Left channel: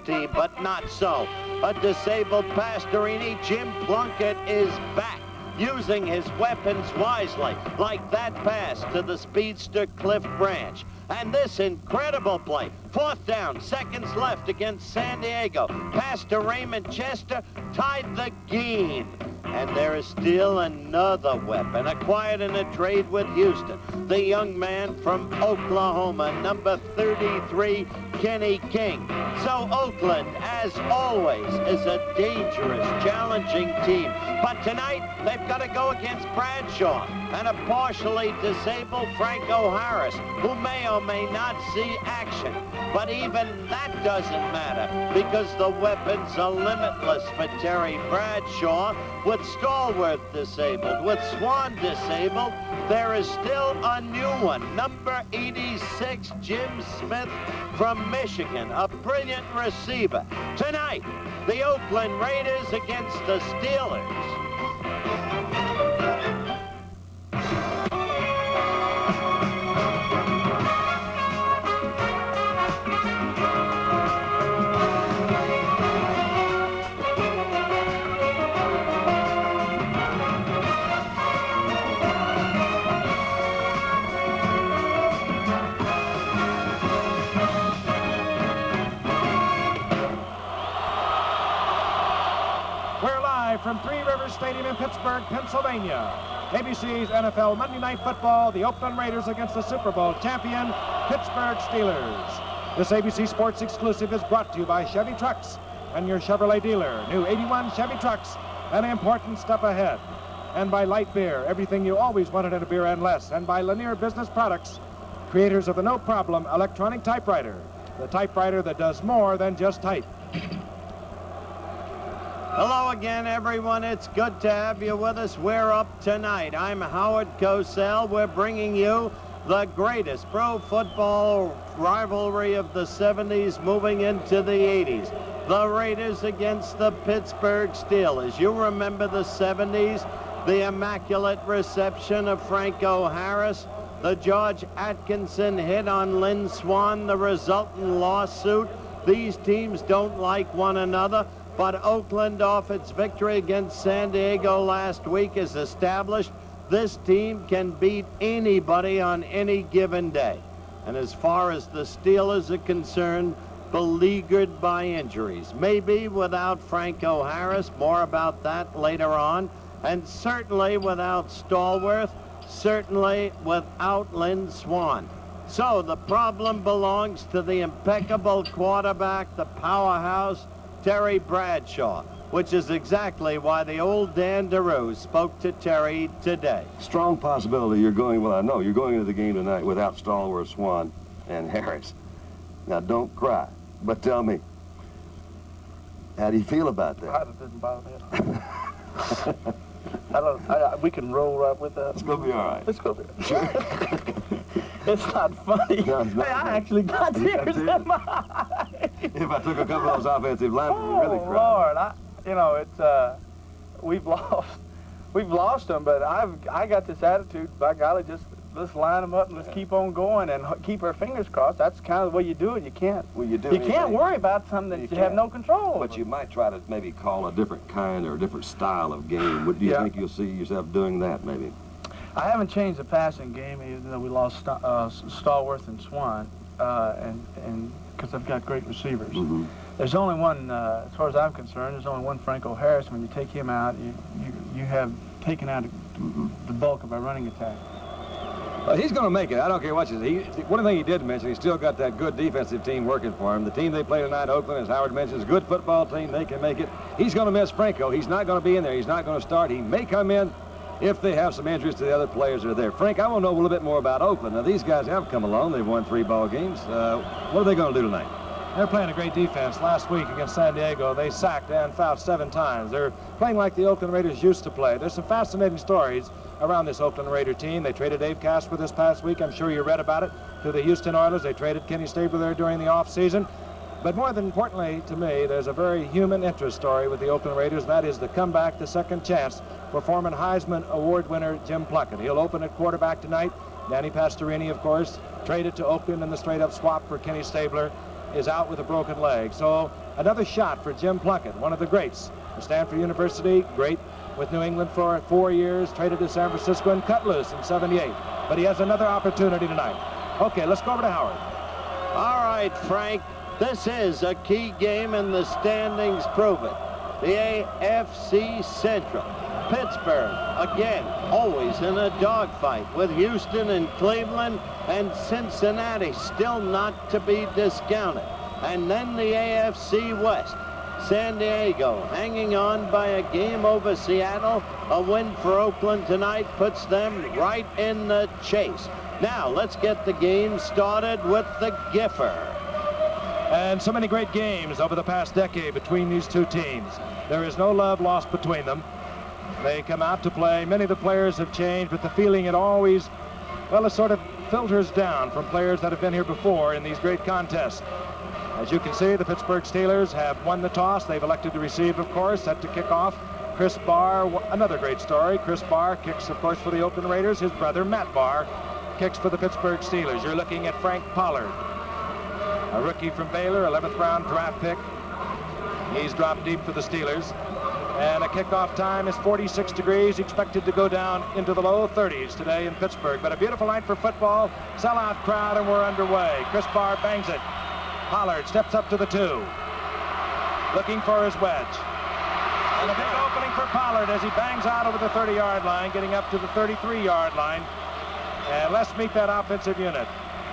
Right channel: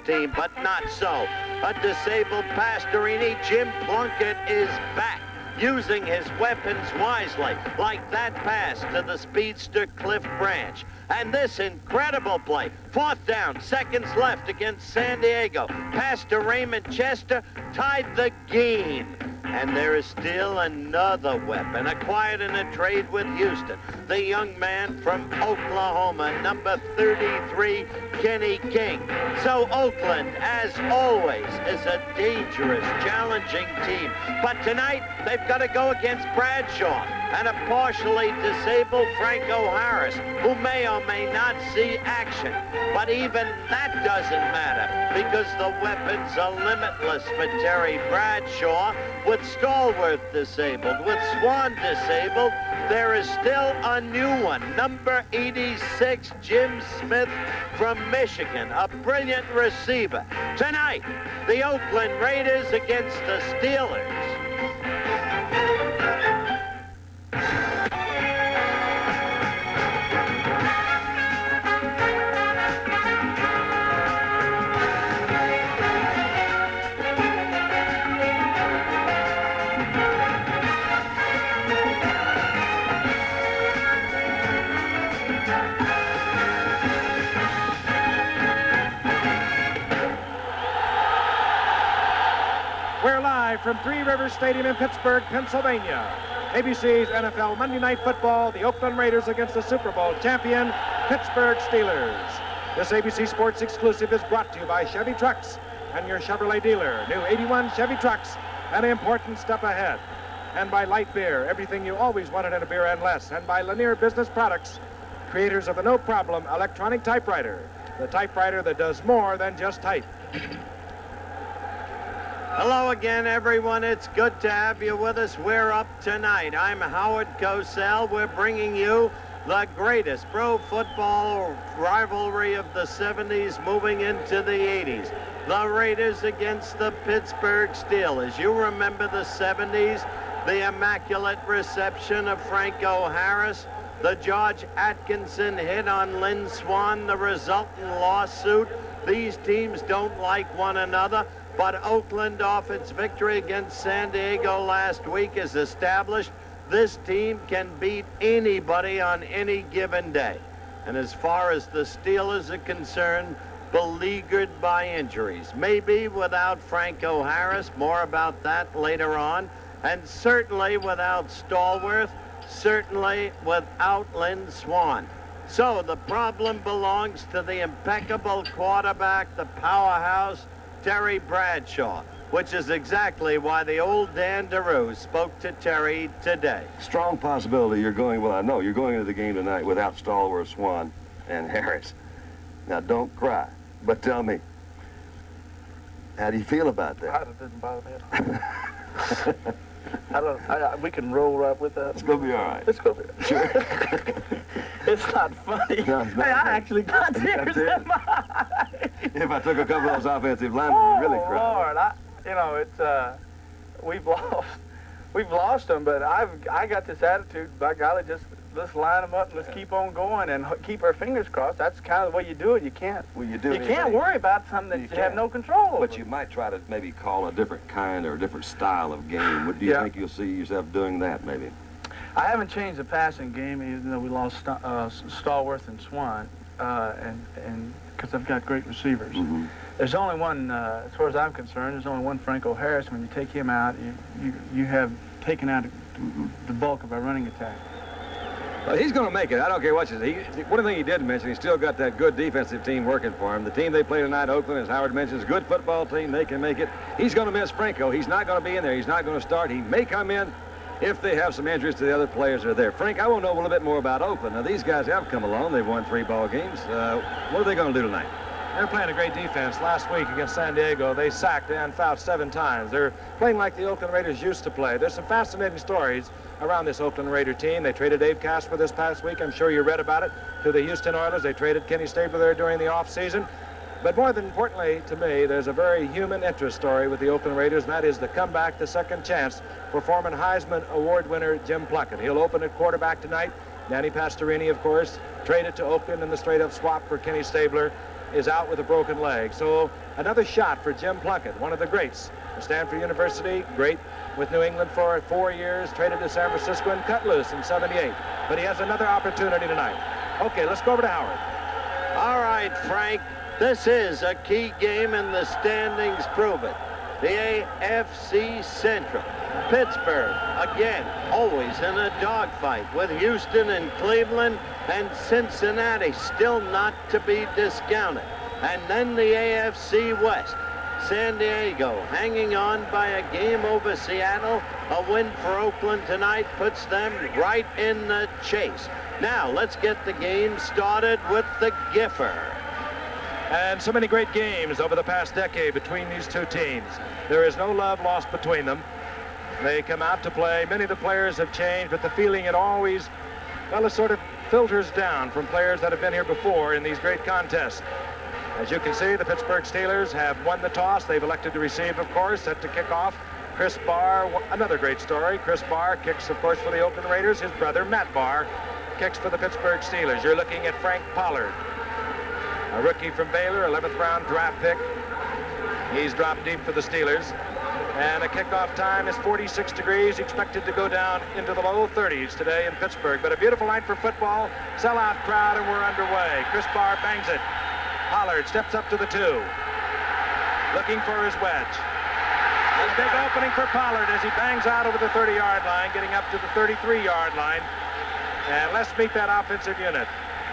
team, but not so. A disabled Pastorini. Jim Plunkett is back, using his weapons wisely, like that pass to the speedster Cliff Branch. And this incredible play, 4th down, seconds left against San Diego. Pass to Raymond Chester, tied the game. And there is still another weapon acquired in a trade with Houston. The young man from Oklahoma, number 33, Kenny King. So Oakland, as always, is a dangerous, challenging team. But tonight, they've got to go against Bradshaw and a partially disabled Franco Harris, who may or may not see action. But even that doesn't matter, because the weapons are limitless for Terry Bradshaw. With Stallworth disabled, with Swan disabled, there is still a new one. Number 86, Jim Smith from Michigan, a brilliant receiver. Tonight, the Oakland Raiders against the Steelers. We're live from Three Rivers Stadium in Pittsburgh, Pennsylvania. ABC's NFL Monday Night Football, the Oakland Raiders against the Super Bowl champion, Pittsburgh Steelers. This ABC Sports exclusive is brought to you by Chevy Trucks and your Chevrolet dealer. New 81 Chevy Trucks, an important step ahead. And by Light Beer, everything you always wanted in a beer and less. And by Lanier Business Products, creators of the No Problem electronic typewriter, the typewriter that does more than just type. Hello again, everyone. It's good to have you with us. We're up tonight. I'm Howard Cosell. We're bringing you the greatest pro football rivalry of the 70s moving into the 80s. The Raiders against the Pittsburgh Steelers. You remember the 70s, the immaculate reception of Franco Harris, the George Atkinson hit on Lynn Swan, the resultant lawsuit. These teams don't like one another. But Oakland, off its victory against San Diego last week, is established this team can beat anybody on any given day. And as far as the Steelers are concerned, beleaguered by injuries. Maybe without Franco Harris, more about that later on. And certainly without Stallworth, certainly without Lynn Swan. So the problem belongs to the impeccable quarterback, the powerhouse, Terry Bradshaw, which is exactly why the old Dan DeRue spoke to Terry today. Strong possibility you're going, well, I know, you're going into the game tonight without Stallworth, Swan, and Harris. Now, don't cry, but tell me, how do you feel about that? It doesn't bother me at all. We can roll right with that. It's going to be all right. It's going to be. Sure. It's not funny. No, it's not hey, funny. I actually got tears in my eyes. If I took a couple of those offensive linemen, you'd really cry. Lord, you know, it's we've lost them, but I got this attitude. By golly, just let's line them up and let's keep on going and keep our fingers crossed. That's kind of the way you do it. You can't. Well, you do. You can't worry about something that you have no control over. But you might try to maybe call a different kind or a different style of game. What do you think you'll see yourself doing that, maybe? I haven't changed the passing game, even though we lost Stallworth and Swan, and because I've got great receivers. Mm-hmm. There's only one, as far as I'm concerned, there's only one Franco Harris. When you take him out, you have taken out the bulk of our running attack. Well, he's going to make it. I don't care what you say. One thing he did mention, he's still got that good defensive team working for him. The team they play tonight, Oakland, as Howard mentioned, is a good football team. They can make it. He's going to miss Franco. He's not going to be in there. He's not going to start. He may come in if they have some injuries to the other players that are there. Frank, I want to know a little bit more about Oakland. Now, these guys have come along. They've won 3 ball games. What are they going to do tonight? They're playing a great defense. Last week against San Diego, they sacked and fouled 7 times. They're playing like the Oakland Raiders used to play. There's some fascinating stories around this Oakland Raider team. They traded Dave Casper this past week. I'm sure you read about it, to the Houston Oilers. They traded Kenny Stabler there during the offseason. But more than importantly to me, there's a very human interest story with the Oakland Raiders, and that is the comeback, the second chance for former Heisman Award winner Jim Plunkett. He'll open at quarterback tonight. Danny Pastorini, of course, traded to Oakland in the straight-up swap for Kenny Stabler. is out with a broken leg. So another shot for Jim Plunkett, one of the greats. At Stanford University, great with New England for 4 years, traded to San Francisco and cut loose in '78. But he has another opportunity tonight. Okay, let's go over to Howard. All right, Frank, this is a key game and the standings prove it. The AFC Central. Pittsburgh, again, always in a dogfight with Houston and Cleveland, and Cincinnati still not to be discounted. And then the AFC West. San Diego hanging on by a game over Seattle. A win for Oakland tonight puts them right in the chase. Now, let's get the game started with the Giffer. And so many great games over the past decade between these two teams. There is no love lost between them. They come out to play. Many of the players have changed, but the feeling it always, well, it sort of filters down from players that have been here before in these great contests. As you can see, the Pittsburgh Steelers have won the toss. They've elected to receive, of course, set to kick off. Chris Barr, another great story. Chris Barr kicks, of course, for the Oakland Raiders. His brother, Matt Barr, kicks for the Pittsburgh Steelers. You're looking at Frank Pollard, a rookie from Baylor, 11th round draft pick. He's dropped deep for the Steelers. And a kickoff time is 46 degrees, expected to go down into the low 30s today in Pittsburgh. But a beautiful night for football, sellout crowd, and we're underway. Chris Barr bangs it. Pollard steps up to the 2, looking for his wedge. And a big opening for Pollard as he bangs out over the 30-yard line, getting up to the 33-yard line. And let's meet that offensive unit.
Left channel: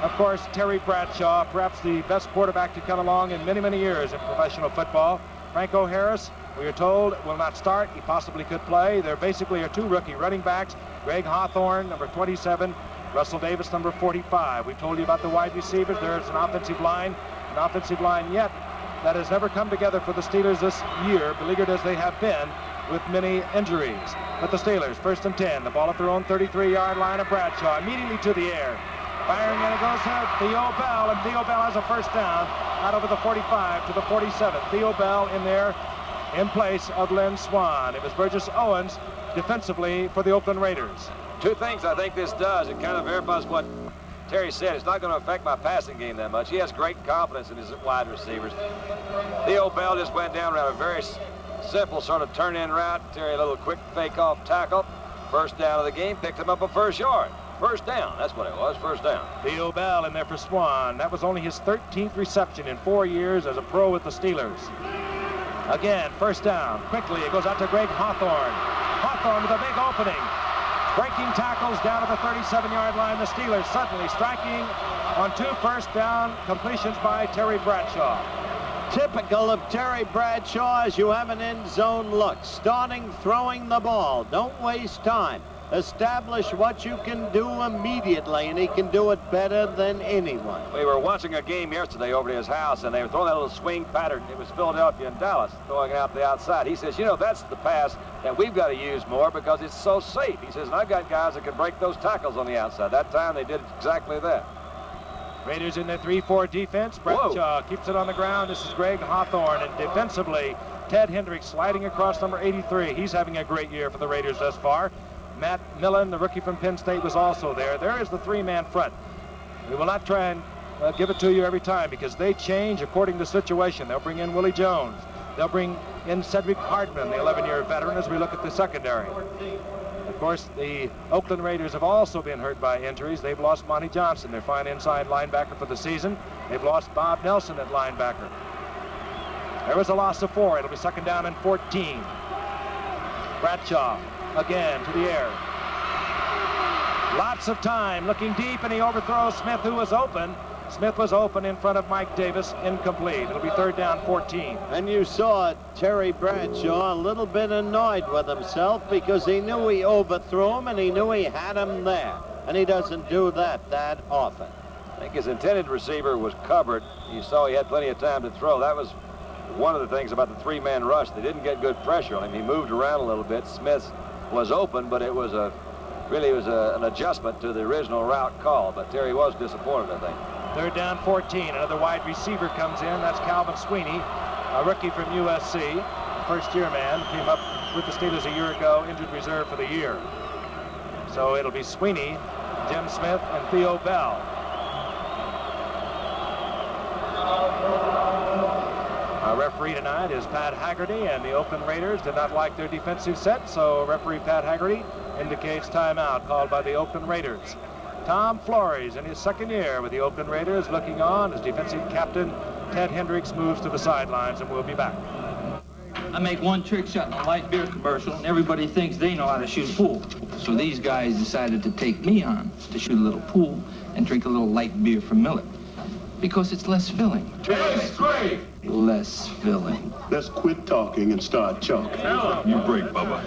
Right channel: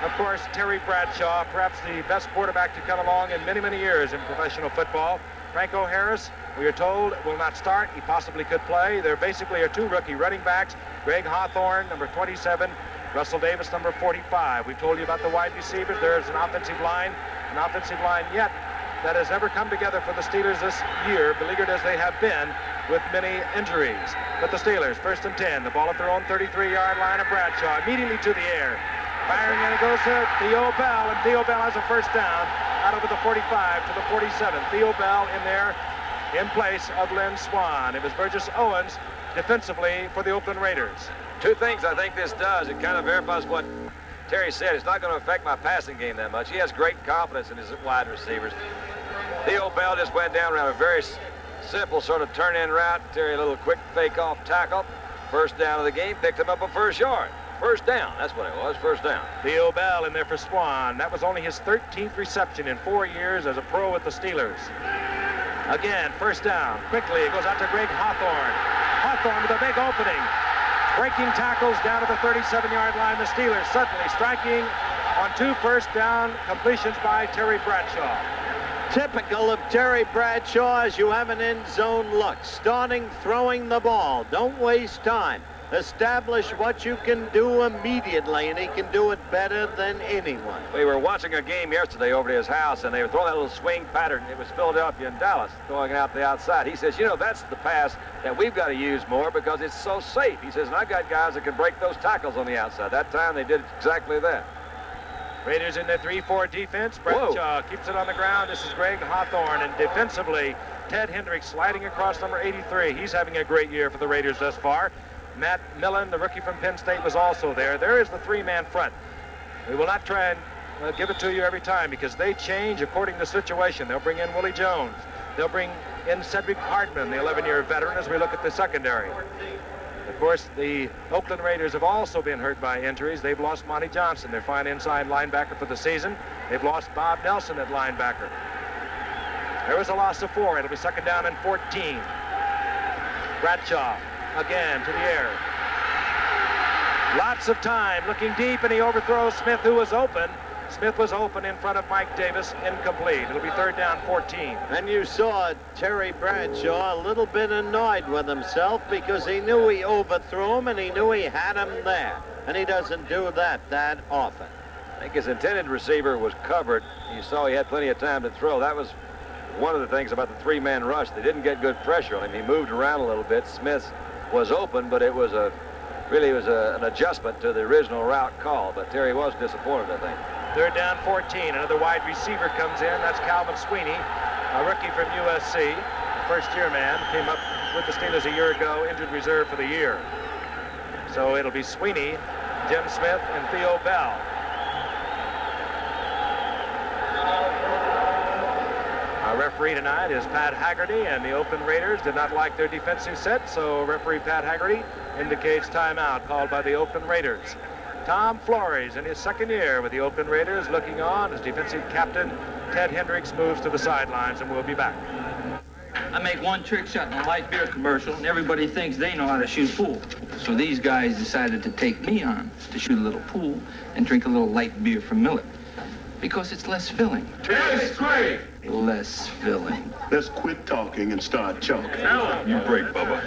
Of course, Terry Bradshaw, perhaps the best quarterback to come along in many, many years in professional football. Franco Harris, we are told, will not start. He possibly could play. There basically are 2 rookie running backs. Greg Hawthorne, number 27. Russell Davis, number 45. We've told you about the wide receivers. There's an offensive line yet that has never come together for the Steelers this year, beleaguered as they have been with many injuries. But the Steelers, 1st and 10. The ball at their own 33-yard line of Bradshaw, immediately to the air. Firing, and it goes to Theo Bell, and Theo Bell has a first down out over the 45 to the 47. Theo Bell in there in place of Lynn Swann. It was Burgess Owens defensively for the Oakland Raiders. 2 things I think this does. It kind of verifies what Terry said. It's not going to affect my passing game that much. He has great confidence in his wide receivers. Theo Bell just went down around a very simple sort of turn-in route. Terry, a little quick fake-off tackle. First down of the game, picked him up a first yard. First down, that's what it was, first down. Theo Bell in there for Swann. That was only his 13th reception in 4 years as a pro with the Steelers. Again, first down. Quickly, it goes out to Greg Hawthorne. Hawthorne with a big opening. Breaking tackles down to the 37-yard line. The Steelers suddenly striking on 2 first down completions by Terry Bradshaw. Typical of Terry Bradshaw as you have an end zone look. Starting throwing the ball. Don't waste time. Establish what you can do immediately, and he can do it better than anyone. We were watching a game yesterday over at his house, and they were throwing that little swing pattern. It was Philadelphia and Dallas throwing it out the outside. He says, you know, that's the pass that we've got to use more because it's so safe. He says, and I've got guys that can break those tackles on the outside. That time they did exactly that. Raiders in their 3-4 defense. Bradshaw keeps it on the ground. This is Greg Hawthorne, and defensively, Ted Hendricks sliding across number 83. He's having a great year for the Raiders thus far. Matt Millen, the rookie from Penn State, was also there. There is the 3-man front. We will not try and give it to you every time because they change according to the situation. They'll bring in Willie Jones. They'll bring in Cedric Hartman, the 11-year veteran, as we look at the secondary. Of course, the Oakland Raiders have also been hurt by injuries. They've lost Monty Johnson, their fine inside linebacker for the season. They've lost Bob Nelson at linebacker. There was a loss of 4. It'll be 2nd down and 14. Bradshaw again to the air. Lots of time looking deep, and he overthrows Smith, who was open. Smith was open in front of Mike Davis, incomplete. It'll be 3rd down 14. And you saw Terry Bradshaw a little bit annoyed with himself because he knew he overthrew him and he knew he had him there. And he doesn't do that often. I think his intended receiver was covered. You saw he had plenty of time to throw. That was one of the things about the 3-man rush. They didn't get good pressure on him. He moved around a little bit. Smith was open, but it was an adjustment to the original route call. But Terry was disappointed, I think. 3rd down 14. Another wide receiver comes in. That's Calvin Sweeney, a rookie from USC, a first-year man. Came up with the Steelers a year ago, injured reserve for the year. So it'll be Sweeney, Jim Smith, and Theo Bell. referee tonight is Pat Haggerty, and the Oakland Raiders did not like their defensive set, so referee Pat Haggerty indicates timeout called by the Oakland Raiders. Tom Flores, in his second year with the Oakland Raiders, looking on as defensive captain. Ted Hendricks moves to the sidelines, and we'll be back. I make one trick shot in a light beer commercial, and everybody thinks they know how to shoot pool. So these guys decided to take me on to shoot a little pool and drink a little light beer from Miller, because it's less filling. Tastes great! Less filling. Let's quit talking and start chalking. You break, Bubba.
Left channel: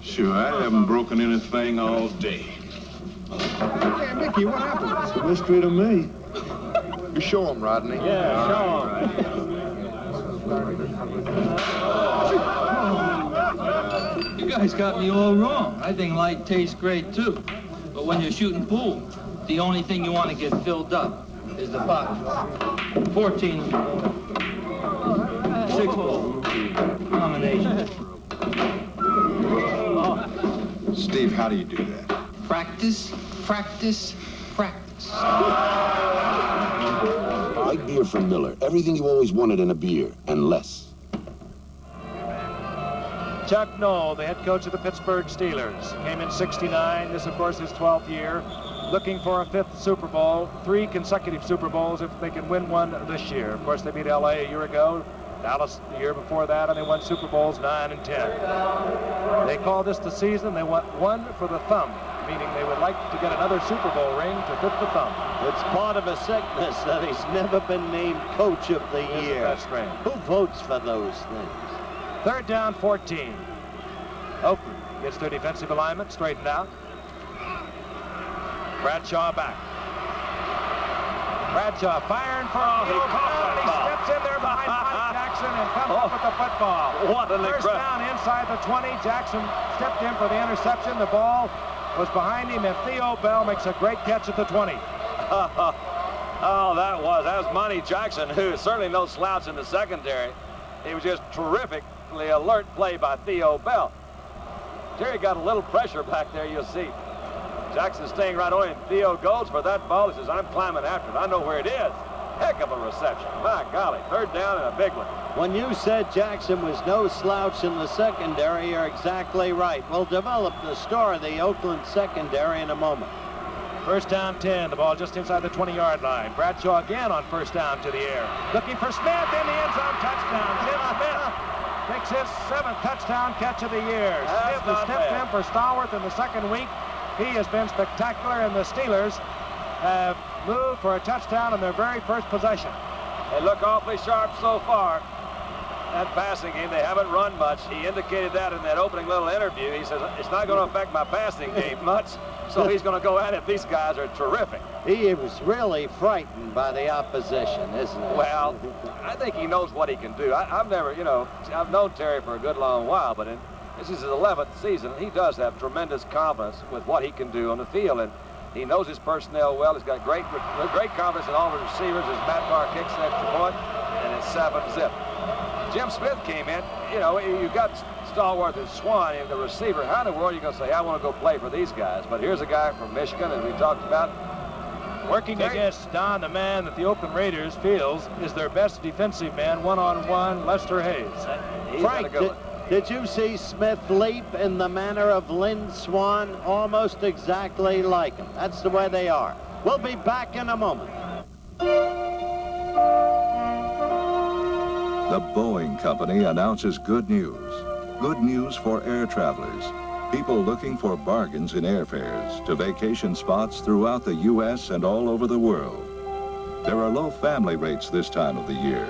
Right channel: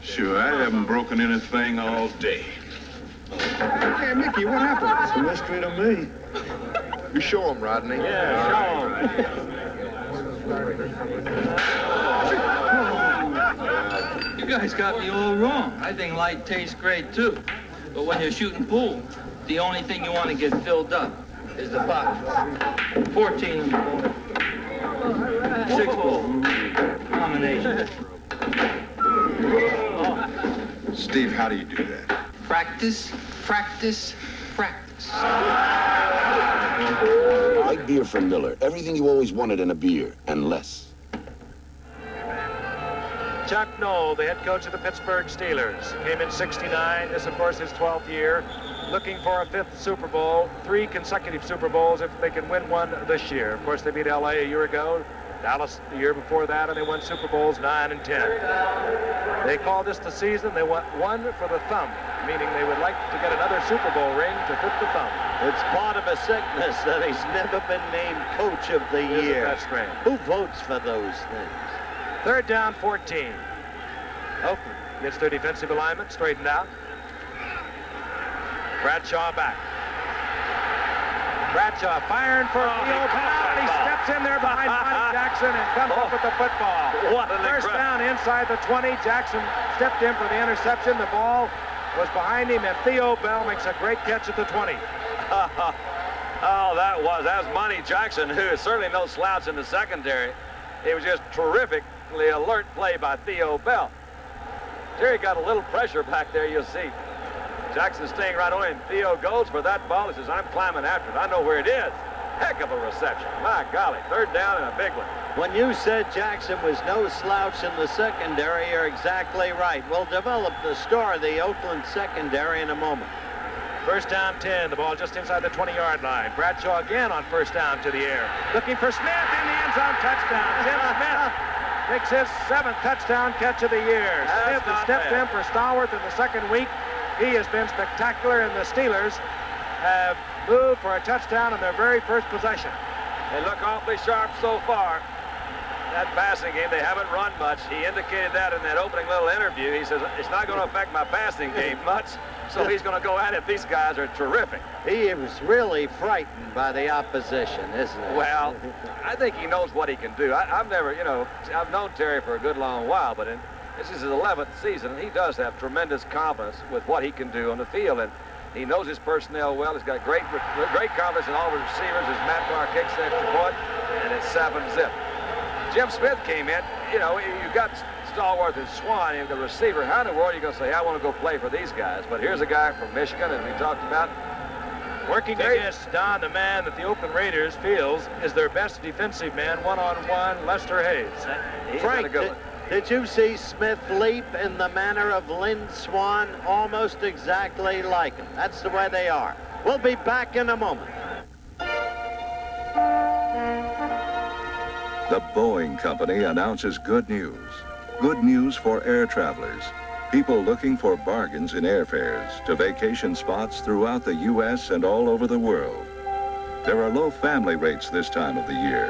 Sure, I haven't broken anything all day. Hey, Mickey, what happened? It's a mystery to me. You show him, Rodney. Yeah, show him. You guys got me all wrong. I think light tastes great, too. But when you're shooting pool, the only thing you want to get filled up is the bottle. 14 6 ball combination. Steve, how do you do that? Practice, practice, practice. Light beer from Miller. Everything you always wanted in a beer, and less. Chuck Noll, the head coach of the Pittsburgh Steelers, came in '69. This, of course, his 12th year, looking for a 5th Super Bowl, 3 consecutive Super Bowls if they can win one this year. Of course, they beat L.A. a year ago, Dallas the year before that, and they won Super Bowls 9 and 10. They call this the season they want one for the thumb, meaning they would like to get another Super Bowl ring to fit the thumb. It's part of a sickness that he's never been named Coach of the Year. That's strange. Who votes for those things? 3rd down, 14. Oakland gets their defensive alignment straightened out. Bradshaw back. Bradshaw firing for a field goal. He steps in there behind Monty Jackson and comes up with the football. What an First down inside the 20. Jackson stepped in for the interception. The ball was behind him, and Theo Bell makes a great catch at the 20. Oh, that was Monty Jackson, who is certainly no slouch in the secondary. It was just terrifically alert play by Theo Bell. Terry got a little pressure back there, you'll see. Jackson staying right on him. Theo goes for that ball. He says, I'm climbing after it. I know where it is. Heck of a reception. My golly, 3rd down and a big one. When you said Jackson was no slouch in the secondary, you're exactly right. We'll develop the story of the Oakland secondary in a moment. 1st down, 10. The ball just inside the 20-yard line. Bradshaw again on 1st down to the air. Looking for Smith in the end zone. Touchdown. Jim Smith makes his 7th touchdown catch of the year. Smith has stepped in for Stallworth in the 2nd week. He has been spectacular, and the Steelers have moved for a touchdown on their very first possession. They look awfully sharp so far. That passing game, they haven't run much. He indicated that in that opening little interview. He says, it's not going to affect my passing game much, so he's going to go at it. These guys are terrific. He was really frightened by the opposition, isn't he? Well, I think he knows what he can do. I've never, I've known Terry for a good long while, but this is his 11th season, and he does have tremendous confidence with what he can do on the field, and he knows his personnel well. He's got great confidence in all the receivers as Matt Carr kicks the extra point, and it's 7-zip. Jim Smith came in. You've got Stallworth and Swan, and the receiver. How in the world are you going to say, I want to go play for these guys? But here's a guy from Michigan, as we talked about. Working against Don, the man that the Oakland Raiders feels is their best defensive man, one-on-one, Lester Hayes. Frank, did you see Smith leap in the manner of Lynn Swan? Almost exactly like him. That's the way they are. We'll be back in a moment. The Boeing Company announces good news. Good news for air travelers. People looking for bargains in airfares to vacation spots throughout the U.S. and all over the world. There are low family rates this time of the year,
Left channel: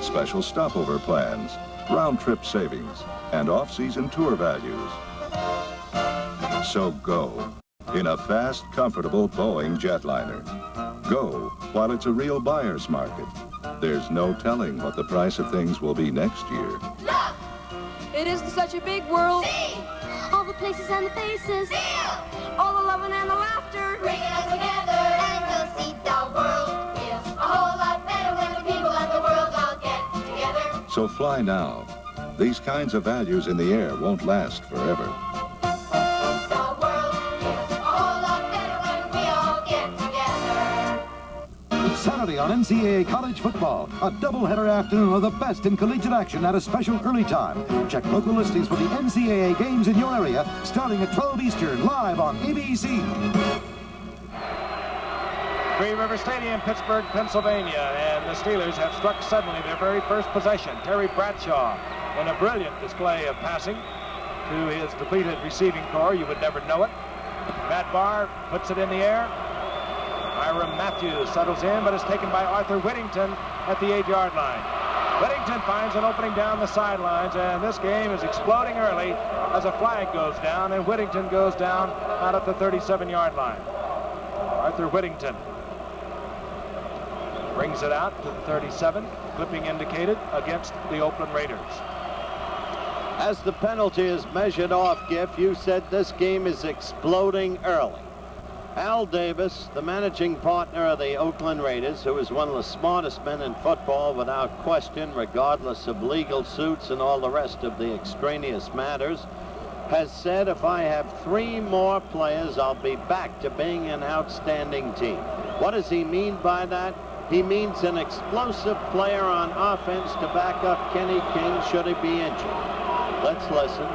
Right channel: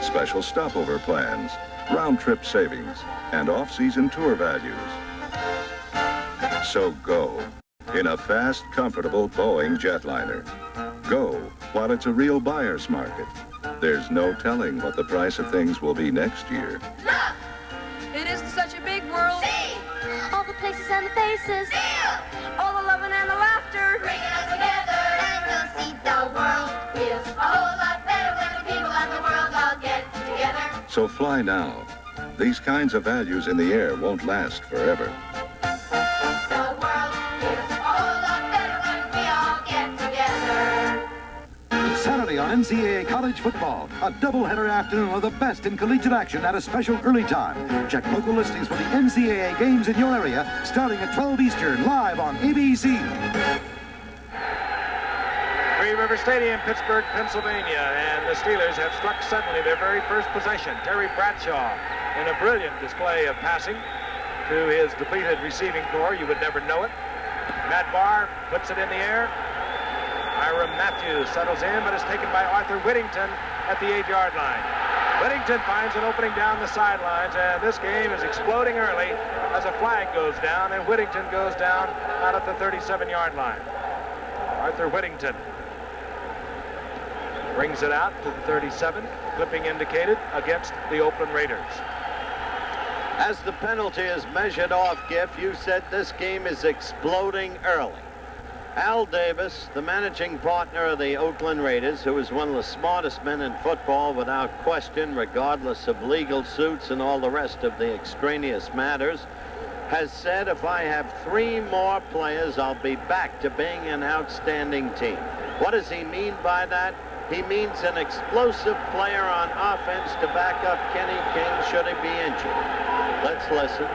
special stopover plans, round-trip savings, and off-season tour values. So go in a fast, comfortable Boeing jetliner. Go while it's a real buyer's market. There's no telling what the price of things will be next year. Look! It isn't such a big world. See! All the places and the faces. Feel! All the loving and the laughter. Bringing us together. And you'll see the world feels a whole lot better when the people of the world all get together. So fly now. These kinds of values in the air won't last forever. The world feels a whole lot better when we all get together. Saturday on NCAA College Football, a doubleheader afternoon of the best in collegiate action at a special early time. Check local listings for the NCAA games in your area, starting at 12 Eastern, live on ABC. Three River Stadium, Pittsburgh, Pennsylvania, and the Steelers have struck suddenly their very first possession. Terry Bradshaw in a brilliant display of passing to his depleted receiving corps. You would never know it. Matt Barr puts it in the air. Hiram Matthews settles in, but is taken by Arthur Whittington at the 8-yard line. Whittington finds an opening down the sidelines, and this game is exploding early as a flag goes down, and Whittington goes down out at the 37-yard line. Arthur Whittington brings it out to the 37, clipping indicated against the Oakland Raiders. As the penalty is measured off, Giff, you said this game is exploding early. Al Davis, the managing partner of the Oakland Raiders, who is one of the smartest men in football without question, regardless of legal suits and all the rest of the extraneous matters, has said if I have 3 more players, I'll be back to being an outstanding team. What does he mean by that? He means an explosive player on offense to back up Kenny King should he be injured. Let's listen.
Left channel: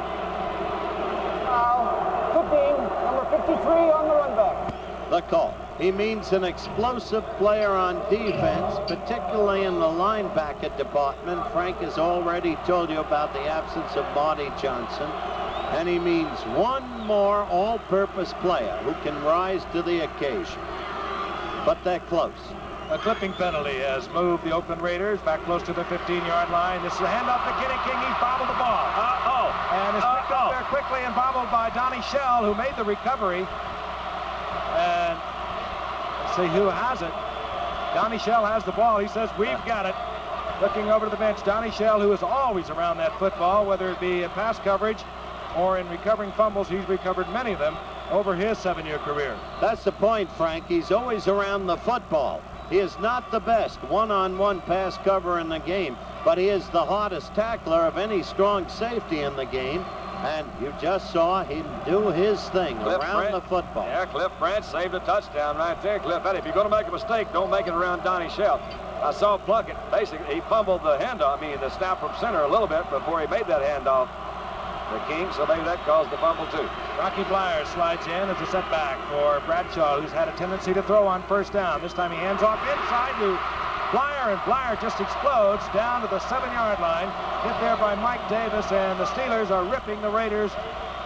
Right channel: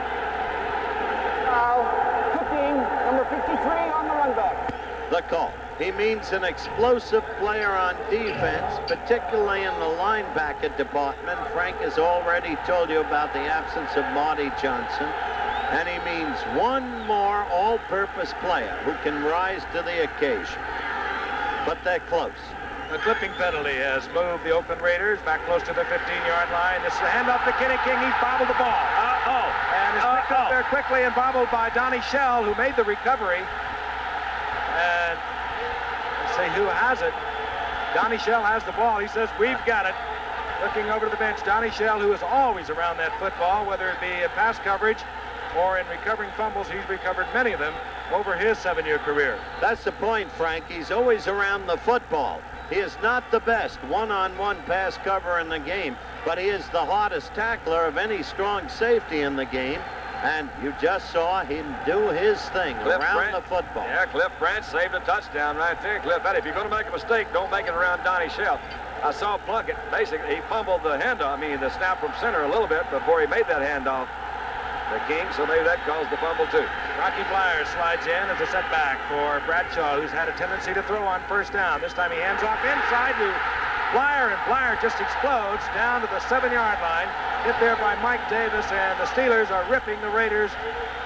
Foul, Cooking, number 53 on the run back. The call. He means an explosive player on defense, particularly in the linebacker department. Frank has already told you about the absence of Marty Johnson. And he means 1 more all-purpose player who can rise to the occasion. But they're close. A clipping penalty has moved the Oakland Raiders back close to the 15-yard line. This is a handoff to Kenny King. He's bobbled the ball. And is picked up there quickly and bobbled by Donnie Shell, who made the recovery. And let's see who has it. Donnie Shell has the ball. He says, we've got it. Looking over to the bench, Donnie Shell, who is always around that football, whether it be in pass coverage or in recovering fumbles. He's recovered many of them over his 7-year career. That's the point, Frank. He's always around the football. He is not the best one-on-one pass cover in the game, but he is the hardest tackler of any strong safety in the game. And you just saw him do his thing around the football. Yeah, Cliff Branch saved a touchdown right there. Cliff, if you're going to make a mistake, don't make it around Donnie Shell. I saw Plunkett. Basically, he fumbled the handoff, the snap from center a little bit before he made that handoff to King, so maybe that caused the fumble too. Rocky Blyer slides in as a setback for Bradshaw, who's had a tendency to throw on first down. This time he hands off inside to Blyer, and Blyer just explodes down to the 7-yard line. Hit there by Mike Davis, and the Steelers are ripping the Raiders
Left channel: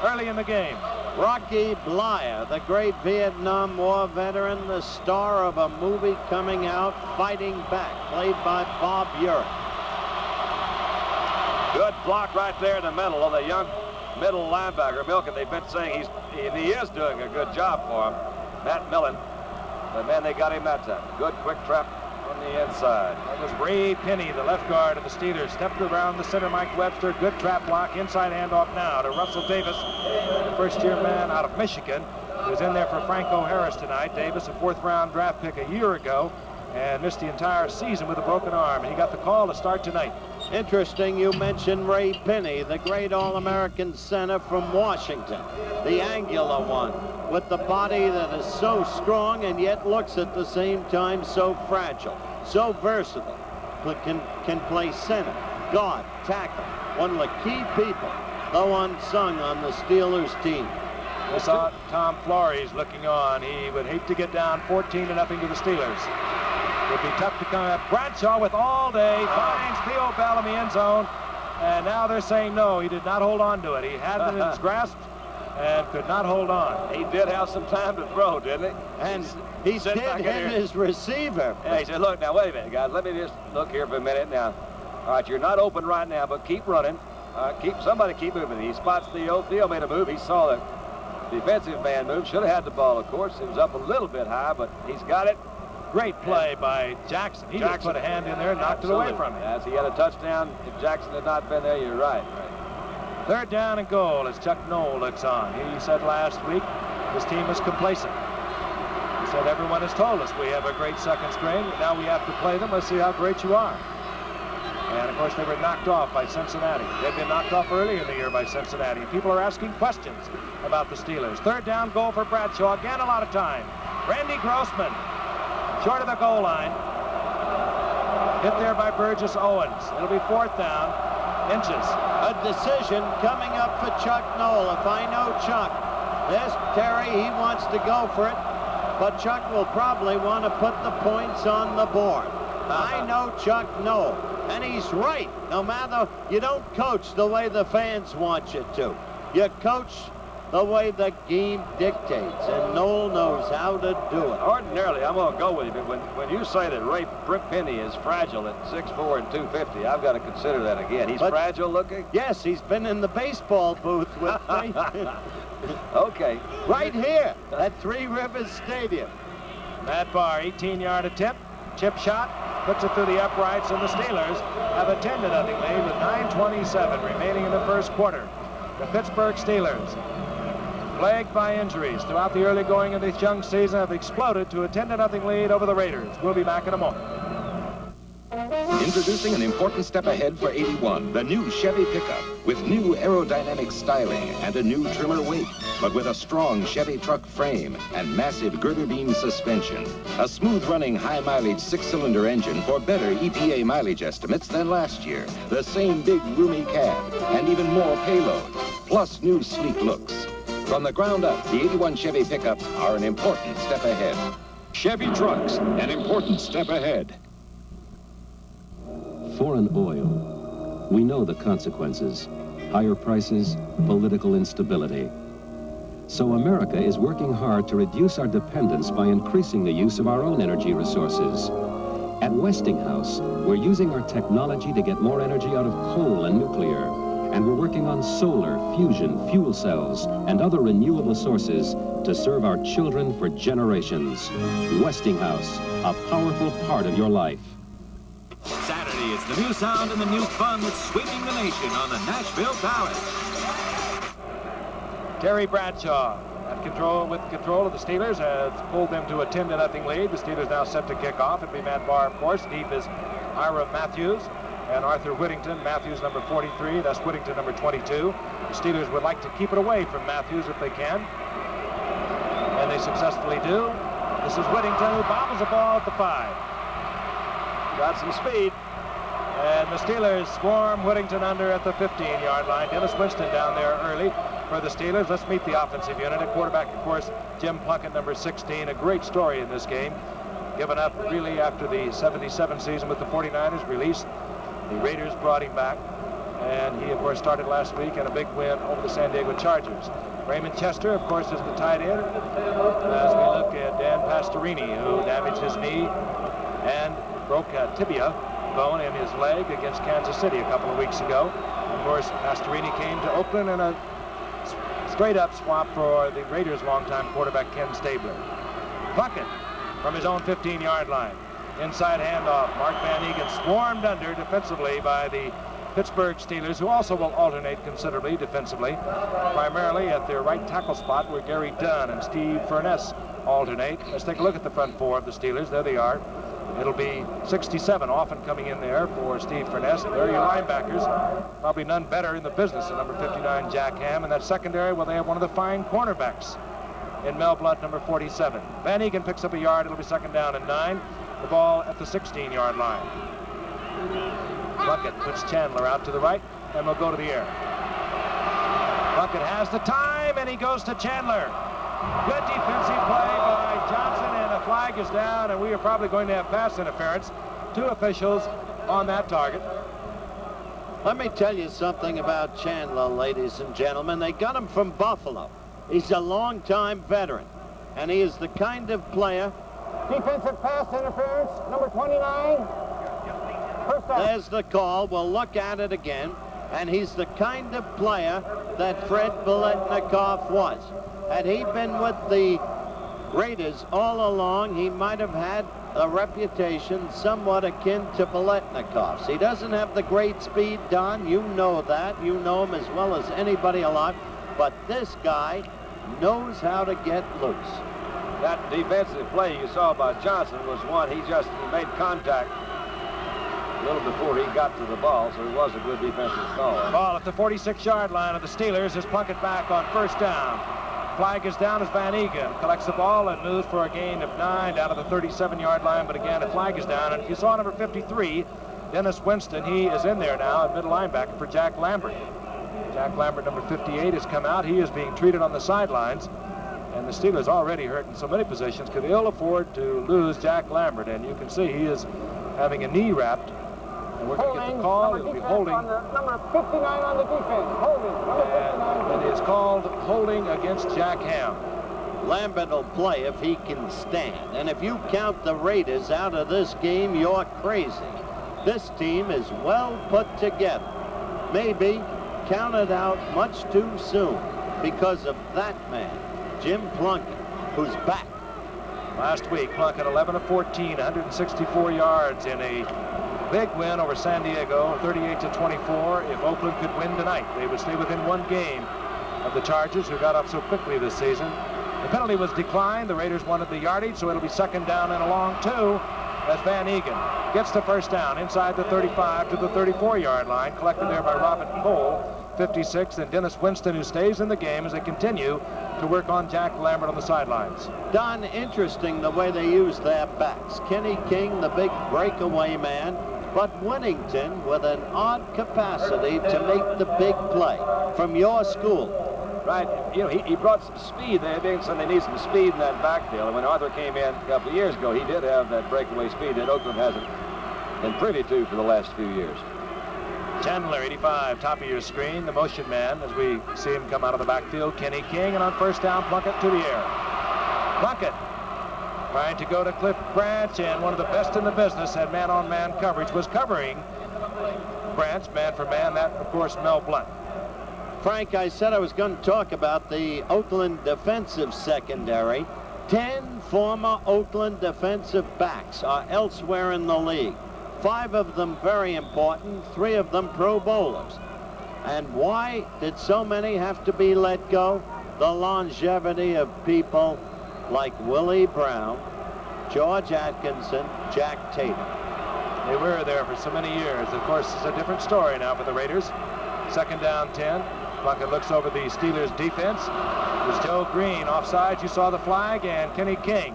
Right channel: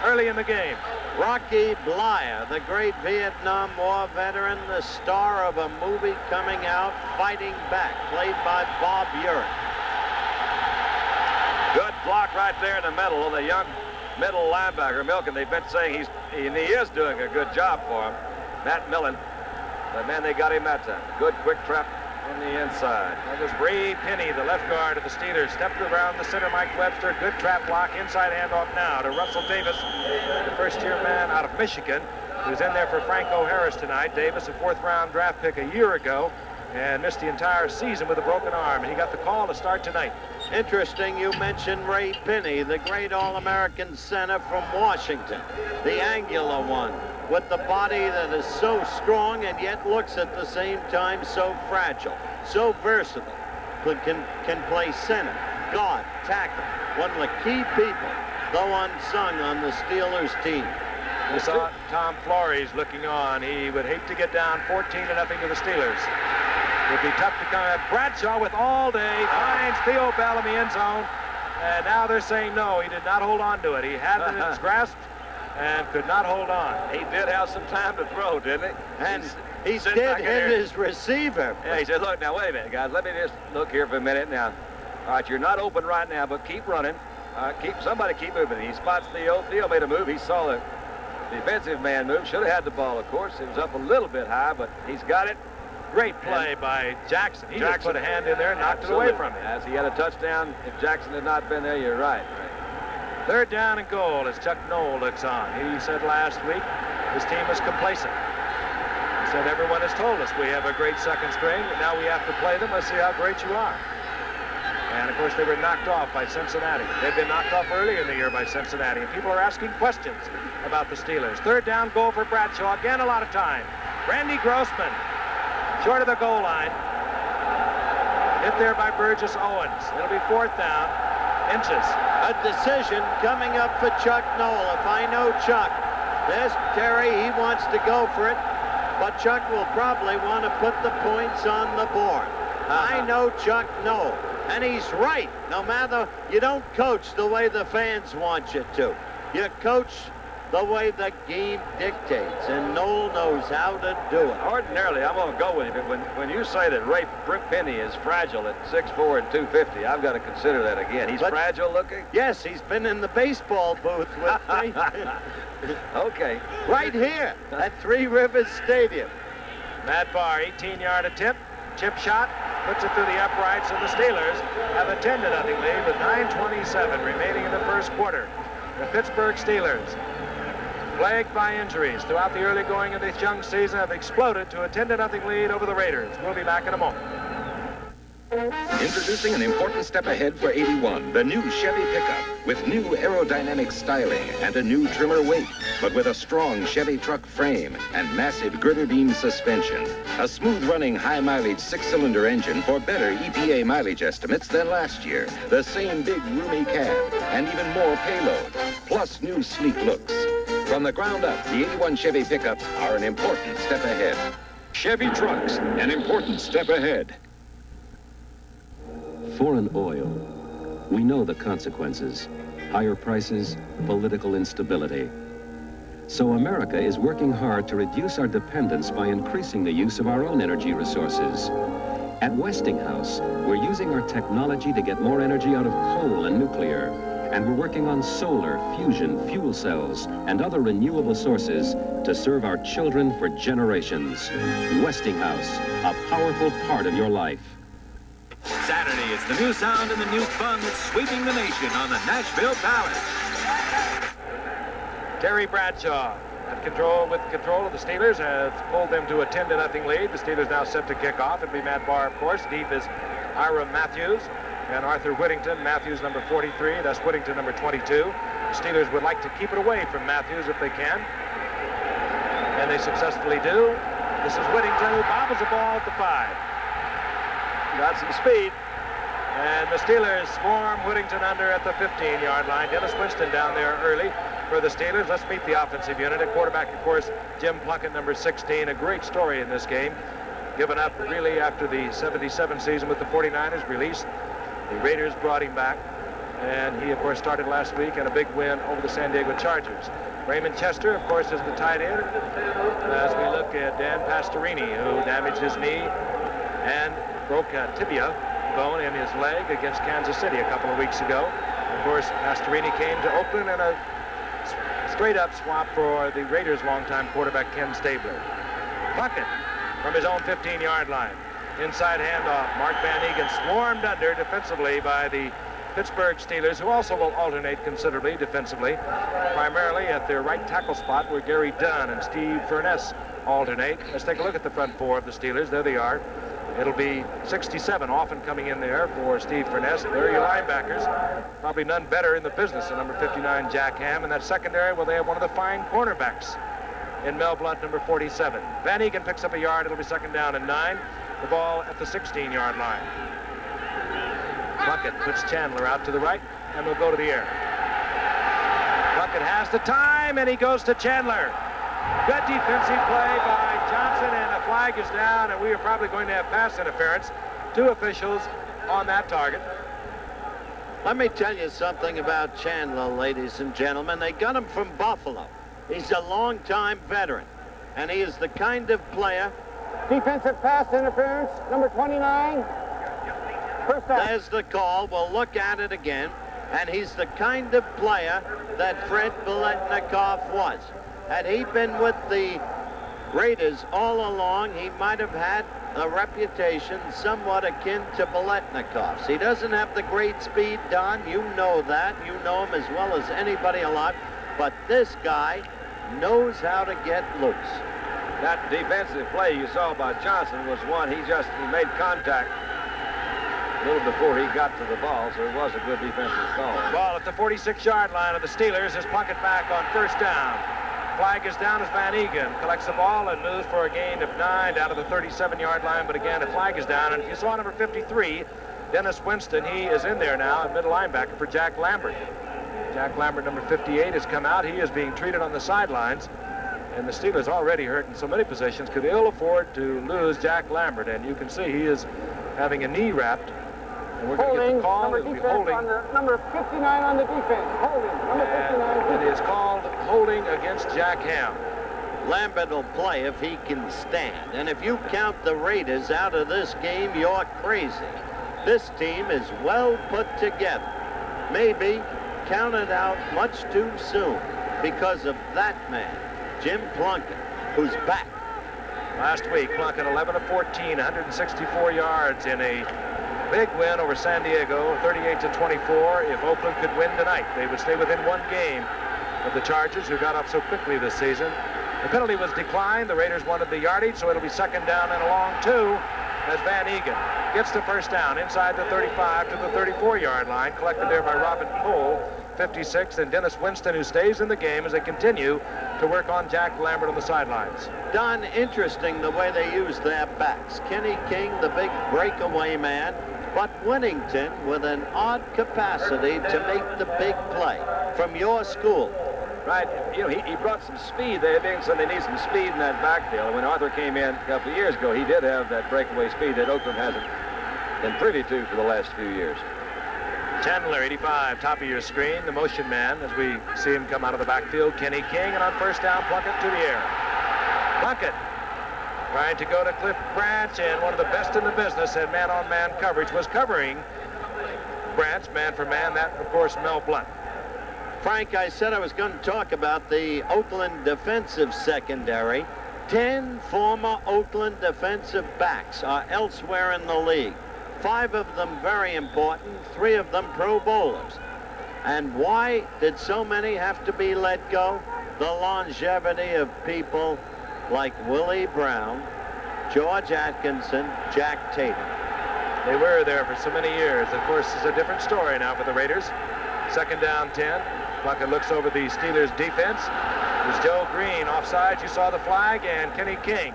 early in the game. Rocky Blyer, the great Vietnam War veteran, the star of a movie coming out, Fighting Back, played by Bob Urich. Good block right there in the middle of the young middle linebacker, Milken. They've been saying he is doing a good job for him. Matt Millen, but man, they got him that time. Good quick trap on the inside. That was Ray Penny, the left guard of the Steelers. Stepped around the center, Mike Webster. Good trap block. Inside handoff now to Russell Davis, the first-year man out of Michigan, who's in there for Franco Harris tonight. Davis, a 4th-round draft pick a year ago, and missed the entire season with a broken arm. And he got the call to start tonight. Interesting you mentioned Ray Penny, the great All-American center from Washington, the angular one, with the body that is so strong and yet looks at the same time so fragile, so versatile, can play center, guard, tackle, one of the key people, though unsung, on the Steelers team. We saw Tom Flores looking on. He would hate to get down 14-0 to the Steelers. It would be tough to come at. Bradshaw with all day, finds Theo Bell in the end zone, and now they're saying no, he did not hold on to it. He had it in his grasp and could not hold on. He did have some time to throw, didn't he? And he did hit his receiver. Yeah, he said, look, now, wait a minute, guys. Let me just look here for a minute now. All right, you're not open right now, but keep running. Somebody keep moving. He spots Theo. Theo made a move. He saw the defensive man move. Should have had the ball, of course. It was up a little bit high, but he's got it. Great play by Jackson. He just put a hand in there and knocked it away from him. As he had a touchdown. If Jackson had not been there, you're right. 3rd down and goal as Chuck Knoll looks on. He said last week his team is complacent. He said everyone has told us we have a great second string. Now we have to play them. Let's see how great you are. And of course they were knocked off by Cincinnati. They've been knocked off earlier in the year by Cincinnati. And people are asking questions about the Steelers. 3rd down goal for Bradshaw. Again, a lot of time. Randy Grossman, short of the goal line. Hit there by Burgess Owens. It'll be 4th down, inches. A decision coming up for Chuck Noll. If I know Chuck, there's Terry. He wants to go for it, but Chuck will probably want to put the points on the board. I know Chuck Noll, and he's right. No matter, you don't coach the way the fans want you to. You coach the way the game dictates, and Noll knows how to do it. Ordinarily, I'm going to go with you, but when you say that Ray Penny is fragile at 6'4" and 250, I've got to consider that again. He's fragile looking? Yes, he's been in the baseball booth with me. Okay. Right here at Three Rivers Stadium. Matt Barr, 18-yard attempt, chip shot, puts it through the uprights, and the Steelers have a 10-0 lead with 9:27 remaining in the first quarter. The Pittsburgh Steelers, plagued by injuries throughout the early going of this young season, have exploded to a 10-0 lead over the Raiders. We'll be back in a moment. Introducing an important step ahead for 81, the new Chevy pickup with new aerodynamic styling and a new trimmer weight, but with a strong Chevy truck frame and massive girder beam suspension. A smooth-running, high-mileage 6-cylinder engine for better EPA mileage estimates than last year. The same big, roomy cab and even more payload, plus new sleek looks. From the ground up, the 81 Chevy pickups are an important step ahead. Chevy trucks, an important step ahead. Foreign oil. We know the consequences. Higher prices, political instability. So America is working hard to reduce our dependence by increasing the use of our own energy resources. At Westinghouse, we're using our technology to get more energy out of coal and nuclear. And we're working on solar, fusion, fuel cells, and other renewable sources to serve our children for generations. Westinghouse, a powerful part of your life. Saturday, it's the new sound and the new fun that's sweeping the nation on the Nashville Palace. Terry Bradshaw with control of the Steelers has pulled them to a 10-0 lead. The Steelers now set to kick off. It'll be Matt Barr, of course. Deep is Ira Matthews and Arthur Whittington. Matthews number 43, that's Whittington number 22. The Steelers would like to keep it away from Matthews if they can, and they successfully do. This is Whittington, who bobbles the ball at the 5. Got some speed. And the Steelers swarm Whittington under at the 15-yard line. Dennis Winston down there early for the Steelers. Let's meet the offensive unit. At quarterback, of course, Jim Plunkett, number 16. A great story in this game. Given up really after the 77 season with the 49ers, released. The Raiders brought him back. And he, of course, started last week in a big win over the San Diego Chargers. Raymond Chester, of course, is the tight end. As we look at Dan Pastorini, who damaged his knee and broke a tibia bone in his leg against Kansas City a couple of weeks ago. Of course, Pastorini came to Oakland in a straight-up swap for the Raiders' longtime quarterback Ken Stabler. Plunkett from his own 15-yard line. Inside handoff. Mark Van Egan swarmed under defensively by the Pittsburgh Steelers, who also will alternate considerably defensively, primarily at their right tackle spot where Gary Dunn and Steve Furness alternate. Let's take a look at the front four of the Steelers. There they are. It'll be 67 often coming in there for Steve Furness. There are your linebackers. Probably none better in the business than number 59, Jack Ham. And that secondary, well, they have one of the fine cornerbacks in Mel Blount, number 47. Van Egan picks up a yard. It'll be 2nd down and 9. The ball at the 16-yard line. Plunkett puts Chandler out to the right, and will go to the air. Plunkett has the time, and he goes to Chandler. Good defensive play by Johnson, and a flag is down, and we are probably going to have pass interference. 2 officials on that target. Let me tell you something about Chandler, ladies and gentlemen. They got him from Buffalo. He's a long-time veteran, and he is the kind of player... Defensive pass interference, number 29. First down. There's the call. We'll look at it again. And he's the kind of player that Fred Biletnikoff was. Had he been with the Raiders all along, he might have had a reputation somewhat akin to Biletnikoff's. He doesn't have the great speed, Don. You know that. You know him as well as anybody alive. But this guy knows how to get loose. That defensive play you saw by Johnson was one he made contact a little before he got to the ball, so it was a good defensive call. Ball at the 46-yard line of the Steelers as Plunkett back on 1st down. flag is down as Van Egan collects the ball and moves for a gain of 9 down to the 37-yard line. But again, a flag is down. And if you saw number 53, Dennis Winston, he is in there now at middle linebacker for Jack Lambert. Jack Lambert, number 58, has come out. He is being treated on the sidelines. And the Steelers already hurt in so many positions could ill afford to lose Jack Lambert. And you can see he is having a knee wrapped. And we're going to get the call. It'll be holding. On the number 59 on the defense. Holding. Number 59. It is called holding against Jack Ham. Lambert will play if he can stand. And if you count the Raiders out of this game, you're crazy. This team is well put together. Maybe counted out much too soon because of that man, Jim Plunkett, who's back. Last week, Plunkett 11 of 14, 164 yards in a big win over San Diego, 38-24. If Oakland could win tonight, they would stay within one game of the Chargers, who got up so quickly this season. The penalty was declined. The Raiders wanted the yardage, so it'll be second down and a long 2 as Van Egan gets the first down inside the 35 to the 34-yard line, collected there by Robin Cole, 56, and Dennis Winston, who stays in the game as they continue to work on Jack Lambert on the sidelines. Don, interesting the way they use their backs. Kenny King, the big breakaway man, but Winnington with an odd capacity to make the big play from your school. Right, you know, he brought some speed. They said they need some speed in that backfield. And when Arthur came in a couple of years ago, he did have that breakaway speed that Oakland hasn't been privy to for the last few years. Chandler, 85, top of your screen, the motion man, as we see him come out of the backfield. Kenny King, and on first down, Plunkett to the air. Plunkett trying to go to Cliff Branch, and one of the best in the business at man-on-man coverage was covering Branch, man for man. That, of course, Mel Blunt. Frank, I said I was going to talk about the Oakland defensive secondary. 10 former Oakland defensive backs are elsewhere in the league. 5 of them very important, 3 of them Pro Bowlers. And why did so many have to be let go? The longevity of people like Willie Brown, George Atkinson, Jack Tatum. They were there for so many years. Of course, it's a different story now for the Raiders. Second down 10. Plunkett looks over the Steelers defense. It was Joe Green offside. You saw the flag, and Kenny King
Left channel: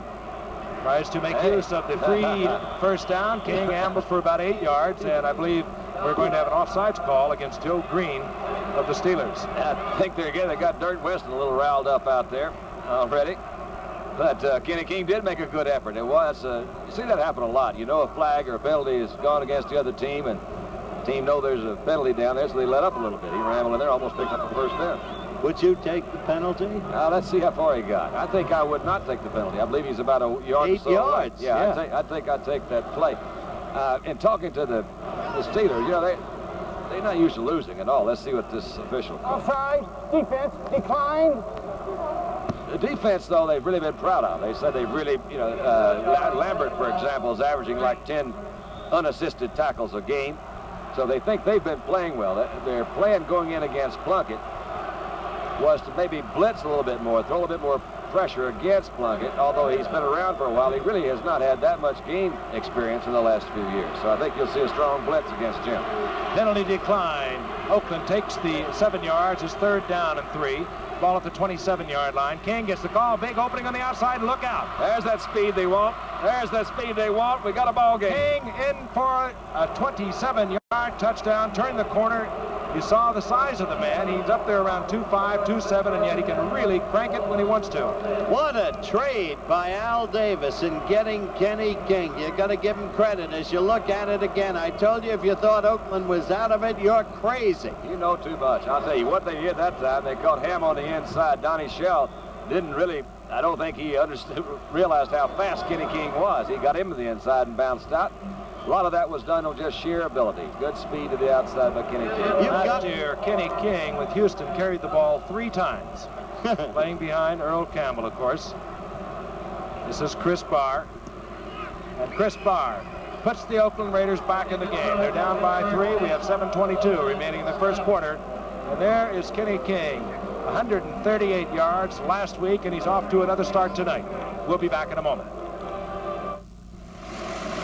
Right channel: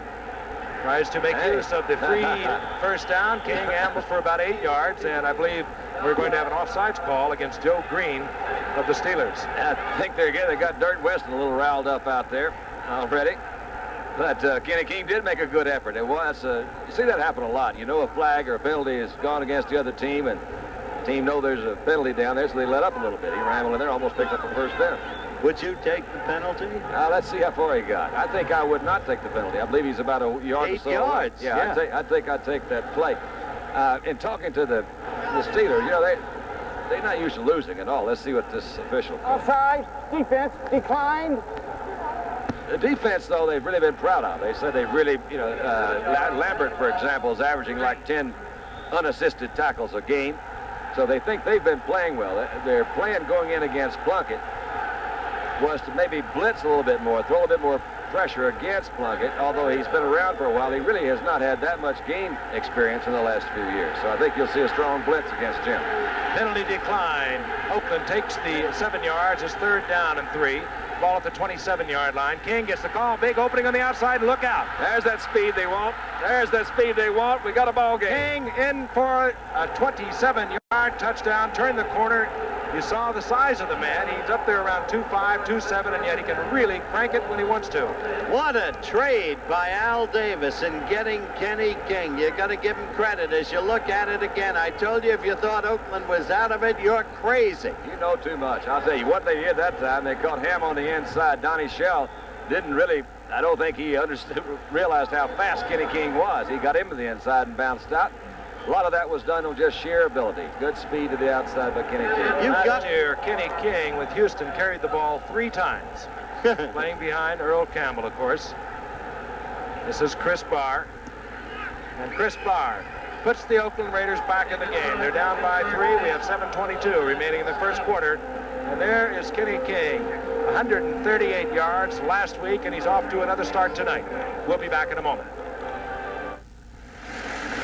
tries to make use of the free first down. King ambles for about 8 yards, and I believe we're going to have an offsides call against Joe Green of the Steelers. I think they got Dirt Weston a little riled up out there already. But Kenny King did make a good effort. It was, you see that happen a lot. You know, a flag or a penalty has gone against the other team, and the team know there's a penalty down there, so they let up a little bit. He rambled in there, almost picked up a first down. Would you take the penalty? Let's see how far he got. I think I would not take the penalty. I believe he's about a yard 8 or so yards. away. Yeah, I think I'd take that play. In talking to the Steelers, you know, they're not used to losing at all. Let's see what this official calls. Offside, defense, declined. The defense, though, they've really been proud of. They said they've really, you know, Lambert, for example, is averaging like 10 unassisted tackles a game. So they think they've been playing well. Their plan going in against Plunkett was to maybe blitz a little bit more, throw a bit more pressure against Plunkett. Although he's been around for a while, he really has not had that much game experience in the last few years. So I think you'll see a strong blitz against Jim. Penalty decline. Oakland takes the 7 yards. It's third down and 3. Ball at the 27-yard line. King gets the call. Big opening on the outside. Look out. There's that speed they want. There's that speed they want. We got a ball game. King in for a 27-yard touchdown. Turn the corner. You saw the size of the man. He's up there around 2'5", 2'7", and yet he can really crank it when he wants to. What a trade by Al Davis in getting Kenny King. You got to give him credit as you look at it again. I told you if you thought Oakland was out of it, you're crazy. You know too much. I'll tell you what they did that time. They caught Ham on the inside. Donnie Shell didn't really, I don't think he realized how fast Kenny King was. He got him to the inside and bounced out. A lot of that was done on just sheer ability. Good speed to the outside by Kenny King. Last year, Kenny King with Houston carried the ball 3 times. Playing behind Earl Campbell, of course. This is Chris Barr. And Chris Barr puts the Oakland Raiders back in the game. They're down by 3. We have 7:22 remaining in the first quarter. And there is Kenny King. 138 yards last week, and he's off to another start tonight. We'll be back in a moment.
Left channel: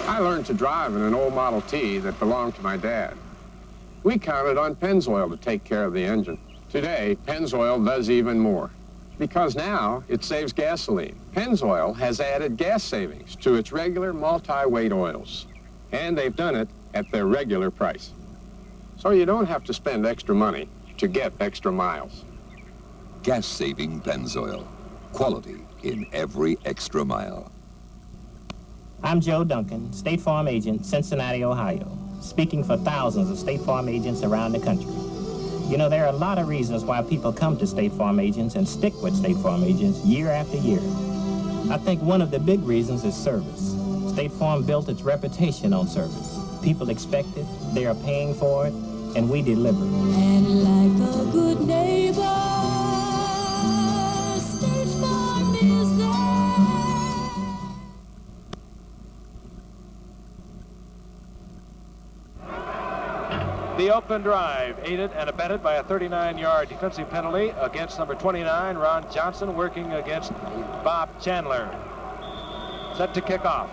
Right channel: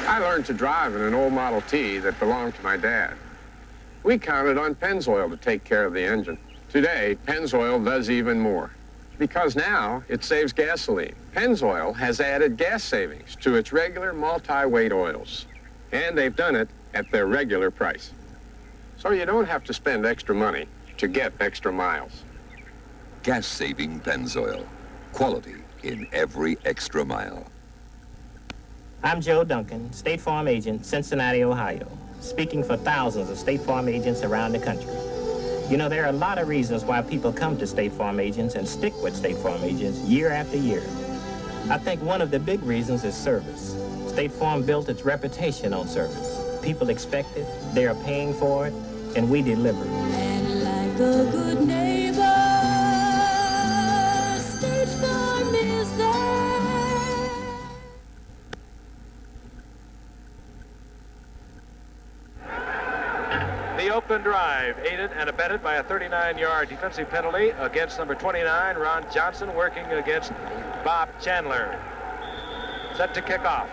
I learned to drive in an old Model T that belonged to my dad. We counted on Pennzoil to take care of the engine. Today, Pennzoil does even more. Because now it saves gasoline. Pennzoil has added gas savings to its regular multi-weight oils. And they've done it at their regular price. So you don't have to spend extra money to get extra miles. Gas-saving Pennzoil. Quality in every extra mile. I'm Joe Duncan, State Farm agent, Cincinnati, Ohio, speaking for thousands of State Farm agents around the country. You know, there are a lot of reasons why people come to State Farm agents and stick with State Farm agents year after year. I think one of the big reasons is service. State Farm built its reputation on service. People expect it, they are paying for it, and we deliver. And like a good neighbor, State Farm is there. The Oakland drive, aided and abetted by a 39-yard defensive penalty against number 29, Ron Johnson, working against Bob Chandler. Set to kick off.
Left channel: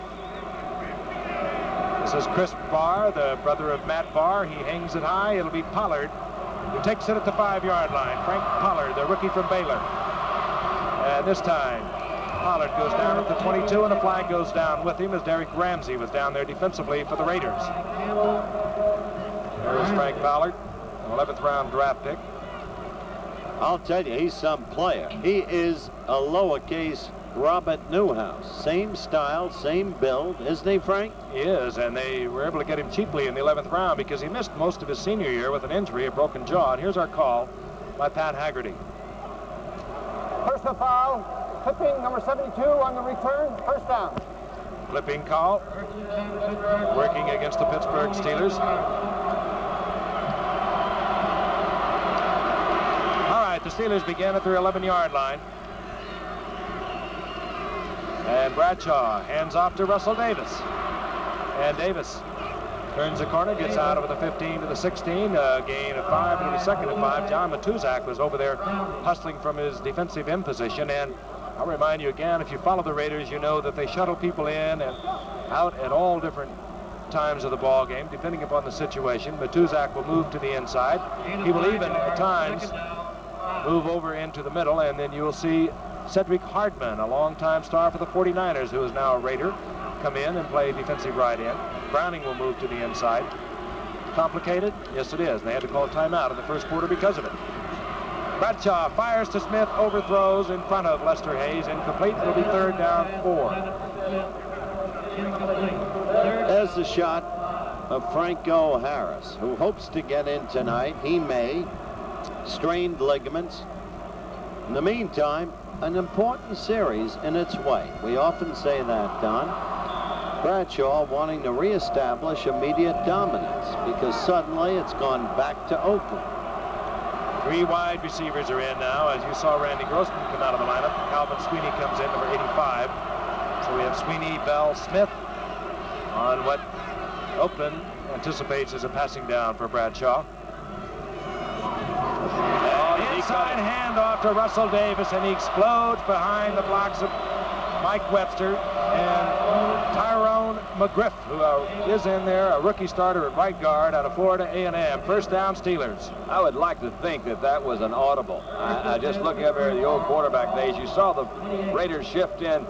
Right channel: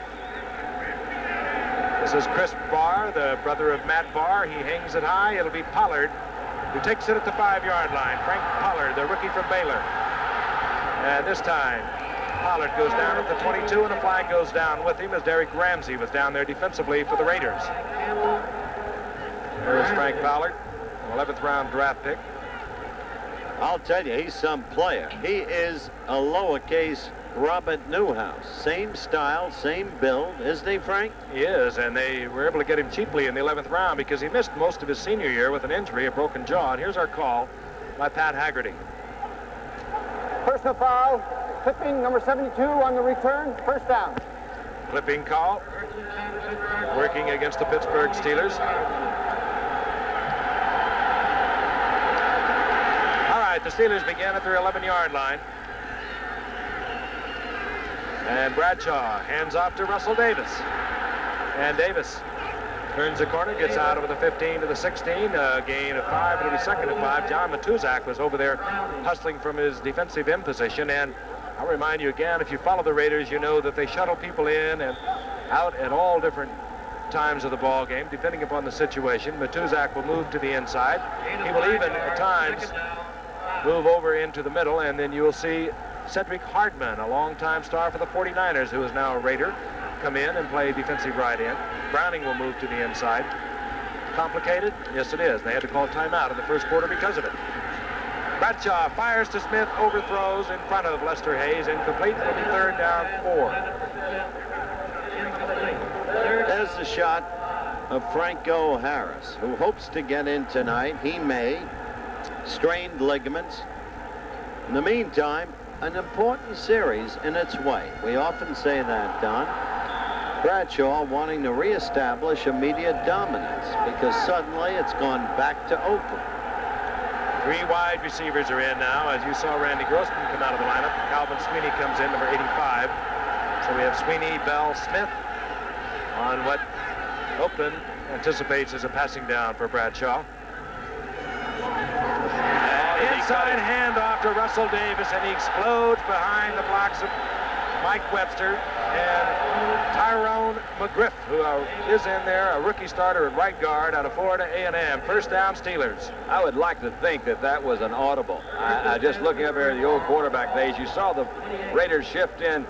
This is Chris Barr, the brother of Matt Barr. He hangs it high. It'll be Pollard who takes it at the 5-yard line. Frank Pollard, the rookie from Baylor. And this time, Pollard goes down at the 22, and a flag goes down with him as Derek Ramsey was down there defensively for the Raiders. There's Frank Pollard, 11th round draft pick. I'll tell you, he's some player. He is a lowercase Robert Newhouse. Same style, same build, isn't he, Frank? He is, and they were able to get him cheaply in the 11th round because he missed most of his senior year with an injury, a broken jaw. And here's our call by Pat Haggerty. Personal foul, clipping number 72 on the return, first down. Clipping call, working against the Pittsburgh Steelers. All right, the Steelers begin at their 11-yard line. And Bradshaw hands off to Russell Davis. And Davis turns the corner, gets out over the 15 to the 16, a gain of 5. It'll be second and 5. John Matuzak was over there hustling from his defensive end position. And I'll remind you again, if you follow the Raiders, you know that they shuttle people in and out at all different times of the ball game, depending upon the situation. Matuzak will move to the inside. He will even, at times, move over into the middle, and then you'll see Cedric Hardman, a longtime star for the 49ers, who is now a Raider, come in and play defensive right end. Browning will move to the inside. Complicated? Yes, it is. They had to call timeout in the first quarter because of it. Bradshaw fires to Smith, overthrows in front of Lester Hayes. Incomplete. It'll be third down 4. There's the shot of Franco Harris, who hopes to get in tonight. He may. Strained ligaments. In the meantime, an important series in its way. We often say that, Don. Bradshaw wanting to reestablish immediate dominance because suddenly it's gone back to Oakland. 3 wide receivers are in now. As you saw Randy Grossman come out of the lineup, Calvin Sweeney comes in, number 85. So we have Sweeney, Bell, Smith on what Oakland anticipates as a passing down for Bradshaw. Inside handoff to Russell Davis, and he explodes behind the blocks of Mike Webster and Tyrone McGriff, who is in there, a rookie starter at right guard out of Florida A&M. First down, Steelers. I would like to think that that was an audible. I just looking up here at the old quarterback days, you saw the Raiders shift in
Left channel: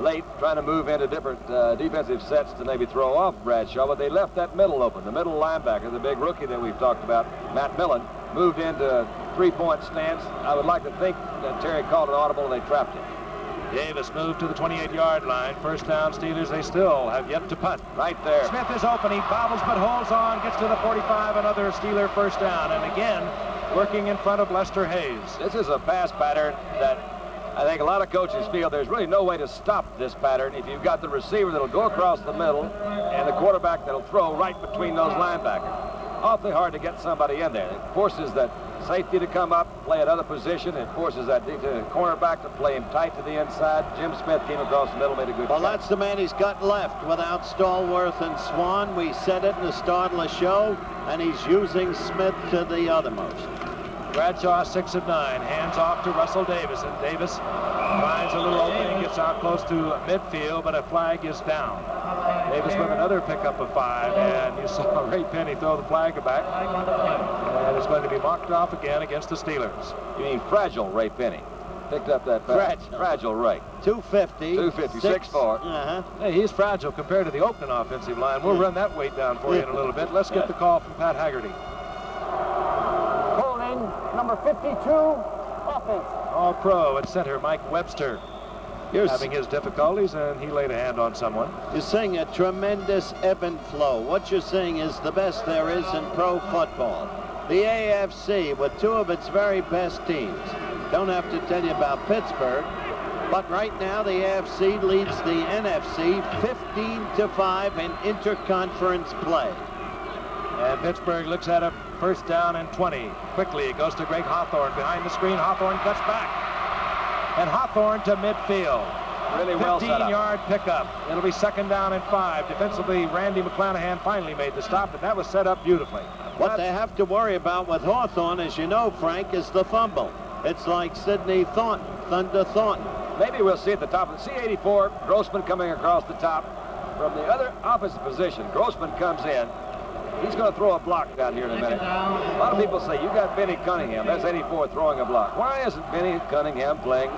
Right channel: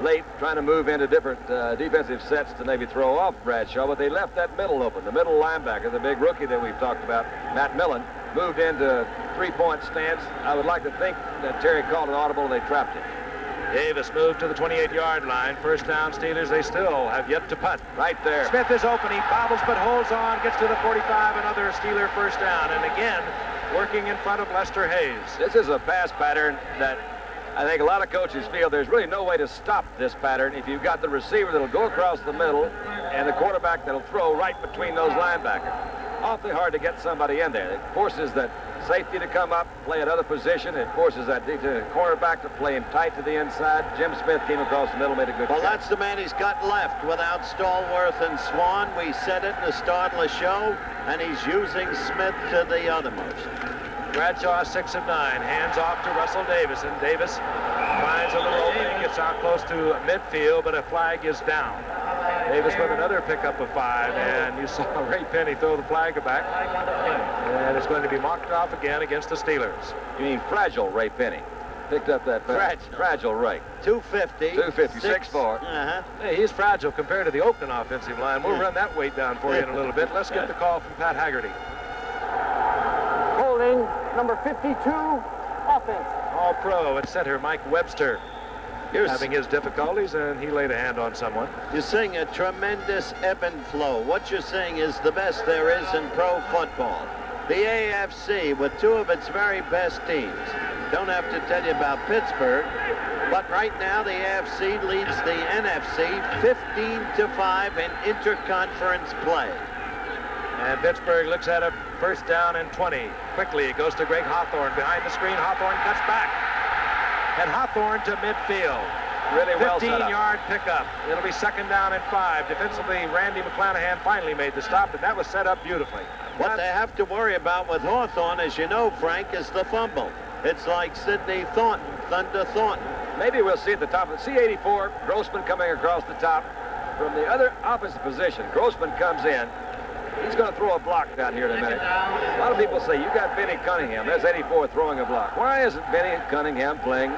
late, trying to move into different defensive sets to maybe throw off Bradshaw, but they left that middle open. The middle linebacker, the big rookie that we've talked about, Matt Millen, moved into three-point stance. I would like to think that Terry called an audible and they trapped him. Davis moved to the 28-yard line. First down, Steelers. They still have yet to punt. Right there. Smith is open. He bobbles but holds on, gets to the 45. Another Steeler first down. And again, working in front of Lester Hayes. This is a pass pattern that I think a lot of coaches feel there's really no way to stop this pattern if you've got the receiver that'll go across the middle and the quarterback that'll throw right between those linebackers. Awfully hard to get somebody in there. It forces that safety to come up, play another position. It forces that cornerback to play him tight to the inside. Jim Smith came across the middle, made a good Well, catch. that's the man he's got left without Stallworth and Swan. We said it in the start of the show, and he's using Smith to the othermost. Bradshaw, 6 of 9, hands off to Russell Davis, and Davis finds a little opening, gets out close to midfield, but a flag is down. Davis with another pickup of 5, and you saw Ray Penny throw the flag back, and it's going to be marked off again against the Steelers. You mean fragile Ray Penny? picked up that fragile rate. 250. 250, 6'4". Hey, he's fragile compared to the Oakland offensive line. We'll run that weight down for you in a little bit. Let's get the call from Pat Haggerty. Holding number 52, offense. All-pro at center, Mike Webster. Having his difficulties, and he laid a hand on someone. You're seeing a tremendous ebb and flow. What you're seeing is the best there is in pro football. The AFC with two of its very best teams. Don't have to tell you about Pittsburgh, but right now the AFC leads the NFC 15-5 in interconference play. And Pittsburgh looks at a first down and 20. Quickly, it goes to Greg Hawthorne. Behind the screen, Hawthorne cuts back. And Hawthorne to midfield. Really well set up. 15-yard pickup. It'll be second down and 5. Defensively, Randy McClanahan finally made the stop, and that was set up beautifully. What they have to worry about with Hawthorne, as you know, Frank, is the fumble. It's like Sidney Thornton, Thunder Thornton. Maybe we'll see at the top of the C-84, Grossman coming across the top from the other opposite position. Grossman comes in. He's going to throw a block down here in a minute. A lot of people say, you got Benny Cunningham. There's 84 throwing a block. Why isn't Benny Cunningham playing?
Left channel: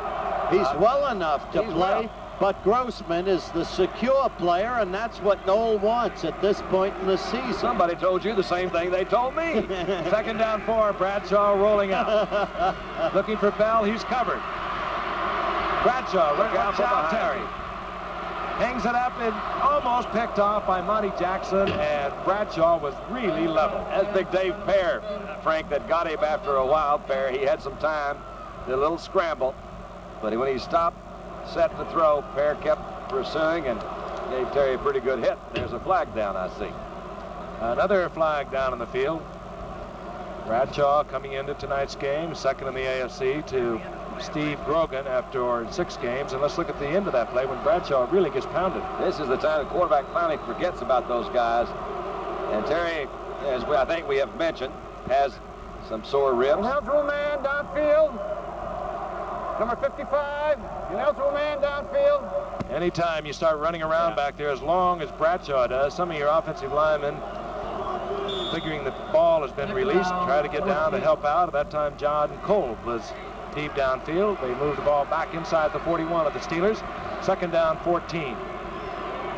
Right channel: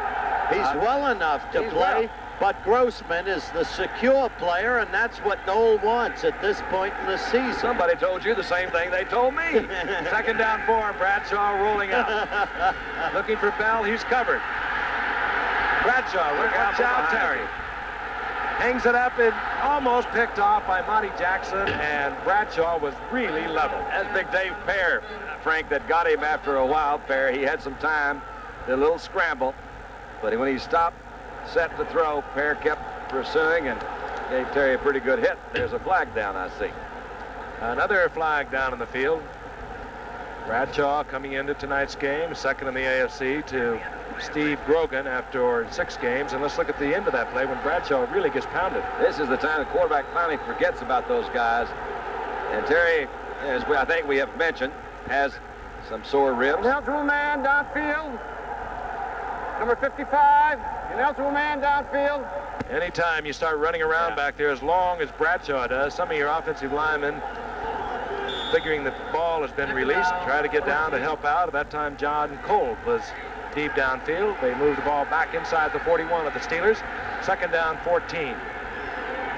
He's well enough to play, but Grossman is the secure player, and that's what Noel wants at this point in the season. Somebody told you the same thing they told me. Second down 4, Bradshaw rolling out. Looking for Bell, he's covered. Bradshaw, look out, Terry. Hangs it up and almost picked off by Monty Jackson, and Bradshaw was really level. That's Big Dave Pear, Frank, that got him after a while. Pear, he had some time, did a little scramble, but when he stopped, set to throw, Pear kept pursuing and gave Terry a pretty good hit. There's a flag down, I see. Another flag down in the field. Bradshaw coming into tonight's game, second in the AFC to Steve Grogan after 6 games. And let's look at the end of that play when Bradshaw really gets pounded. This is the time the quarterback finally forgets about those guys. And Terry, as I think we have mentioned, has some sore ribs. Ineligible man downfield. Number 55, ineligible man downfield. Anytime you start running around back there, as long as Bradshaw does, some of your offensive linemen, figuring the ball has been released, try to get down to help out. At that time, John Cole was deep downfield. They moved the ball back inside the 41 of the Steelers. Second down, 14.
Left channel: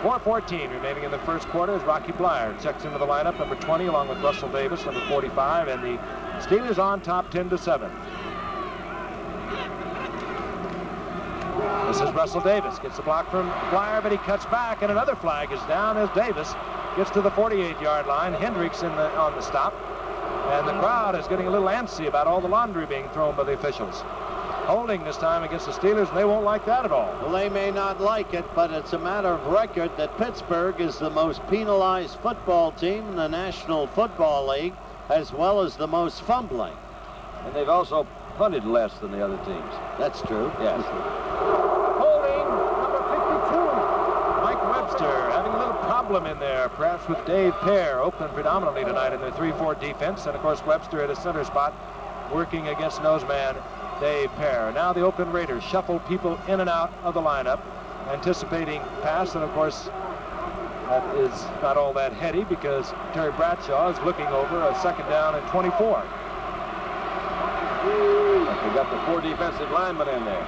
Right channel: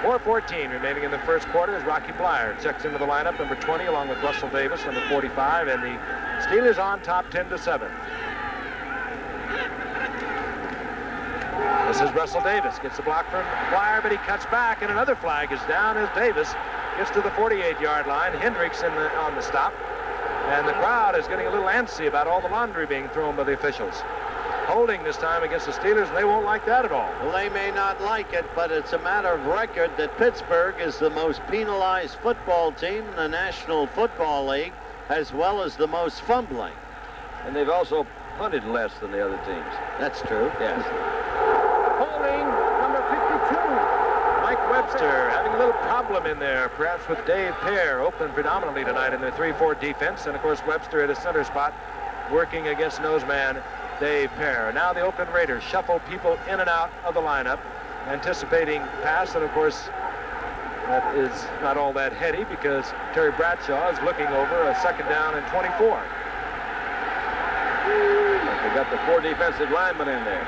4:14 remaining in the first quarter as Rocky Blyer checks into the lineup, number 20, along with Russell Davis, number 45, and the Steelers on top 10-7. This is Russell Davis. Gets the block from Blyer, but he cuts back, and another flag is down as Davis gets to the 48-yard line. Hendricks on the stop. And the crowd is getting a little antsy about all the laundry being thrown by the officials. Holding this time against the Steelers, and they won't like that at all. Well, they may not like it, but it's a matter of record that Pittsburgh is the most penalized football team in the National Football League, as well as the most fumbling. And they've also punted less than the other teams. That's true. Yes. Holding number 52. Mike Webster having a little problem in there, perhaps with Dave Pear. Oakland predominantly tonight in their 3-4 defense, and of course Webster at a center spot working against noseman Dave Pear. Now the Oakland Raiders shuffle people in and out of the lineup, anticipating pass, and of course that is not all that heady because Terry Bradshaw is looking over a second down and 24. But they got the 4 defensive linemen in there.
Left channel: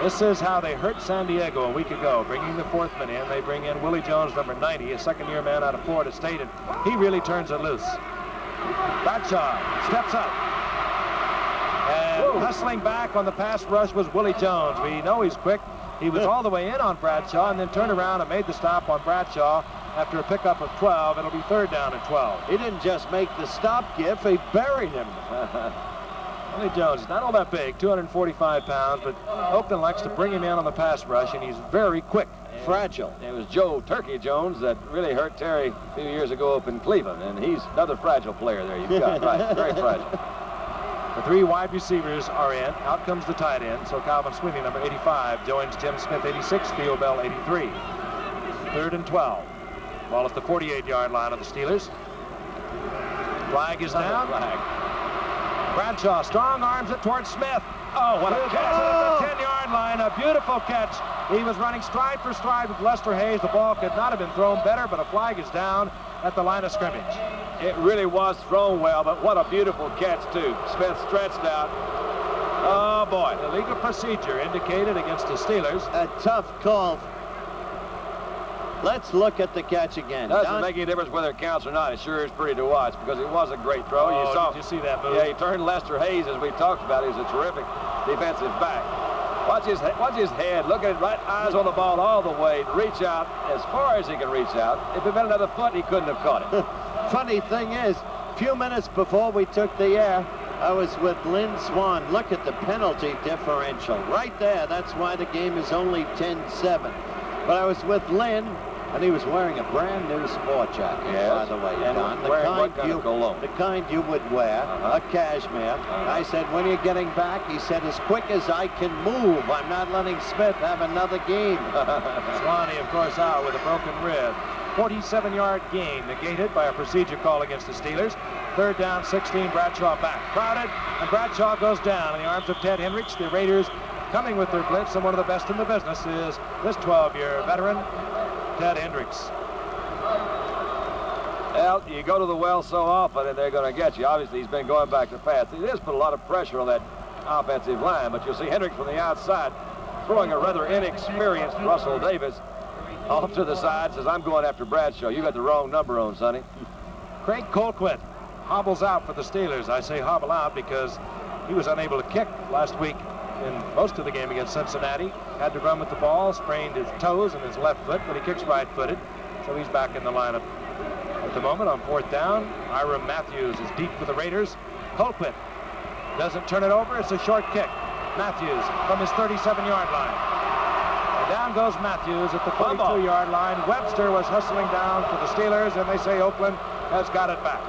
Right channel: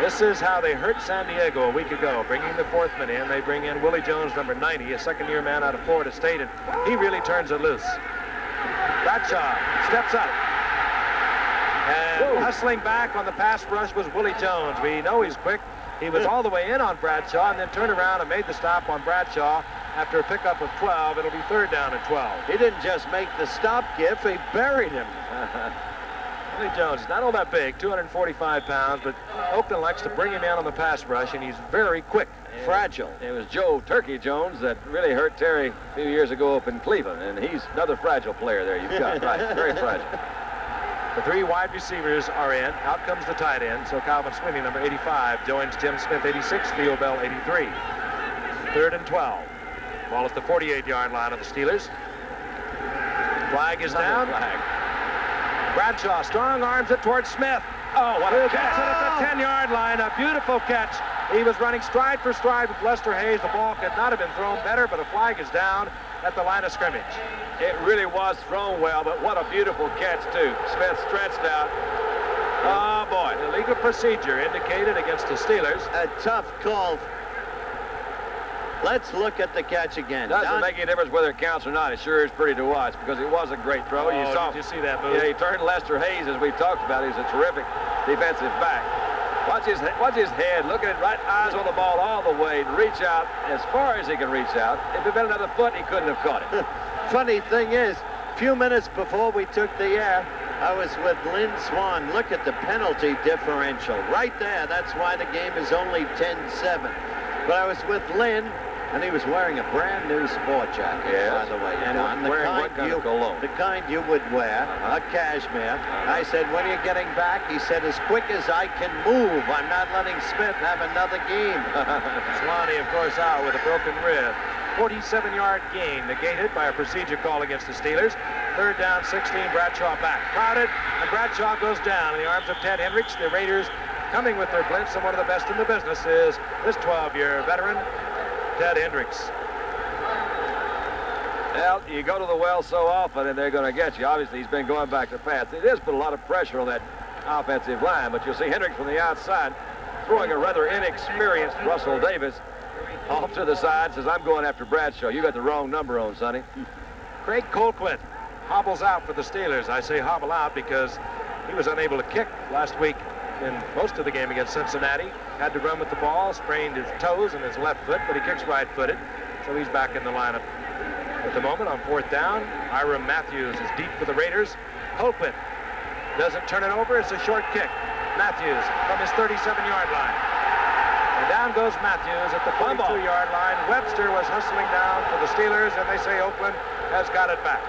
This is how they hurt San Diego a week ago, bringing the 4th man in. They bring in Willie Jones, number 90, a second-year man out of Florida State, and he really turns it loose. Bradshaw steps up. And hustling back on the pass rush was Willie Jones. We know he's quick. He was all the way in on Bradshaw and then turned around and made the stop on Bradshaw after a pickup of 12. It'll be third down and 12. He didn't just make the stop, Giff, he buried him. Willie Jones is not all that big, 245 pounds, but Oakland likes to bring him in on the pass rush, and he's very quick. Fragile. It was Joe Turkey Jones that really hurt Terry a few years ago up in Cleveland, and he's another fragile player there you've got. Right, very fragile. The 3 wide receivers are in. Out comes the tight end. So Calvin Sweeney, number 85, joins Jim Smith, 86, Theo Bell, 83. Third and 12. Ball at the 48-yard line of the Steelers. Flag is down. Flag. Bradshaw strong arms it towards Smith. Oh, what a catch. At the 10-yard line, a beautiful catch. He was running stride for stride with Lester Hayes. The ball could not have been thrown better, but a flag is down at the line of scrimmage. It really was thrown well, but what a beautiful catch, too. Smith stretched out, Oh, boy. Illegal procedure indicated against the Steelers. A tough call. Let's look at the catch again. Doesn't make any difference whether it counts or not. It sure is pretty to watch because it was a great throw. Oh, you saw. did you see that move? Yeah, he turned Lester Hayes, as we talked about. He's a terrific defensive back. Watch his head. Look at it, right eyes on the ball all the way. Reach out as far as he can reach out. If it had been another foot, he couldn't have caught it. Funny thing is, a few minutes before we took the air, I was with Lynn Swan. Look at the penalty differential. Right there, that's why the game is only 10-7. But I was with Lynn, and he was wearing a brand new sport jacket, by the way, and Don. wearing what kind of cologne? The kind you would wear, a cashmere. I said, when you're getting back, he said, as quick as I can move. I'm not letting Smith have another game. Swanee, of course, out with a broken rib. 47-yard gain negated by a procedure call against the Steelers. 3rd down, 16, Bradshaw back. Crowded, and Bradshaw goes down in the arms of Ted Hendricks. The Raiders coming with their blitz, and one of the best in the business is this 12-year veteran, Ted Hendricks. Well, you go to the well so often, and they're going to get you. Obviously, he's been going back to pass. It has put a lot of pressure on that offensive line, but you'll see Hendricks from the outside throwing a rather inexperienced Russell Davis off to the side, says, I'm going after Bradshaw. You got the wrong number on, Sonny. Craig Colquitt hobbles out for the Steelers. I say hobble out because he was unable to kick last week in most of the game against Cincinnati. Had to run with the ball, sprained his toes and his left foot, but he kicks right-footed, so he's back in the lineup at the moment on 4th down. Ira Matthews is deep for the Raiders. Colquitt doesn't turn it over. It's a short kick. Matthews from his 37-yard line. And down goes Matthews at the 42-yard line. Webster was hustling down for the Steelers, and they say Oakland has got it back.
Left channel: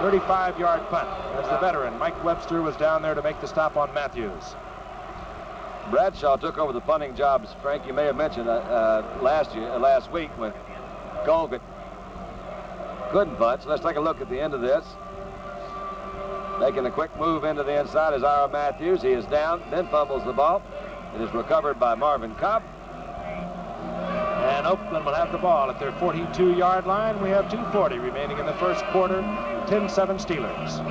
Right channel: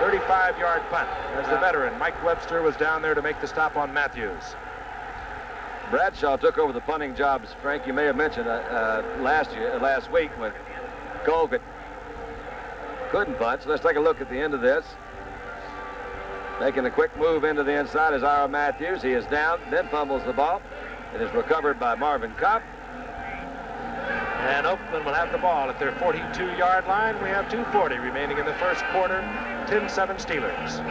35-yard punt as the veteran Mike Webster was down there to make the stop on Matthews. Bradshaw took over the punting jobs, Frank. You may have mentioned last week when Colquitt couldn't punt. So let's take a look at the end of this. Making a quick move into the inside is Ira Matthews. He is down, then fumbles the ball. It is recovered by Marvin Kopp. And Oakland will have the ball at their 42-yard line. We have 2:40 remaining in the first quarter. 10-7 Steelers.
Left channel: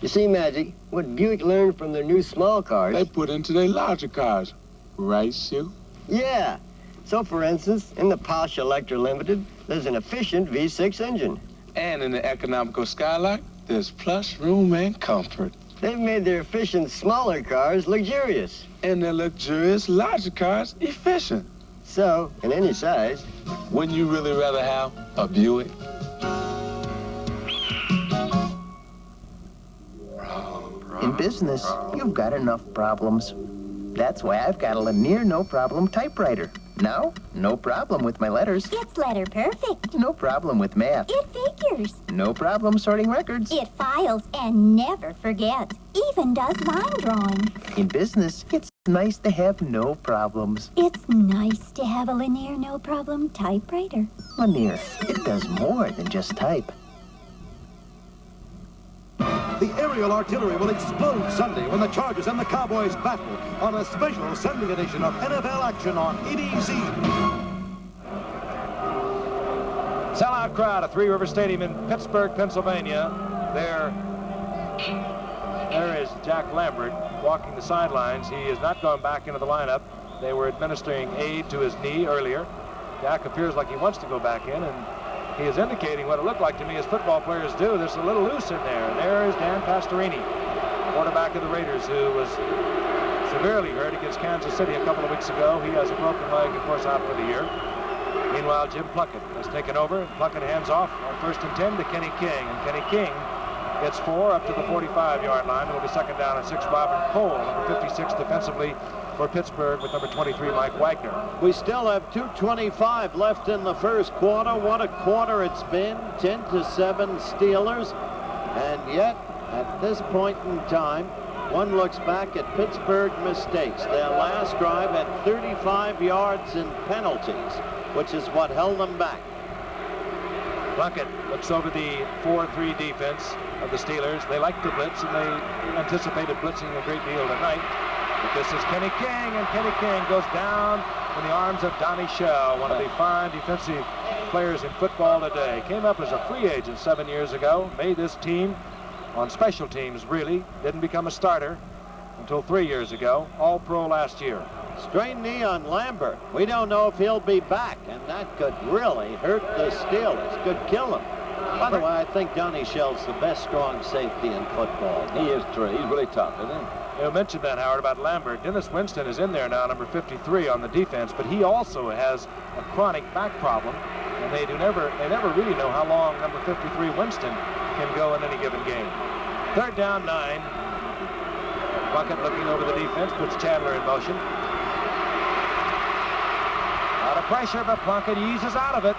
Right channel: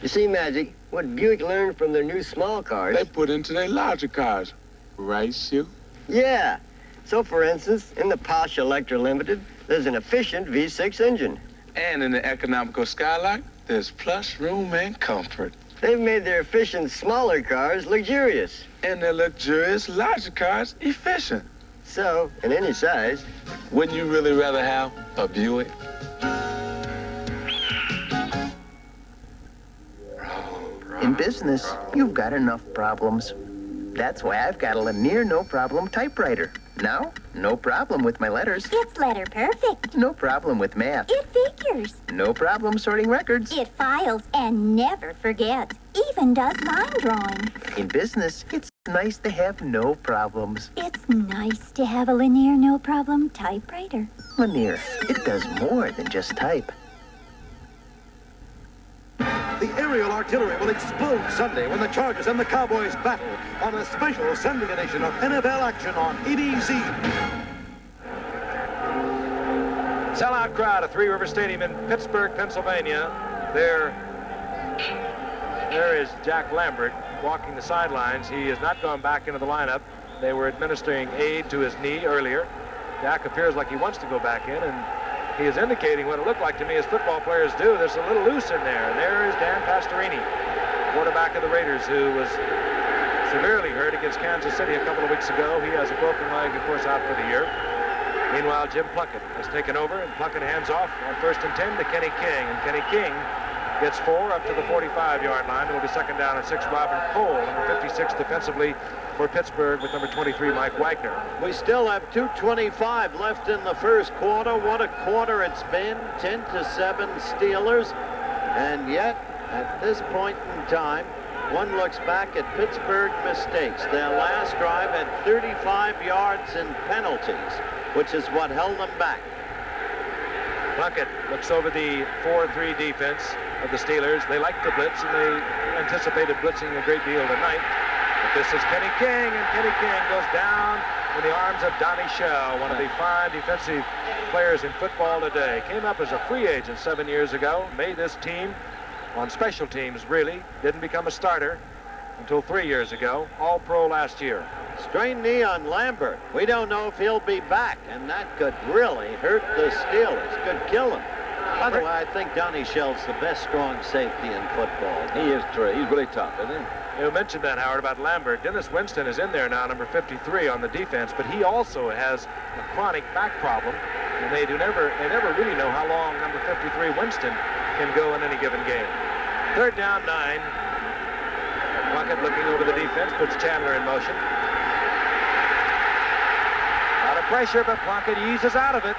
You see, Magic, what Buick learned from their new small cars. They put into their larger cars. Right, Sue? Yeah. So, for instance, in the Posh Electra Limited, there's an efficient V6 engine. And in the economical Skylark, there's plus room and comfort. They've made their efficient smaller cars luxurious. And their luxurious larger cars efficient. So, in any size. Wouldn't you really rather have a Buick? In business, you've got enough problems. That's why I've got a Lanier no-problem typewriter. Now, no problem with my letters. It's letter perfect. No problem with math. It figures. No problem sorting records. It files and never forgets. Even does line drawing. In business, it's nice to have no problems. It's nice to have a Lanier no-problem typewriter. Lanier, it does more than just type. The aerial artillery will explode Sunday when the Chargers and the Cowboys battle on a special Sunday edition of NFL action on ABC. Sellout crowd at Three River Stadium in Pittsburgh, Pennsylvania. There is Jack Lambert walking the sidelines. He has not gone back into the lineup. They were administering aid to his knee earlier. Jack appears like he wants to go back in, and he is indicating what it looked like to me as football players do. There's a little loose in there. And there is Dan Pastorini, quarterback of the Raiders, who was severely hurt against Kansas City a couple of weeks ago. He has a broken leg, of course, out for the year. Meanwhile, Jim Plunkett has taken over, and Plunkett hands off on 1st and 10 to Kenny King. And Kenny King gets 4 up to the 45-yard line. It will be 2nd down and 6. Robin Cole, number 56, defensively for Pittsburgh with number 23, Mike Wagner. We still have 2:25 left in the first quarter. What a quarter it's been. 10-7 Steelers. And yet, at this point in time, one looks back at Pittsburgh mistakes. Their last drive had 35 yards in penalties, which is what held them back. Plunkett looks over the 4-3 defense of the Steelers. They like to blitz, and they anticipated blitzing a great deal tonight. But this is Kenny King, and Kenny King goes down in the arms of Donnie Shell, one of the fine defensive players in football today. Came up as a free agent 7 years ago, made this team on special teams, really. Didn't become a starter. until 3 years ago, All-Pro last year. Strained knee on Lambert. We don't know if he'll be back, and that could really hurt the Steelers. Could kill him. By the way, I think Donnie Shell's the best strong safety in football. He is true. He's really tough, isn't he? You mentioned that, Howard, about Lambert. Dennis Winston is in there now, number 53 on the defense, but he also has a chronic back problem, and they never really know how long number 53 Winston can go in any given game. 3rd down, 9. Plunkett looking over the defense, puts Chandler in motion. A lot of pressure, but Plunkett eases out of it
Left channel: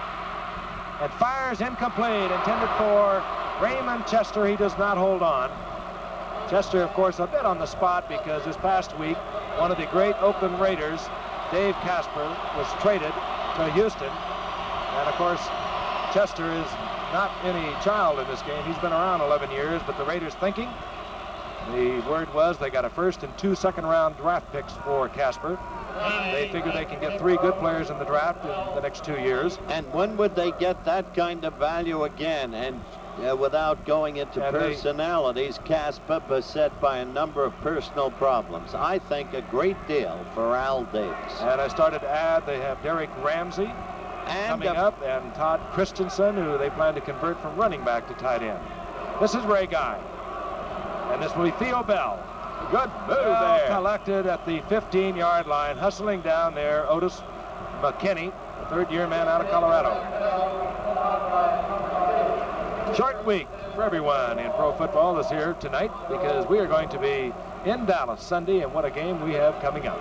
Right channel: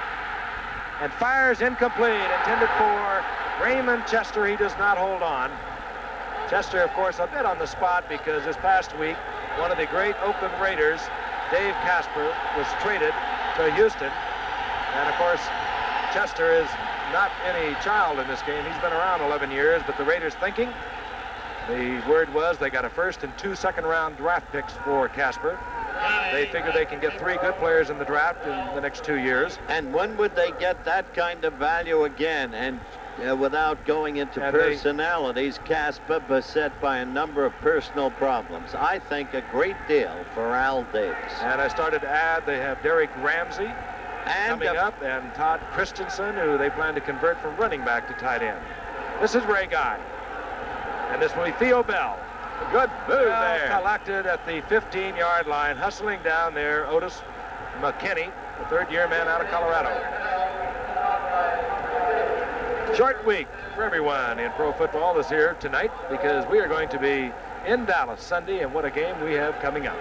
and fires incomplete, intended for Raymond Chester. He does not hold on. Chester, of course, a bit on the spot because this past week, one of the great Oakland Raiders, Dave Casper, was traded to Houston. And, of course, Chester is not any child in this game. He's been around 11 years, but the Raiders thinking, the word was they got a 1st and 2 second-round draft picks for Casper. They figure they can get 3 good players in the draft in the next 2 years. And when would they get that kind of value again? And without going into personalities, Casper beset by a number of personal problems. I think a great deal for Al Davis. And I started to add, they have Derek Ramsey coming up, and Todd Christensen, who they plan to convert from running back to tight end. This is Ray Guy. And this will be Theo Bell. A good move there. Collected at the 15-yard line, hustling down there, Otis McKinney, the 3rd-year man out of Colorado. Short week for everyone in pro football this here tonight, because we are going to be in Dallas Sunday, and what a game we have coming up.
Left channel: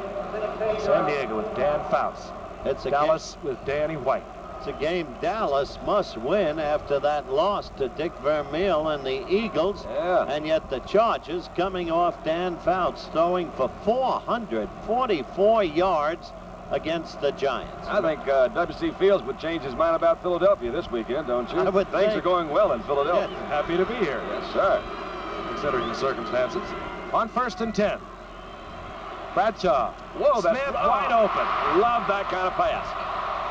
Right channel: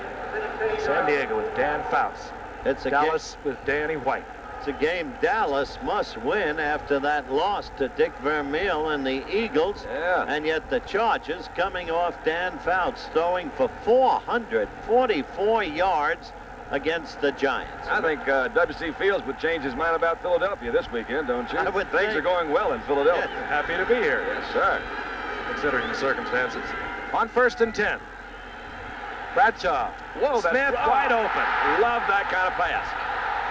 San Diego with Dan Faust. It's a Dallas with Danny White. It's a game Dallas must win after that loss to Dick Vermeil and the Eagles. Yeah. And yet the Chargers coming off Dan Fouts throwing for 444 yards against the Giants. I think W.C. Fields would change his mind about Philadelphia this weekend, don't you? I would Things are going well in Philadelphia. Yes, happy to be here. Yes, sir. Considering the circumstances. On 1st and 10. Bradshaw. Whoa, Smith wide open. Love that kind of pass.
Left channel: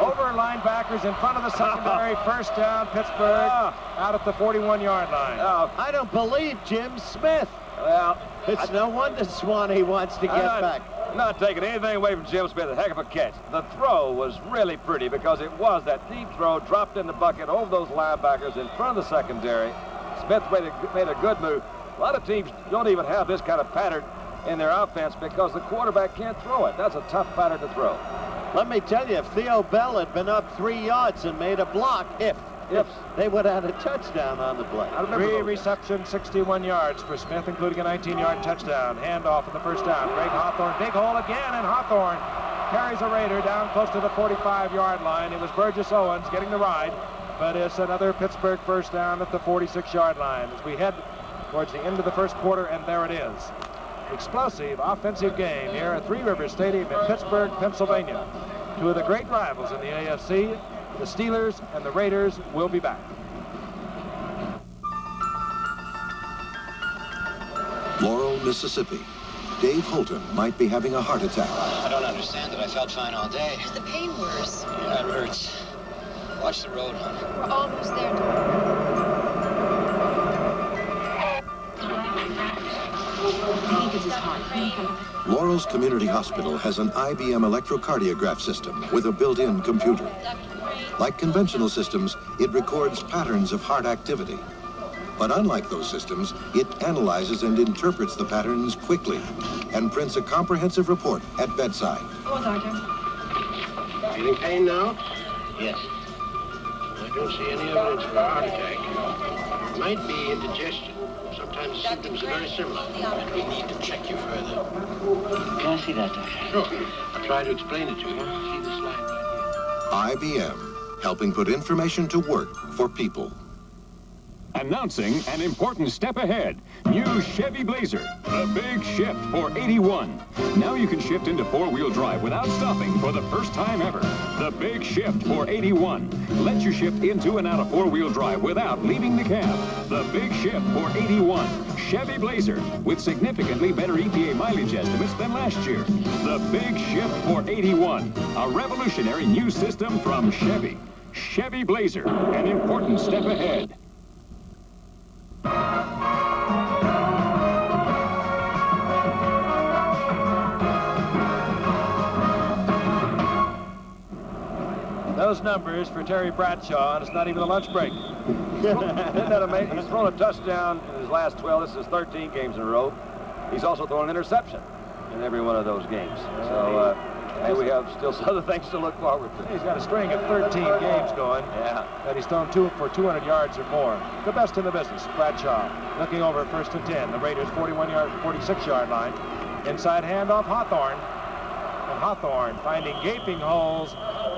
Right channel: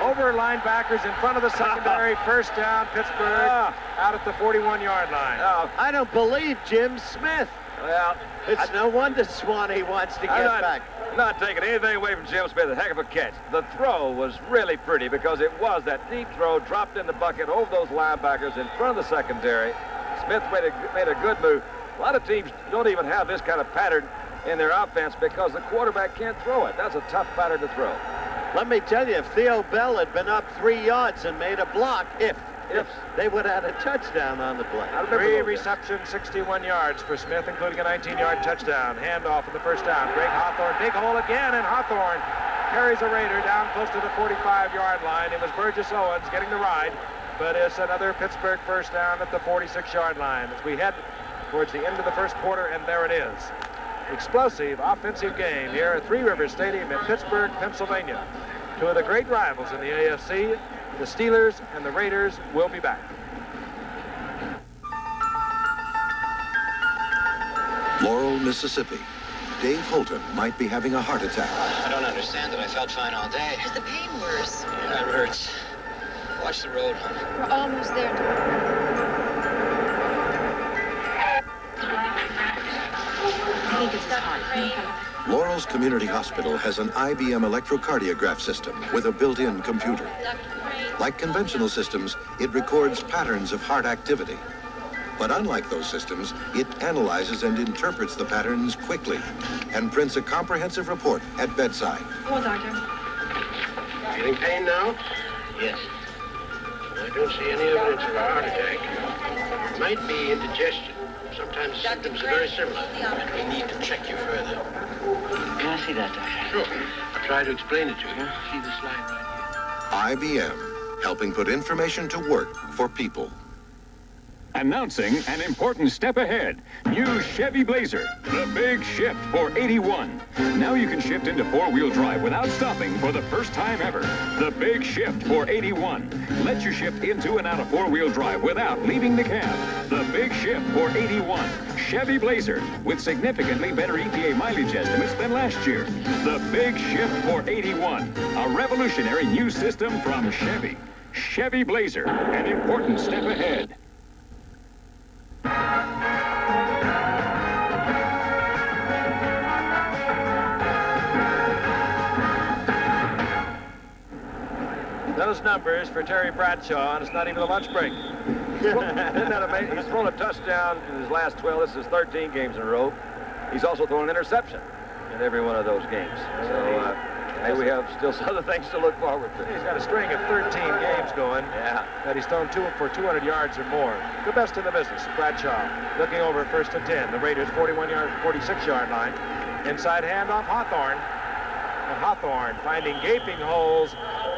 Over linebackers in front of the secondary. 1st down, Pittsburgh, out at the 41-yard line. I don't believe Jim Smith. Well, it's no wonder Swanee wants to get back. Not taking anything away from Jim Smith. A heck of a catch. The throw was really pretty because it was that deep throw dropped in the bucket over those linebackers in front of the secondary. Smith made a good move. A lot of teams don't even have this kind of pattern in their offense because the quarterback can't throw it. That's a tough pattern to throw. Let me tell you, if Theo Bell had been up 3 yards and made a block, if they would have had a touchdown on the play. 3 receptions, 61 yards for Smith, including a 19-yard touchdown. Handoff in the 1st down. Greg Hawthorne, big hole again, and Hawthorne carries a Raider down close to the 45-yard line. It was Burgess Owens getting the ride, but it's another Pittsburgh 1st down at the 46-yard line as we head towards the end of the 1st quarter, and there it is. Explosive offensive game here at Three Rivers Stadium in Pittsburgh, Pennsylvania. 2 of the great rivals in the AFC, the Steelers and the Raiders, will be back. Laurel, Mississippi. Dave Holton might be having a heart attack. I don't understand it. I felt fine all day. Is the pain worse? Yeah, it hurts. Watch the road, honey. We're almost there. I think it's his heart. Laurel's Community Hospital has an IBM electrocardiograph system with a built-in computer. Like conventional systems, it records patterns of heart activity. But unlike those systems, it analyzes and interprets the patterns quickly and prints a comprehensive report at bedside. Oh, doctor. Feeling pain now? Yes. I don't see any evidence of a heart attack. It might be indigestion. Sometimes the symptoms are very similar. We need to check you further. Can I see that, doctor? Sure. I'll try to explain it to you. See the slide right here. IBM, helping put information to work for people. Announcing an important step ahead. New Chevy Blazer, the big shift for 81. Now you can shift into four-wheel drive without stopping for the first time ever. The big shift for 81. Lets you shift into and out of four-wheel drive without leaving the cab. The big shift for 81. Chevy Blazer with significantly better EPA mileage estimates than last year. The big shift for 81. A revolutionary new system from Chevy. Chevy Blazer, an important step ahead. those numbers for Terry Bradshaw, and it's not even a lunch break. Isn't that amazing? He's thrown a touchdown in his last 12. This is 13 games in a row. He's also thrown an interception in every one of those games. So hey, we have still some other things to look forward to. He's got a string of 13 games going. Yeah. That he's thrown for 200 yards or more. The best in the business. Bradshaw looking over at 1st and 10. The Raiders 46-yard line. Inside handoff, Hawthorne. And Hawthorne finding gaping holes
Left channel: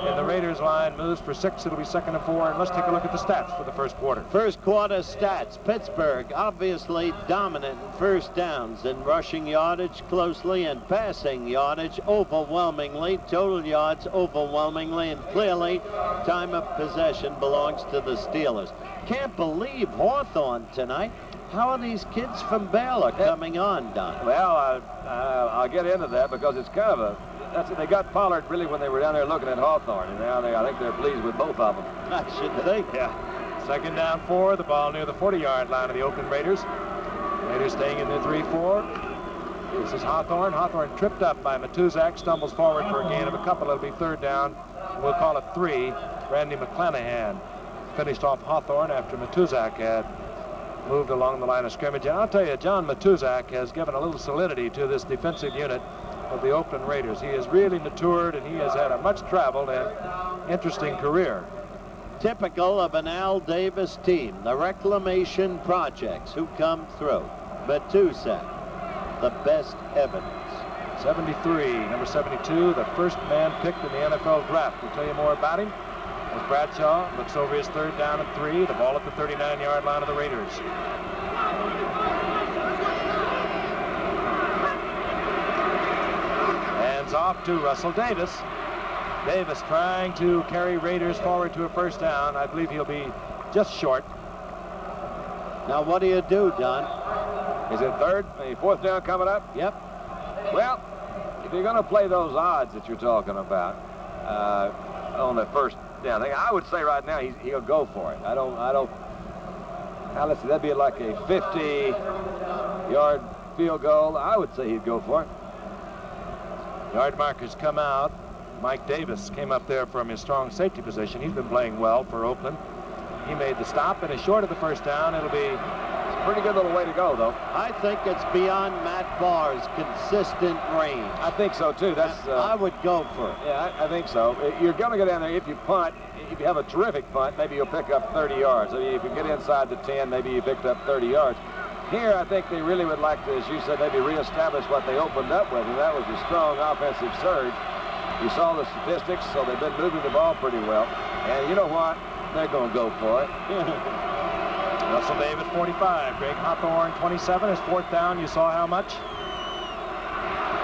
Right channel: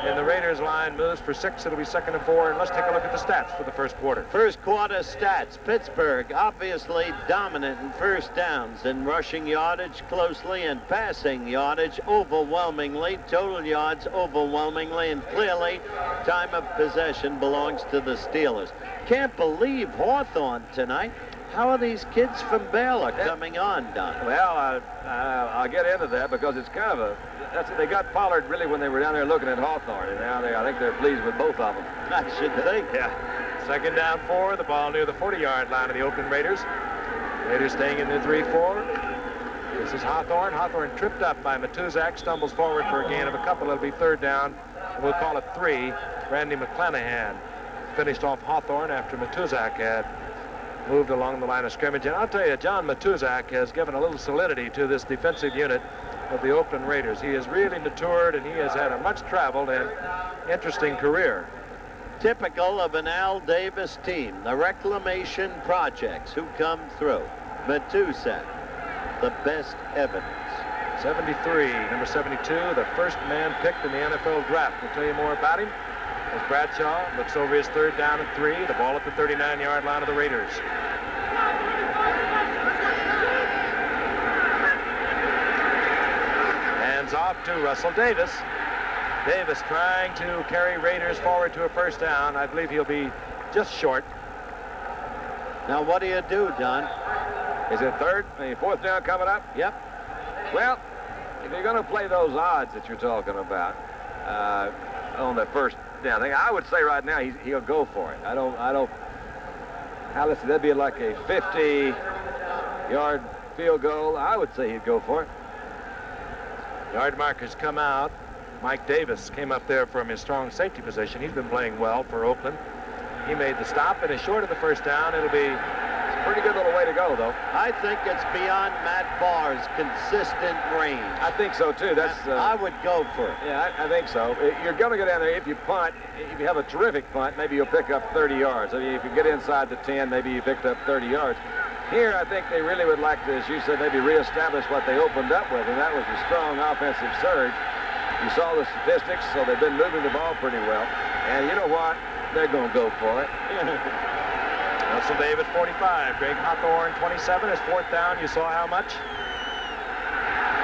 in the Raiders line, moves for 6. It'll be 2nd and 4. And let's take a look at the stats for the first quarter. First quarter stats. Pittsburgh obviously dominant in first downs, in rushing yardage closely and passing yardage overwhelmingly, total yards overwhelmingly, and clearly time of possession belongs to the Steelers. Can't believe Hawthorne tonight. How are these kids from Baylor coming on, Don? Well, I'll get into that because it's kind of a... they got Pollard really when they were down there looking at Hawthorne, and now I think they're pleased with both of them. I should think. Yeah. 2nd down 4, the ball near the 40-yard line of the Oakland Raiders. Raiders staying in the 3-4. This is Hawthorne. Hawthorne tripped up by Matuzak, stumbles forward for a gain of a couple. It'll be 3rd down, and we'll call it 3. Randy McClanahan finished off Hawthorne after Matuzak had moved along the line of scrimmage. And I'll tell you, John Matuzak has given a little solidity to this defensive unit of the Oakland Raiders. He has really matured, and he has had a much traveled and interesting career. Typical of an Al Davis team, the reclamation projects who come through. Matuzak, the best evidence. 73, number 72, the first man picked in the NFL draft. We'll tell you more about him as Bradshaw looks over his 3rd down and 3. The ball at the 39-yard line of the Raiders. Hands off to Russell Davis. Davis trying to carry Raiders forward to a 1st down. I believe he'll be just short. Now what do you do, Don? Is it 3rd? 4th down coming up? Yep. Well, if you're going to play those odds that you're talking about on the 1st down thing, I would say right now he'll go for it. I don't. Now let's see, that'd be like a 50-yard field goal. I would say he'd go for it. Yard markers come out. Mike Davis came up there from his strong safety position. He's been playing well for Oakland. He made the stop and is short of the 1st down. It'll be a pretty good little way to go, though. I think it's beyond Matt Barr's consistent range. I think so, too. That's. I would go for it. Yeah, I think so. You're going to go down there. If you punt, if you have a terrific punt, maybe you'll pick up 30 yards. I mean, if you get inside the 10, maybe you picked up 30 yards. Here, I think they really would like to, as you said, maybe reestablish what they opened up with, and that was a strong offensive surge. You saw the statistics, so they've been moving the ball pretty well. And you know what? They're going to go for it. Russell Davis, 45. Greg Hawthorne, 27. His 4th down. You saw how much?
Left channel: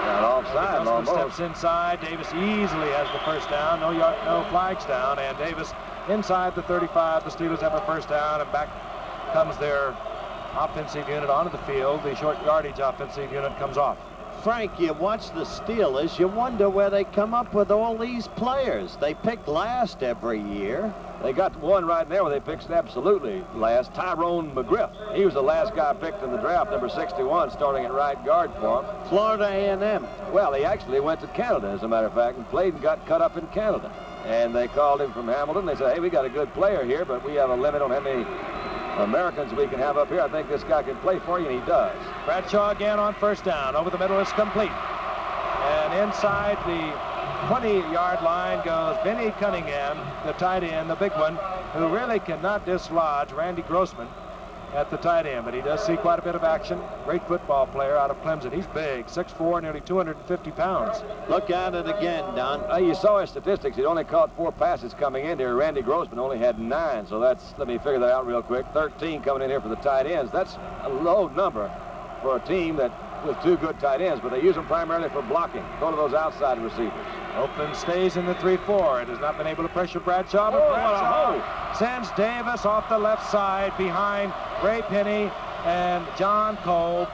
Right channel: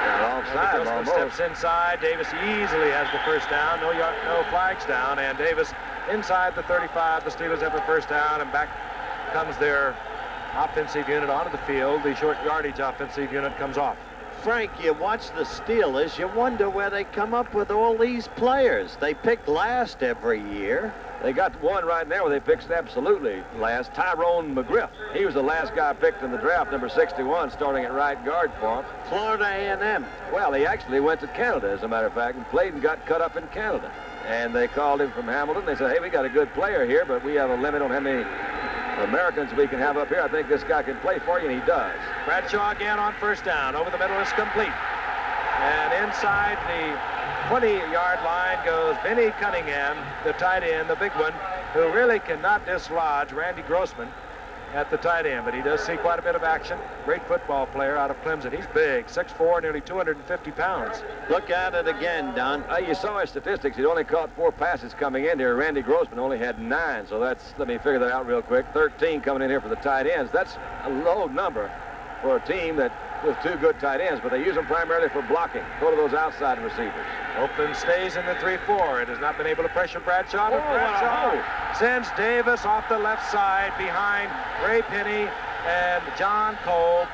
Got offside almost. Steps inside. Davis easily has the 1st down. No flags down. And Davis inside the 35. The Steelers have a 1st down, and back comes their offensive unit onto the field. The short yardage offensive unit comes off. Frank, you watch the Steelers, you wonder where they come up with all these players. They pick last every year. They got one right now where they picked absolutely last, Tyrone McGriff. He was the last guy picked in the draft, number 61, starting at right guard for him. Florida A&M. Well, he actually went to Canada, as a matter of fact, and played and got cut up in Canada. And they called him from Hamilton. They said, hey, we got a good player here, but we have a limit on how many Americans we can have up here. I think this guy can play for you, and he does. Bradshaw again on 1st down. Over the middle is complete. And inside the 20-yard line goes Benny Cunningham, the tight end, the big one, who really cannot dislodge Randy Grossman at the tight end, but he does see quite a bit of action. Great football player out of Clemson. He's big, 6'4", nearly 250 pounds. Look at it again, Don. You saw his statistics. He'd only caught 4 passes coming in here. Randy Grossman only had 9, so that's, let me figure that out real quick. 13 coming in here for the tight ends. That's a low number for a team that with 2 good tight ends, but they use them primarily for blocking. Go to those outside receivers. Oakland stays in the 3-4. It has not been able to pressure Bradshaw, but Bradshaw sends Davis off the left side behind Ray Penny and John Kolb,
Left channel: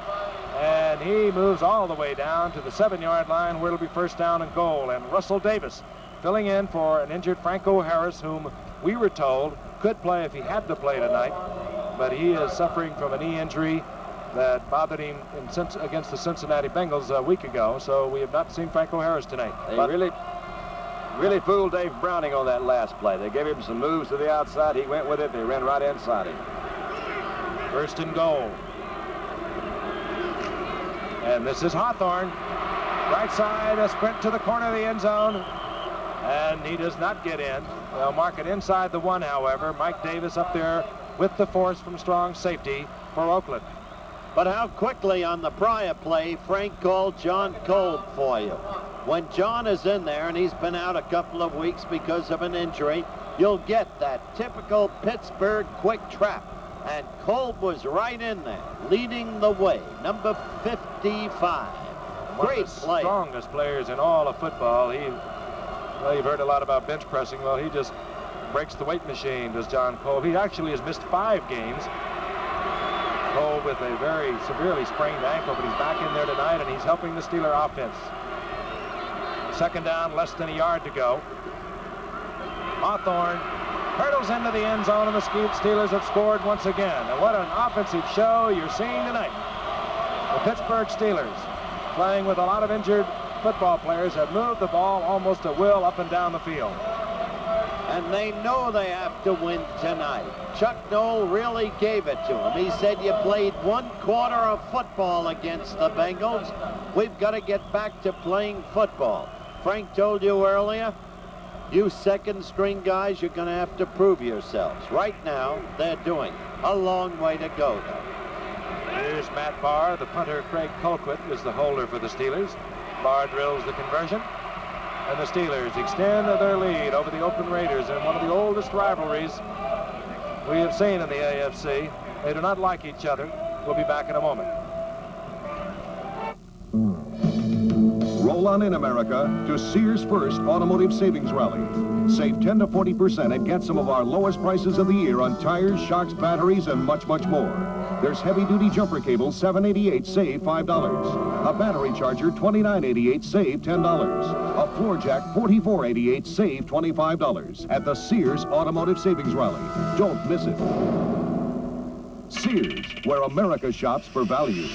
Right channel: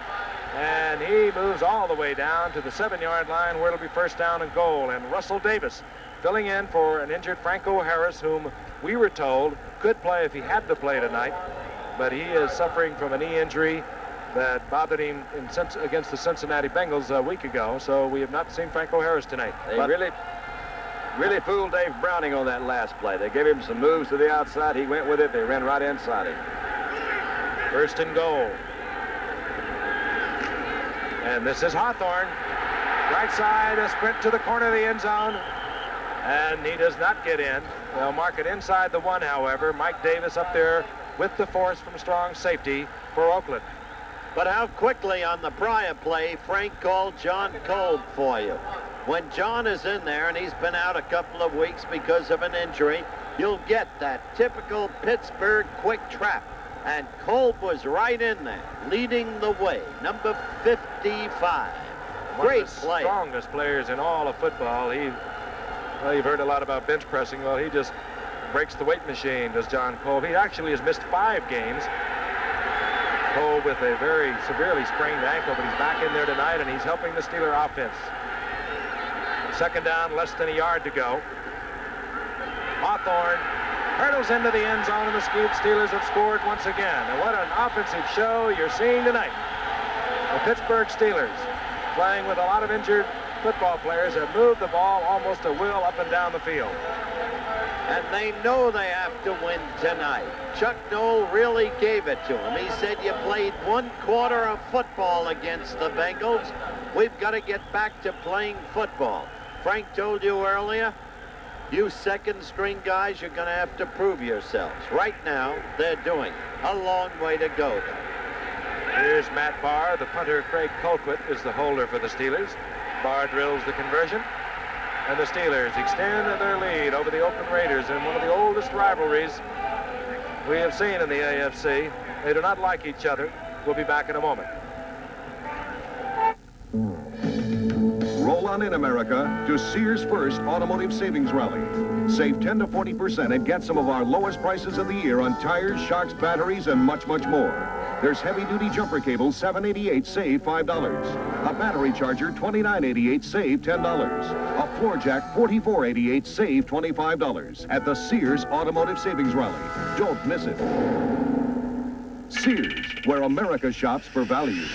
and he moves all the way down to the 7-yard line where it'll be 1st down and goal. And Russell Davis filling in for an injured Franco Harris, whom we were told could play if he had to play tonight, but he is suffering from a knee injury that bothered him against the Cincinnati Bengals a week ago, so we have not seen Franco Harris tonight. really fooled Dave Browning on that last play. They gave him some moves to the outside. He went with it. They ran right inside him. First and goal. And this is Hawthorne. Right side, a sprint to the corner of the end zone. And he does not get in. They'll mark it inside the 1, however. Mike Davis up there with the force from strong safety for Oakland. But how quickly on the prior play, Frank called John Kolb for you. When John is in there, and he's been out a couple of weeks because of an injury, you'll get that typical Pittsburgh quick trap. And Kolb was right in there, leading the way, number 55. Great play. Strongest players in all of football. Well, you've heard a lot about bench pressing. Well, he just breaks the weight machine, does John Kolb. He actually has missed 5 games. Kolb with a very severely sprained ankle, but he's back in there tonight, and he's helping the Steeler offense. Second down, less than a yard to go. Hawthorne hurdles into the end zone, and the Steelers have scored once again. And what an offensive show you're seeing tonight. The Pittsburgh Steelers, playing with a lot of injured football players, have moved the ball almost at will up and down the field. And they know they have to win tonight. Chuck Noll really gave it to him. He said, you played 1 quarter of football against the Bengals. We've got to get back to playing football. Frank told you earlier, you second-string guys, you're going to have to prove yourselves. Right now, they're doing it. A long way to go, though. Here's Matt Barr. The punter, Craig Colquitt, is the holder for the Steelers. Barr drills the conversion. And the Steelers extend their lead over the Oakland Raiders in one of the oldest rivalries we have seen in the AFC. They do not like each other. We'll be back in a moment. Roll on in, America, to Sears First Automotive Savings Rally. Save 10 to 40% and get some of our lowest prices of the year on tires, shocks, batteries, and much, much more. There's heavy-duty jumper cables, $7.88, save $5. A battery charger, $29.88, save $10. A floor jack, $44.88, save $25. At the Sears Automotive Savings Rally. Don't miss it. Sears, where America shops for value.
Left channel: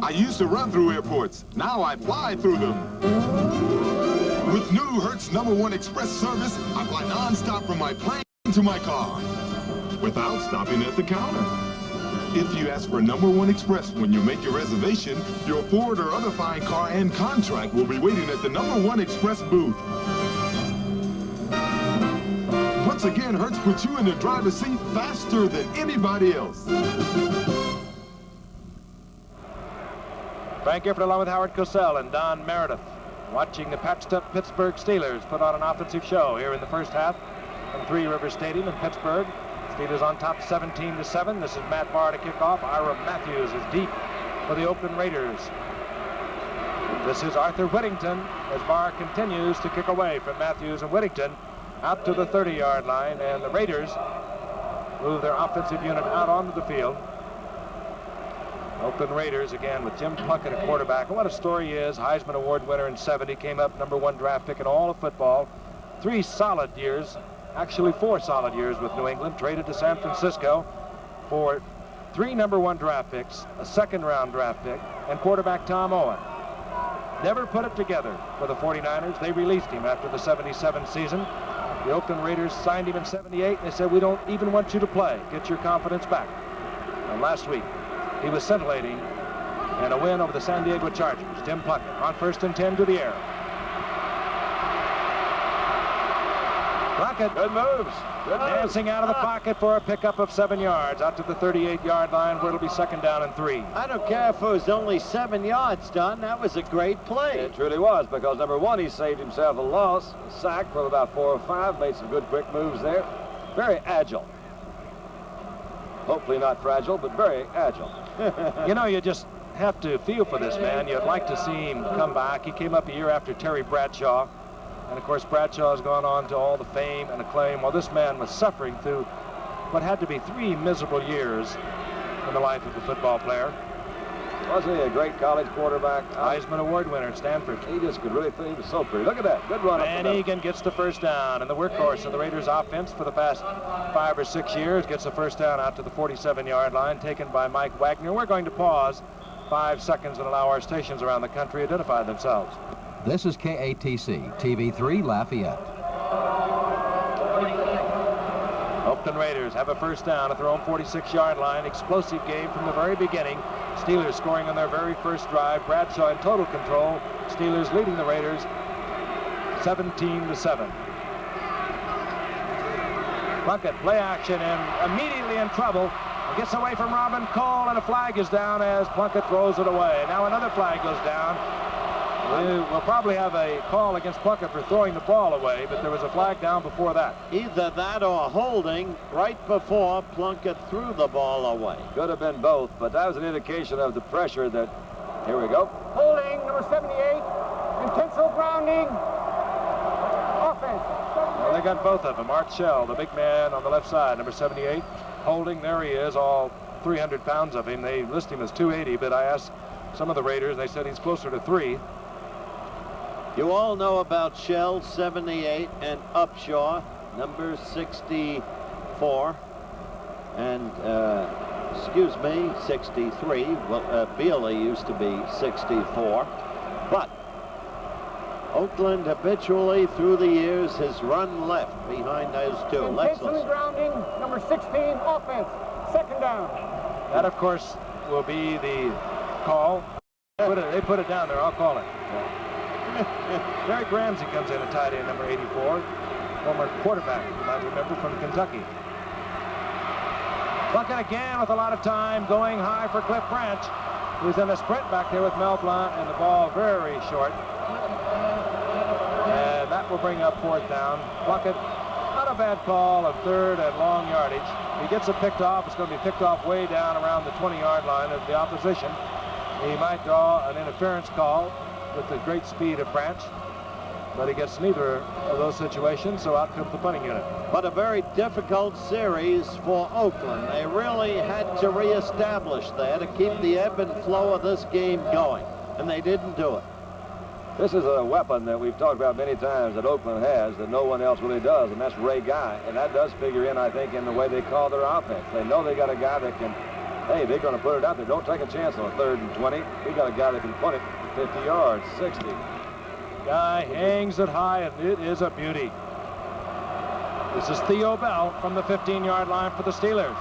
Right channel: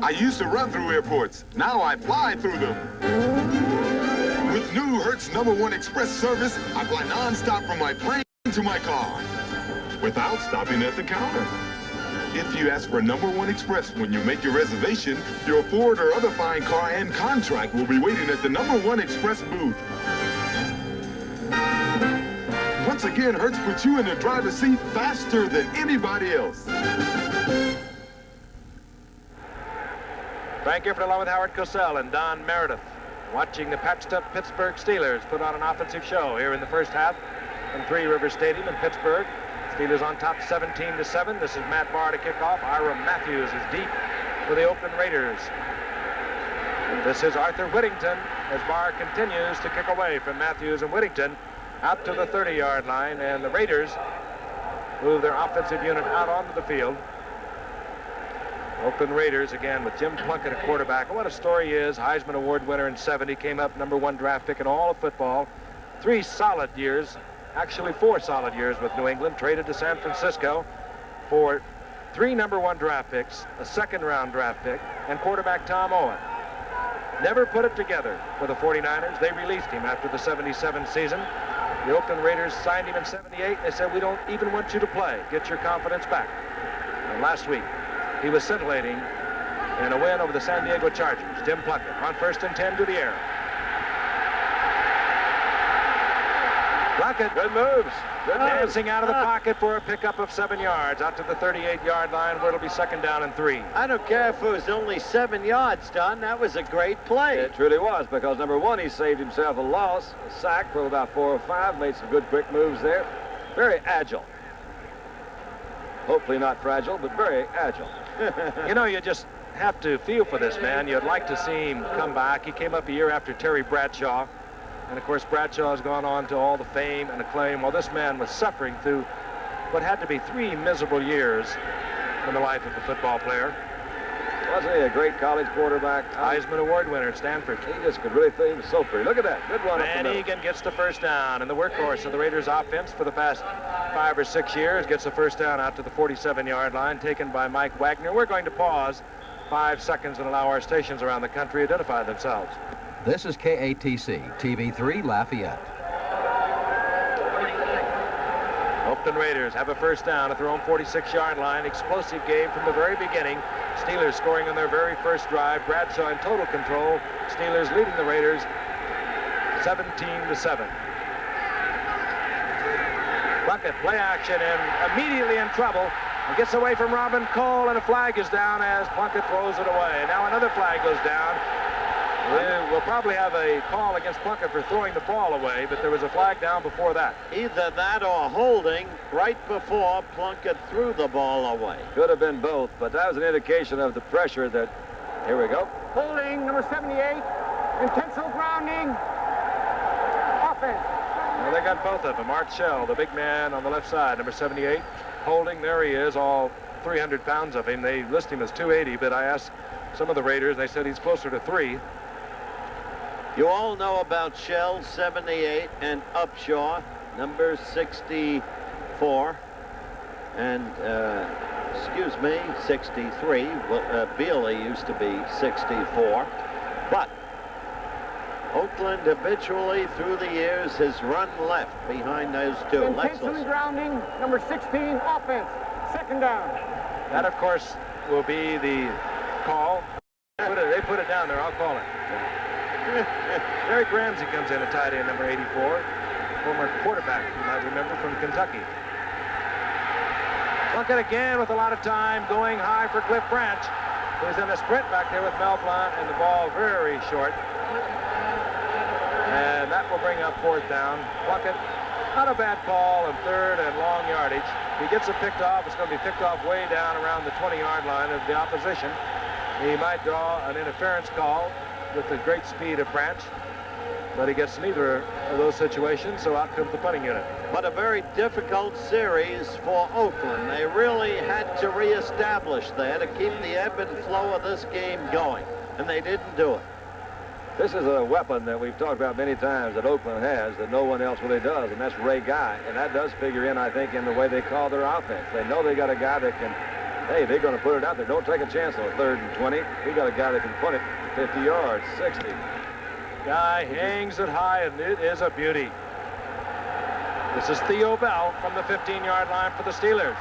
I used to run through airports. Now I fly through them. With new Hertz #1 Express service, I fly non-stop from my plane to my car without stopping at the counter. If you ask for #1 Express when you make your reservation, your Ford or other fine car and contract will be waiting at the #1 Express booth. Once again, Hertz puts you in the driver's seat faster than anybody else. Frank Gifford along with Howard Cosell and Don Meredith, watching the patched-up Pittsburgh Steelers put on an offensive show here in the first half from Three Rivers Stadium in Pittsburgh. Steelers on top 17-7. This is Matt Barr to kick off. Ira Matthews is deep for the Oakland Raiders. This is Arthur Whittington as Barr continues to kick away from Matthews and Whittington out to the 30-yard line, and the Raiders move their offensive unit out onto the field. Oakland Raiders again with Jim Plunkett at quarterback. And what a story he is. Heisman Award winner in '70, came up #1 draft pick in all of football. 3 solid years, actually 4 solid years with New England. Traded to San Francisco for 3 #1 draft picks, a 2nd-round draft pick, and quarterback Tom Owen. Never put it together for the 49ers. They released him after the '77 season. The Oakland Raiders signed him in '78, and they said, we don't even want you to play. Get your confidence back. And last week, he was scintillating in a win over the San Diego Chargers. Jim Plunkett on 1st and 10 to the air. Plunkett. Good moves. Good dancing moves. out of the pocket for a pickup of 7 yards out to the 38-yard line where it'll be 2nd down and 3. I don't care if it was only 7 yards, Don. That was a great play. It truly was, because #1, he saved himself a loss, a sack from about 4 or 5, made some good quick moves there. Very agile. Hopefully not fragile, but very agile. You know, you just have to feel for this man. You'd like to see him come back. He came up a year after Terry Bradshaw. And, of course, Bradshaw has gone on to all the fame and acclaim. While this man was suffering through what had to be 3 miserable years in the life of a football player. Wasn't he a great college quarterback? Heisman Award winner at Stanford. He just could really think he was so pretty. Look at that. Good run. Van Egan gets the 1st down, and the workhorse of the Raiders offense for the past 5 or 6 years gets the 1st down out to the 47-yard line, taken by Mike Wagner. We're going to pause 5 seconds and allow our stations around the country identify themselves. This is KATC, TV3 Lafayette. Oakland Raiders have a first down at their own 46-yard line. Explosive game from the very beginning. Steelers scoring on their very first drive. Bradshaw in total control. Steelers leading the Raiders 17-7. Plunkett, play action, and immediately in trouble. He gets away from Robin Cole, and a flag is down as Plunkett throws it away. Now another flag goes down. We'll probably have a call against Plunkett for throwing the ball away, but there was a flag down before that. Either that or holding right before Plunkett threw the ball away. Could have been both, but that was an indication of the pressure that... Here we go. Holding, number 78. Intentional grounding. Offense. Well, they got both of them. Art Shell, the big man on the left side, number 78. Holding, there he is, all 300 pounds of him. They list him as 280, but I asked some of the Raiders, and they said he's closer to 3. You all know about Shell, 78, and Upshaw, number 64, and, excuse me, 63. Well, Bealey used to be 64, but Oakland habitually through the years has run left behind those two. Intentionally grounding, number 16, offense, second down. That, of course, will be the call. They put it down there. I'll call it. Derek Ramsey comes in at tight end, number 84. Former quarterback, you might remember, from Kentucky. Plunkett again with a lot of time, going high for Cliff Branch, who's in a sprint back there with Mel Blount, and the ball very short. And that will bring up fourth down. Plunkett, not a bad call on third and long yardage. If he gets it picked off, it's going to be picked off way down around the 20-yard line of the opposition. He might draw an interference call with the great speed of Branch, but he gets neither of those situations, so out comes the punting unit. But a very difficult series for Oakland. They really had to reestablish there to keep the ebb and flow of this game going, and they didn't do it. This is a weapon that we've talked about many times that Oakland has that no one else really does, and that's Ray Guy, and that does figure in, I think, in the way they call their offense. They know they got a guy that can, hey, they're going to put it out there. Don't take a chance on a 3rd and 20. We got a guy that can punt it 50 yards, 60. Guy hangs it high, and it is a beauty. This is Theo Bell from the 15-yard line for the Steelers.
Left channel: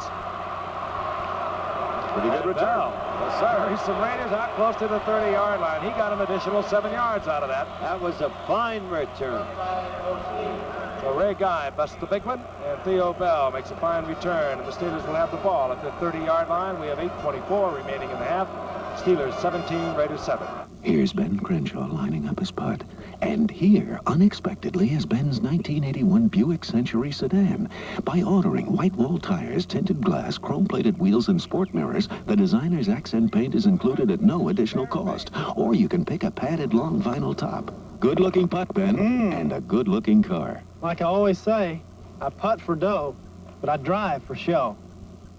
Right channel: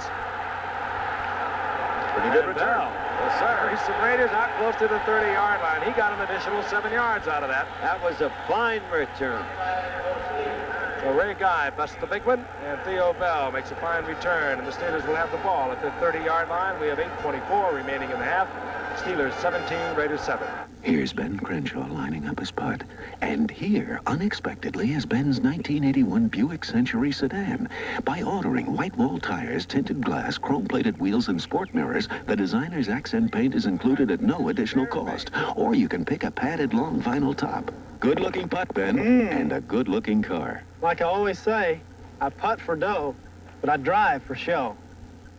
Pretty good return. Bell. Yes, sir. He's some Raiders out close to the 30-yard line. He got an additional 7 yards out of that. That was a fine return. So Ray Guy busts the big one, and Theo Bell makes a fine return, and the Steelers will have the ball at the 30-yard line. We have 8:24 remaining in the half. Steelers 17, Raiders 7. Here's Ben Crenshaw lining up his putt. And here, unexpectedly, is Ben's 1981 Buick Century sedan. By ordering white wall tires, tinted glass, chrome-plated wheels, and sport mirrors, the designer's accent paint is included at no additional cost. Or you can pick a padded long vinyl top. Good-looking putt, Ben, and a good-looking car. Like I always say, I putt for dough, but I drive for show.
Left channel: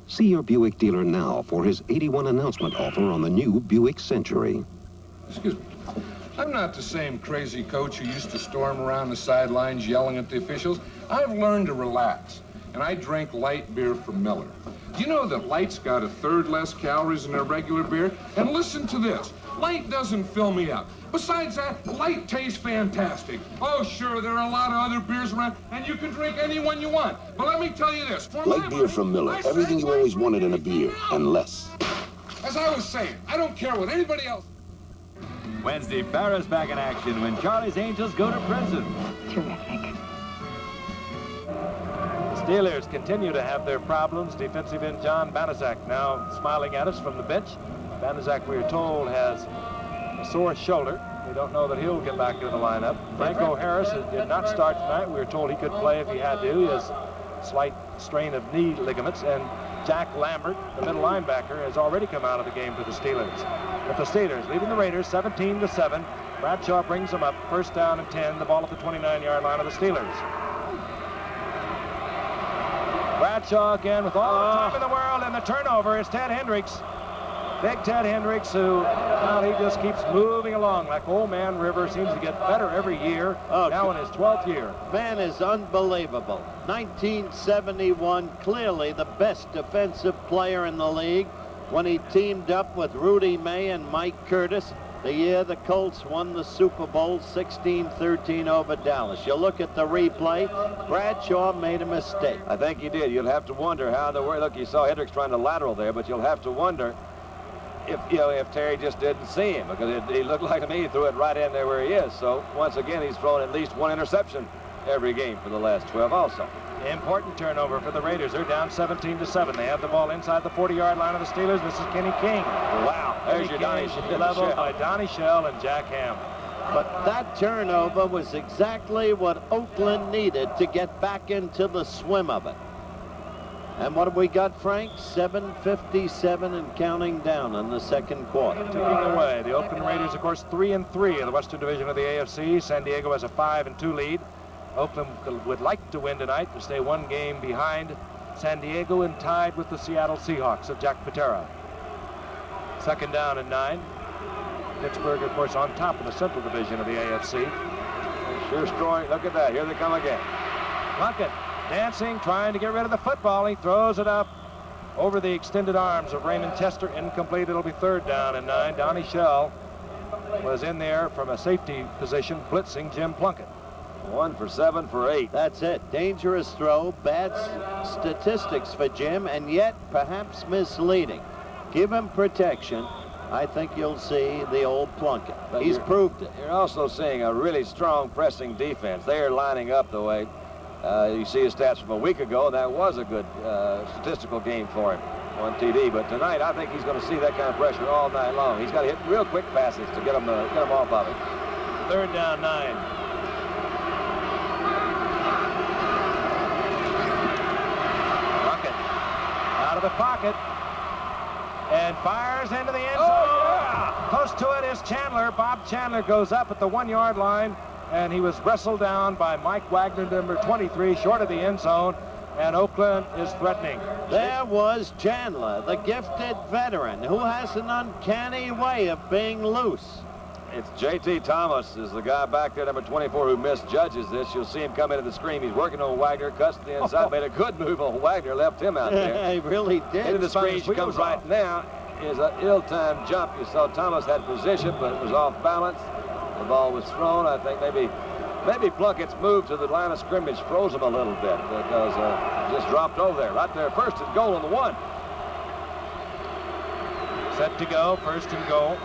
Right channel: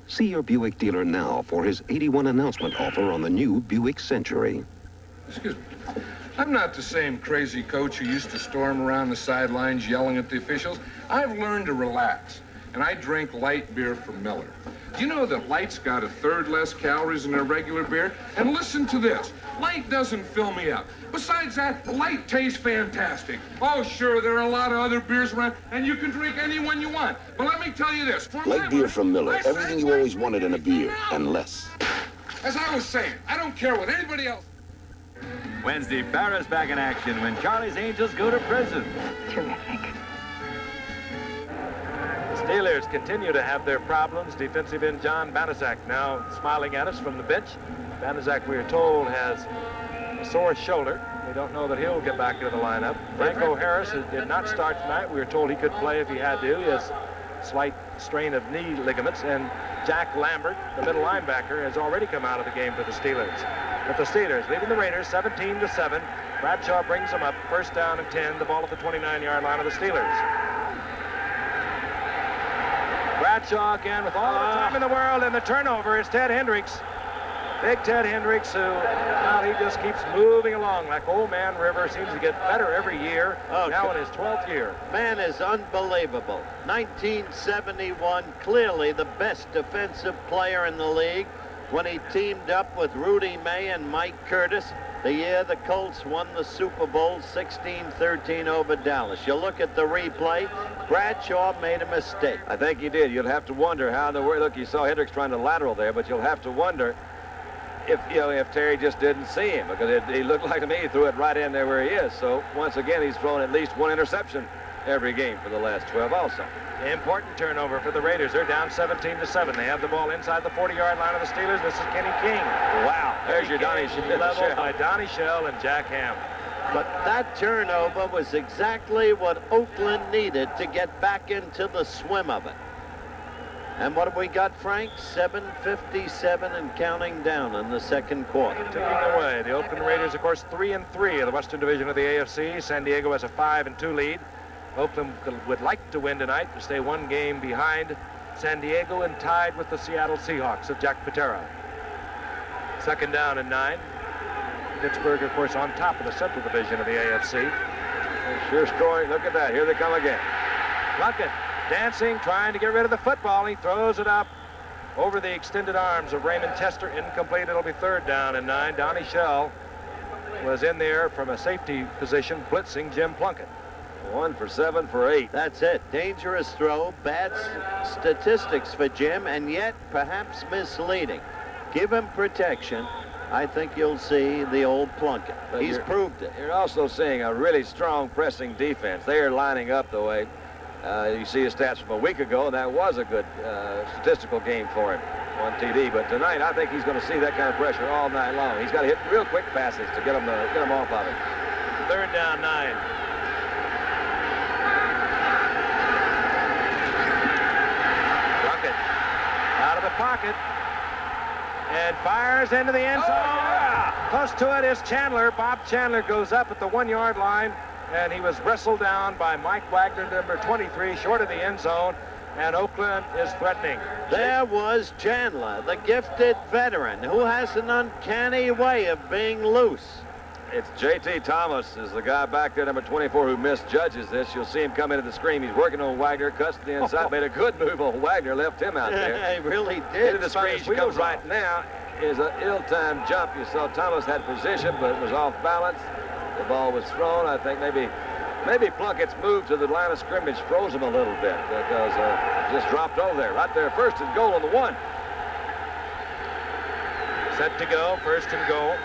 See your Buick dealer now for his 81 announcement offer on the new Buick Century. Excuse me. I'm not the same crazy coach who used to storm around the sidelines yelling at the officials. I've learned to relax, and I drink light beer from Miller. Do you know that light's got 1/3 less calories than a regular beer? And listen to this. Light doesn't fill me up. Besides that, light tastes fantastic. Oh, sure, there are a lot of other beers around, and you can drink any one you want. But let me tell you this. Light beer from Miller. Everything you always wanted in a beer, and less. As I was saying, I don't care what anybody else... Wednesday, Barra's back in action when Charlie's Angels go to prison. Terrific. The Steelers continue to have their problems. Defensive end John Banaszak now smiling at us from the bench. Banaszak, we are told, has a sore shoulder. We don't know that he'll get back into the lineup. Franco Harris did not start tonight. We were told he could play if he had to. He has a slight strain of knee ligaments. And Jack Lambert, the middle linebacker, has already come out of the game for the Steelers. But the Steelers leading the Raiders 17-7. Bradshaw brings them up. First down and 10. The ball at the 29-yard line of the Steelers. Bradshaw again with all the time in the world, and the turnover is Ted Hendricks. Big Ted Hendricks, who, well, he just keeps moving along like Old Man River. Seems to get better every year. Now in his 12th year. Man is unbelievable. 1971, clearly the best defensive player in the league when he teamed up with Rudy May and Mike Curtis. the year the Colts won the Super Bowl 16-13 over Dallas. You look at the replay, Bradshaw made a mistake. I think he did. You'll have to wonder how in the world, look, you saw Hendricks trying to lateral there, but you'll have to wonder if, you know, if Terry just didn't see him, because he looked like to me he threw it right in there where he is. So once again, he's thrown at least one interception every game for the last 12 also. Important turnover for the Raiders. They're down 17-7. They have the ball inside the 40-yard line of the Steelers. This is Kenny King. Wow, there's your Donnie Shell. Leveled by Donnie Shell and Jack Ham. But that turnover was exactly what Oakland needed to get back into the swim of it. And what have we got, Frank? 7:57 and counting down in the second quarter. Ticking away. The Oakland Raiders, of course, 3-3 of the Western Division of the AFC. San Diego has a 5-2 lead. Oakland would like to win tonight to stay one game behind San Diego and tied with the Seattle Seahawks of Jack Patera. Second down and 9. Pittsburgh, of course, on top of the Central Division of the AFC. Sure scoring. Look at that. Here they come again. Plunkett dancing, trying to get rid of the football. He throws it up over the extended arms of Raymond Chester. Incomplete. It'll be third down and 9. Donnie Shell was in there from a safety position, blitzing Jim Plunkett. 1 for 7 for 8. That's it. Dangerous throw, bad statistics for Jim, and yet perhaps misleading. Give him protection. I think you'll see the old Plunkett. But He's proved it. You're also seeing a really strong pressing defense. They are lining up the way you see his stats from a week ago, and that was a good statistical game for him on TD. But tonight, I think he's going to see that kind of pressure all night long. He's got to hit real quick passes to get him off of it. Third down, 9. Plunkett out of the pocket and fires into the end zone. Oh, yeah. Close to it is Chandler. Bob Chandler goes up at the 1-yard line, and he was wrestled down by Mike Wagner, number 23, short of the end zone, and Oakland is threatening. There was Chandler, the gifted veteran, who has an uncanny way of being loose. It's J.T. Thomas is the guy back there, number 24, who misjudges this. You'll see him come into the screen. He's working on Wagner, cuts to the inside, made a good move on Wagner, left him out there. He really did. Into the screen, she comes right now. Is an ill-timed jump. You saw Thomas had position, but it was off balance. The ball was thrown. I think maybe Plunkett's move to the line of scrimmage froze him a little bit because just dropped over there. Right there, first and goal on the 1. Set to go, first and goal.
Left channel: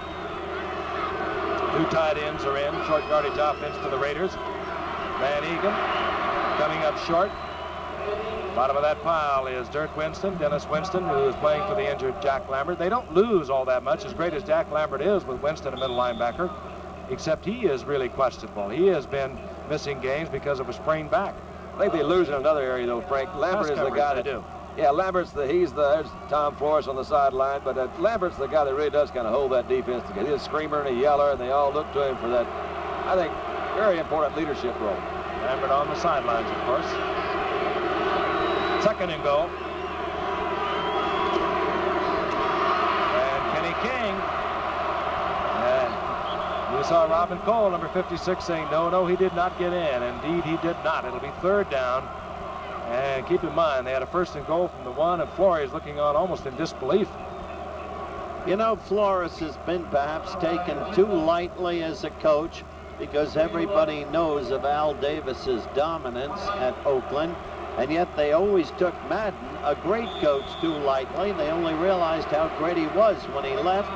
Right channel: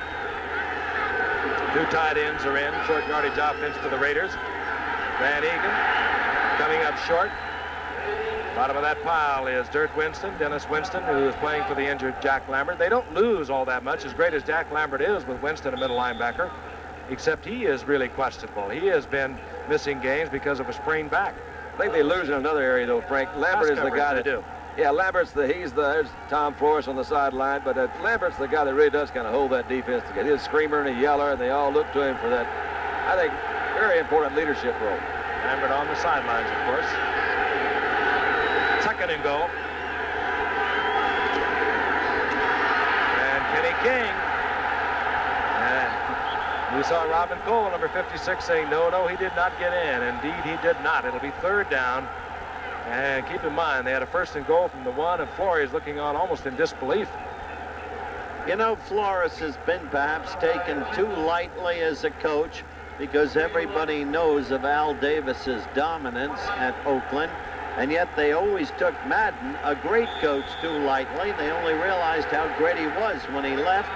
2 tight ends are in. Short yardage offense for the Raiders. Van Egan coming up short. Bottom of that pile is Dirk Winston, Dennis Winston, who is playing for the injured Jack Lambert. They don't lose all that much, as great as Jack Lambert is with Winston, a middle linebacker, except he is really questionable. He has been missing games because of a sprained back. I think they lose in another area, though, Frank. Lambert is the guy that do. Yeah, there's Tom Flores on the sideline, but Lambert's the guy that really does kind of hold that defense together. He's a screamer and a yeller, and they all look to him for that, I think, very important leadership role. Lambert on the sidelines, of course. Second and goal. And Kenny King. And we saw Robin Cole, number 56, saying, no, he did not get in. Indeed, he did not. It'll be third down. And keep in mind, they had a first and goal from the 1, and Flores looking on almost in disbelief. You know, Flores has been perhaps taken too lightly as a coach because everybody knows of Al Davis's dominance at Oakland, and yet they always took Madden, a great coach, too lightly. They only realized how great he was when he left,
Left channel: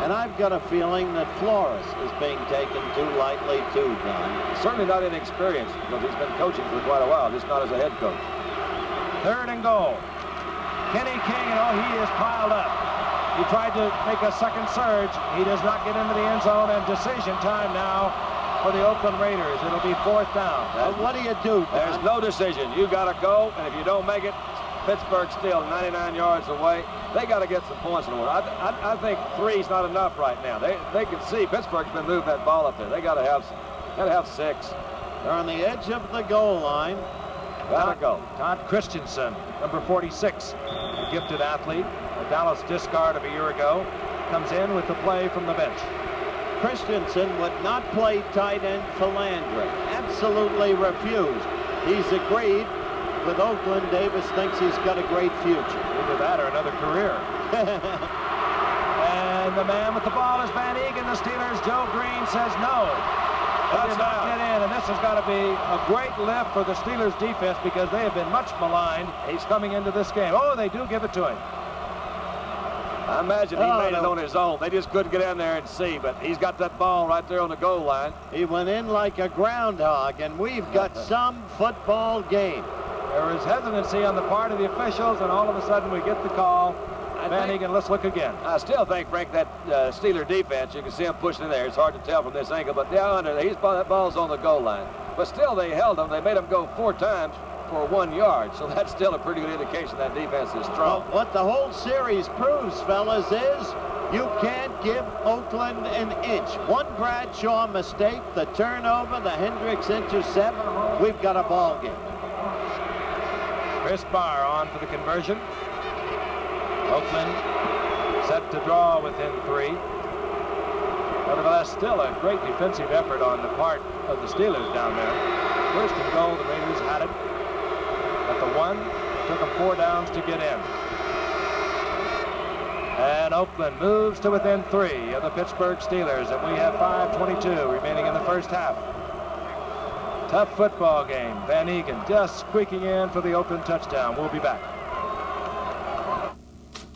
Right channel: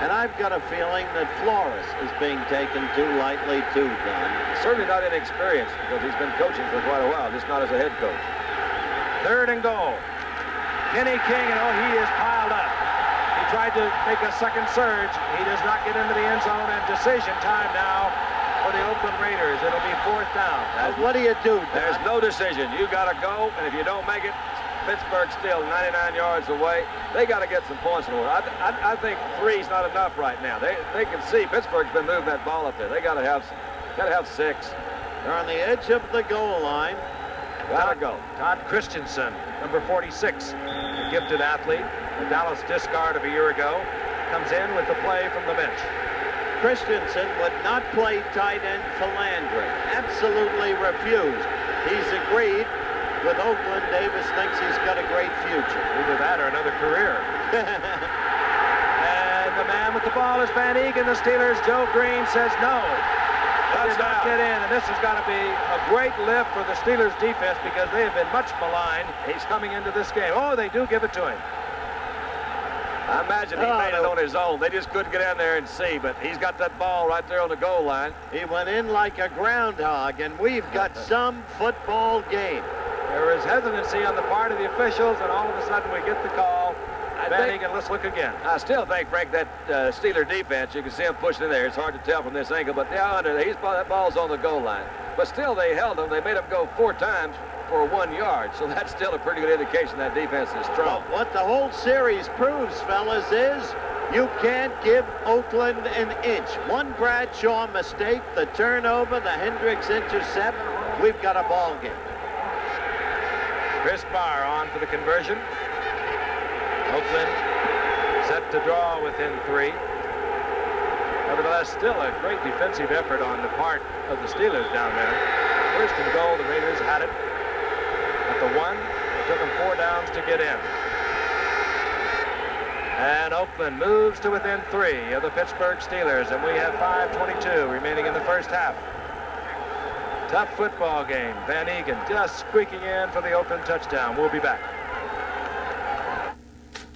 and I've got a feeling that Flores is being taken too lightly too, Don. Certainly not inexperienced because he's been coaching for quite a while, just not as a head coach. Third and goal. Kenny King, he is piled up. He tried to make a second surge. He does not get into the end zone, and decision time now for the Oakland Raiders. It'll be fourth down. What do you do, Don? There's no decision. You got to go, and if you don't make it, Pittsburgh's still 99 yards away. They got to get some points in order. I think 3's not enough right now. They can see Pittsburgh's been moving that ball up there. They got to have 6. They're on the edge of the goal line. Gotta go. Todd Christensen, number 46, a gifted athlete, a Dallas discard of a year ago, comes in with the play from the bench. Christensen would not play tight end for Landry. Absolutely refused. He's agreed with Oakland. Davis thinks he's got a great future. Either that or another career. And And the man with the ball is Van Egan. The Steelers, Joe Green says no. They did not get in, and this has got to be a great lift for the Steelers defense because they have been much maligned. He's coming into this game. Oh, they do give it to him. I imagine he made it on his own. They just couldn't get in there and see, but he's got that ball right there on the goal line. He went in like a groundhog, and we've got some football game. There is hesitancy on the part of the officials, and all of a sudden we get the call. Van Egan, let's look again. I still think, Frank, that Steeler defense, you can see him pushing in there. It's hard to tell from this angle, but they're under. That ball's on the goal line. But still, they held him. They made him go 4 times for 1 yard, so that's still a pretty good indication that defense is strong. Well, what the whole series proves, fellas, is you can't give Oakland an inch. One Bradshaw mistake, the turnover, the Hendricks intercept, we've got a ball game. Chris Barr on for the conversion. Oakland set to draw within 3. Nevertheless, still a great defensive effort on the part of the Steelers down there. First and goal, the Raiders had it at the 1. It took them 4 downs to get in. And Oakland moves to within 3 of the Pittsburgh Steelers, and we have 5:22 remaining in the first half. Tough football game. Van Egan just squeaking in for the Oakland touchdown. We'll be back.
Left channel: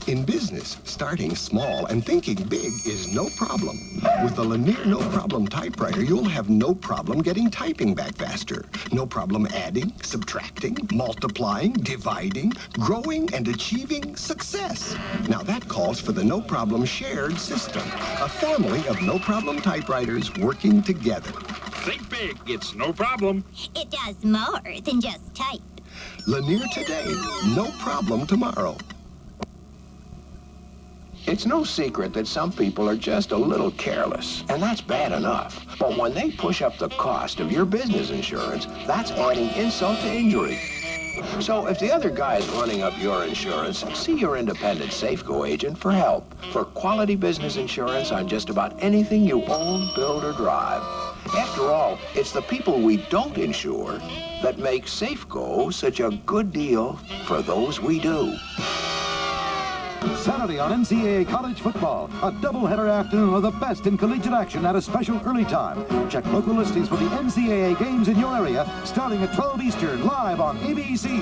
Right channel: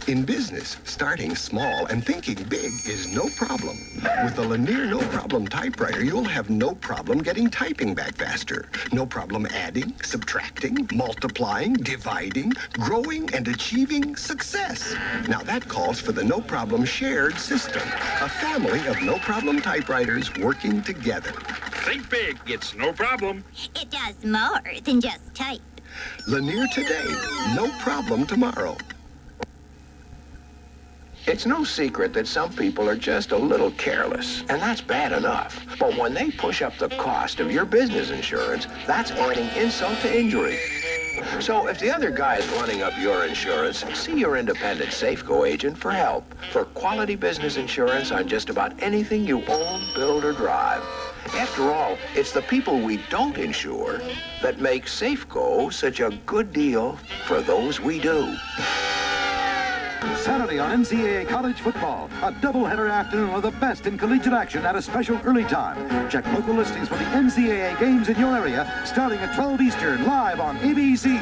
In business, starting small and thinking big is no problem. With the Lanier No Problem typewriter, you'll have no problem getting typing back faster. No problem adding, subtracting, multiplying, dividing, growing, and achieving success. Now that calls for the No Problem shared system. A family of No Problem typewriters working together. Think big. It's no problem. It does more than just type. Lanier today, no problem tomorrow. It's no secret that some people are just a little careless, and that's bad enough. But when they push up the cost of your business insurance, that's adding insult to injury. So if the other guy is running up your insurance, see your independent Safeco agent for help. For quality business insurance on just about anything you own, build, or drive. After all, it's the people we don't insure that make Safeco such a good deal for those we do. Saturday on NCAA college football, a doubleheader afternoon of the best in collegiate action at a special early time. Check local listings for the NCAA games in your area, starting at 12 Eastern, live on ABC.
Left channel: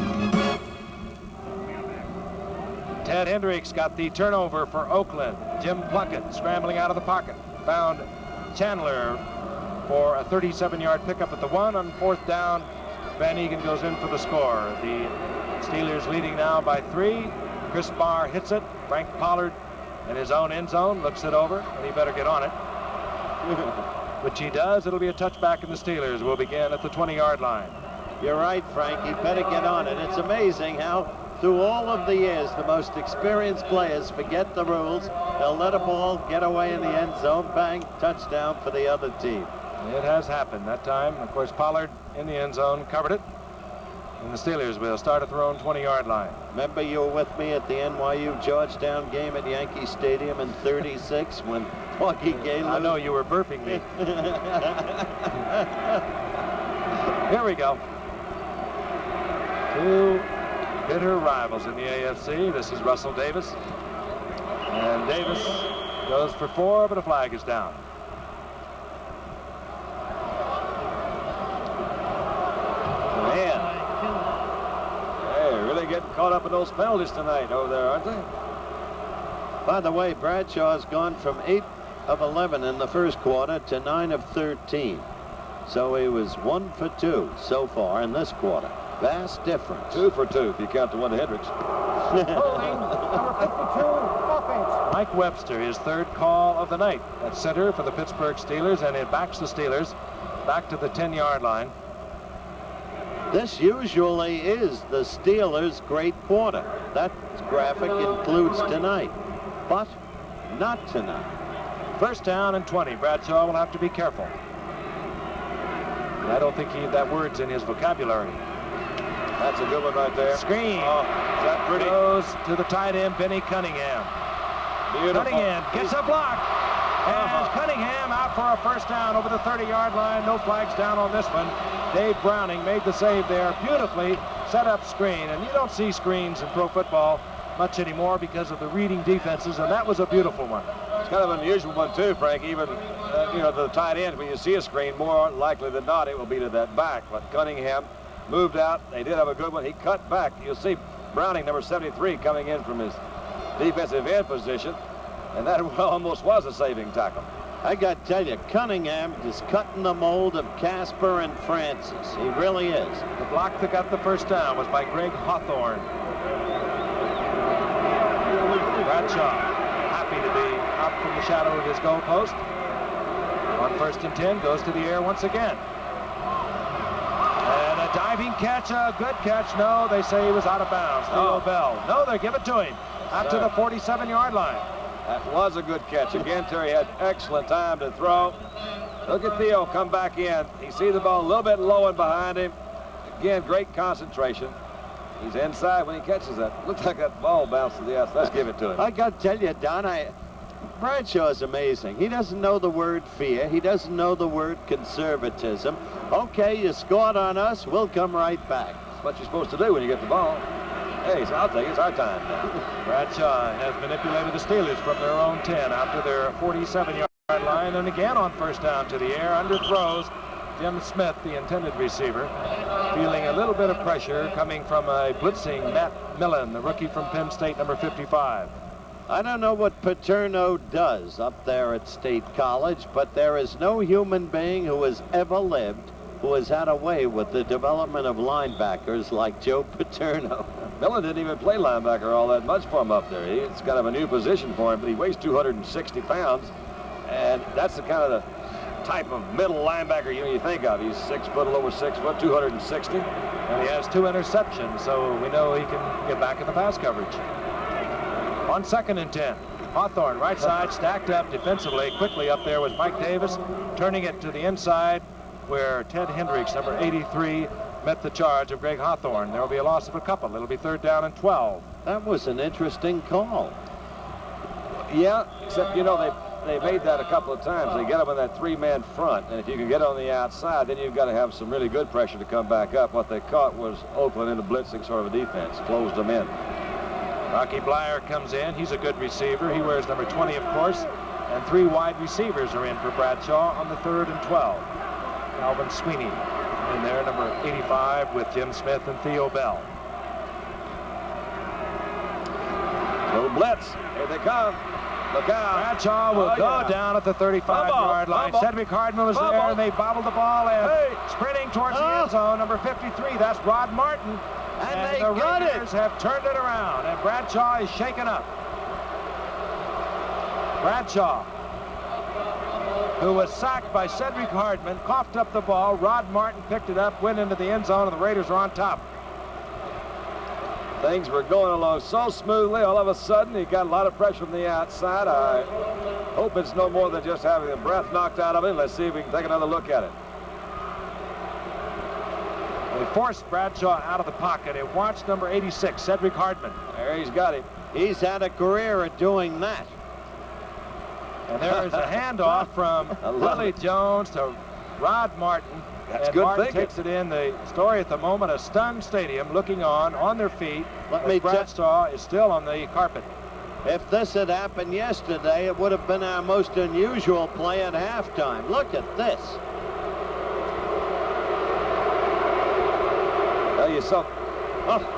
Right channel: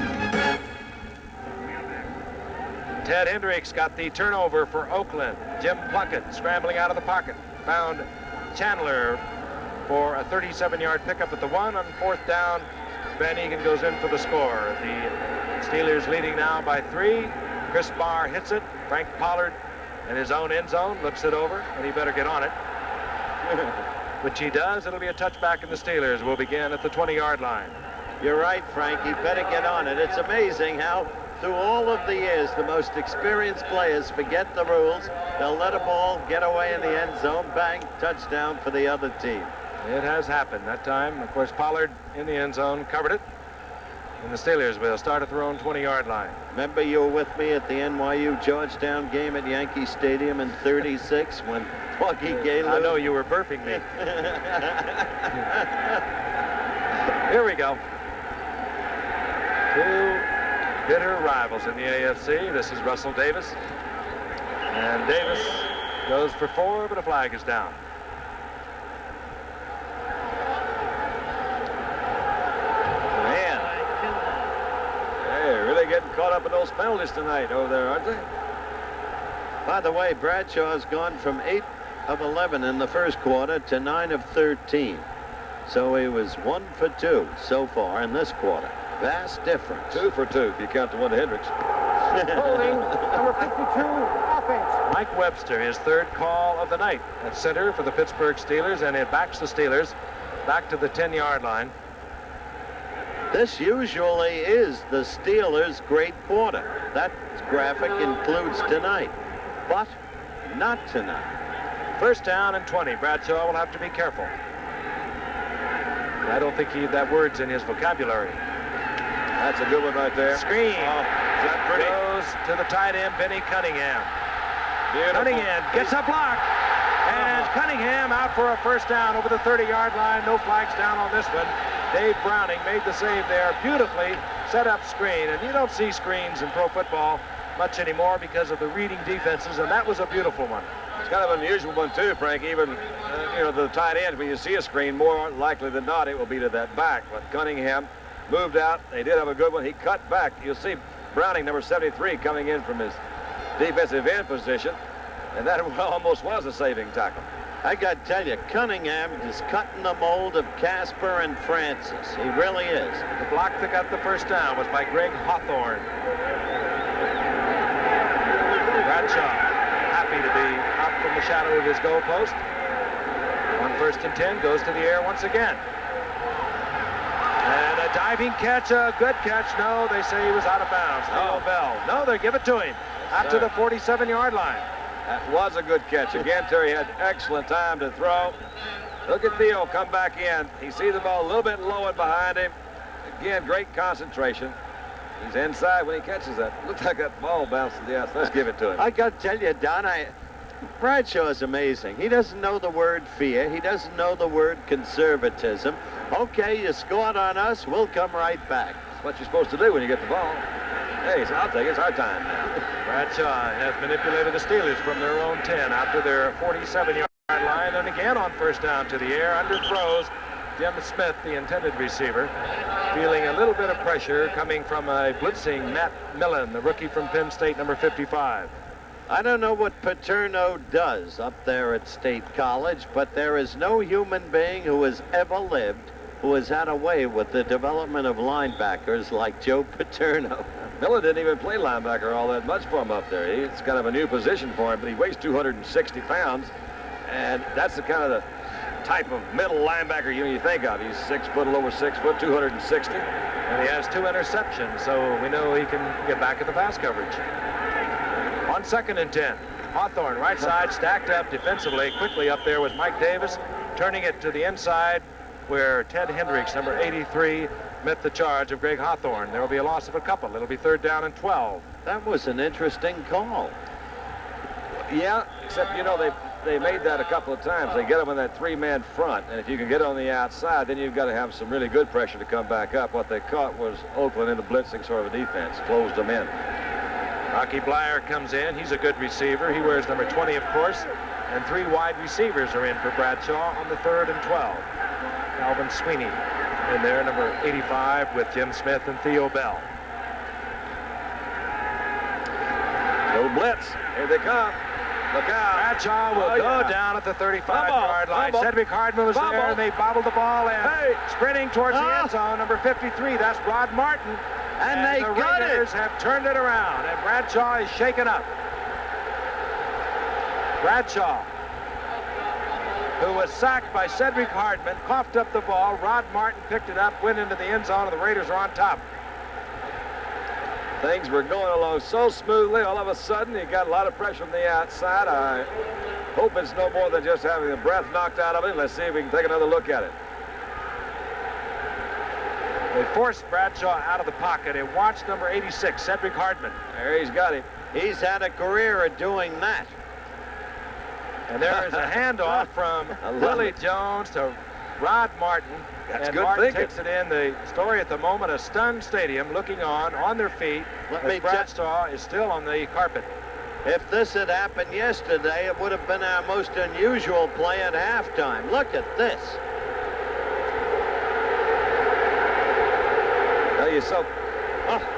Ted Hendricks got the turnover for Oakland. Jim Plunkett scrambling out of the pocket. Found Chandler for a 37-yard pickup at the 1 on 4th down. Van Egan goes in for the score. The Steelers leading now by 3. Chris Barr hits it. Frank Pollard in his own end zone looks it over, and he better get on it. Which he does. It'll be a touchback, and the Steelers will begin at the 20-yard line. You're right, Frank. He better get on it. It's amazing how through all of the years the most experienced players forget the rules. They'll let a ball get away in the end zone. Bang, touchdown for the other team. It has happened that time. Of course, Pollard in the end zone covered it. And the Steelers will start at their own 20-yard line. Remember you were with me at the NYU Georgetown game at Yankee Stadium in '36 when Augie Gaylord... I know you were burping me. Here we go. 2 bitter rivals in the AFC. This is Russell Davis. And Davis goes for 4, but a flag is down. Man. They're really getting caught up in those penalties tonight over there, aren't they? By the way, Bradshaw's gone from 8 of 11 in the first quarter to 9 of 13. So he was 1 for 2 so far in this quarter. Vast difference. 2 for 2 if you count the one to Hendricks. Holding, number 52, offense. Mike Webster, his 3rd call of the night at center for the Pittsburgh Steelers, and it backs the Steelers back to the 10-yard line. This usually is the Steelers' great quarter. That graphic includes tonight, but not tonight. 1st down and 20. Bradshaw will have to be careful. And I don't think that word's in his vocabulary. That's a good one right there. Screen. Oh, is that pretty? Goes to the tight end, Benny Cunningham. Beautiful. Cunningham gets a block. And Cunningham out for a 1st down over the 30-yard line. No flags down on this one. Dave Browning made the save there. Beautifully set up screen. And you don't see screens in pro football much anymore because of the reading defenses, and that was a beautiful one. It's kind of an unusual one, too, Frank. Even, you know, the tight end, when you see a screen, more likely than not, it will be to that back. But Cunningham moved out. They did have a good one. He cut back. You'll see Browning, number 73, coming in from his defensive end position. And that almost was a saving tackle. I got to tell you, Cunningham is cutting the mold of Casper and Francis. He really is. The block that got the first down was by Greg Hawthorne. Bradshaw, happy to be out from the shadow of his goalpost. On 1st and 10, goes to the air once again. And a diving catch, a good catch. No, they say he was out of bounds. Theo Bell. No, they give it to him out to the 47-yard line. That was a good catch. Again, Terry had excellent time to throw. Look at Theo come back in. He sees the ball a little bit low and behind him. Again, great concentration. He's inside when he catches that. Looks like that ball bounced to the outside. Let's give it to him. I got to tell you, Don, Bradshaw is amazing. He doesn't know the word fear. He doesn't know the word conservatism. Okay, you scored on us. We'll come right back. That's what you're supposed to do when you get the ball. Hey, so I'll take it. It's our time now. Bradshaw has manipulated the Steelers from their own 10 out to their 47-yard line, and again on 1st down to the air, underthrows Jim Smith, the intended receiver, feeling a little bit of pressure coming from a blitzing Matt Millen, the rookie from Penn State, number 55. I don't know what Paterno does up there at State College, but there is no human being who has ever lived who has had a way with the development of linebackers like Joe Paterno. Millen didn't even play linebacker all that much for him up there. It's kind of a new position for him, but he weighs 260 pounds, and that's the kind of the type of middle linebacker you think of. He's 6 foot, a little over 6 foot, 260. And he has 2 interceptions, so we know he can get back in the pass coverage. On 2nd and 10, Hawthorne, right side, stacked up defensively. Quickly up there was Mike Davis, turning it to the inside, where Ted Hendricks, number 83, met the charge of Greg Hawthorne. There will be a loss of a couple. It'll be 3rd down and 12. That was an interesting call. Yeah, except, you know, they made that a couple of times. They get them in that 3-man front, and if you can get on the outside, then you've got to have some really good pressure to come back up. What they caught was Oakland in the blitzing sort of a defense, closed them in. Rocky Blyer comes in. He's a good receiver. He wears number 20, of course, and 3 wide receivers are in for Bradshaw on the 3rd and 12. Alvin Sweeney in there, number 85, with Jim Smith and Theo Bell. Little blitz. Here they come. Look out. Bradshaw will go down at the 35-yard line. Cedric Hardman was there, and they bobbled the ball in. Sprinting towards the end zone, number 53. That's Rod Martin. And they the got Raiders it. have turned it around, and Bradshaw is shaken up. Bradshaw, who was sacked by Cedric Hardman, coughed up the ball. Rod Martin picked it up, went into the end zone, and the Raiders are on top. Things were going along so smoothly. All of a sudden, he got a lot of pressure from the outside. I hope it's no more than just having the breath knocked out of him. Let's see if we can take another look at it. They forced Bradshaw out of the pocket and watched number 86, Cedric Hardman. There he's got him. He's had a career at doing that. And there is a handoff from Billy Jones to Rod Martin. That's and good Martin thinking. takes it in. The story at the moment, a stunned stadium looking on their feet. Let me Bradshaw is still on the carpet. If this had happened yesterday, it would have been our most unusual play at halftime. Look at this. Well, you saw,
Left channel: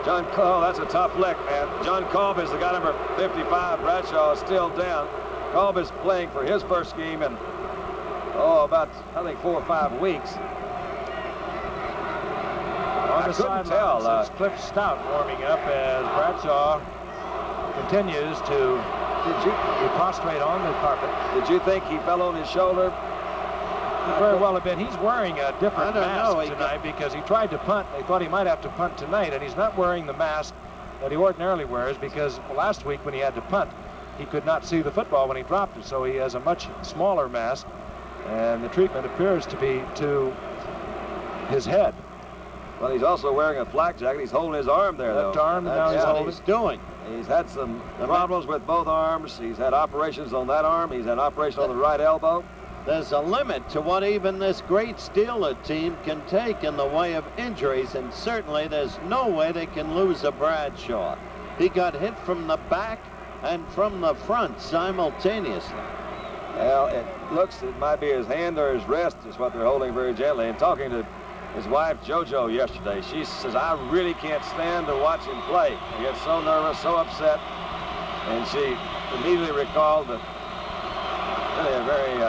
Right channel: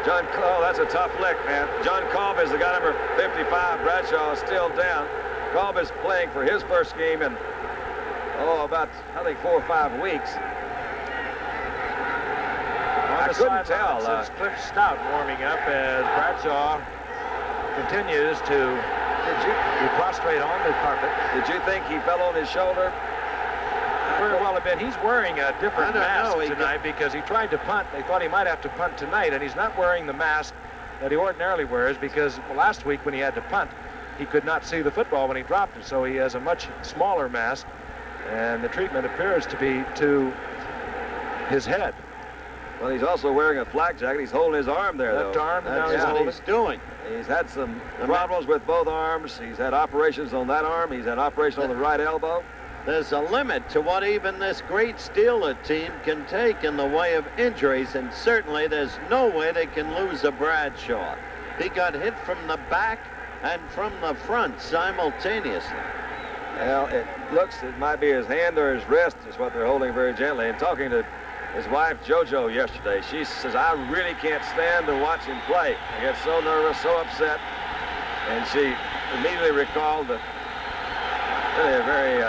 John Cobb, that's a tough lick, man. John Cobb is the guy number 55. Bradshaw is still down. Cobb is playing for his first game in, about, I think, 4 or 5 weeks. On I couldn't tell. It's Cliff Stout warming up as Bradshaw continues to be prostrate on the carpet. Did you think he fell on his shoulder? Very well a bit. He's wearing a different mask tonight because he tried to punt. They thought he might have to punt tonight, and he's not wearing the mask that he ordinarily wears because last week when he had to punt, he could not see the football when he dropped it, so he has a much smaller mask, and the treatment appears to be to his head. Well, he's also wearing a flak jacket. He's holding his arm there, Left though. arm, and now he's what holding. he's doing. He's had some problems with both arms. He's had operations on that arm. He's had an operation on the right elbow. There's a limit to what even this great Steeler team can take in the way of injuries, and certainly there's no way they can lose a Bradshaw. He got hit from the back and from the front simultaneously. Well, it might be his hand or his wrist is what they're holding very gently. And talking to his wife, JoJo, yesterday, she says, I really can't stand to watch him play. He gets so nervous, so upset. And she immediately recalled that really a very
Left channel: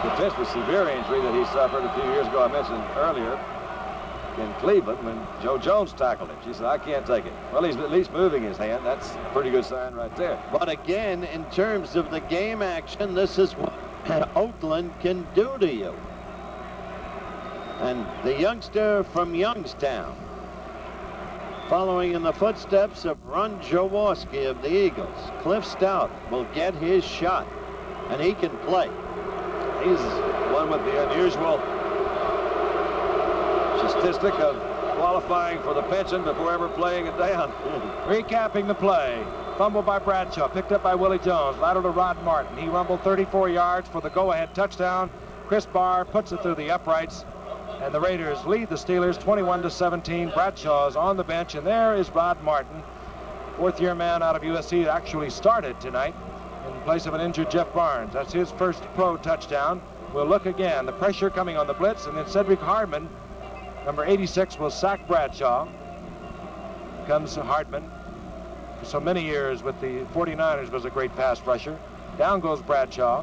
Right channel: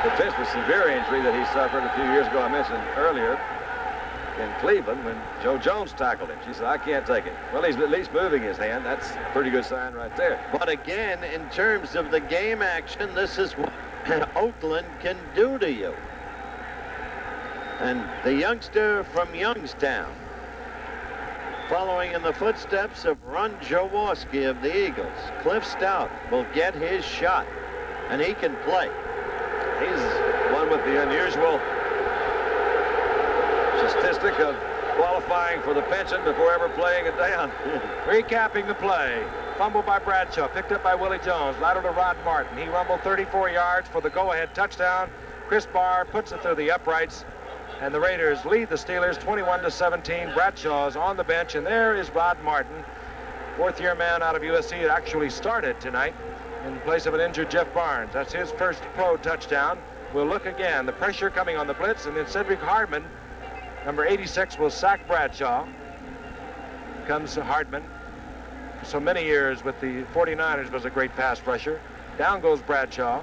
potentially severe injury that he suffered a few years ago, I mentioned earlier, in Cleveland when Joe Jones tackled him. She said, I can't take it. Well, he's at least moving his hand. That's a pretty good sign right there. But again, in terms of the game action, this is what Oakland can do to you. And the youngster from Youngstown, following in the footsteps of Ron Jaworski of the Eagles, Cliff Stout will get his shot, and he can play. He's one with the unusual statistic of qualifying for the pension before ever playing it down. Recapping the play. Fumble by Bradshaw, picked up by Willie Jones, lateral to Rod Martin. He rumbled 34 yards for the go-ahead touchdown. Chris Barr puts it through the uprights, and the Raiders lead the Steelers 21-17. Bradshaw's on the bench, and there is Rod Martin, fourth-year man out of USC that actually started tonight in place of an injured Jeff Barnes. That's his first pro touchdown. We'll look again. The pressure coming on the blitz, and then Cedric Hardman, number 86, will sack Bradshaw. Comes Hardman. For so many years with the 49ers was a great pass rusher. Down goes Bradshaw.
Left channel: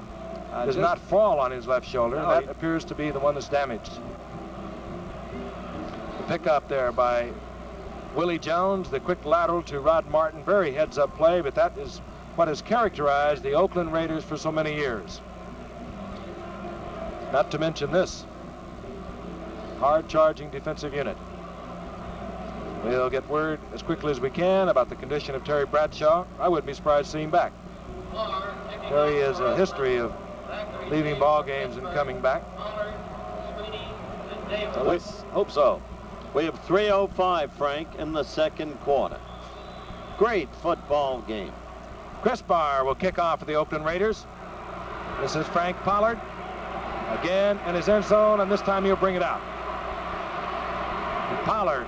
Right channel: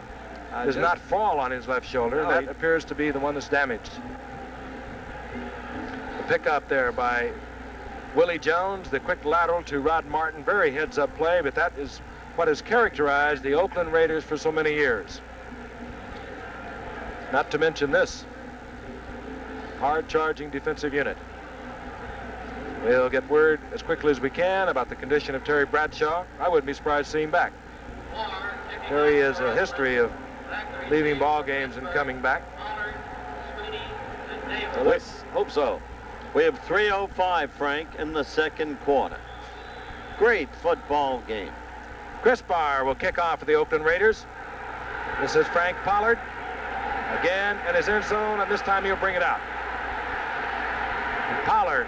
Does not fall on his left shoulder. No, that appears to be the one that's damaged. The pickup there by Willie Jones, the quick lateral to Rod Martin. Very heads-up play, but that is what has characterized the Oakland Raiders for so many years. Not to mention this hard-charging defensive unit. We'll get word as quickly as we can about the condition of Terry Bradshaw. I wouldn't be surprised to see him back. Terry has a history of leaving ball games and coming back. So let's hope so. We have 3:05, Frank, in the second quarter. Great football game. Chris Barr will kick off for the Oakland Raiders. This is Frank Pollard again in his end zone, and this time he'll bring it out. And Pollard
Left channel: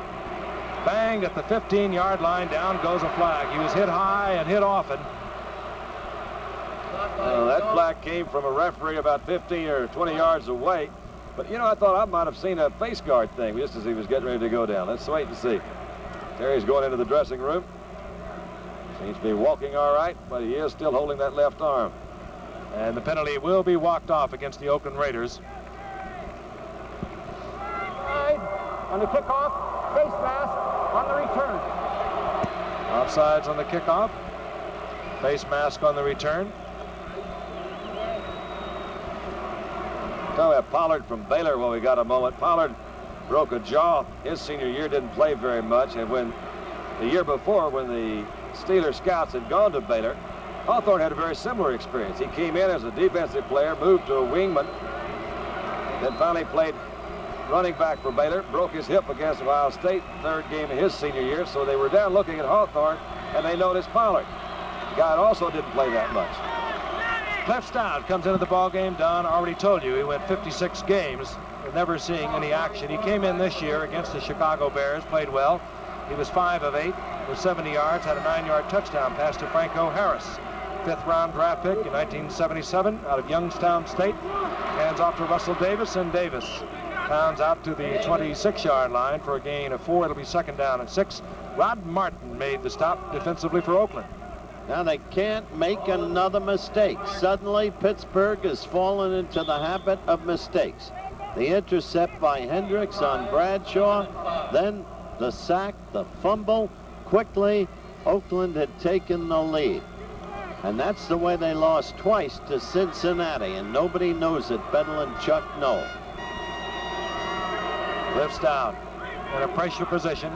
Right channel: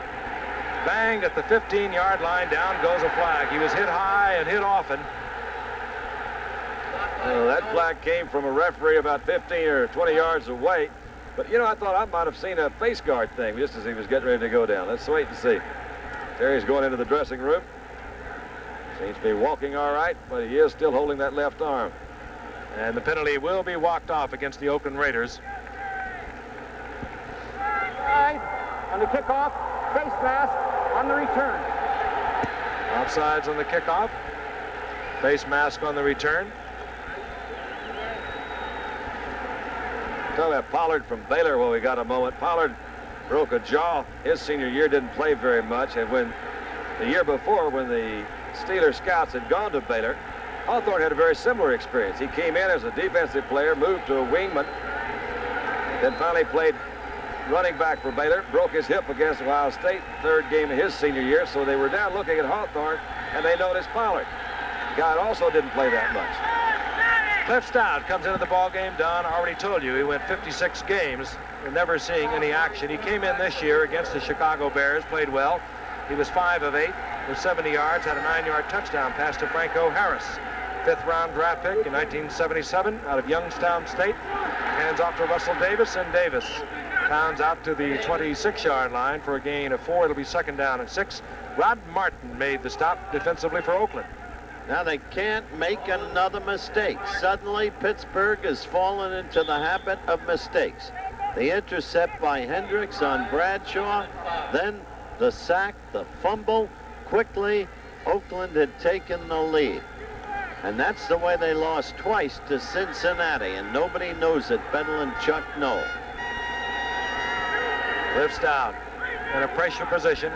banged at the 15-yard line. Down goes a flag. He was hit high and hit often. That flag came from a referee about 15 or 20 yards away. But, you know, I thought I might have seen a face guard thing just as he was getting ready to go down. Let's wait and see. Terry's going into the dressing room. Seems to be walking all right, but he is still holding that left arm. And the penalty will be walked off against the Oakland Raiders. Offside on the kickoff, face mask on the return. Offsides on the kickoff, face mask on the return. Talking about Pollard from Baylor while we got a moment. Pollard broke a jaw his senior year, didn't play very much, and when the year before, when the Steelers scouts had gone to Baylor, Hawthorne had a very similar experience. He came in as a defensive player, moved to a wingman, then finally played running back for Baylor, broke his hip against Ohio State, third game of his senior year, so they were down looking at Hawthorne, and they noticed Pollard. The guy also didn't play that much. Cliff Stout comes into the ball game. Don already told you he went 56 games, never seeing any action. He came in this year against the Chicago Bears, played well. He was 5 of 8 with 70 yards, had a 9-yard touchdown pass to Franco Harris. 5th-round draft pick in 1977 out of Youngstown State. Hands off to Russell Davis, and Davis pounds out to the 26-yard line for a gain of 4. It'll be 2nd down and 6. Rod Martin made the stop defensively for Oakland. Now they can't make another mistake. Suddenly, Pittsburgh has fallen into the habit of mistakes. The intercept by Hendricks on Bradshaw, then the sack, the fumble. Quickly, Oakland had taken the lead. And that's the way they lost twice to Cincinnati, and nobody knows it better than Chuck Noll. Cliff Stout in a pressure position.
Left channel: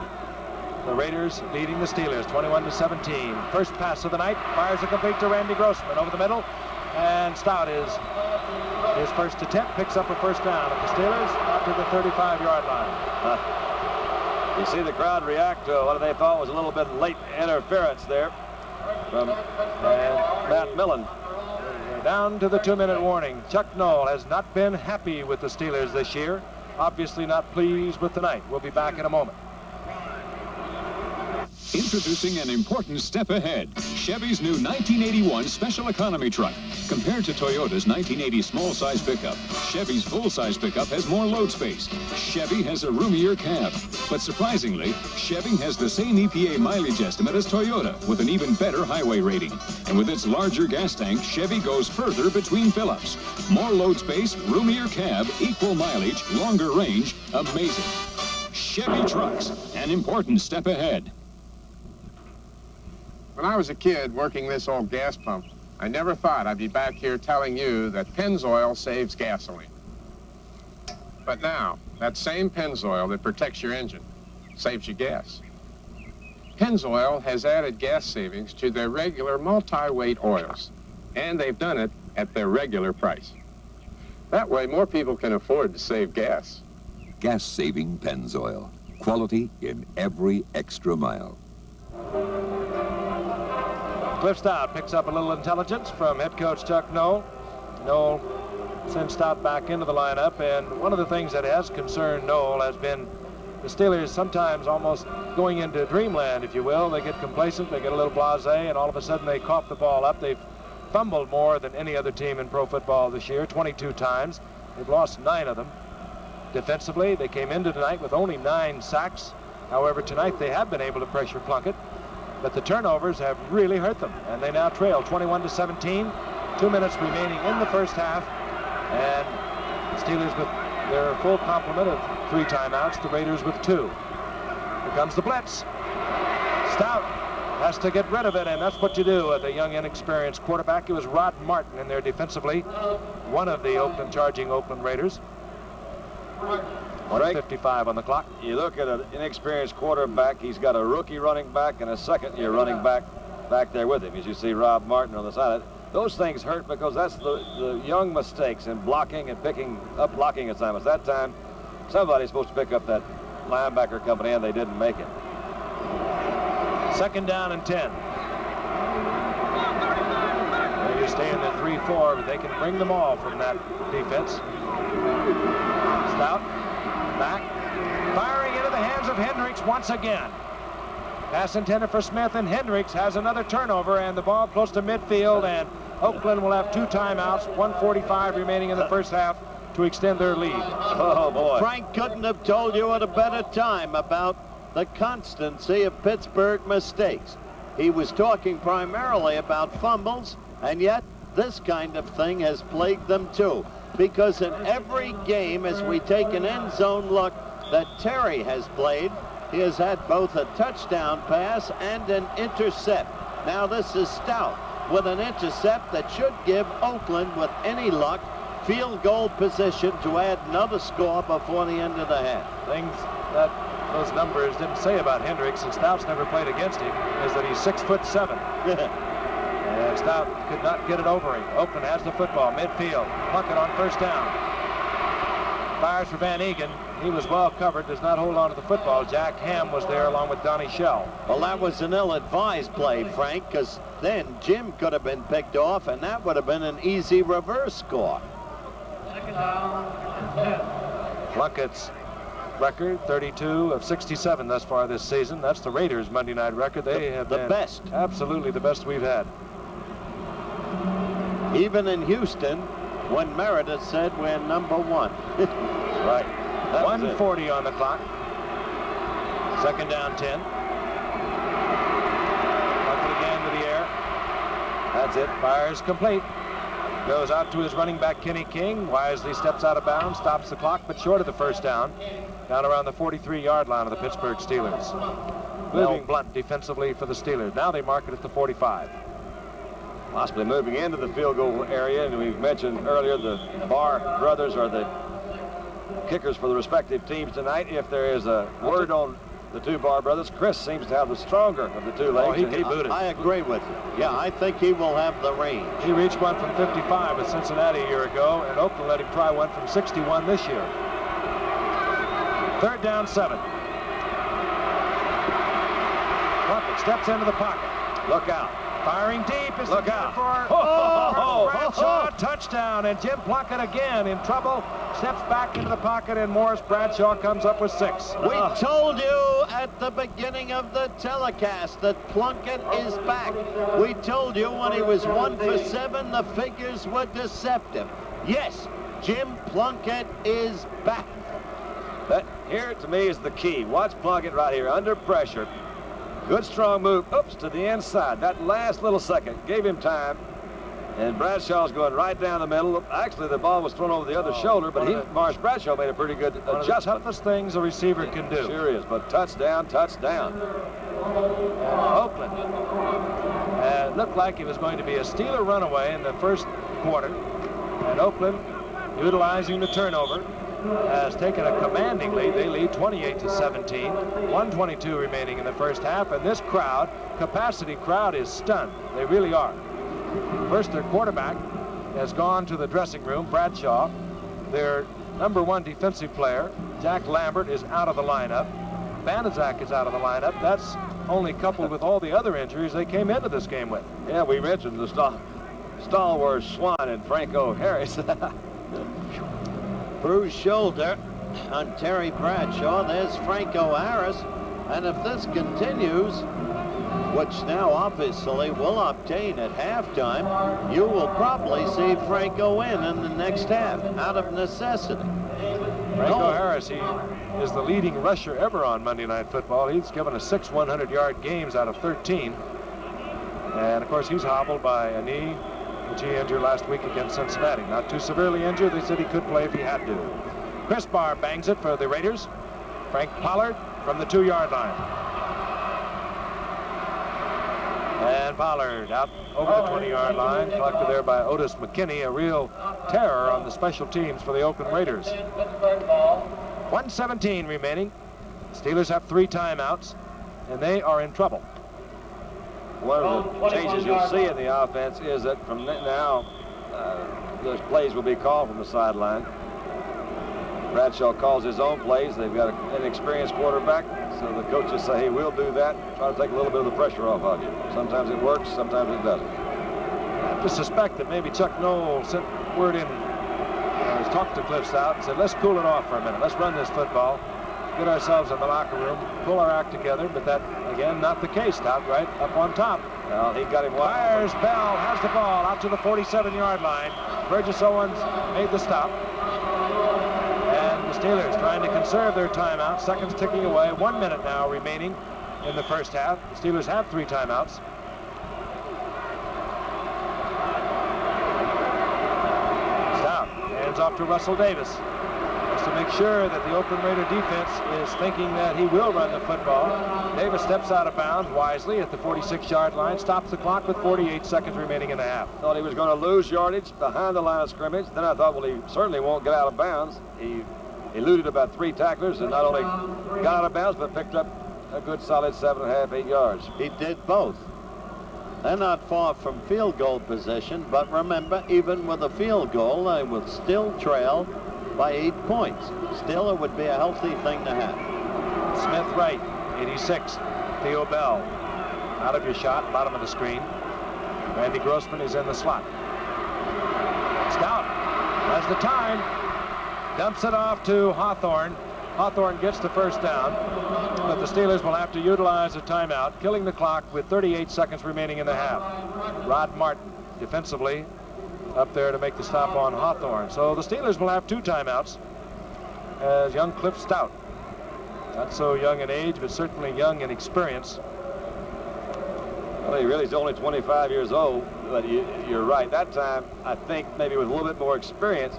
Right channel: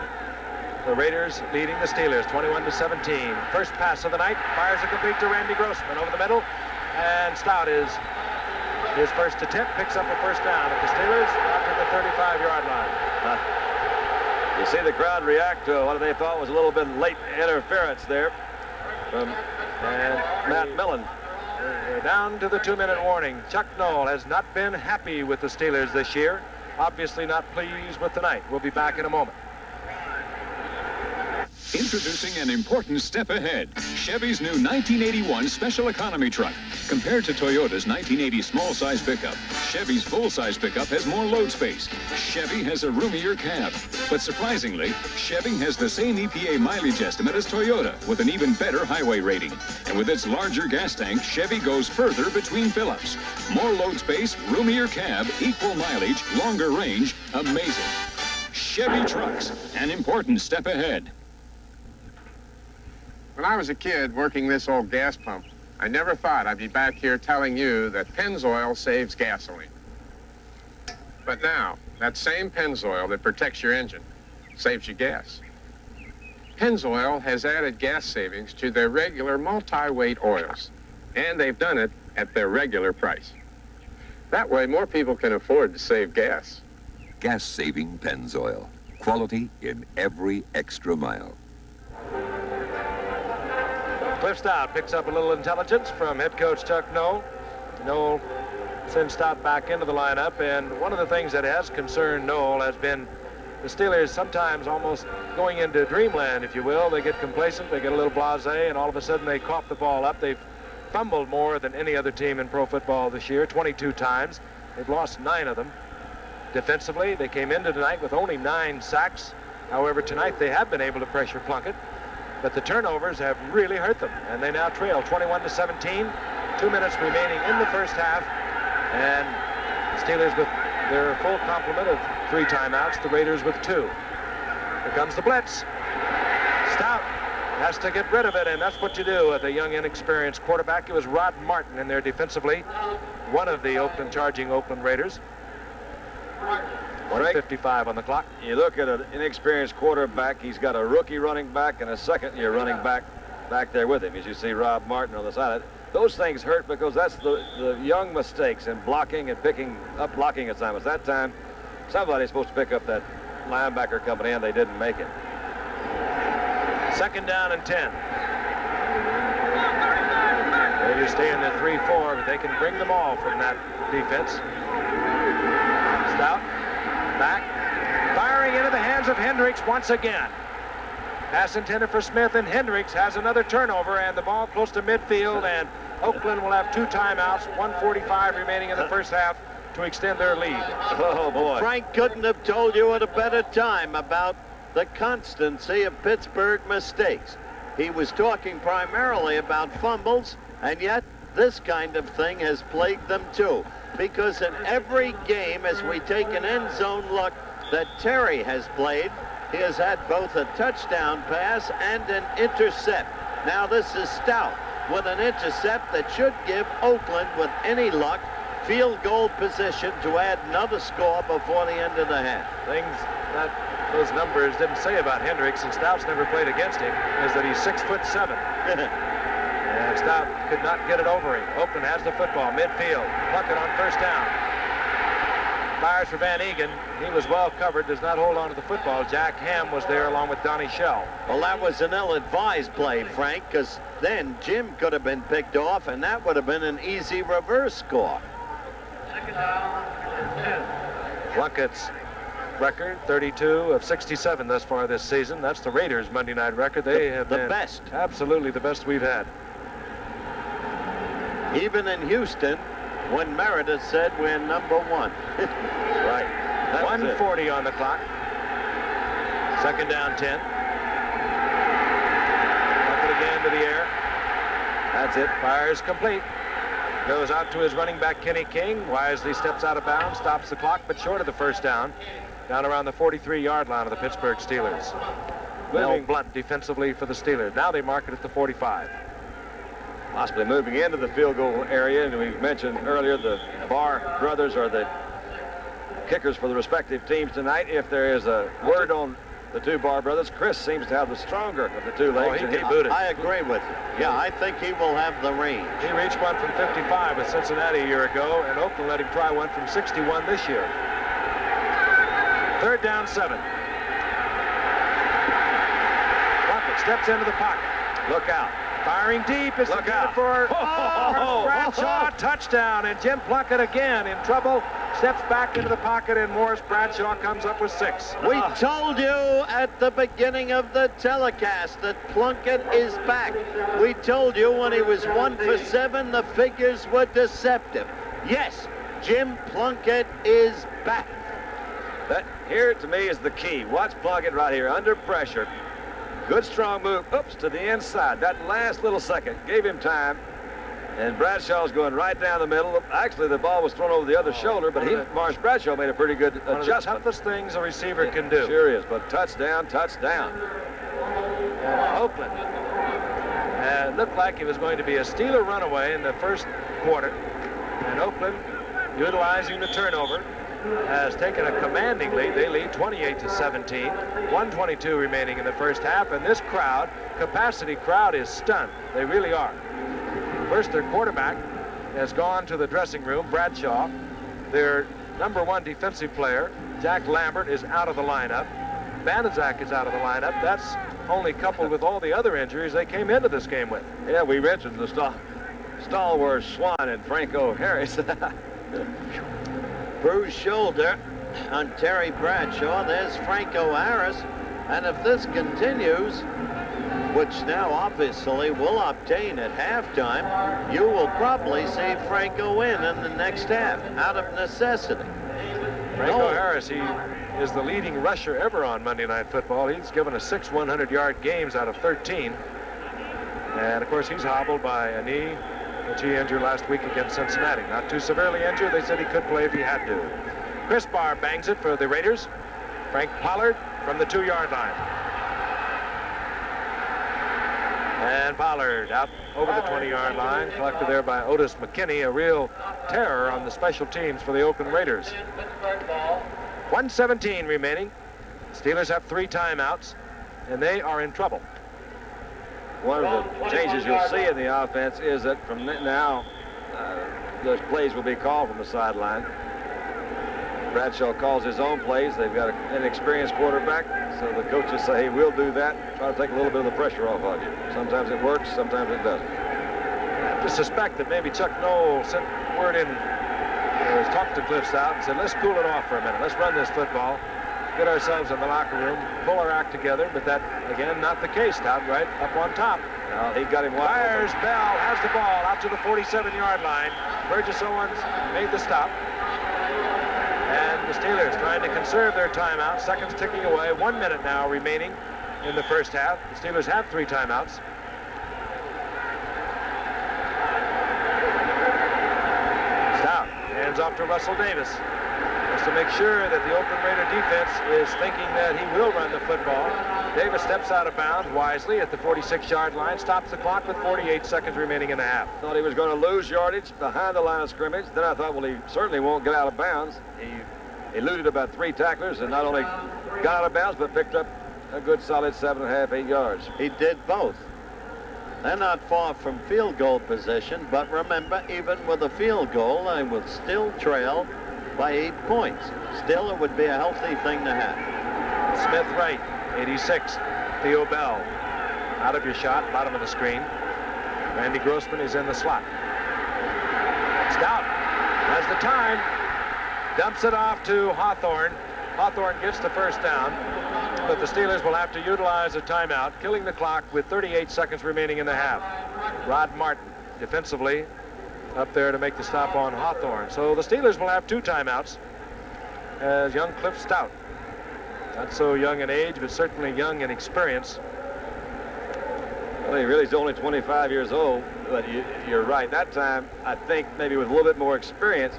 The Raiders leading the Steelers 21-17. First pass of the night, fires a complete to Randy Grossman over the middle, and Stout is his first attempt, picks up a first down at the Steelers up to the 35-yard line. You see the crowd react to what they thought was a little bit late interference there from Matt Millen. We're down to the 2-minute warning. Chuck Noll has not been happy with the Steelers this year. Obviously not pleased with tonight. We'll be back in a moment. Introducing an important step ahead. Chevy's new 1981 Special Economy truck. Compared to Toyota's 1980 small-size pickup, Chevy's full-size pickup has more load space. Chevy has a roomier cab. But surprisingly, Chevy has the same EPA mileage estimate as Toyota with an even better highway rating. And with its larger gas tank, Chevy goes further between fill-ups. More load space, roomier cab, equal mileage, longer range. Amazing. Chevy trucks, an important step ahead. When I was a kid working this old gas pump, I never thought I'd be back here telling you that Pennzoil saves gasoline. But now, that same Pennzoil that protects your engine saves you gas. Pennzoil has added gas savings to their regular multi-weight oils, and they've done it at their regular price. That way, more people can afford to save gas. Gas-saving Pennzoil. Quality in every extra mile. Cliff Stout picks up a little intelligence from head coach Chuck Noll. Noll sends Stout back into the lineup, and one of the things that has concerned Noll has been the Steelers sometimes almost going into dreamland, if you will. They get complacent, they get a little blasé, and all of a sudden they cough the ball up. They've fumbled more than any other team in pro football this year, 22 times. They've lost 9 of them. Defensively, they came into tonight with only 9 sacks. However, tonight they have been able to pressure Plunkett. But the turnovers have really hurt them, and they now trail 21-17. 2 minutes remaining in the first half, and the Steelers with their full complement of 3 timeouts, the Raiders with 2. Here comes the blitz. Stout has to get rid of it, and that's what you do with a young, inexperienced quarterback. It was Rod Martin in there defensively, one of the charging Oakland Raiders. 1:55 on the clock. You look at an inexperienced quarterback. He's got a rookie running back and a second-year running back there with him. As you see Rob Martin on the side. Those things hurt because that's the young mistakes in blocking and picking up blocking assignments. That time, somebody's supposed to pick up that linebacker company, and they didn't make it. 2nd down and 10. They stay in the 3-4, but they can bring them all from that defense. Stout back, firing into the hands of Hendricks once again. Pass intended for Smith, and Hendricks has another turnover, and the ball close to midfield, and Oakland will have 2 timeouts, 1:45 remaining in the first half to extend their lead. Oh, boy. Frank couldn't have told you at a better time about the constancy of Pittsburgh mistakes. He was talking primarily about fumbles, and yet this kind of thing has plagued them too. Because in every game, as we take an end zone look that Terry has played, he has had both a touchdown pass and an intercept. Now this is Stout with an intercept that should give Oakland, with any luck, field goal position to add another score before the end of the half. Things that those numbers didn't say about Hendricks, and Stout's never played against him, is that he's 6'7". And Stout could not get it over him. Oakland has the football, midfield. Plunkett on 1st down. Fires for Van Egan. He was well covered, does not hold on to the football. Jack Ham was there along with Donnie Shell. Well, that was an ill-advised play, Frank, because then Jim could have been picked off, and that would have been an easy reverse score. 2nd down and 10. Plunkett's record, 32 of 67 thus far this season. That's the Raiders' Monday night record. They have been the best. Absolutely the best we've had. Even in Houston, when Meredith said we're number 1. Right. 1:40 on the clock. 2nd down, 10. Plunkett again to the air. That's it. Fires complete. Goes out to his running back, Kenny King. Wisely steps out of bounds, stops the clock, but short of the 1st down. Down around the 43-yard line of the Pittsburgh Steelers. Moving Blunt defensively for the Steelers. Now they mark it at the 45. Possibly moving into the field goal area, and we've mentioned earlier the Barr brothers are the kickers for the respective teams tonight. If there is a word on the 2 Barr brothers, Chris seems to have the stronger of the 2 legs. He booted. I agree with you. Yeah, I think he will have the range. He reached one from 55 with Cincinnati a year ago, and Oakland let him try one from 61 this year. 3rd down, 7. Plunkett steps into the pocket. Look out. Firing deep is Look out for Bradshaw, touchdown, and Jim Plunkett again in trouble steps back into the pocket, and Morris Bradshaw comes up with 6. We told you at the beginning of the telecast that Plunkett is back. We told you when he was 1 for 7, the figures were deceptive. Yes, Jim Plunkett is back. That here to me is the key. Watch Plunkett right here under pressure. Good strong move. Oops, to the inside. That last little second gave him time. And Bradshaw's going right down the middle. Actually, the ball was thrown over the other shoulder, but Morris Bradshaw made a pretty good adjustment. One of the toughest things a receiver can do. Sure is, but touchdown, touchdown. And Oakland looked like it was going to be a Steeler runaway in the first quarter. And Oakland, utilizing the turnover, has taken a commanding lead. They lead 28-17. 1:22 remaining in the first half, and this crowd, capacity crowd, is stunned. They really are. First, their quarterback has gone to the dressing room, Bradshaw. Their #1 defensive player, Jack Lambert, is out of the lineup. Banaszak is out of the lineup. That's only coupled with all the other injuries they came into this game with. Yeah, we mentioned the stalwart Swan and Franco Harris. Bruised shoulder on Terry Bradshaw. There's Franco Harris. And if this continues, which now obviously will obtain at halftime, you will probably see Franco in the next half out of necessity. Franco Harris, he is the leading rusher ever on Monday Night Football. He's given us 6 100-yard games out of 13. And of course, he's hobbled by a knee, which he injured last week against Cincinnati. Not too severely injured. They said he could play if he had to. Chris Barr bangs it for the Raiders. Frank Pollard from the 2-yard line. And Pollard out over the 20-yard line, collected there by Otis McKinney, a real terror on the special teams for the Oakland Raiders. 1:17 remaining. Steelers have 3 timeouts, and they are in trouble. One of the changes you'll see in the offense is that from now, those plays will be called from the sideline. Bradshaw calls his own plays. They've got an experienced quarterback, so the coaches say, hey, we'll do that. Try to take a little bit of the pressure off of you. Sometimes it works, sometimes it doesn't. I have to suspect that maybe Chuck Noll sent word in, or talked to Cliff Stout and said, let's cool it off for a minute. Let's run this football, get ourselves in the locker room, pull our act together. But that, again, not the case. Stout right up on top. Well, he got him wide. Fires. Bell has the ball out to the 47-yard line. Burgess Owens made the stop. And the Steelers trying to conserve their timeout. Seconds ticking away. 1 minute now remaining in the first half. The Steelers have 3 timeouts. Stout hands off to Russell Davis. Just to make sure that the Oakland Raider defense is thinking that he will run the football. Davis steps out of bounds wisely at the 46-yard line, stops the clock with 48 seconds remaining in the half. Thought he was going to lose yardage behind the line of scrimmage. Then I thought, well, he certainly won't get out of bounds. He eluded about 3 tacklers and not only got out of bounds, but picked up a good solid 7.5, 8 yards. He did both. They're not far from field goal position, but remember, even with a field goal, they will still trail by 8 points. Still, it would be a healthy thing to have. Smith right, 86. Theo Bell out of your shot, bottom of the screen. Randy Grossman is in the slot. Stout has the time, dumps it off to Hawthorne. Hawthorne gets the first down, but the Steelers will have to utilize a timeout, killing the clock with 38 seconds remaining in the half. Rod Martin defensively up there to make the stop on Hawthorne. So the Steelers will have 2 timeouts as young Cliff Stout, not so young in age, but certainly young in experience. Well, he really is only 25 years old, but you're right. That time, I think maybe with a little bit more experience,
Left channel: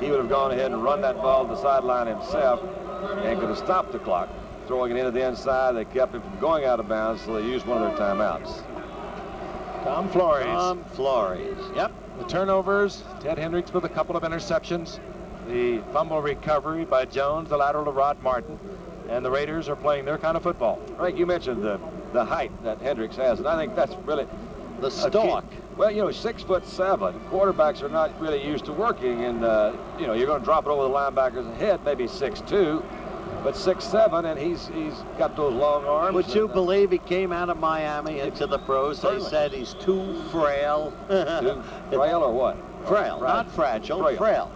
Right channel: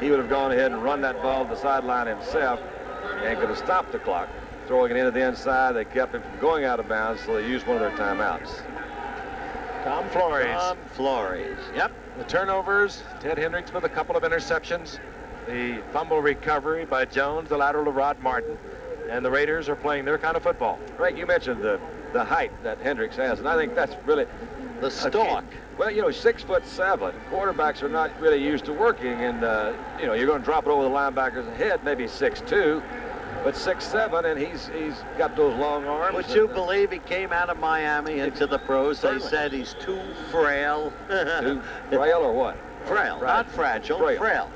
he would have gone ahead and run that ball to the sideline himself and could have stopped the clock. Throwing it into the inside, they kept him from going out of bounds, so they used one of their timeouts. Tom Flores. Tom Flores, yep. The turnovers, Ted Hendricks with a couple of interceptions. The fumble recovery by Jones, the lateral to Rod Martin. And the Raiders are playing their kind of football. Frank, you mentioned the height that Hendricks has, and I think that's really the stalk. Well, you know, 6'7". Quarterbacks are not really used to working, and you know, you're going to drop it over the linebacker's head, maybe 6'2", but 6'7", and he's got those long arms. Would you believe he came out of Miami into the pros? They said he's too frail. Too frail or what? Frail, not fragile. Frail.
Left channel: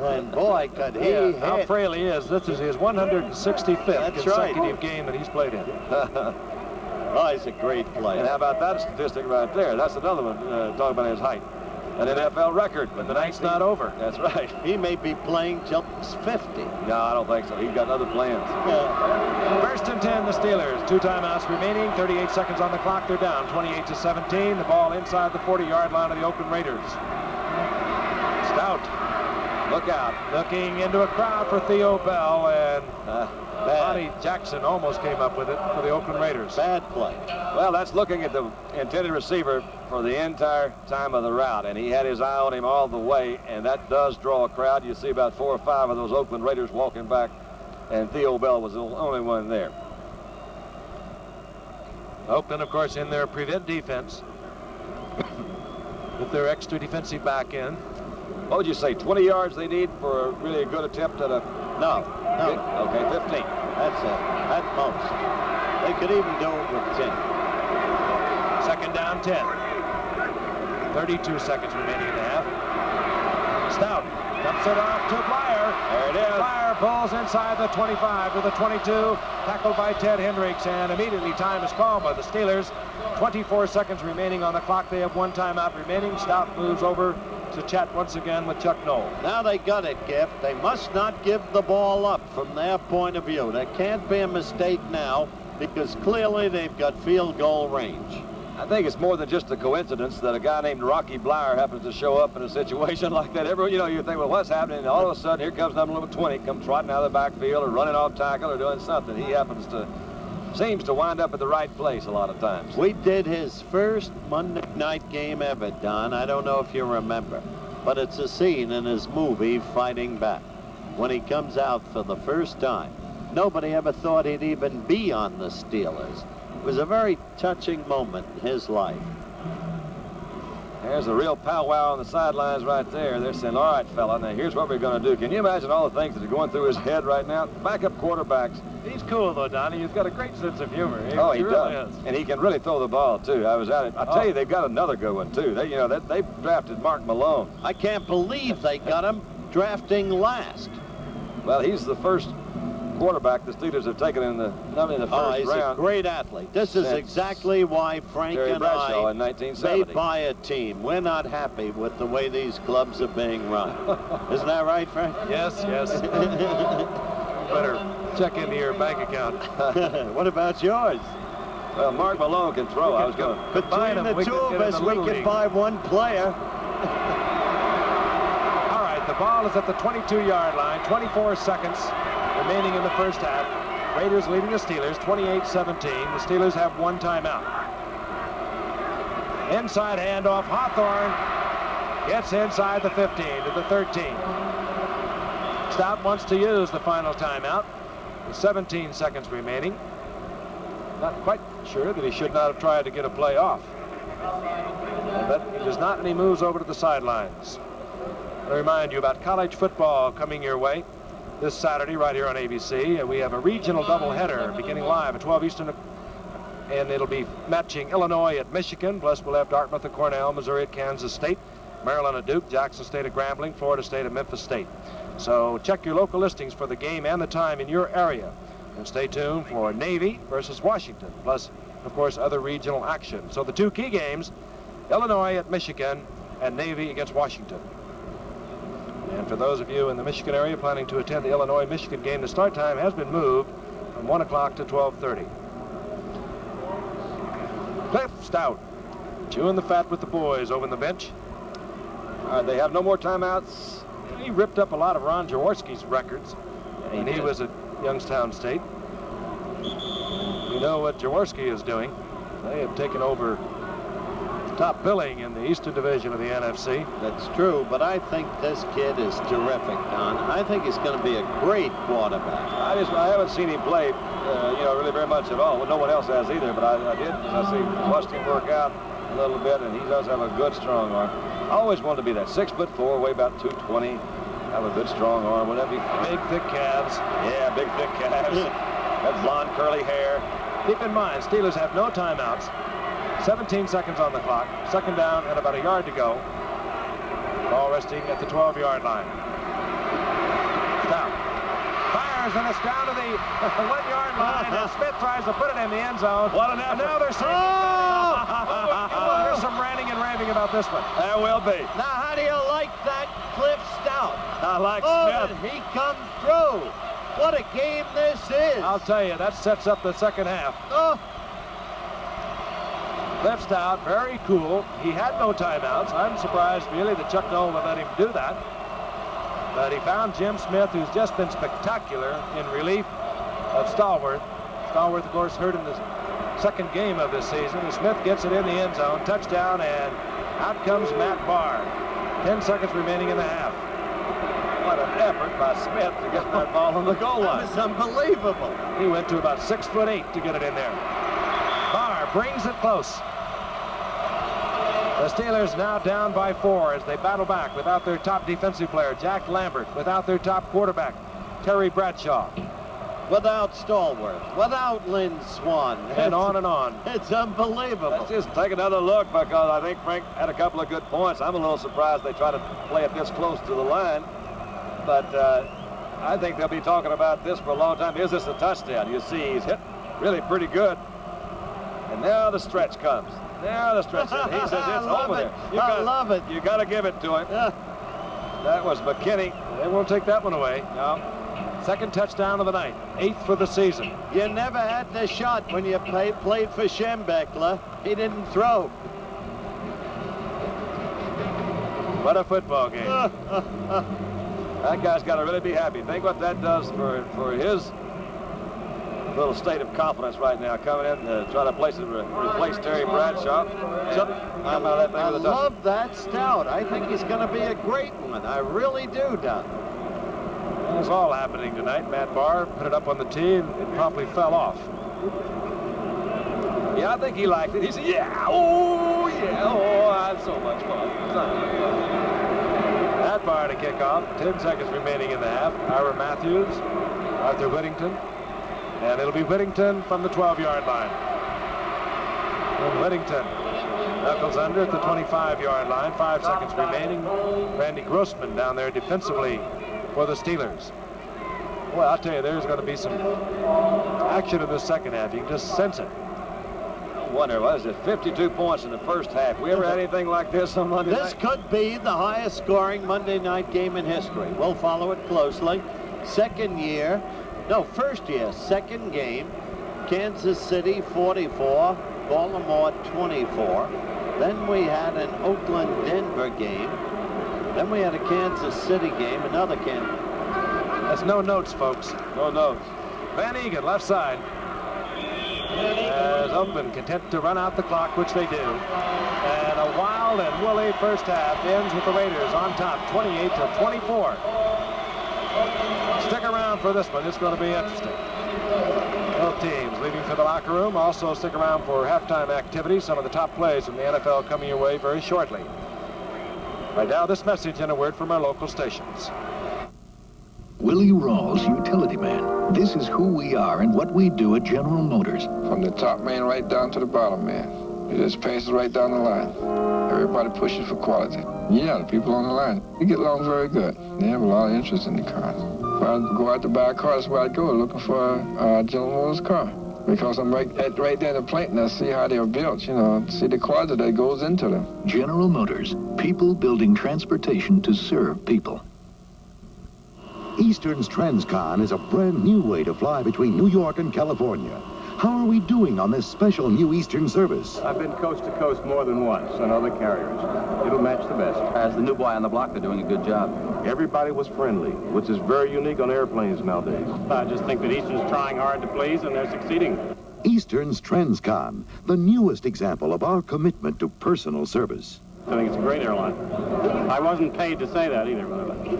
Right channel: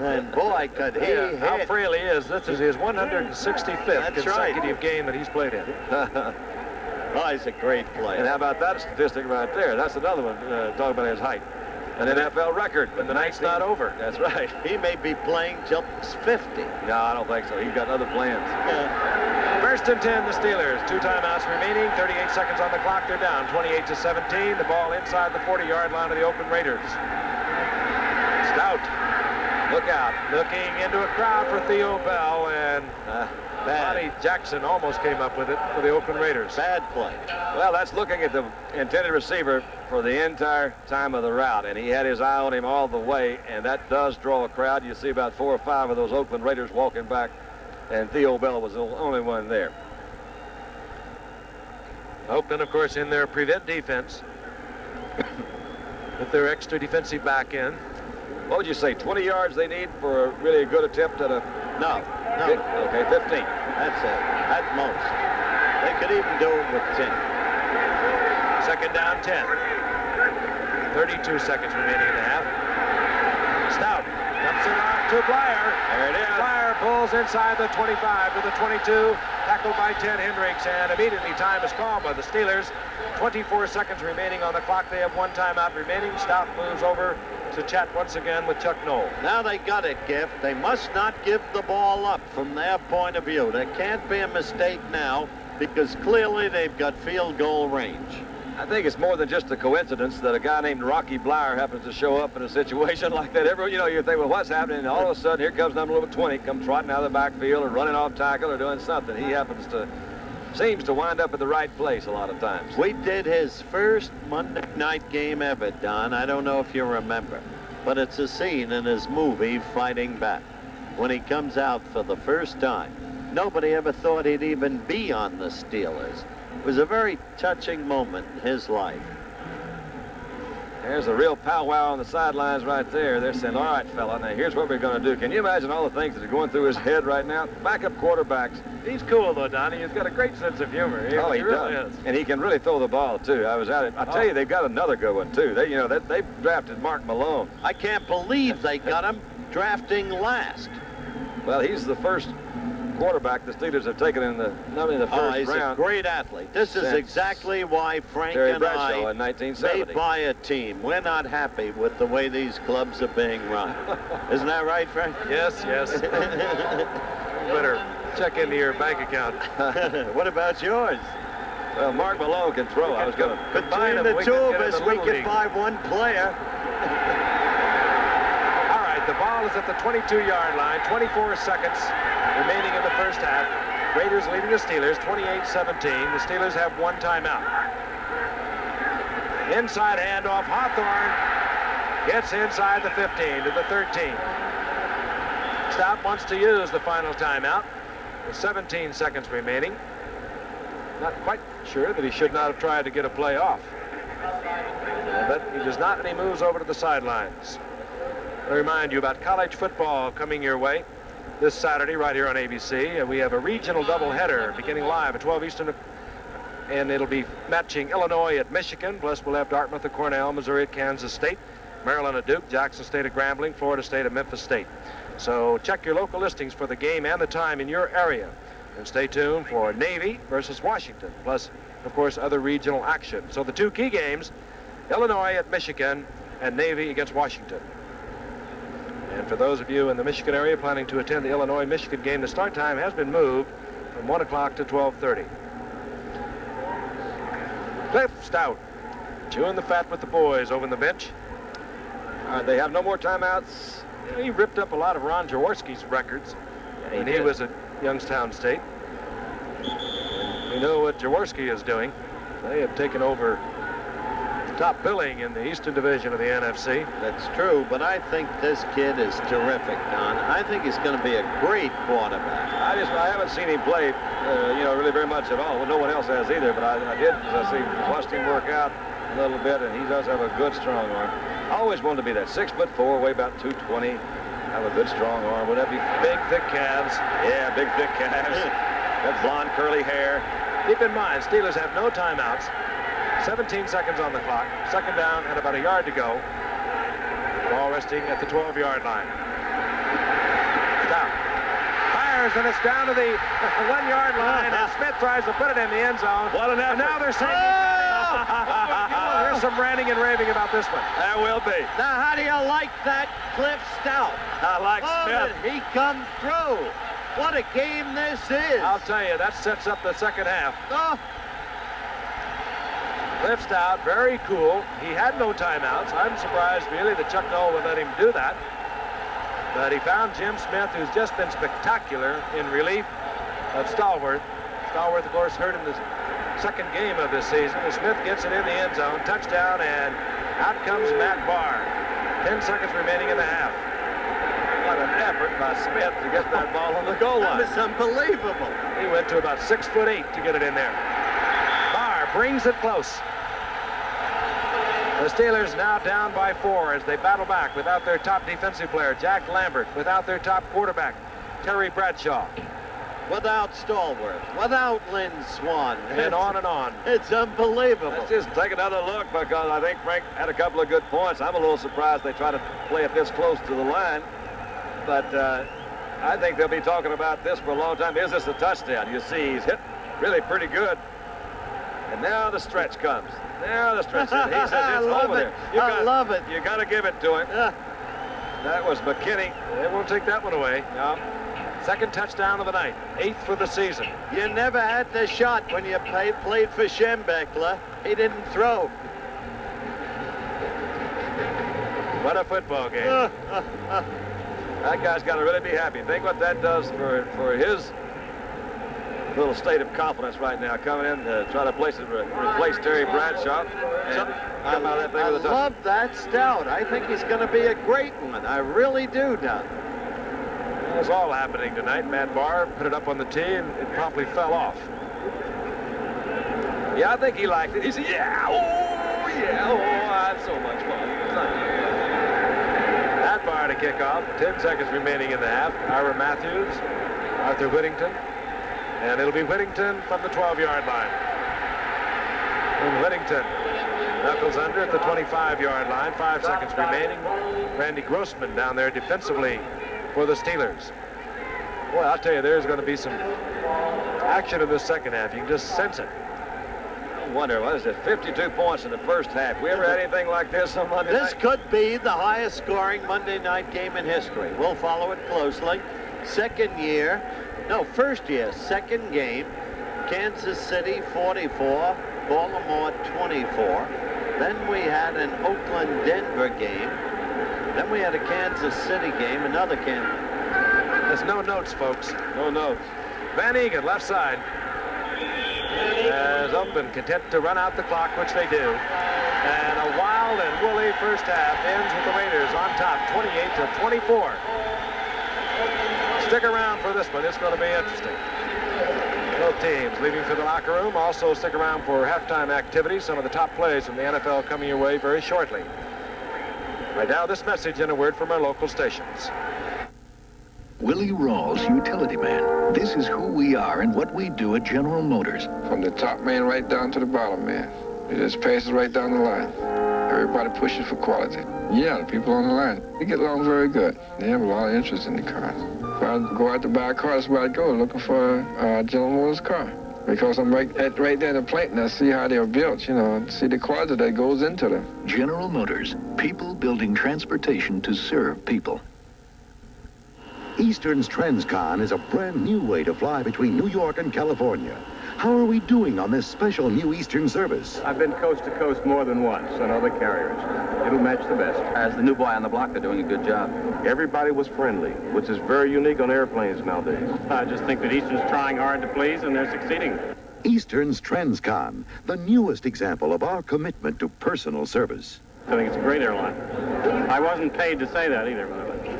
And boy, could he hit. How frail he is. This is his 165th consecutive game that he's played in. Oh, he's a great player. And how about that statistic right there? That's another one, talking about his height. An NFL record. But the night's not over. That's right. He may be playing till 50. No, I don't think so. He's got other plans. First and 10, the Steelers. 2 timeouts remaining. 38 seconds on the clock. They're down 28-17. The ball inside the 40-yard line of the Oakland Raiders. Stout. Look out. Looking into a crowd for Theo Bell, and Bonnie Jackson almost came up with it for the Oakland Raiders. Bad play. Well, that's looking at the intended receiver for the entire time of the route, and he had his eye on him all the way, and that does draw a crowd. You see about 4 or 5 of those Oakland Raiders walking back, and Theo Bell was the only one there. Oakland, of course, in their prevent defense with their extra defensive back end. What would you say, 20 yards they need for a really good attempt at a... No. Okay, 15. That's it, at most. They could even do it with 10. Second down, 10. 32 seconds remaining in the half. Stout dumps it off to Blyer. There it is. Blyer pulls inside the 25 to the 22. Tackled by Ted Hendricks, and immediately time is called by the Steelers. 24 seconds remaining on the clock. They have 1 timeout remaining. Stout moves over to chat once again with Chuck Noll. Now they got it, Giff. They must not give the ball up from their point of view. There can't be a mistake now because clearly they've got field goal range. I think it's more than just a coincidence that a guy named Rocky Blyer happens to show up in a situation like that. You think, well, what's happening? And all of a sudden, here comes number 20, comes trotting out of the backfield or running off tackle or doing something. He seems to wind up at the right place a lot of times. We did his first Monday night game ever, Don. I don't know if you remember, but it's a scene in his movie, Fighting Back, when he comes out for the first time. Nobody ever thought he'd even be on the Steelers. It was a very touching moment in his life. There's a real powwow on the sidelines right there. They're saying, all right, fella, now here's what we're going to do. Can you imagine all the things that are going through his head right now? Backup quarterbacks. He's cool, though, Donnie. He's got a great sense of humor. He really does. Is. And he can really throw the ball, too. I was at it. I tell you, they've got another good one, too. They drafted Mark Malone. I can't believe they got him drafting last. Well, he's the first quarterback the Steelers have taken in the first round. He's a great athlete. This is exactly why Frank and Bradshaw I in 1970. may buy a team. We're not happy with the way these clubs are being run. Isn't that right, Frank? Yes. Better check into your bank account. What about yours? Well, Mark Malone can throw. I was going to combine the two of us. We could buy one player. All right, the ball is at the 22-yard line. 24 seconds remaining in the first half. Raiders leading the Steelers 28-17. The Steelers have 1 timeout. Inside handoff. Hawthorne gets inside the 15 to the 13. Stout wants to use the final timeout with 17 seconds remaining. Not quite sure that he should not have tried to get a play off. But he does not, and he moves over to the sidelines. I remind you about college football coming your way this Saturday right here on ABC. We have a regional doubleheader beginning live at 12 Eastern, and it'll be matching Illinois at Michigan, plus we'll have Dartmouth at Cornell, Missouri at Kansas State, Maryland at Duke, Jackson State at Grambling, Florida State at Memphis State. So check your local listings for the game and the time in your area, and stay tuned for Navy versus Washington, plus of course other regional action. So the 2 key games, Illinois at Michigan and Navy against Washington. And for those of you in the Michigan area planning to attend the Illinois-Michigan game, the start time has been moved from 1 o'clock to 12:30. Cliff Stout chewing the fat with the boys over in the bench. They have no more timeouts. He ripped up a lot of Ron Jaworski's records when he was at Youngstown State. And we know what Jaworski is doing. They have taken over top billing in the Eastern Division of the NFC. That's true, but I think this kid is terrific, Don. I think he's going to be a great quarterback. I haven't seen him play, really very much at all. Well, no one else has either, but I did, as I watched him work out a little bit, and he does have a good strong arm. I always wanted to be that 6'4", weigh about 220, have a good strong arm. Would that be fun? Big, thick calves. Yeah, big, thick calves. That blonde, curly hair. Keep in mind, Steelers have no timeouts. 17 seconds on the clock. Second down and about a yard to go. Ball resting at the 12-yard line. Stout fires, and it's down to the 1-yard line, and Smith tries to put it in the end zone. What an effort. And now they're saying there's some ranting and raving about this one. There will be. Now, how do you like that, Cliff Stout? I like Smith. Did he come through? What a game this is. I'll tell you, that sets up the second half. Oh. Cliff Stout, very cool. He had no timeouts. I'm surprised, really, that Chuck Noll would let him do that. But he found Jim Smith, who's just been spectacular in relief of Stallworth. Stallworth, of course, hurt in the second game of this season. And Smith gets it in the end zone. Touchdown, and out comes Matt Barr. 10 seconds remaining in the half. What an effort by Smith to get that ball on the goal line. That was unbelievable. He went to about 6'8" to get it in there. Barr brings it close. The Steelers now down by 4 as they battle back without their top defensive player, Jack Lambert, without their top quarterback, Terry Bradshaw. Without Stallworth, without Lynn Swan. And on and on. It's unbelievable. Let's just take another look, because I think Frank had a couple of good points. I'm a little surprised they try to play it this close to the line. But I think they'll be talking about this for a long time. Is this a touchdown? You see, he's hit really pretty good. And now the stretch comes. Now the stretch. He says it's over there. I love it. You got to give it to him. That was McKinney. They won't take that one away. No. Second touchdown of the night. 8th for the season. You never had the shot when you played for Schembechler. He didn't throw. What a football game. That guy's got to really be happy. Think what that does for his little state of confidence right now, coming in to try to replace Terry Bradshaw. I love that Stout. I think he's going to be a great one. I really do, Don. Well, it's all happening tonight. Matt Barr put it up on the tee, and it promptly fell off. Yeah, I think he liked it. He said, yeah, oh, that's so much fun. Matt Barr to kick off. 10 seconds remaining in the half. Ira Matthews, Arthur Whittington. And it'll be Whittington from the 12-yard line. And Whittington knuckles under at the 25-yard line. 5 seconds remaining. Randy Grossman down there defensively for the Steelers. Boy, I'll tell you, there's going to be some action in the second half. You can just sense it. I wonder, what is it, 52 points in the first half. We ever had anything like this on Monday night? This could be the highest scoring Monday night game in history. We'll follow it closely. First year, second game, Kansas City 44, Baltimore 24. Then we had an Oakland-Denver game. Then we had a Kansas City game, another Kansas. That's no notes, folks. No notes. Van Egan, left side. As Oakland content to run out the clock, which they do. And a wild and woolly first half ends with the Raiders on top, 28-24. Stick around for this one. It's going to be interesting. Both teams leaving for the locker room. Also stick around for halftime activities. Some of the top plays from the NFL coming your way very shortly. Right now, this message and a word from our local stations. Willie Rawls, utility man. This is who we are and what we do at General Motors. From the top man right down to the bottom man. It just passes right down the line. Everybody pushes for quality. Yeah, the people on the line, they get along very good. They have a lot of interest in the cars. If I go out to buy a car, that's where I go, looking for a General Motors car. Because I'm right there in the plant and I see how they're built, see the quality that goes into them. General Motors, people building transportation to serve people. Eastern's Transcon is a brand new way to fly between New York and California. How are we doing on this special new Eastern service? I've been coast to coast more than once on other carriers. It'll match the best. As the new boy on the block, they're doing a good job. Everybody was friendly, which is very unique on airplanes nowadays. I just think that Eastern's trying hard to please, and they're succeeding. Eastern's Transcon, the newest example of our commitment to personal service. I think it's a great airline. I wasn't paid to say that either, by the way.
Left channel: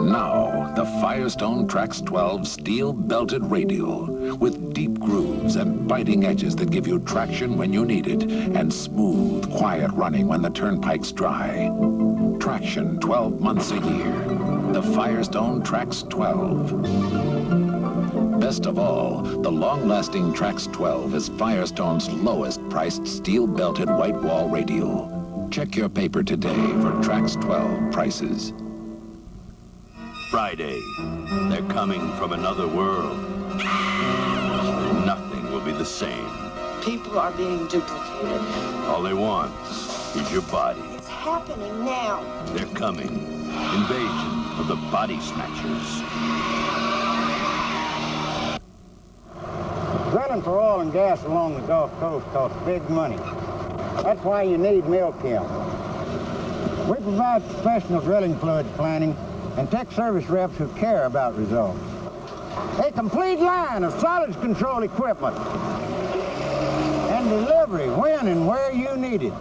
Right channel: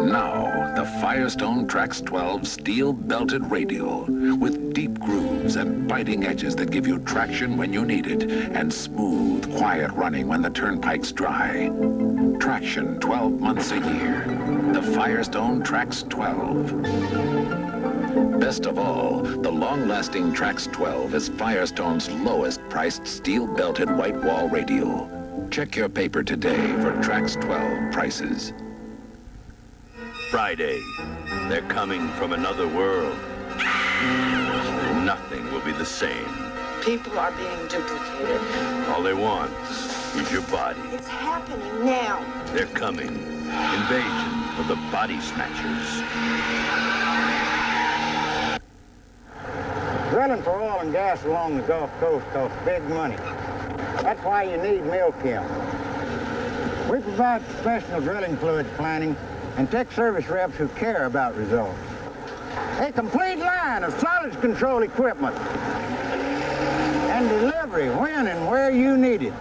Now, the Firestone Trax 12 steel-belted radial with deep grooves and biting edges that give you traction when you need it and smooth, quiet running when the turnpike's dry. Traction 12 months a year. The Firestone Trax 12. Best of all, the long-lasting Trax 12 is Firestone's lowest-priced steel-belted white wall radial. Check your paper today for Trax 12 prices. Friday. They're coming from another world. Nothing will be the same. People are being duplicated. All they want is your body. It's happening now. They're coming. Invasion of the body snatchers. Drilling for oil and gas along the Gulf Coast costs big money. That's why you need Milchem. We provide professional drilling fluids planning and tech service reps who care about results. A complete line of solids control equipment and delivery when and where you need it.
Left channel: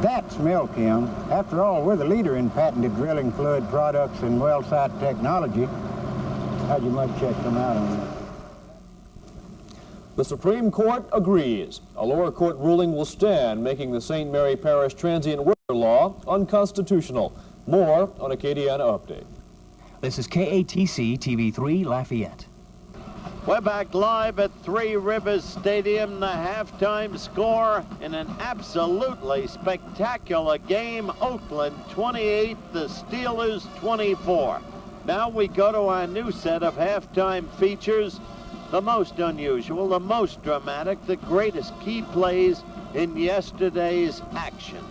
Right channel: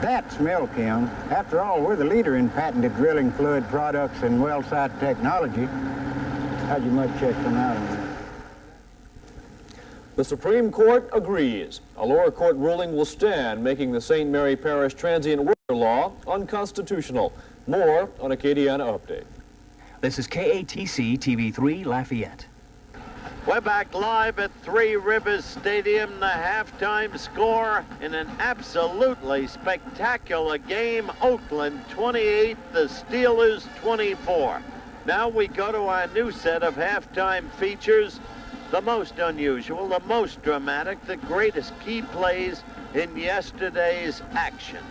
That's Milchem. After all, we're the leader in patented drilling fluid products and well site technology. How'd your mud check come out on that? The Supreme Court agrees. A lower court ruling will stand, making the St. Mary Parish transient worker law unconstitutional. More on Acadiana Update. This is KATC TV3 Lafayette. We're back live at Three Rivers Stadium. The halftime score in an absolutely spectacular game. Oakland 28, the Steelers 24. Now we go to our new set of halftime features. The most unusual, the most dramatic, the greatest key plays in yesterday's action,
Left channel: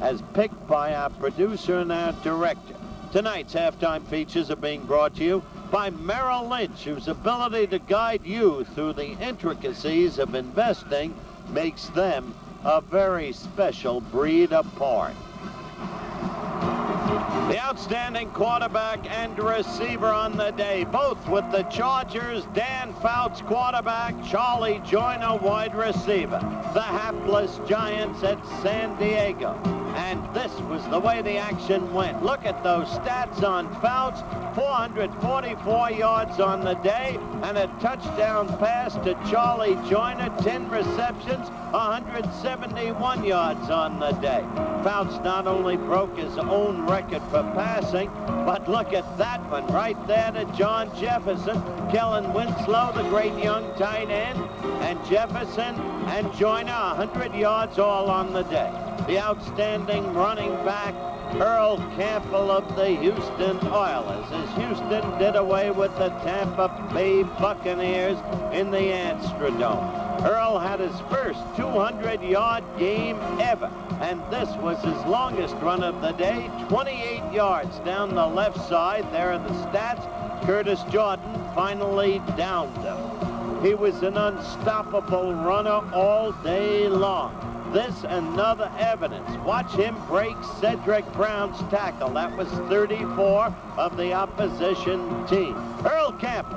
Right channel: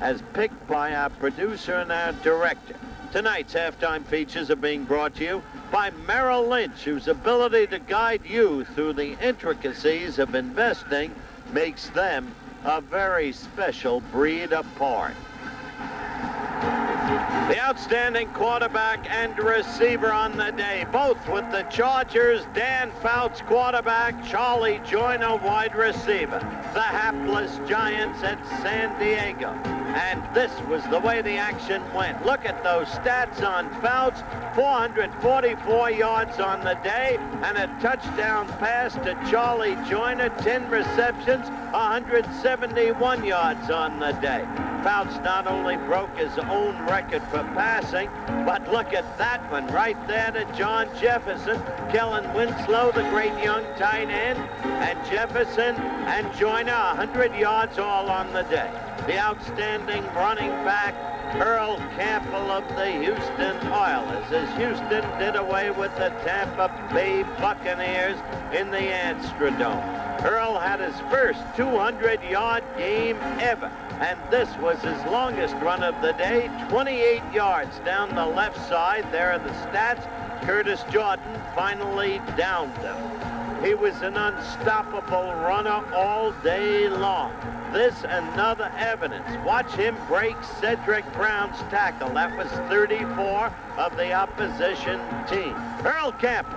as picked by our producer and our director. Tonight's halftime features are being brought to you by Merrill Lynch, whose ability to guide you through the intricacies of investing makes them a very special breed apart. The outstanding quarterback and receiver on the day, both with the Chargers, Dan Fouts, quarterback, Charlie Joyner, wide receiver. The hapless Giants at San Diego. And this was the way the action went. Look at those stats on Fouts. 444 yards on the day and a touchdown pass to Charlie Joyner. 10 receptions, 171 yards on the day. Fouts not only broke his own record for passing, but look at that one right there to John Jefferson. Kellen Winslow, the great young tight end, and Jefferson and Joyner, 100 yards all on the day. The outstanding running back, Earl Campbell of the Houston Oilers, as Houston did away with the Tampa Bay Buccaneers in the Astrodome. Earl had his first 200-yard game ever, and this was his longest run of the day, 28 yards down the left side. There are the stats. Curtis Jordan finally downed him. He was an unstoppable runner all day long. This another evidence. Watch him break Cedric Brown's tackle. That was 34 of the opposition team. Earl Campbell,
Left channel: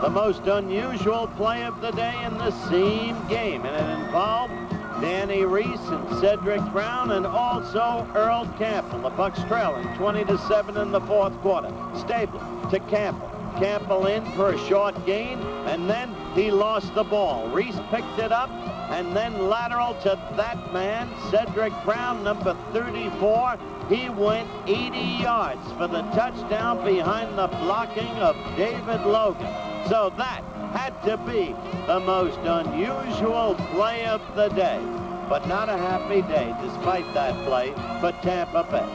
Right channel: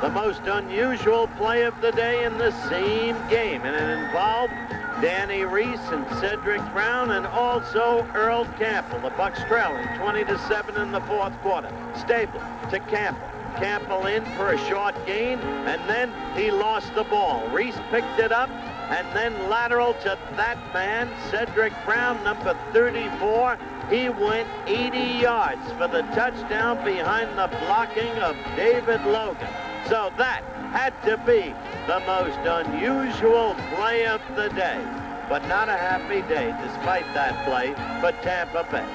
the most unusual play of the day in the same game, and it involved Danny Reese and Cedric Brown and also Earl Campbell. The Bucs trailing 20-7 in the fourth quarter. Stabler to Campbell. Campbell in for a short gain, and then he lost the ball. Reese picked it up, and then lateral to that man, Cedric Brown, number 34. He went 80 yards for the touchdown behind the blocking of David Logan. So that had to be the most unusual play of the day. But not a happy day, despite that play, for Tampa Bay.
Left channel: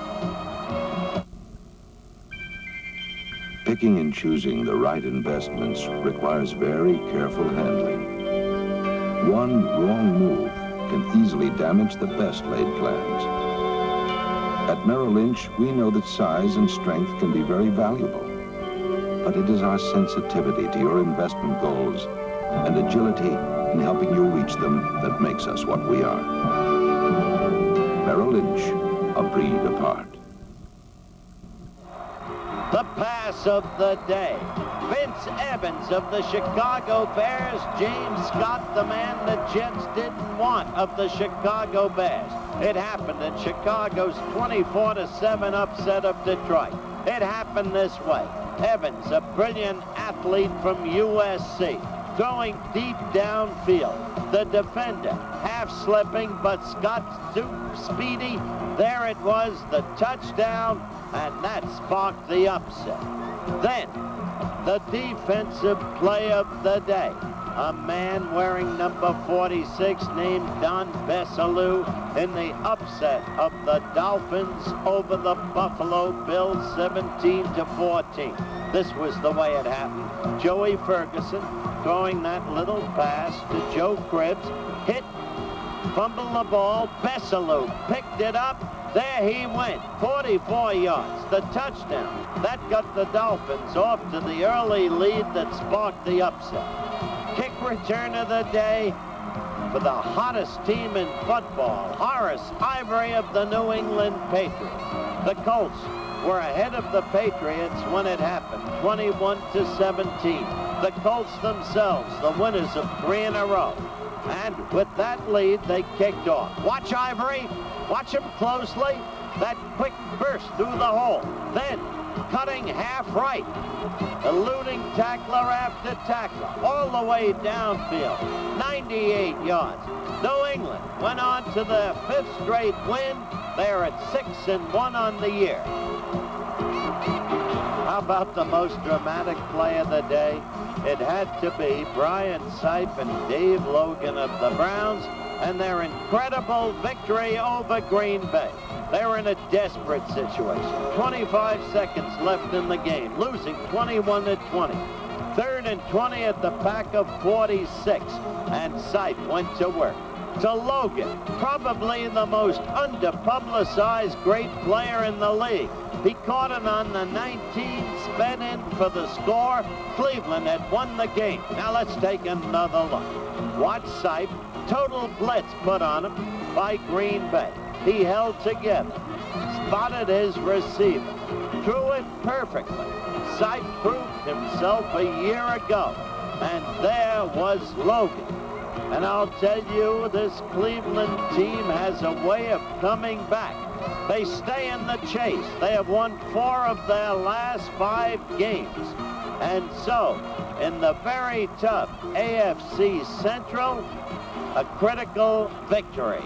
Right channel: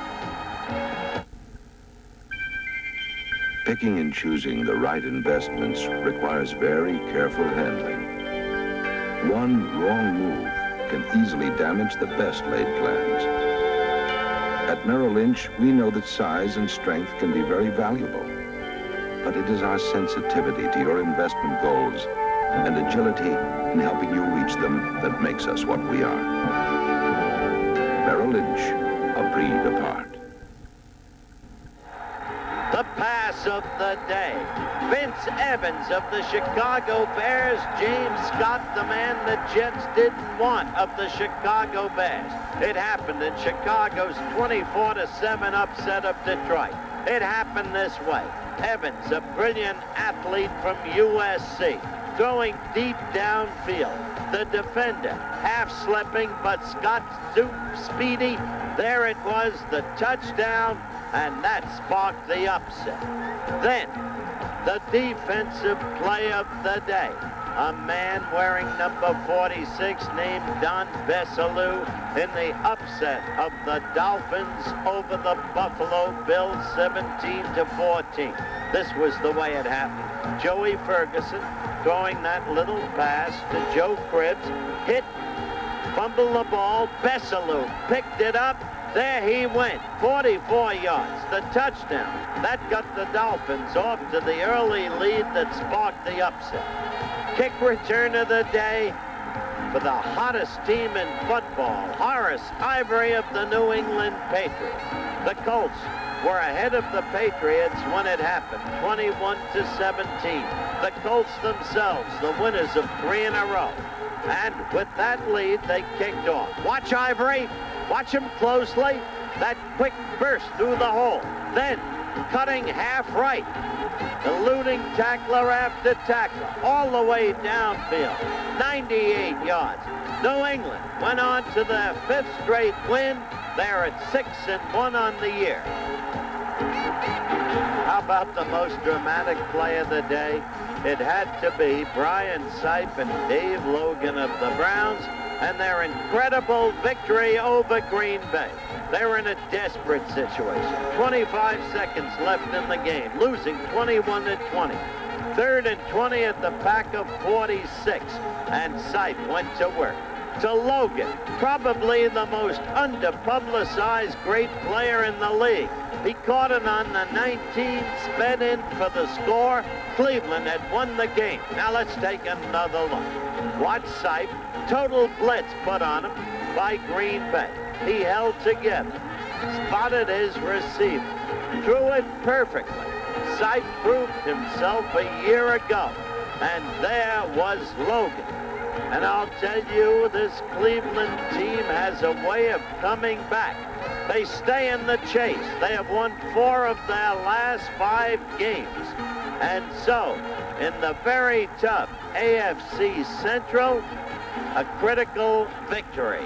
Picking and choosing the right investments requires very careful handling. One wrong move can easily damage the best laid plans. At Merrill Lynch, we know that size and strength can be very valuable. But it is our sensitivity to your investment goals and agility in helping you reach them that makes us what we are. Merrill Lynch, a breed apart. The pass of the day. Vince Evans of the Chicago Bears. James Scott, the man the Jets didn't want, of the Chicago Bears. It happened in Chicago's 24-7 upset of Detroit. It happened this way. Evans, a brilliant athlete from USC, throwing deep downfield. The defender half slipping, but Scott's too speedy. There it was, the touchdown, and that sparked the upset. Then, the defensive play of the day. a man wearing number 46 named Don Bessalou in the upset of the Dolphins over the Buffalo Bills 17-14. This was the way it happened. Joey Ferguson throwing that little pass to Joe Cribbs, hit, fumbled the ball, Bessalou picked it up, there he went, 44 yards, the touchdown. That got the Dolphins off to the early lead that sparked the upset. Kick return of the day for the hottest team in football, Horace Ivory of the New England Patriots. The Colts were ahead of the Patriots when it happened, 21-17. The Colts themselves, the winners of 3 in a row. And with that lead, they kicked off. Watch Ivory. Watch him closely. That quick burst through the hole. Then cutting half right. Eluding tackler after tackler. All the way downfield. 98 yards. New England went on to their 5th straight win. They're at 6-1 on the year. How about the most dramatic play of the day? It had to be Brian Sipe and Dave Logan of the Browns and their incredible victory over Green Bay. They were in a desperate situation. 25 seconds left in the game, losing 21-20. 3rd and 20 at the pack of 46, and Sipe went to work. To Logan, probably the most underpublicized great player in the league. He caught it on the 19, sped in for the score. Cleveland had won the game. Now let's take another look. Watch Sipe, total blitz put on him by Green Bay. He held together, spotted his receiver, threw it perfectly. Sipe proved himself a year ago, and there was Logan. And I'll tell you, this Cleveland team has a way of coming back. They stay in the chase. They have won 4 of their last 5 games. And so, in the very tough AFC Central, a critical victory.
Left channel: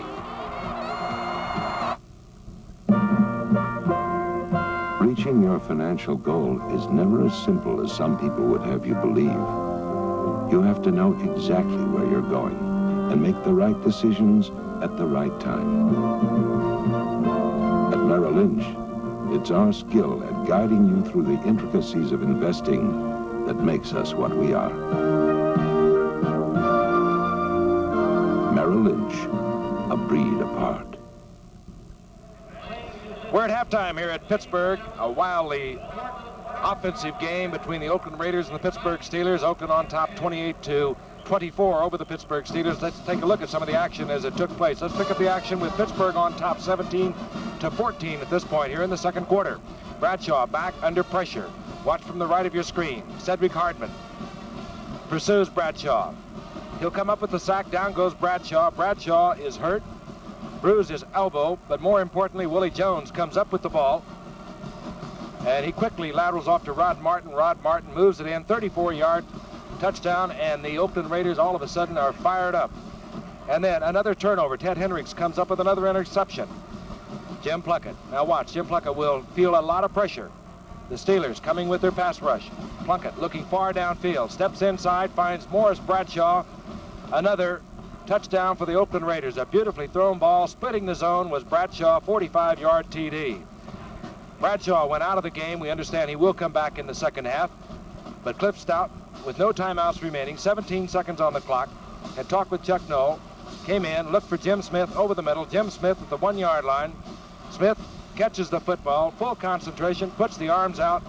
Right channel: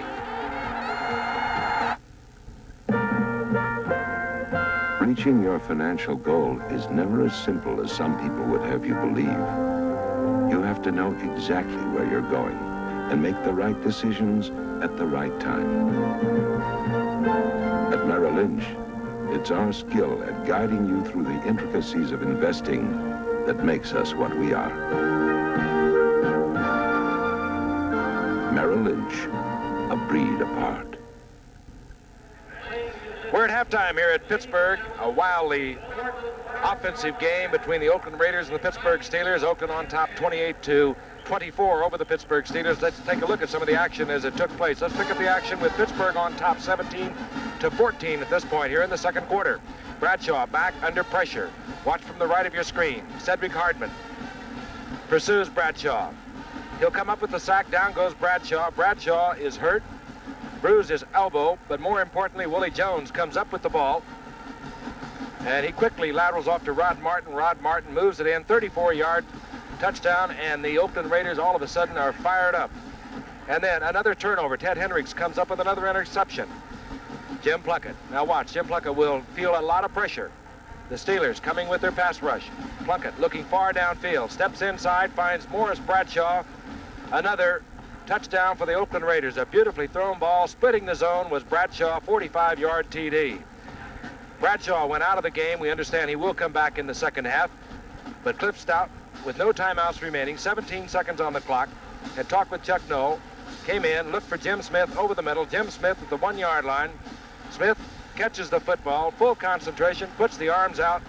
Reaching your financial goal is never as simple as some people would have you believe. You have to know exactly where you're going and make the right decisions at the right time. At Merrill Lynch, it's our skill at guiding you through the intricacies of investing that makes us what we are. Merrill Lynch, a breed apart. We're at halftime here at Pittsburgh, a wildly offensive game between the Oakland Raiders and the Pittsburgh Steelers. Oakland on top 28-24 over the Pittsburgh Steelers. Let's take a look at some of the action as it took place. Let's pick up the action with Pittsburgh on top 17-14 at this point here in the second quarter. Bradshaw back under pressure. Watch from the right of your screen. Cedric Hardman pursues Bradshaw. He'll come up with the sack. Down goes Bradshaw. Bradshaw is hurt, bruised his elbow, but more importantly, Willie Jones comes up with the ball. And he quickly laterals off to Rod Martin. Rod Martin moves it in, 34-yard touchdown, and the Oakland Raiders all of a sudden are fired up. And then another turnover. Ted Hendricks comes up with another interception. Jim Plunkett. Now watch, Jim Plunkett will feel a lot of pressure. The Steelers coming with their pass rush. Plunkett looking far downfield, steps inside, finds Morris Bradshaw. Another touchdown for the Oakland Raiders. A beautifully thrown ball, splitting the zone was Bradshaw, 45-yard TD. Bradshaw went out of the game. We understand he will come back in the second half. But Cliff Stout, with no timeouts remaining, 17 seconds on the clock, had talked with Chuck Noll, came in, looked for Jim Smith over the middle. Jim Smith at the 1-yard line. Smith catches the football, full concentration, puts the arms out,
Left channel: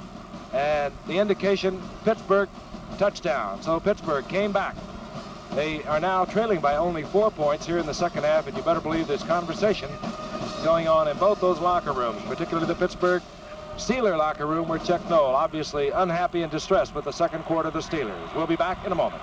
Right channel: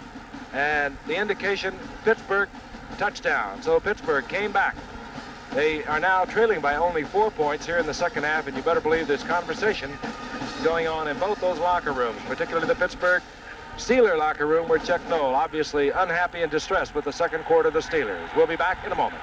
and the indication, Pittsburgh touchdown. So Pittsburgh came back. They are now trailing by only 4 points here in the second half, and you better believe there's conversation going on in both those locker rooms, particularly the Pittsburgh Steeler locker room, where Chuck Noll obviously unhappy and distressed with the second quarter of the Steelers. We'll be back in a moment.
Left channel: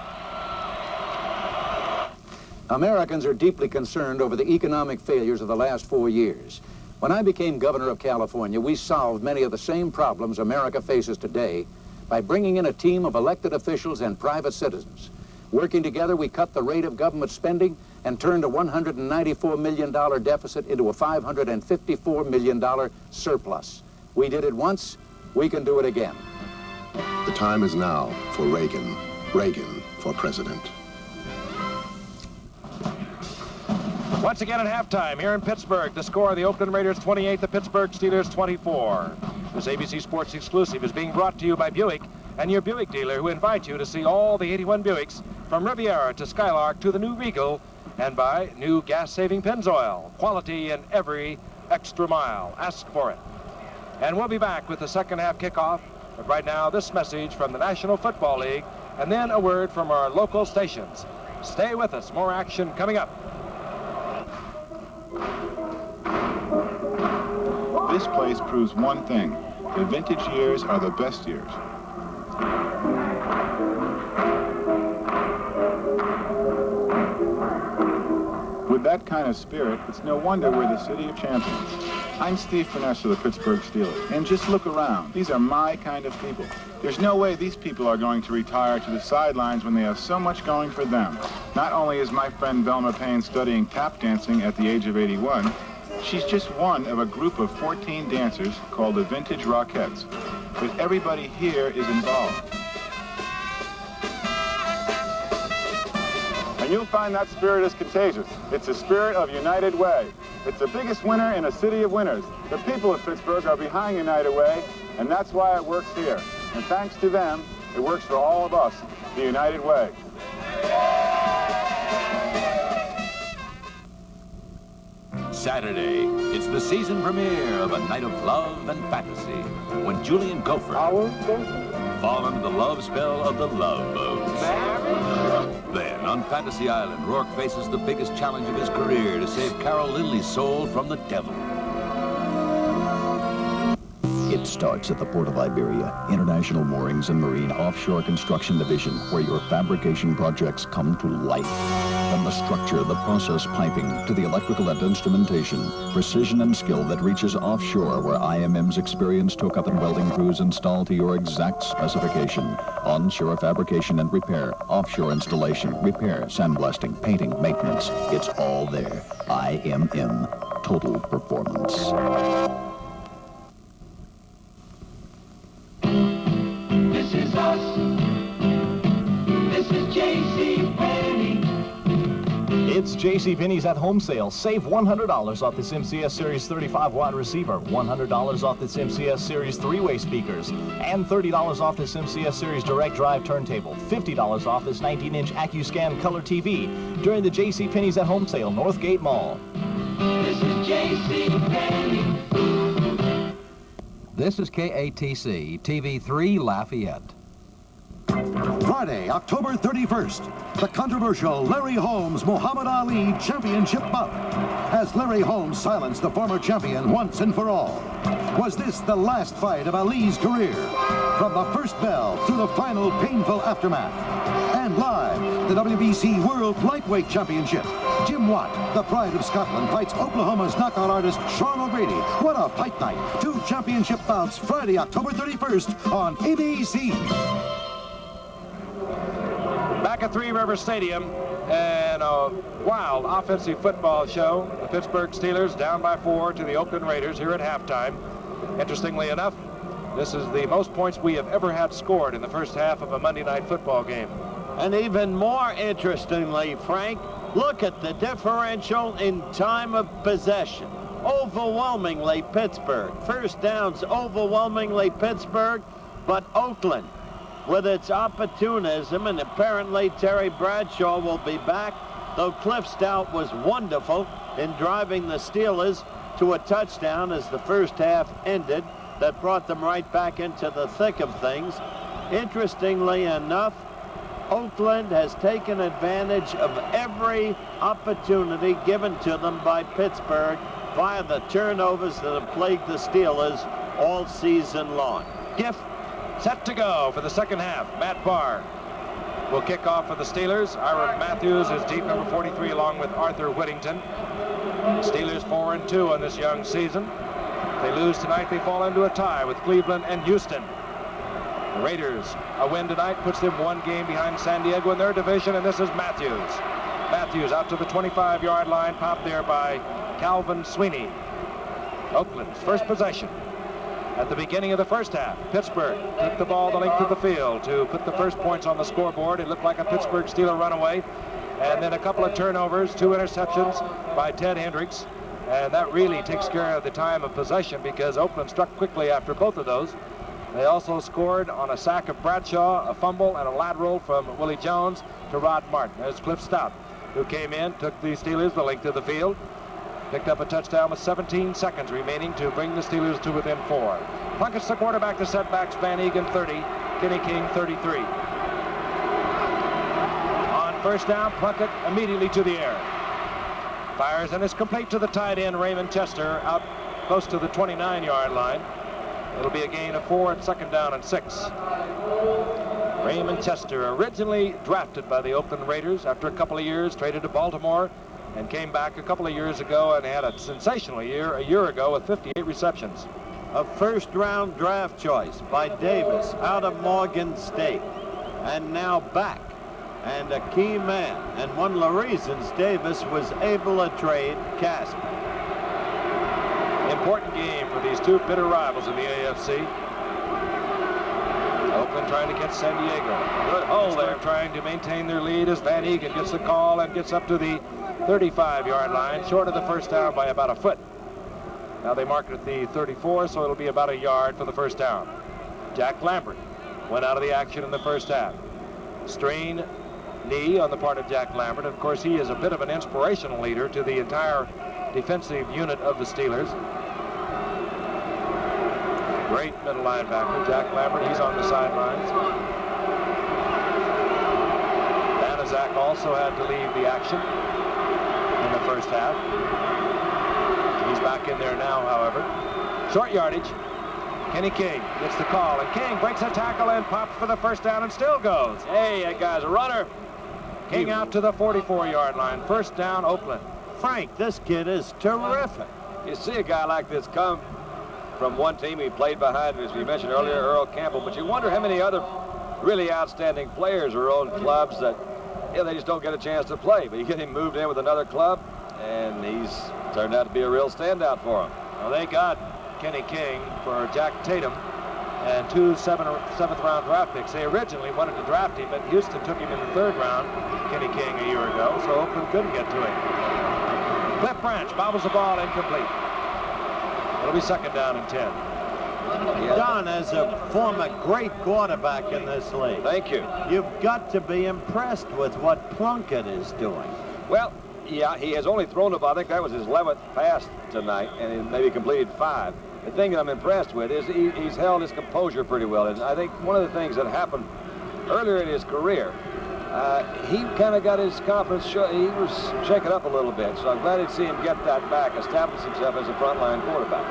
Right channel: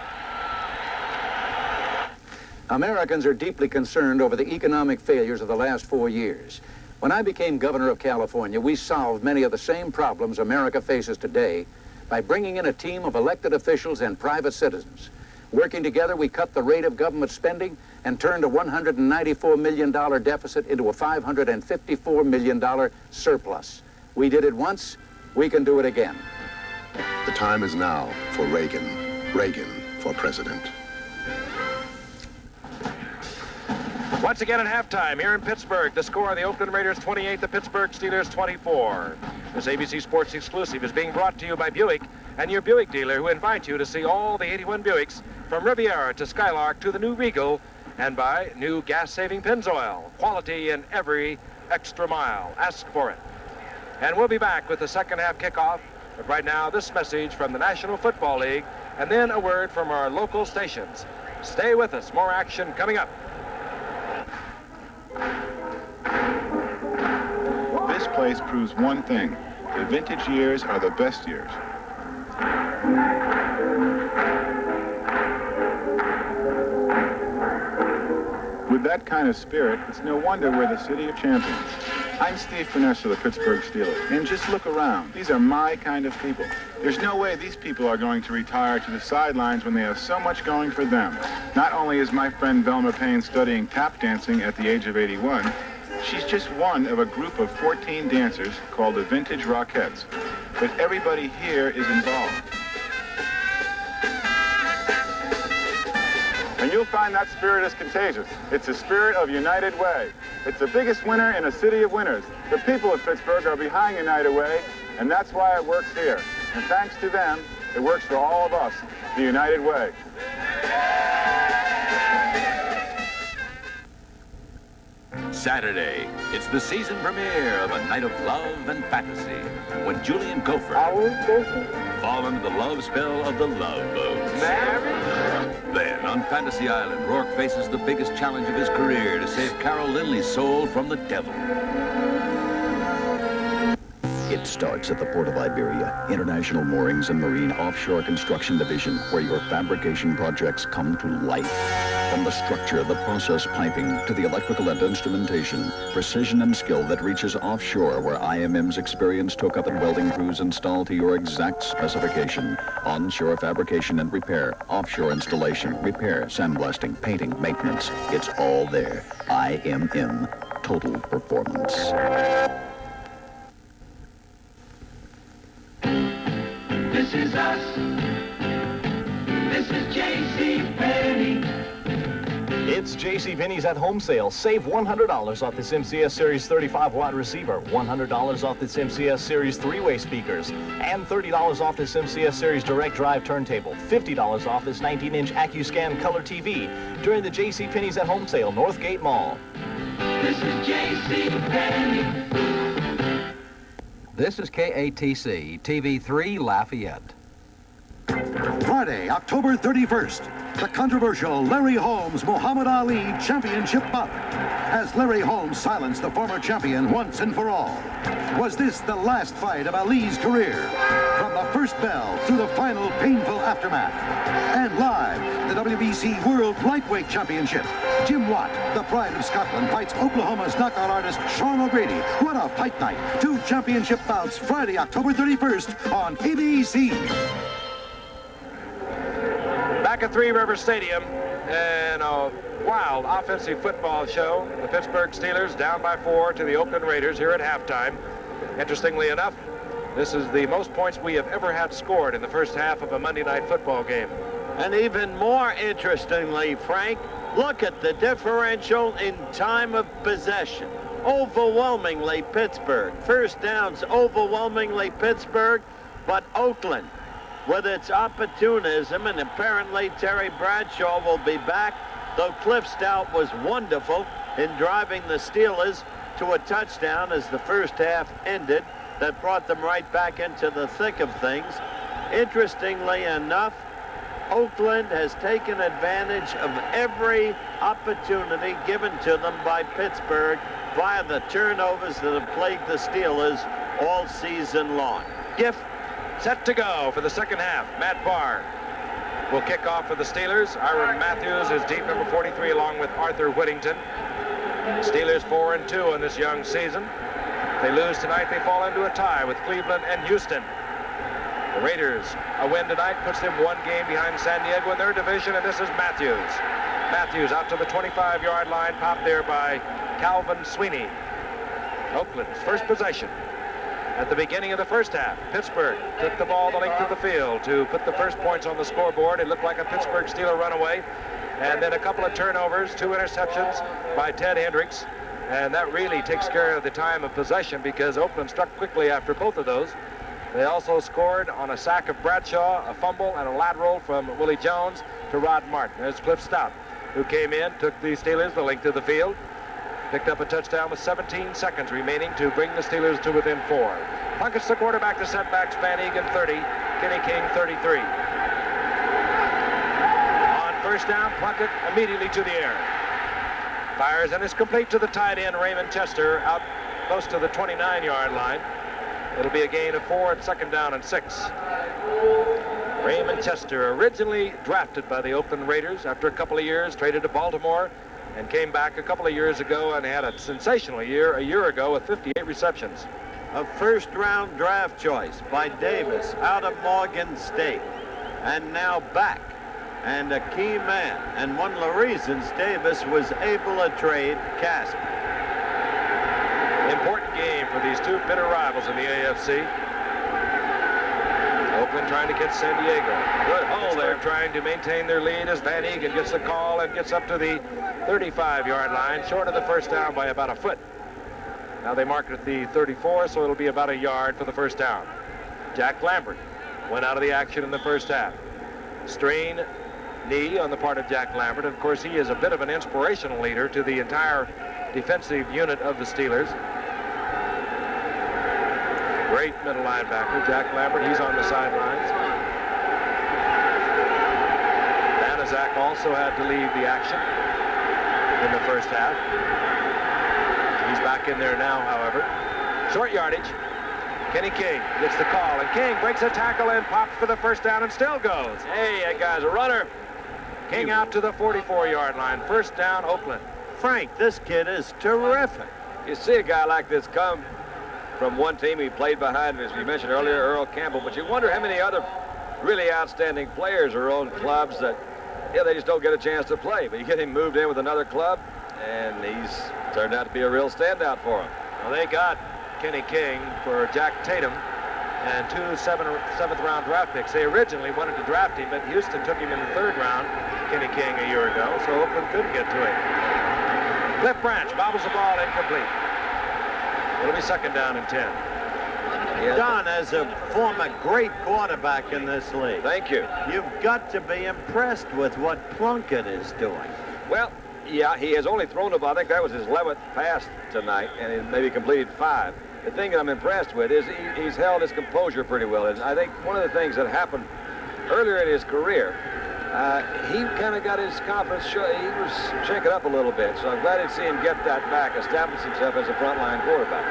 Americans are deeply concerned over the economic failures of the last 4 years. When I became governor of California, we solved many of the same problems America faces today by bringing in a team of elected officials and private citizens. Working together, we cut the rate of government spending and turned a $194 million deficit into a $554 million surplus. We did it once, we can do it again. The time is now for Reagan. Reagan for president. Once again at halftime here in Pittsburgh, the score of the Oakland Raiders 28, the Pittsburgh Steelers 24. This ABC Sports exclusive is being brought to you by Buick and your Buick dealer, who invite you to see all the 81 Buicks from Riviera to Skylark to the new Regal, and by new gas-saving Pennzoil. Quality in every extra mile. Ask for it. And we'll be back with the second half kickoff. But right now, this message from the National Football League, and then a word from our local stations. Stay with us. More action coming up. This place proves one thing. The vintage years are the best years. With that kind of spirit, it's no wonder we're the city of champions. I'm Steve Finesse of the Pittsburgh Steelers, and just look around. These are my kind of people. There's no way these people are going to retire to the sidelines when they have so much going for them. Not only is my friend Velma Payne studying tap dancing at the age of 81, she's just one of a group of 14 dancers called the Vintage Rockettes. But everybody here is involved. And you'll find that spirit is contagious. It's the spirit of United Way. It's the biggest winner in a city of winners. The people of Pittsburgh are behind United Way, and that's why it works here. And thanks to them, it works for all of us, the United Way. Saturday, it's the season premiere of A Night of Love and Fantasy, when Julie and Gopher fall under the love spell of the Love Boats. Then, on Fantasy Island, Rourke faces the biggest challenge of his career to save Carol Lindley's soul from the devil. It starts at the Port of Iberia, International Moorings and Marine Offshore Construction Division, where your fabrication projects come to life. From the structure, the process piping, to the electrical and instrumentation, precision and skill that reaches offshore, where IMM's experienced hookup and welding crews install to your exact specification. Onshore fabrication and repair, offshore installation, repair, sandblasting, painting, maintenance. It's all there. IMM, total performance. This is us. This is JCPenney. It's JCPenney's at home sale. Save $100 off this MCS Series 35-watt receiver, $100 off this MCS Series 3-way speakers, and $30 off this MCS Series direct drive turntable, $50 off this 19-inch AccuScan color TV during the JCPenney's at home sale, Northgate Mall. This is JCPenney. This is KATC, TV3 Lafayette. Friday, October 31st, the controversial Larry Holmes Muhammad Ali Championship bout, as Larry Holmes silenced the former champion once and for all. Was this the last fight of Ali's career? From the first bell to the final painful aftermath. And live, the WBC World Lightweight Championship. Jim Watt, the pride of Scotland, fights Oklahoma's knockout artist Sean O'Grady. What a fight night. 2 championship bouts Friday, October 31st on ABC. Back at Three River Stadium, and a wild offensive football show. The Pittsburgh Steelers down by 4 to the Oakland Raiders here at halftime. Interestingly enough, this is the most points we have ever had scored in the first half of a Monday night football game. And even more interestingly, Frank, look at the differential in time of possession. Overwhelmingly Pittsburgh. First downs overwhelmingly Pittsburgh, but Oakland, with its opportunism, and apparently Terry Bradshaw will be back, though Cliff Stout was wonderful in driving the Steelers to a touchdown as the first half ended. That brought them right back into the thick of things. Interestingly enough, Oakland has taken advantage of every opportunity given to them by Pittsburgh via the turnovers that have plagued the Steelers all season long. Gift set to go for the second half. Matt Barr will kick off for the Steelers. Ira Matthews is deep, number 43, along with Arthur Whittington. Steelers 4-2 on this young season. If they lose tonight, they fall into a tie with Cleveland and Houston. The Raiders, a win tonight puts them 1 game behind San Diego in their division, and this is Matthews. Matthews out to the 25-yard line, popped there by Calvin Sweeney. Oakland's first possession. At the beginning of the first half, Pittsburgh took the ball the length of the field to put the first points on the scoreboard. It looked like a Pittsburgh Steeler runaway. And then a couple of turnovers, 2 interceptions by Ted Hendricks. And that really takes care of the time of possession because Oakland struck quickly after both of those. They also scored on a sack of Bradshaw, a fumble, and a lateral from Willie Jones to Rod Martin. There's Cliff Stout, who came in, took the Steelers the length of the field, picked up a touchdown with 17 seconds remaining to bring the Steelers to within 4. Plunkett's the quarterback to setbacks. Van Egan 30, Kenny King 33. On first down, Plunkett immediately to the air. Fires and is complete to the tight end, Raymond Chester, out close to the 29-yard line. It'll be a gain of 4 at second down and 6. Raymond Chester, originally drafted by the Oakland Raiders after a couple of years, traded to Baltimore and came back a couple of years ago and had a sensational year a year ago with 58 receptions. A first-round draft choice by Davis out of Morgan State, and now back, and a key man, and one of the reasons Davis was able to trade Casper. Important game for these two bitter rivals in the AFC. Oakland trying to catch San Diego. Good hole there. Trying to maintain their lead as Van Egan gets the call and gets up to the 35-yard line, short of the first down by about a foot. Now they mark it at the 34, so it'll be about a yard for the first down. Jack Lambert went out of the action in the first half. Strain knee on the part of Jack Lambert. Of course, he is a bit of an inspirational leader to the entire defensive unit of the Steelers. Great middle linebacker, Jack Lambert. He's on the sidelines. Banaszak also had to leave the action in the first half. He's back in there now, however. Short yardage. Kenny King gets the call, and King breaks a tackle and pops for the first down and still goes. Hey, that guy's a runner. King out to the 44-yard line. First down, Oakland. Frank, this kid is terrific. You see a guy like this come from one team he played behind, as we mentioned earlier, Earl Campbell, but you wonder how many other really outstanding players are on clubs that, yeah, they just don't get a chance to play. But you get him moved in with another club, and he's turned out to be a real standout for him. Well, they got Kenny King for Jack Tatum and 2 seventh-round draft picks. They originally wanted to draft him, but Houston took him in the 3rd round, Kenny King, a year ago, so Oakland couldn't get to him. Cliff Branch bobbles the ball incomplete. It'll be second down and 10. Don, as a former great quarterback in this league, thank you. You've got to be impressed with what Plunkett is doing. Well, yeah, he has only thrown about, I think that was his 11th pass tonight, and he maybe completed 5. The thing that I'm impressed with is he's held his composure pretty well. And I think one of the things that happened earlier in his career, he kind of got his confidence, he was shaken up a little bit. So I'm glad to see him get that back, establish himself as a frontline quarterback.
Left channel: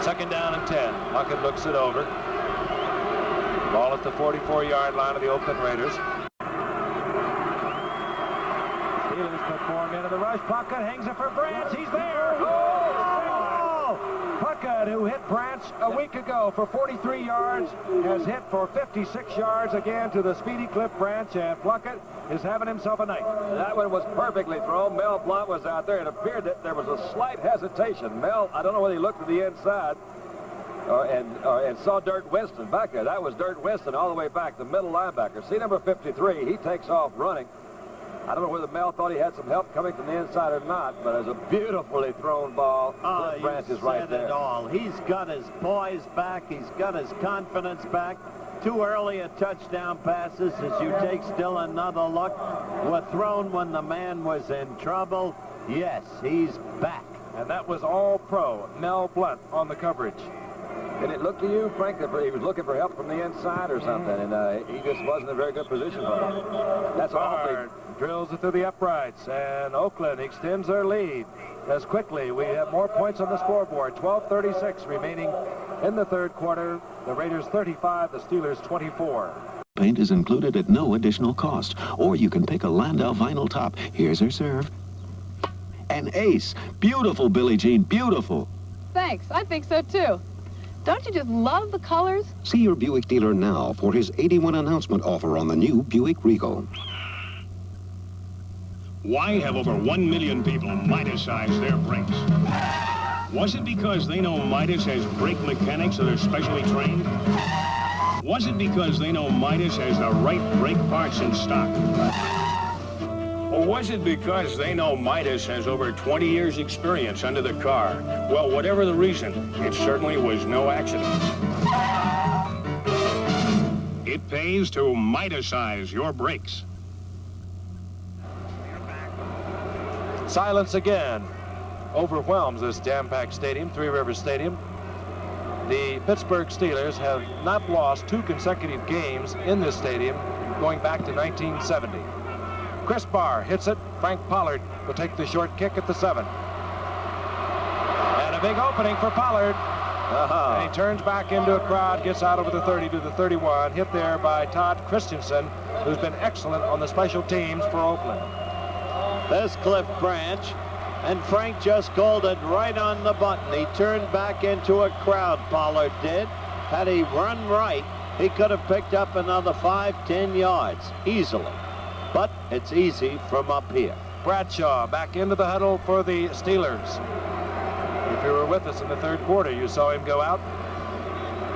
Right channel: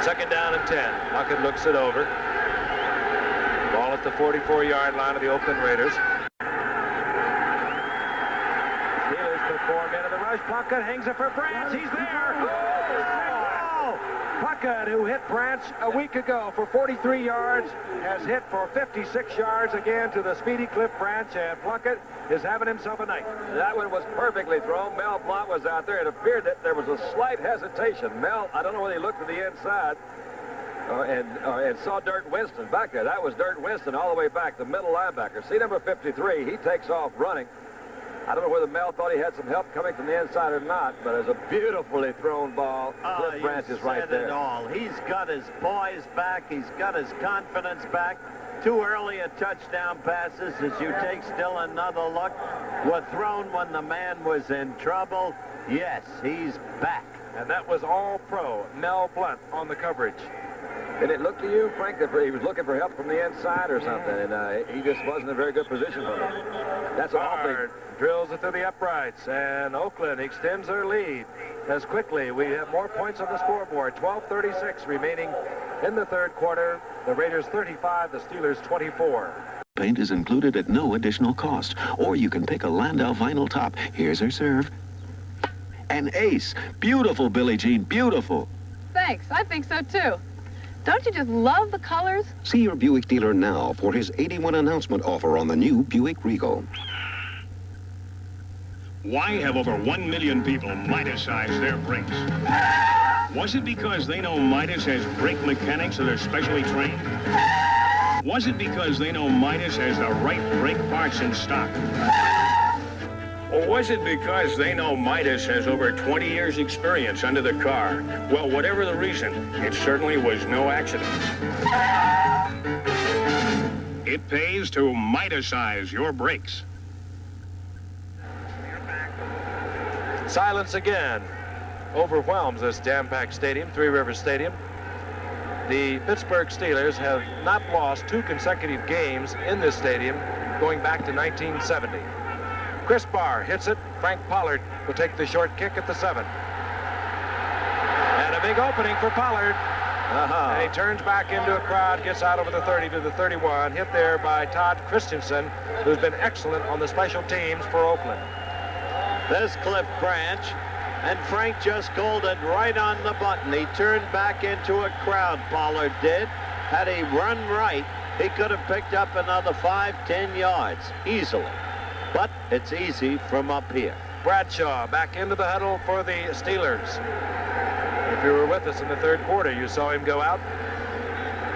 Second down and 10. Plunkett looks it over. Ball at the 44-yard line of the Oakland Raiders. Steelers put 4 men in the rush. Plunkett hangs it for Branch. He's there. Oh! Plunkett, who hit Branch a week ago for 43 yards, has hit for 56 yards again to the speedy Cliff Branch, and Plunkett is having himself a night. That one was perfectly thrown. Mel Blount was out there. It appeared that there was a slight hesitation. Mel, I don't know whether he looked to the inside and saw Dirt Winston back there. That was Dirt Winston all the way back, the middle linebacker. See number 53, he takes off running. I don't know whether Mel thought he had some help coming from the inside or not, but it's a beautifully thrown ball. Cliff Branch is right there. It all. He's got his poise back. He's got his confidence back. 2 earlier touchdown passes, as you take still another look, were thrown when the man was in trouble. Yes, he's back. And that was all pro Mel Blount on the coverage. Did it look to you, Frank, that he was looking for help from the inside or something, and he just wasn't in a very good position for him? That's awfully... Drills it through the uprights, and Oakland extends their lead as quickly. We have more points on the scoreboard. 12:36 remaining in the 3rd quarter. The Raiders 35, the Steelers 24. Paint is included at no additional cost, or you can pick a Landau vinyl top. Here's her serve. An ace. Beautiful, Billie Jean, beautiful. Thanks, I think so too. Don't you just love the colors? See your Buick dealer now for his 81 announcement offer on the new Buick Regal. Why have over 1 million people Midas-sized their brakes? Was it because they know Midas has brake mechanics that are specially trained? Was it because they know Midas has the right brake parts in stock? Or was it because they know Midas has over 20 years' experience under the car? Well, whatever the reason, it certainly was no accident. It pays to Midasize your brakes. Silence again overwhelms this jam-packed stadium, Three Rivers Stadium. The Pittsburgh Steelers have not lost 2 consecutive games in this stadium going back to 1970. Chris Barr hits it. Frank Pollard will take the short kick at the 7. And a big opening for Pollard. And he turns back into a crowd, gets out over the 30 to the 31, hit there by Todd Christensen, who's been excellent on the special teams for Oakland. There's Cliff Branch, and Frank just called it right on the button. He turned back into a crowd, Pollard did. Had he run right, he could have picked up another 5-10 yards easily. But it's easy from up here. Bradshaw back into the huddle for the Steelers. If you were with us in the 3rd quarter, you saw him go out.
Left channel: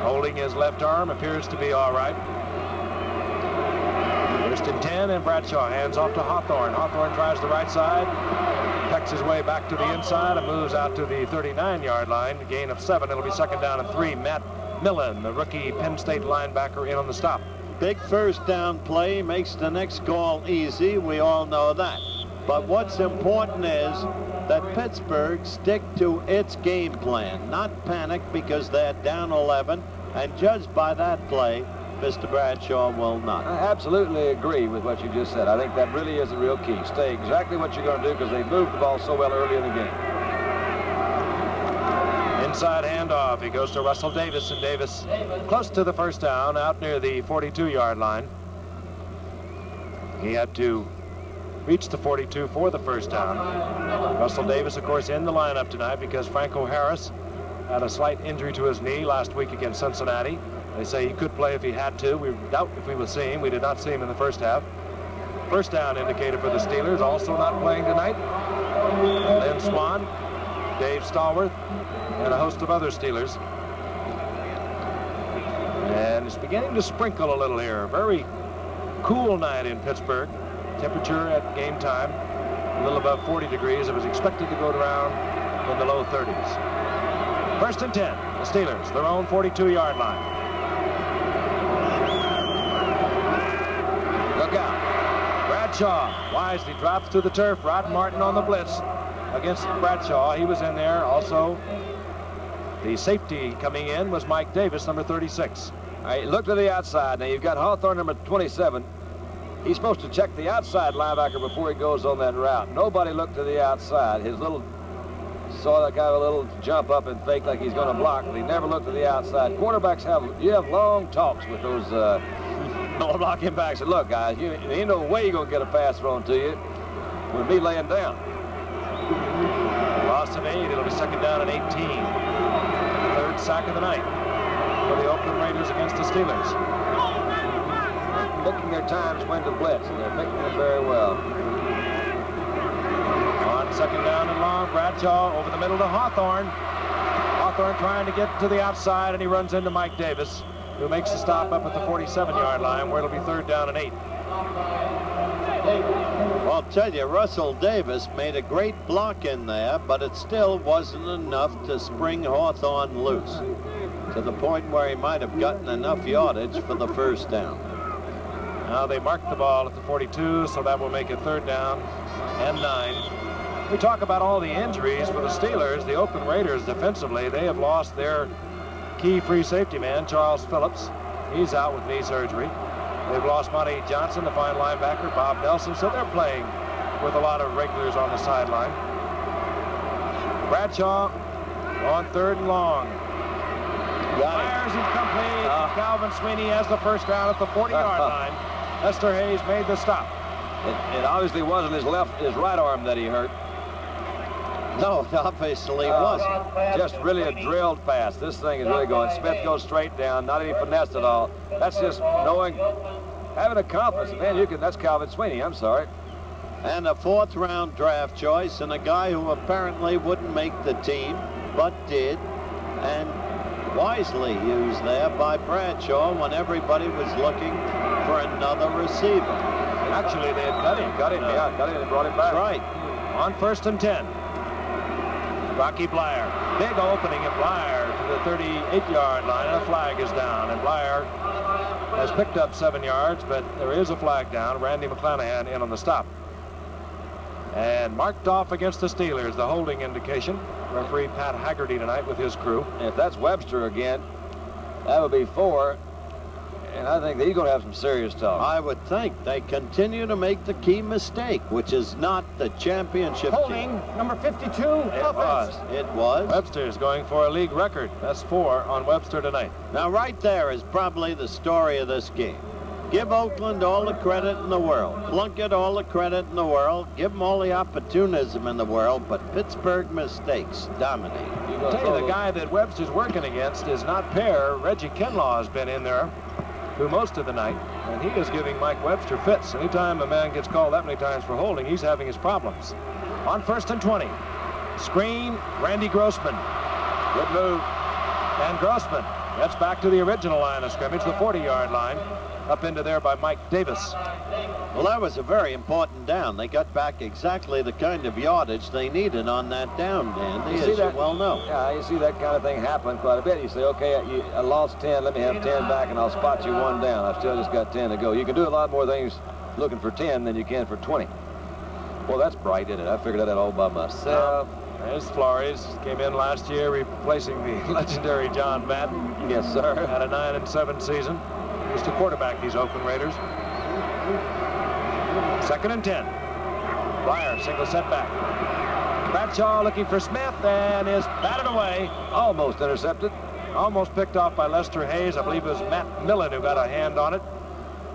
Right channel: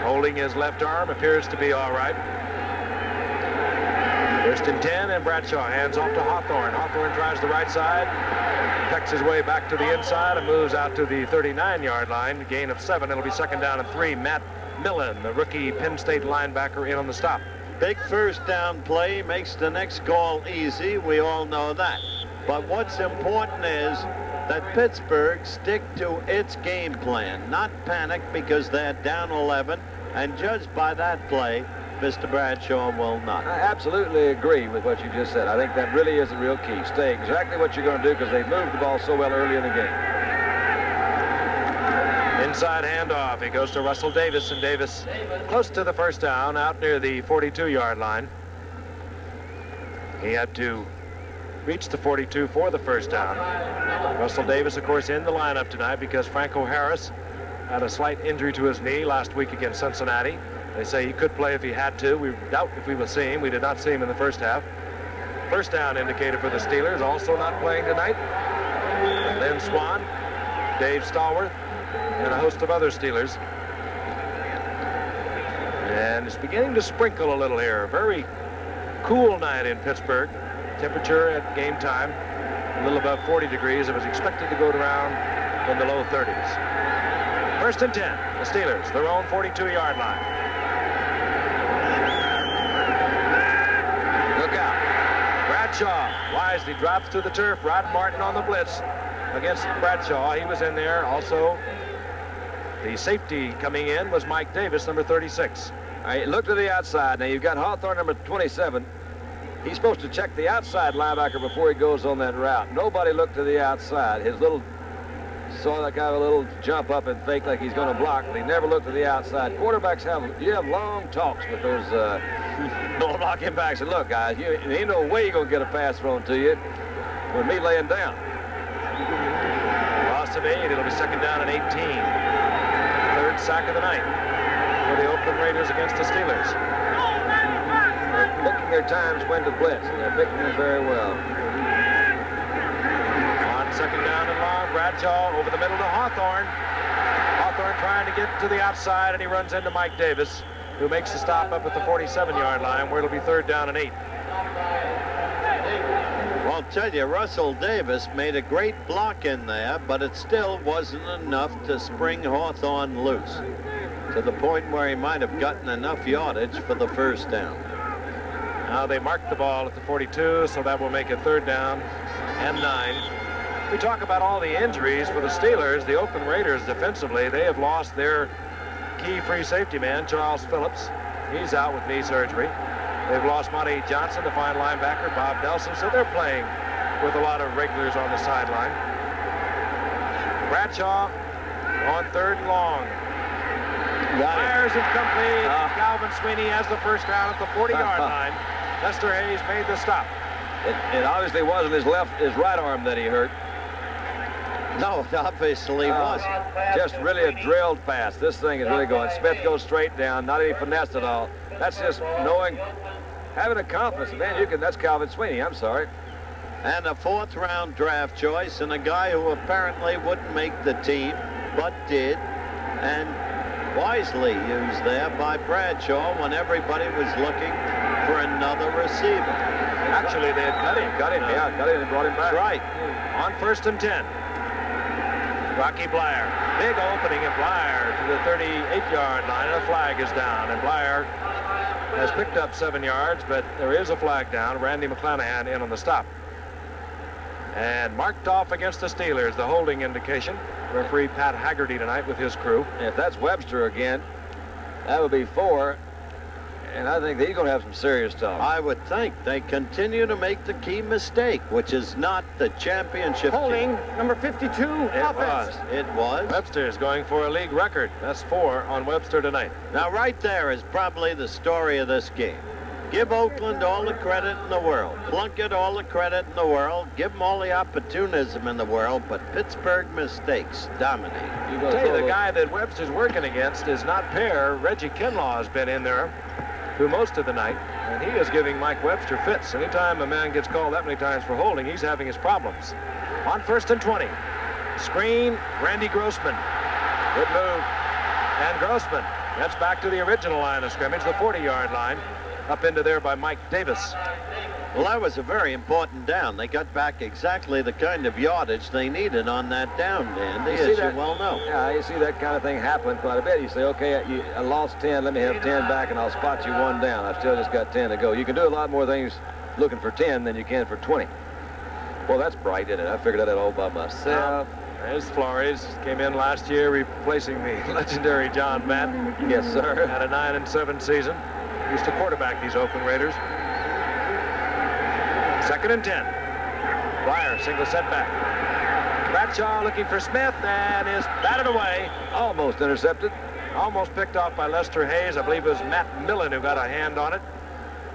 Holding his left arm, appears to be all right. 1st and 10, and Bradshaw hands off to Hawthorne. Hawthorne tries the right side, pecks his way back to the inside and moves out to the 39-yard line. Gain of 7. It'll be 2nd down and 3. Matt Millen, the rookie Penn State linebacker, in on the stop. Big 1st down play makes the next call easy. We all know that. But what's important is that Pittsburgh stick to its game plan, not panic because they're down 11. And judged by that play, Mr. Bradshaw will not. I absolutely agree with what you just said. I think that really is the real key. Stay exactly what you're going to do because they moved the ball so well early in the game. Inside handoff. He goes to Russell Davis, and Davis close to the 1st down, out near the 42-yard line. He had to reach the 42 for the 1st down. Russell Davis, of course, in the lineup tonight because Franco Harris had a slight injury to his knee last week against Cincinnati. They say he could play if he had to. We doubt if we will see him. We did not see him in the 1st half. 1st down indicated for the Steelers, also not playing tonight. Lynn Swan, Dave Stallworth, and a host of other Steelers. And it's beginning to sprinkle a little here. Very cool night in Pittsburgh. Temperature at game time a little above 40 degrees. It was expected to go around in the low 30s. 1st and 10, the Steelers, their own 42-yard line. Look out. Bradshaw wisely drops to the turf. Rod Martin on the blitz against Bradshaw. He was in there. Also, the safety coming in was Mike Davis, number 36. All right, look to the outside. Now, you've got Hawthorne, number 27. He's supposed to check the outside linebacker before he goes on that route. Nobody looked to the outside. His little saw that guy a little jump up and fake like he's going to block, but he never looked to the outside. Quarterbacks you have long talks with those blocking backs. And look, guys, there ain't no way you're going to get a pass thrown to you with me laying down. Loss of 8. It'll be 2nd down and 18. 3rd sack of the night for the Oakland Raiders against the Steelers. They're picking their times when to blitz, and they're picking them very well. On 2nd down and long, Bradshaw over the middle to Hawthorne. Hawthorne trying to get to the outside, and he runs into Mike Davis, who makes the stop up at the 47-yard line, where it'll be 3rd down and 8. Well, I'll tell you, Russell Davis made a great block in there, but it still wasn't enough to spring Hawthorne loose to the point where he might have gotten enough yardage for the 1st down. Now they marked the ball at the 42, so that will make it 3rd down and 9. We talk about all the injuries for the Steelers. The Oakland Raiders defensively, they have lost their key free safety man, Charles Phillips. He's out with knee surgery. They've lost Monty Johnson, the fine linebacker, Bob Nelson, so they're playing with a lot of regulars on the sideline. Bradshaw on 3rd and long. Fires incomplete. Calvin Sweeney has the 1st down at the 40-yard line. Lester Hayes made the stop. It obviously wasn't his right arm that he hurt. No, it obviously wasn't. Just really a drilled pass. This thing is really going. Smith goes straight down, not any finesse at all. That's just knowing, having a confidence. Man, that's Calvin Sweeney. I'm sorry. And a 4th-round draft choice, and a guy who apparently wouldn't make the team, but did, and wisely used there by Bradshaw when everybody was looking for another receiver. Actually, they had cut him. Cut him, yeah, cut him and brought him back. That's right. On 1st and 10. Rocky Blyer. Big opening at Blyer to the 38-yard line, and a flag is down. And Blyer has picked up 7 yards, but there is a flag down. Randy McClanahan in on the stop. And marked off against the Steelers, the holding indication. Referee Pat Haggerty tonight with his crew. If that's Webster again, that would be 4. And I think he's going to have some serious talk. I would think. They continue to make the key mistake, which is not the championship Holding, team. number 52, It was. Webster is going for a league record. That's 4 on Webster tonight. Now, right there is probably the story of this game. Give Oakland all the credit in the world. Plunkett all the credit in the world. Give them all the opportunism in the world, but Pittsburgh mistakes dominate. I'll tell you, the guy that Webster's working against is not Pear. Reggie Kinlaw has been in there through most of the night, and he is giving Mike Webster fits. Anytime a man gets called that many times for holding, he's having his problems. On 1st and 20. Screen, Randy Grossman. Good move. And Grossman gets back to the original line of scrimmage, the 40-yard line, up into there by Mike Davis. Well, that was a very important down. They got back exactly the kind of yardage they needed on that down, Dandy, as you well know. Yeah, you see that kind of thing happen quite a bit. You say, okay, I lost 10, let me have 10 back, and I'll spot you 1 down. I've still just got 10 to go. You can do a lot more things looking for 10 than you can for 20. Well, that's bright, isn't it? I figured that out all by myself. There's Flores. Came in last year replacing the legendary John Madden. Yes, sir. Had a 9-7 season. Used to quarterback these Oakland Raiders. 2nd and 10. Blyer, single setback. Bradshaw looking for Smith and is batted away. Almost intercepted. Almost picked off by Lester Hayes. I believe it was Matt Millen who got a hand on it.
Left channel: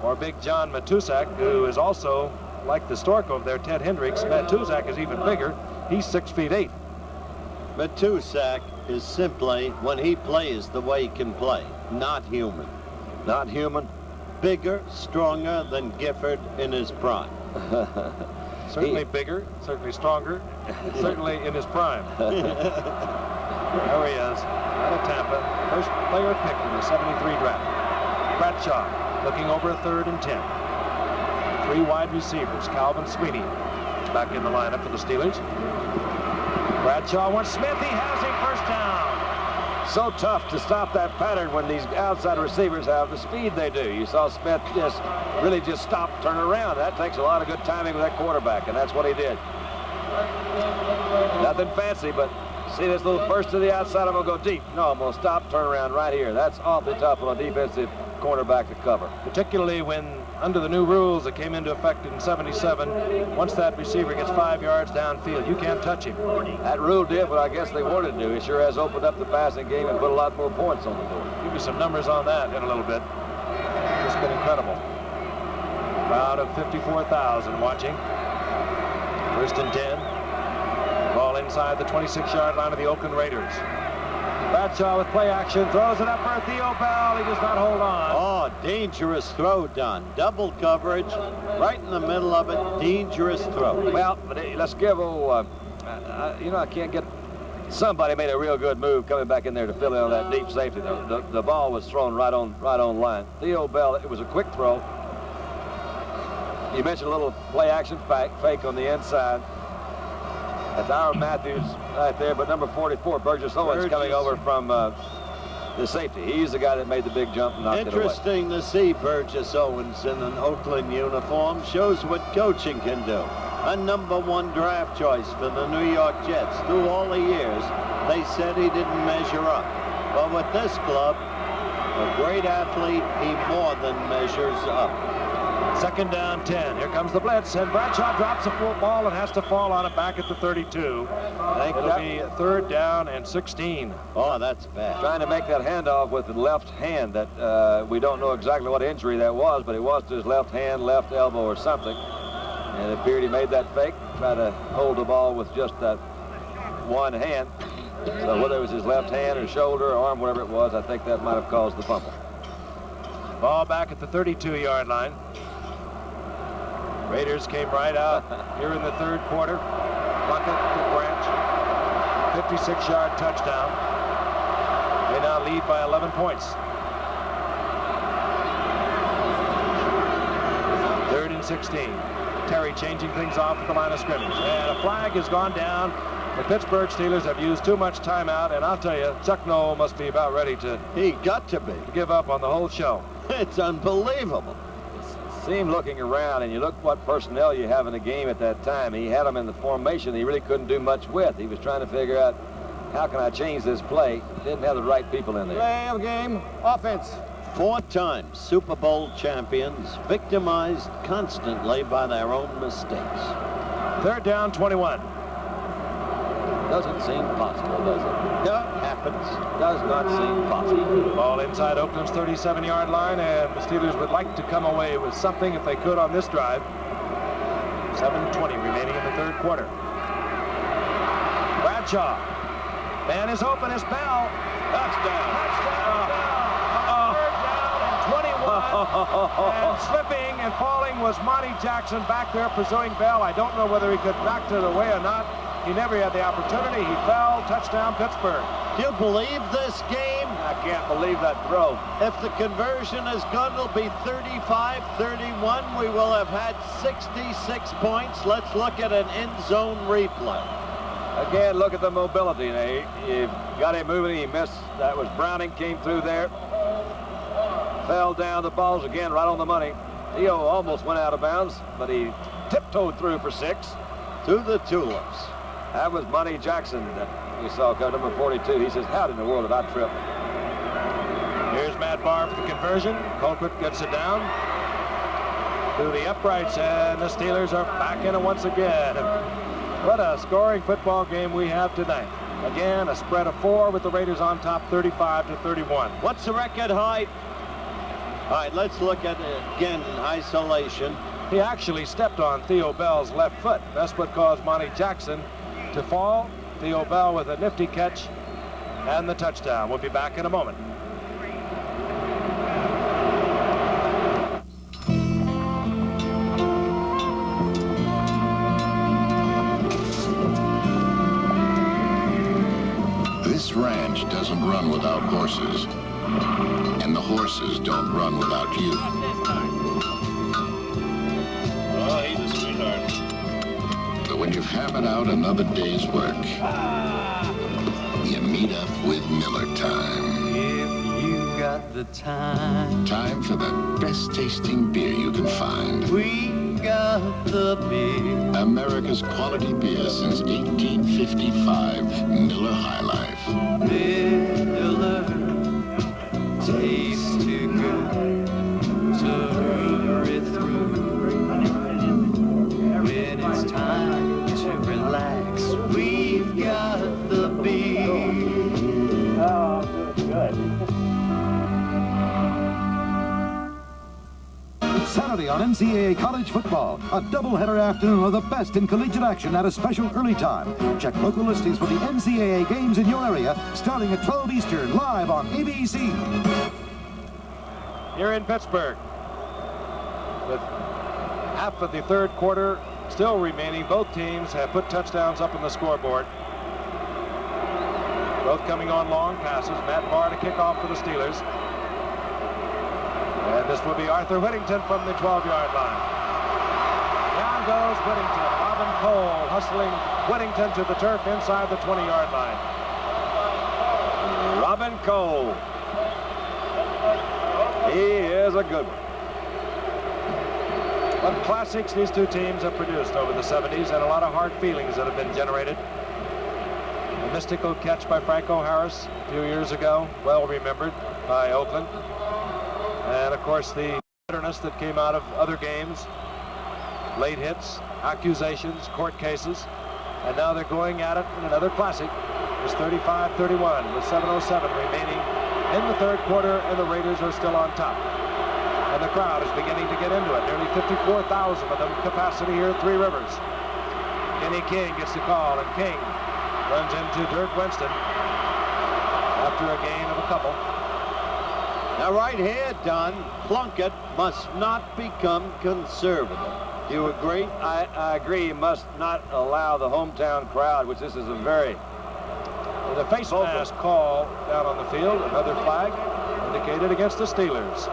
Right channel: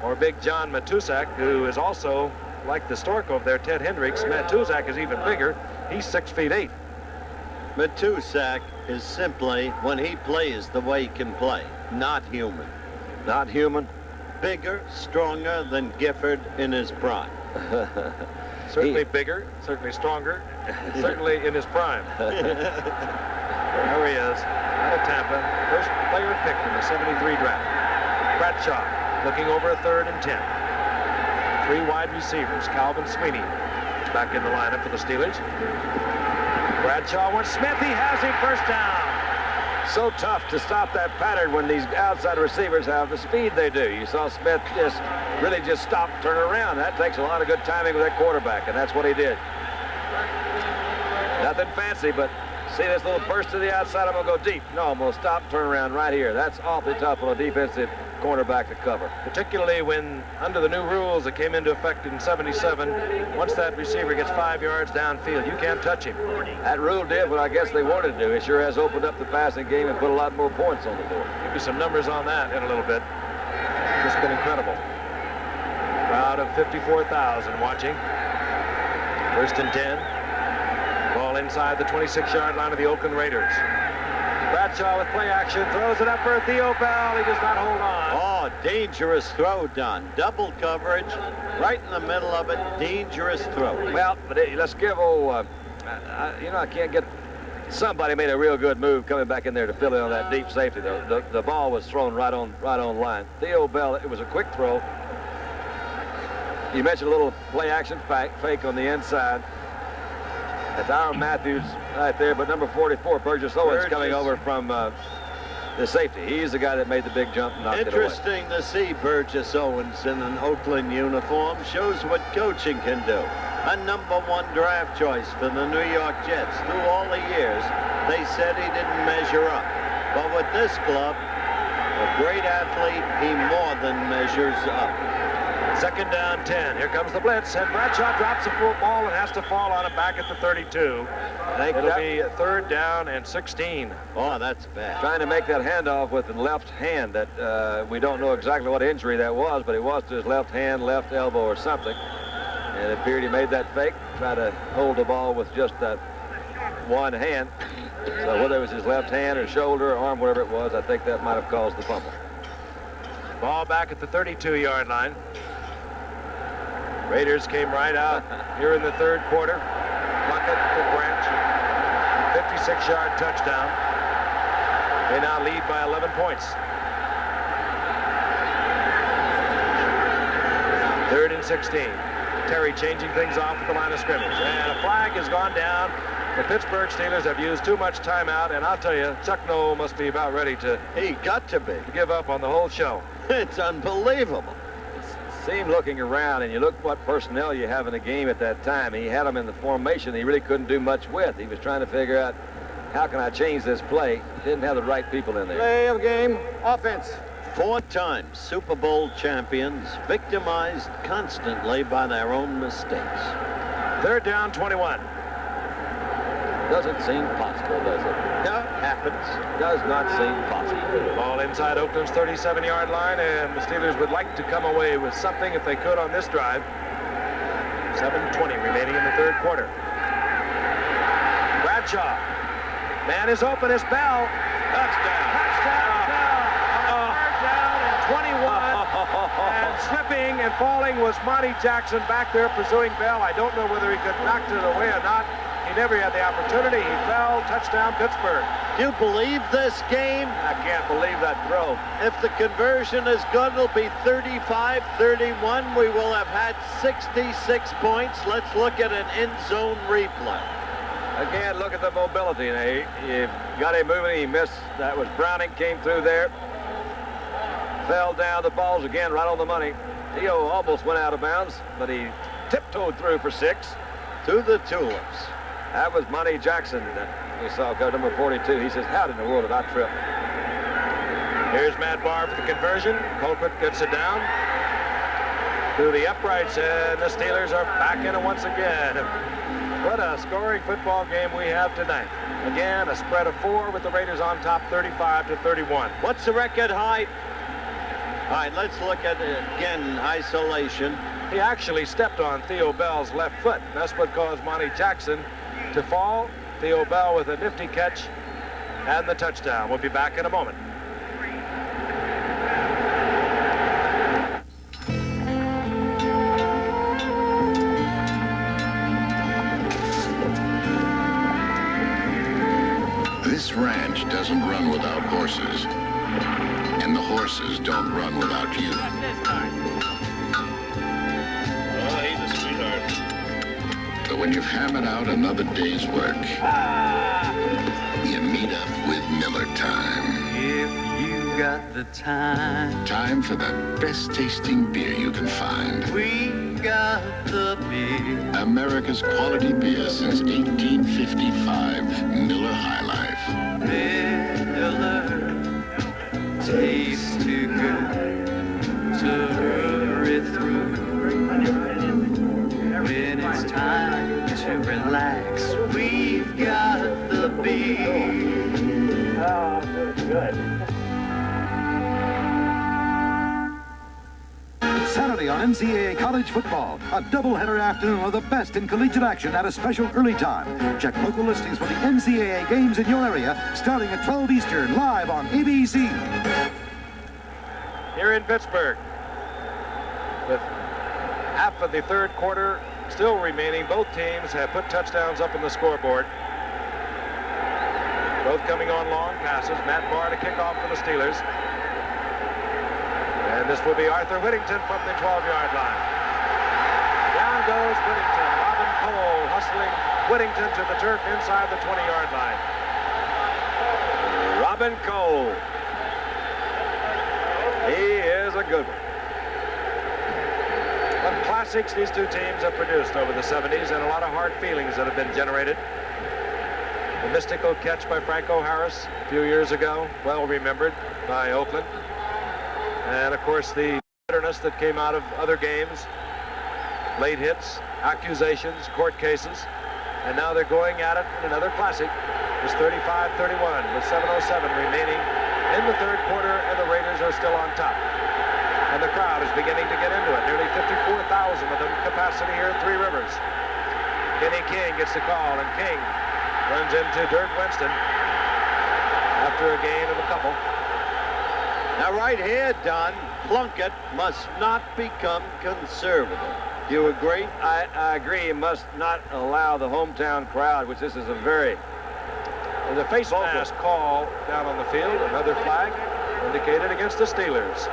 Or big John Matusak, who is also, like the Stork over there, Ted Hendricks. Matusak is even bigger. He's 6'8". Matusak is simply, when he plays the way he can play, not human. Not human? Bigger, stronger than Gifford in his prime. Certainly bigger, certainly stronger, certainly in his prime. There he is, out of Tampa. First player picked in the 73 draft. Bradshaw looking over a 3rd and 10. 3 wide receivers. Calvin Sweeney is back in the lineup for the Steelers. Bradshaw wants Smith. He has him. First down. So tough to stop that pattern when these outside receivers have the speed they do. You saw Smith really just stop, turn around. That takes a lot of good timing with that quarterback, and that's what he did. Nothing fancy, but see this little burst to the outside. I'm going to go deep. No, I'm going to stop, turn around right here. That's awfully tough on a defensive cornerback to cover. Particularly when, under the new rules that came into effect in '77, once that receiver gets 5 yards downfield, you can't touch him. That rule did what I guess they wanted to do. It sure has opened up the passing game and put a lot more points on the board. Give you some numbers on that in a little bit. Just been incredible. Crowd of 54,000 watching. 1st and 10. Ball inside the 26-yard line of the Oakland Raiders. Bradshaw with play action, throws it up for Theo Bell. He does not hold on. Oh, dangerous throw done. Double coverage, right in the middle of it. Dangerous throw. Well, but let's give old, you know, I can't get. Somebody made a real good move coming back in there to fill in on that deep safety. The ball was thrown right on line. Theo Bell, it was a quick throw. You mentioned a little play action fake on the inside. That's Aaron Matthews right there, but number 44, Burgess Owens, coming over from the safety. He's the guy that made the big jump and knocked it away. Interesting to see Burgess Owens in an Oakland uniform. Shows what coaching can do. A #1 draft choice for the New York Jets. Through all the years, they said he didn't measure up. But with this club, a great athlete, he more than measures up. 2nd down 10. Here comes the blitz, and Bradshaw drops the football and has to fall on it back at the 32. It'll be 3rd down and 16. Oh, that's bad. Trying to make that handoff with the left hand. That we don't know exactly what injury that was, but it was to his left hand, left elbow, or something. And it appeared he made that fake, try to hold the ball with just that one hand. So whether it was his left hand or shoulder or arm, whatever it was, I think that might have caused the fumble. Ball back at the 32-yard line. Raiders came right out here in the 3rd quarter. Plunkett to Branch. 56-yard touchdown. They now lead by 11 points. 3rd and 16. Terry changing things off at the line of scrimmage. And a flag has gone down. The Pittsburgh Steelers have used too much timeout, and I'll tell you, Chuck Noll must be about ready to... He got to be. ...give up on the whole show. It's unbelievable. See him looking around, and you look what personnel you have in the game at that time. He had them in the formation he really couldn't do much with. He was trying to figure out, how can I change this play? Didn't have the right people in there. Play of game, offense. 4 times Super Bowl champions, victimized constantly by their own mistakes. 3rd down, 21. Doesn't seem possible, does it? Yeah, happens. Does not seem possible. Ball inside Oakland's 37-yard line, and the Steelers would like to come away with something if they could on this drive. 7:20 remaining in the 3rd quarter. Bradshaw. Man is open, it's Bell. Touchdown. Touchdown, Bell. On 3rd down and 21. And slipping and falling was Monty Jackson back there pursuing Bell. I don't know whether he could back to the way or not. He never had the opportunity. He fell. Touchdown, Pittsburgh. Do you believe this game? I can't believe that throw. If the conversion is good, it'll be 35-31. We will have had 66 points. Let's look at an end zone replay. Again, look at the mobility. He got him moving. He missed. That was Browning, came through there. Fell down. The ball's again right on the money. Theo almost went out of bounds, but he tiptoed through for 6. To the Tulips. That was Monty Jackson that we saw, number 42. He says, how in the world did I trip? Here's Matt Barr for the conversion. Colquitt gets it down through the uprights, and the Steelers are back in it once again. What a scoring football game we have tonight. Again, a spread of 4 with the Raiders on top, 35-31. What's the record height? All right, let's look at it again, isolation. He actually stepped on Theo Bell's left foot. That's what caused Monty Jackson to fall. Theo Bell with a nifty catch and the touchdown. We'll be back in a moment. This ranch doesn't run without horses, and the horses don't run without you. Oh, he's a sweetheart. But when you've hammered out another day's work, you meet up with Miller Time. If you got the time. Time for the best tasting beer you can find. We got the beer. America's quality beer since 1855, Miller High Life. Miller tastes too good to hurry through. When it's time to relax, we've got the beer. Oh, good. Saturday on NCAA College Football, a doubleheader afternoon of the best in collegiate action at a special early time. Check local listings for the NCAA games in your area, starting at 12 Eastern, live on ABC. Here in Pittsburgh, with half of the 3rd quarter still remaining, both teams have put touchdowns up on the scoreboard. Both coming on long passes. Matt Barr to kick off for the Steelers. And this will be Arthur Whittington from the 12-yard line. Down goes Whittington. Robin Cole hustling Whittington to the turf inside the 20-yard line. Robin Cole. He is a good one. What classics these two teams have produced over the 70s, and a lot of hard feelings that have been generated. The mystical catch by Franco Harris a few years ago, well remembered by Oakland. And of course the bitterness that came out of other games, late hits, accusations, court cases, and now they're going at it in another classic. It's 35-31 with 7:07 remaining in the 3rd quarter, and the Raiders are still on top. And the crowd is beginning to get into it. Nearly 54,000 of them capacity here at Three Rivers. Kenny King gets the call, and King runs into Dirk Winston after a gain of a couple. Now right here, Don, Plunkett must not become conservative. Do you agree? I agree. You must not allow the hometown crowd, which this is a very... There's a face mask call down on the field. Another flag indicated against the Steelers.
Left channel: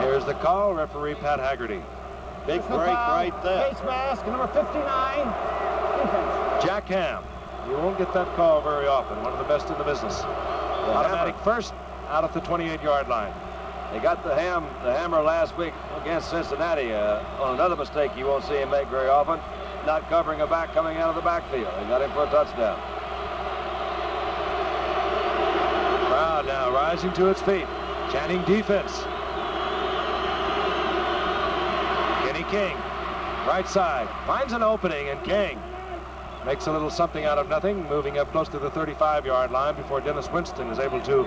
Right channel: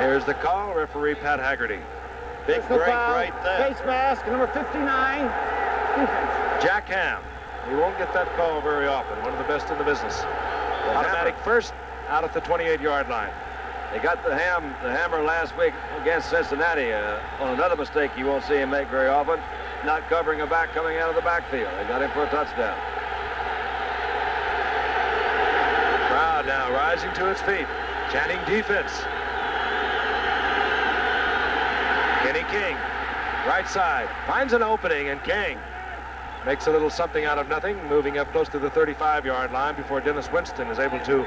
Here's the call, referee Pat Haggerty. Big break right there. Face mask, number 59, defense. Jack Ham. He won't get that call very often. One of the best in the business. Automatic first out at the 28-yard line. They got the hammer last week against Cincinnati on another mistake you won't see him make very often, not covering a back coming out of the backfield. They got him for a touchdown. Crowd now rising to its feet, chanting defense. Kenny King, right side, finds an opening, and King makes a little something out of nothing, moving up close to the 35-yard line before Dennis Winston is able to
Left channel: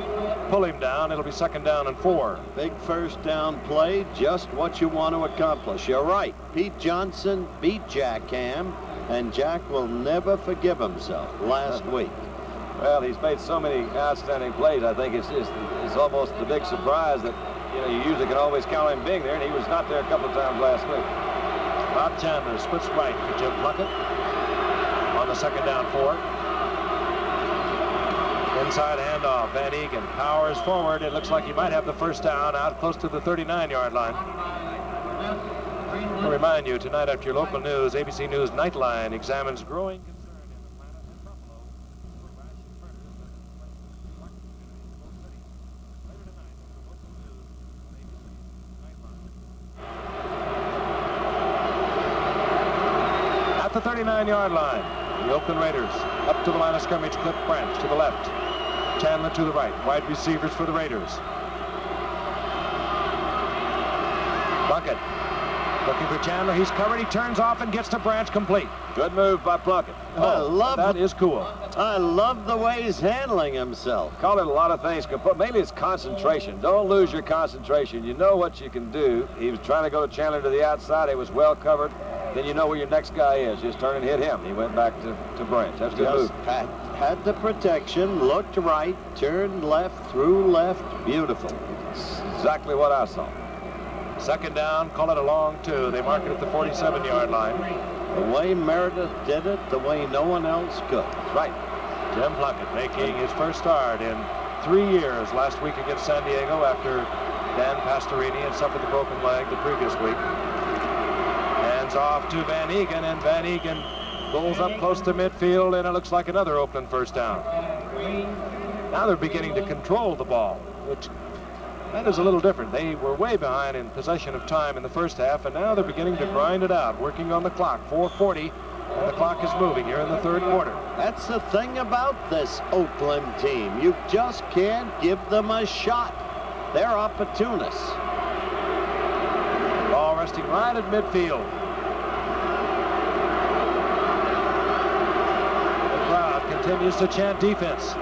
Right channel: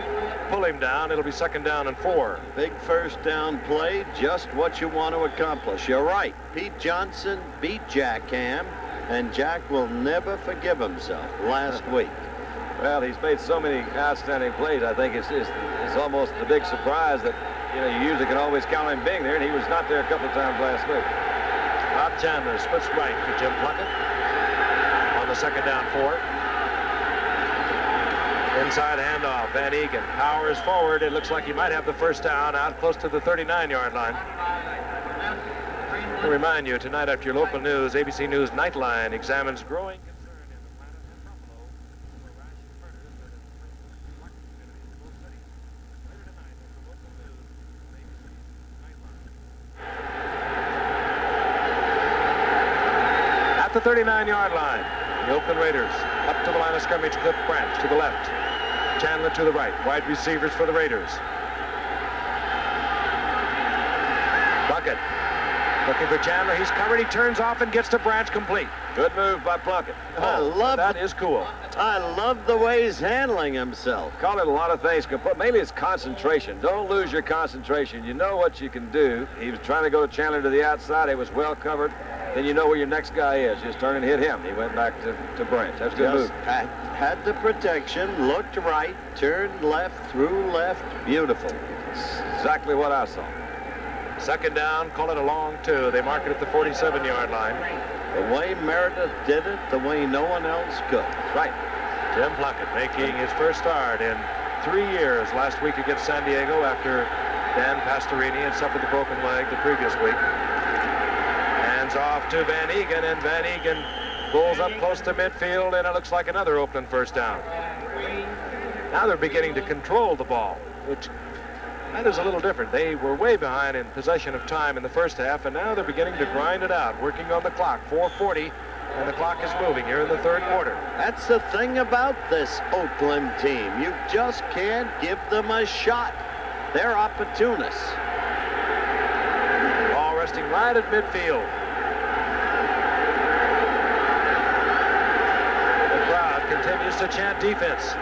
pull him down. It'll be 2nd down and 4. Big first down play, just what you want to accomplish. You're right. Pete Johnson beat Jack Ham, and Jack will never forgive himself last week. Well, he's made so many outstanding plays. I think it's almost the big surprise that, you know, you usually can always count on him being there, and he was not there a couple of times last week. Bob Chandler splits right for Jim Plunkett on the 2nd down 4. Inside handoff, Van Egan powers forward. It looks like he might have the first down out close to the 39-yard line. I'll remind you, tonight after your local news, ABC News Nightline examines growing concern in Atlanta and Buffalo over ration murders that have plagued the black communities in both cities. Later tonight, over local news on ABC Nightline. At the 39-yard line, the Oakland Raiders up to the line of scrimmage. Cliff Branch to the left, Chandler to the right. Wide receivers for the Raiders. Plunkett looking for Chandler. He's covered. He turns off and gets to Branch, complete. Good move by Plunkett. That is cool. I love the way he's handling himself. Call it a lot of things, but mainly it's concentration. Don't lose your concentration. You know what you can do. He was trying to go to Chandler to the outside. It was well covered. Then you know where your next guy is. Just turn and hit him. He went back to Branch. That's a good move. Had the protection, looked right, turned left, threw left. Beautiful. That's exactly what I saw. 2nd down, call it a long 2. They mark it at the 47-yard line. The way Meredith did it, the way no one else could. That's right. Jim Plunkett making his first start in 3 years last week against San Diego after Dan Pastorini had suffered the broken leg the previous week. Hands off to Van Egan, and Van Egan pulls up close to midfield, and it looks like another Oakland first down. Now they're beginning to control the ball, which that is a little different. They were way behind in possession of time in the first half, and now they're beginning to grind it out, working on the clock. 4:40, and the clock is moving here in the 3rd quarter. That's the thing about this Oakland team. You just can't give them a shot. They're opportunists. Ball resting right at midfield. The crowd continues to chant defense.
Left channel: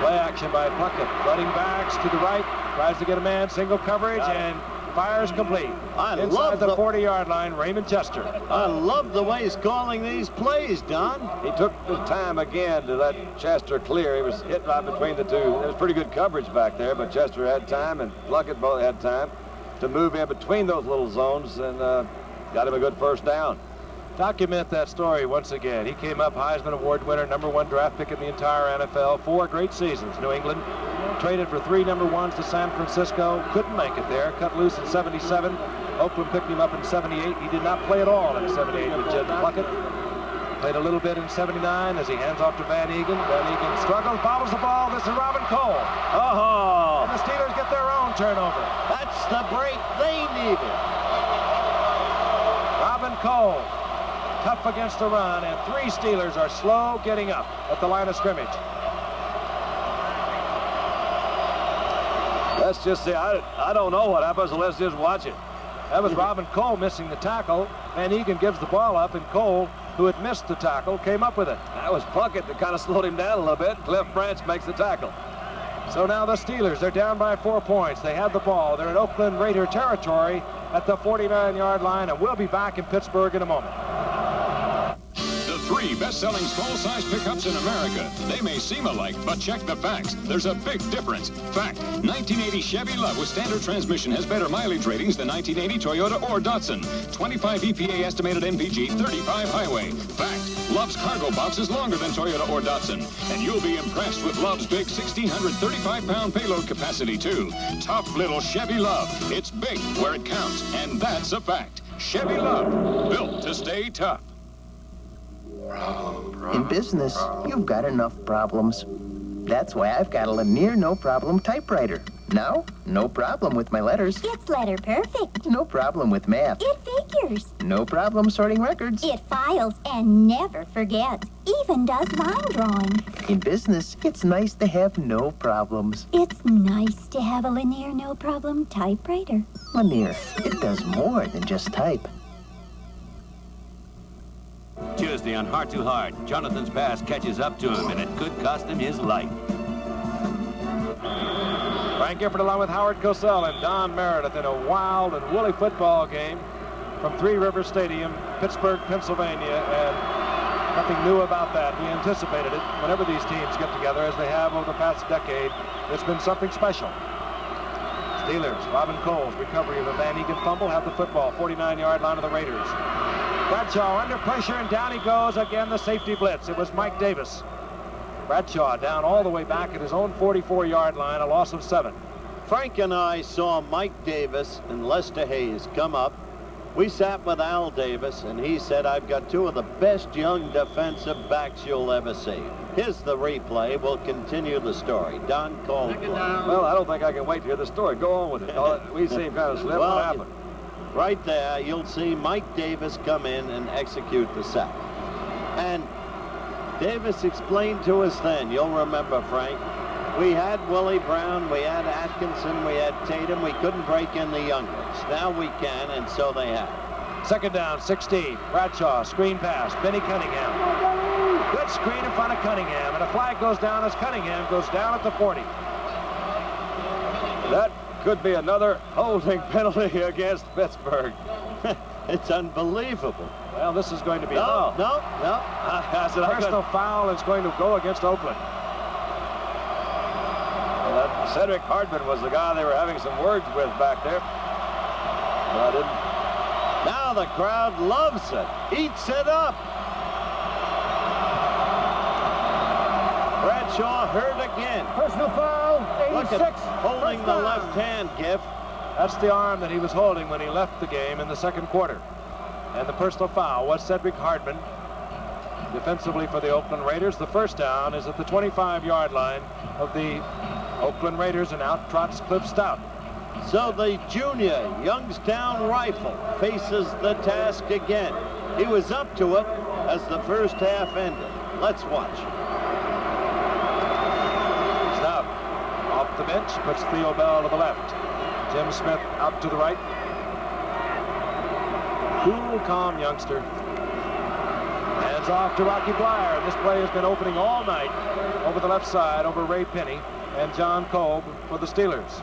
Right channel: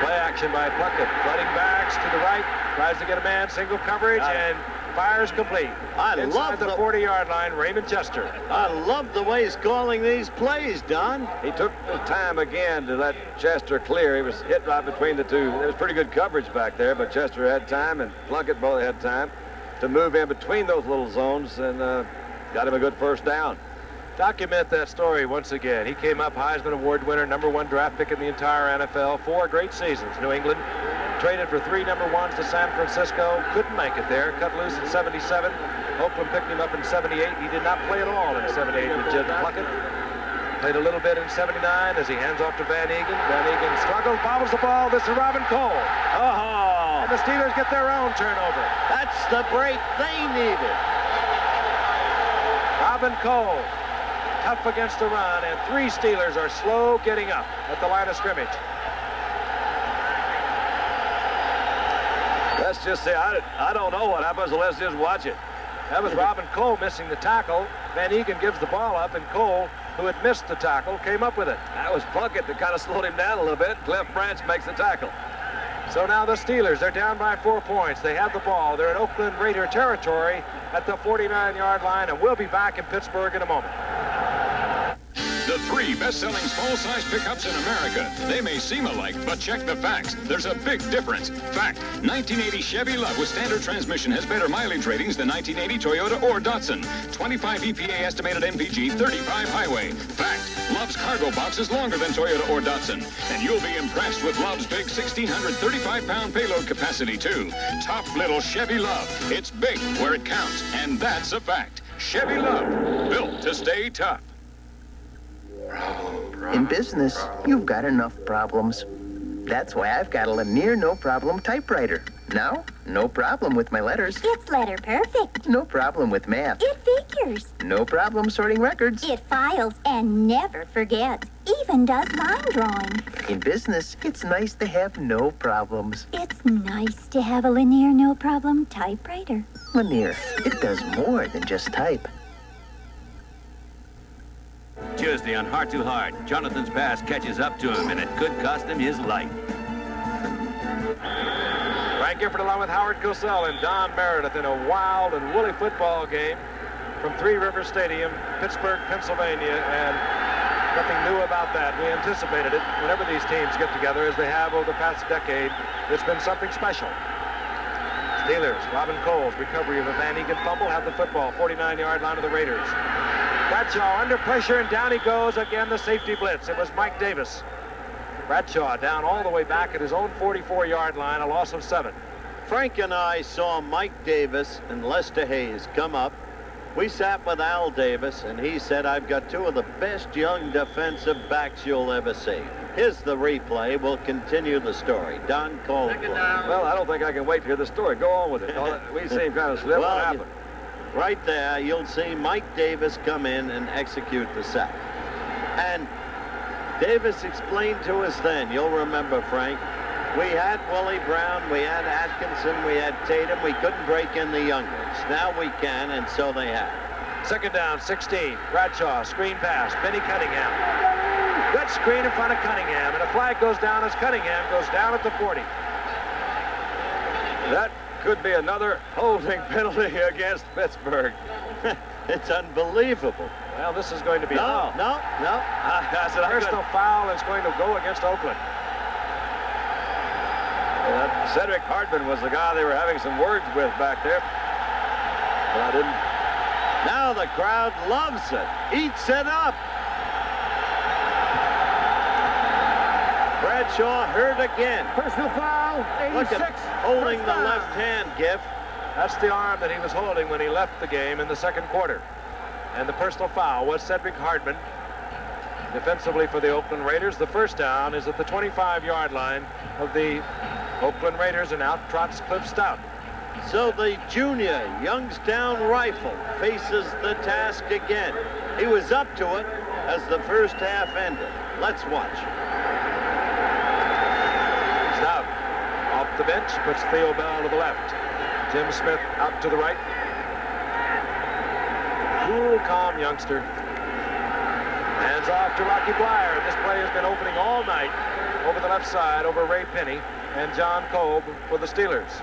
Play action by Plunkett. Running backs to the right. Tries to get a man. Single coverage and fires complete. Inside the 40-yard line, Raymond Chester. I love the way he's calling these plays, Don. He took the time again to let Chester clear. He was hit right between the two. There was pretty good coverage back there, but Chester had time, and Plunkett both had time to move in between those little zones, and got him a good first down. Document that story once again. He came up Heisman Award winner, #1 draft pick in the entire NFL, 4 great seasons. New England traded for 3 number 1s to San Francisco, couldn't make it there, cut loose in 77. Oakland picked him up in 78. He did not play at all in 78 with Jim Plunkett. Played a little bit in 79 as he hands off to Van Egan. Van Egan struggles, bobbles the ball. This is Robin Cole. Oh! And the Steelers get their own turnover. That's the break they needed. Robin Cole, tough against the run, and 3 Steelers are slow getting up at the line of scrimmage. Let's just say, I don't know what happens, so let's just watch it. That was Robin Cole missing the tackle. Van Egan gives the ball up, and Cole, who had missed the tackle, came up with it. That was Plunkett that kind of slowed him down a little bit. Cliff Branch makes the tackle. So now the Steelers, they're down by 4 points. They have the ball. They're in Oakland Raider territory at the 49-yard line, and we'll be back in Pittsburgh in a moment. The 3 best-selling small-size pickups in America. They may seem alike, but check the facts. There's a big difference. Fact, 1980 Chevy LUV with standard transmission has better mileage ratings than 1980 Toyota or Datsun. 25 EPA estimated MPG, 35 highway. Fact, Love's cargo box is longer than Toyota or Datsun, and you'll be impressed with Love's big 1,635-pound payload capacity, too. Tough little Chevy Love. It's big where it counts, and that's a fact. Chevy Love, built to stay tough. In business, you've got enough problems. That's why I've got a Lanier no-problem typewriter. Now, no problem with my letters. It's letter perfect. No problem with math. It figures. No problem sorting records. It files and never forgets. Even does line drawing. In business, it's nice to have no problems. It's nice to have a Lanier no-problem typewriter. Lanier, it does more than just type. Tuesday on Heart to Heart, Jonathan's past catches up to him, and it could cost him his life. Frank Gifford along with Howard Cosell and Don Meredith in a wild and woolly football game from Three Rivers Stadium, Pittsburgh, Pennsylvania, and nothing new about that. We anticipated it. Whenever these teams get together, as they have over the past decade, it's been something special. Steelers, Robin Cole's recovery of a Van Egan fumble, have the football, 49-yard line of the Raiders. Bradshaw under pressure, and down he goes again, the safety blitz. It was Mike Davis. Bradshaw down all the way back at his own 44-yard line, a loss of 7. Frank and I saw Mike Davis and Lester Hayes come up. We sat with Al Davis, and he said, I've got two of the best young defensive backs you'll ever see. Here's the replay. We'll continue the story. Don Coldwell. Well, I don't think I can wait to hear the story. Go on with it. We seem kind of slip. Well, what happened? Right there, you'll see Mike Davis come in and execute the sack. And Davis explained to us then, you'll remember, Frank, we had Willie Brown, we had Atkinson, we had Tatum. We couldn't break in the young ones. Now we can, and so they have. Second down, 16. Bradshaw, screen pass. Benny Cunningham. Good screen in front of Cunningham, and a flag goes down as Cunningham goes down at the 40. That could be another holding penalty against Pittsburgh. It's unbelievable. Well, this is going to be no. Personal foul is going to go against Oakland. That Cedric Hardman was the guy they were having some words with back there. But I didn't. Now the crowd loves it. Eats it up. Bradshaw hurt again. Personal foul, 86. Look at holding the left hand, Giff. That's the arm that he was holding when he left the game in the second quarter. And the personal foul was Cedric Hardman. Defensively for the Oakland Raiders, the first down is at the 25-yard line of the Oakland Raiders, and out trots Cliff Stout. So the junior Youngstown Rifle faces the task again. He was up to it as the first half ended. Let's watch. Stout off the bench, puts Theo Bell to the left. Jim Smith out to the right. Cool, calm youngster. Hands off to Rocky Blyer. This play has been opening all night over the left side over Ray Penny and John Kolb for the Steelers.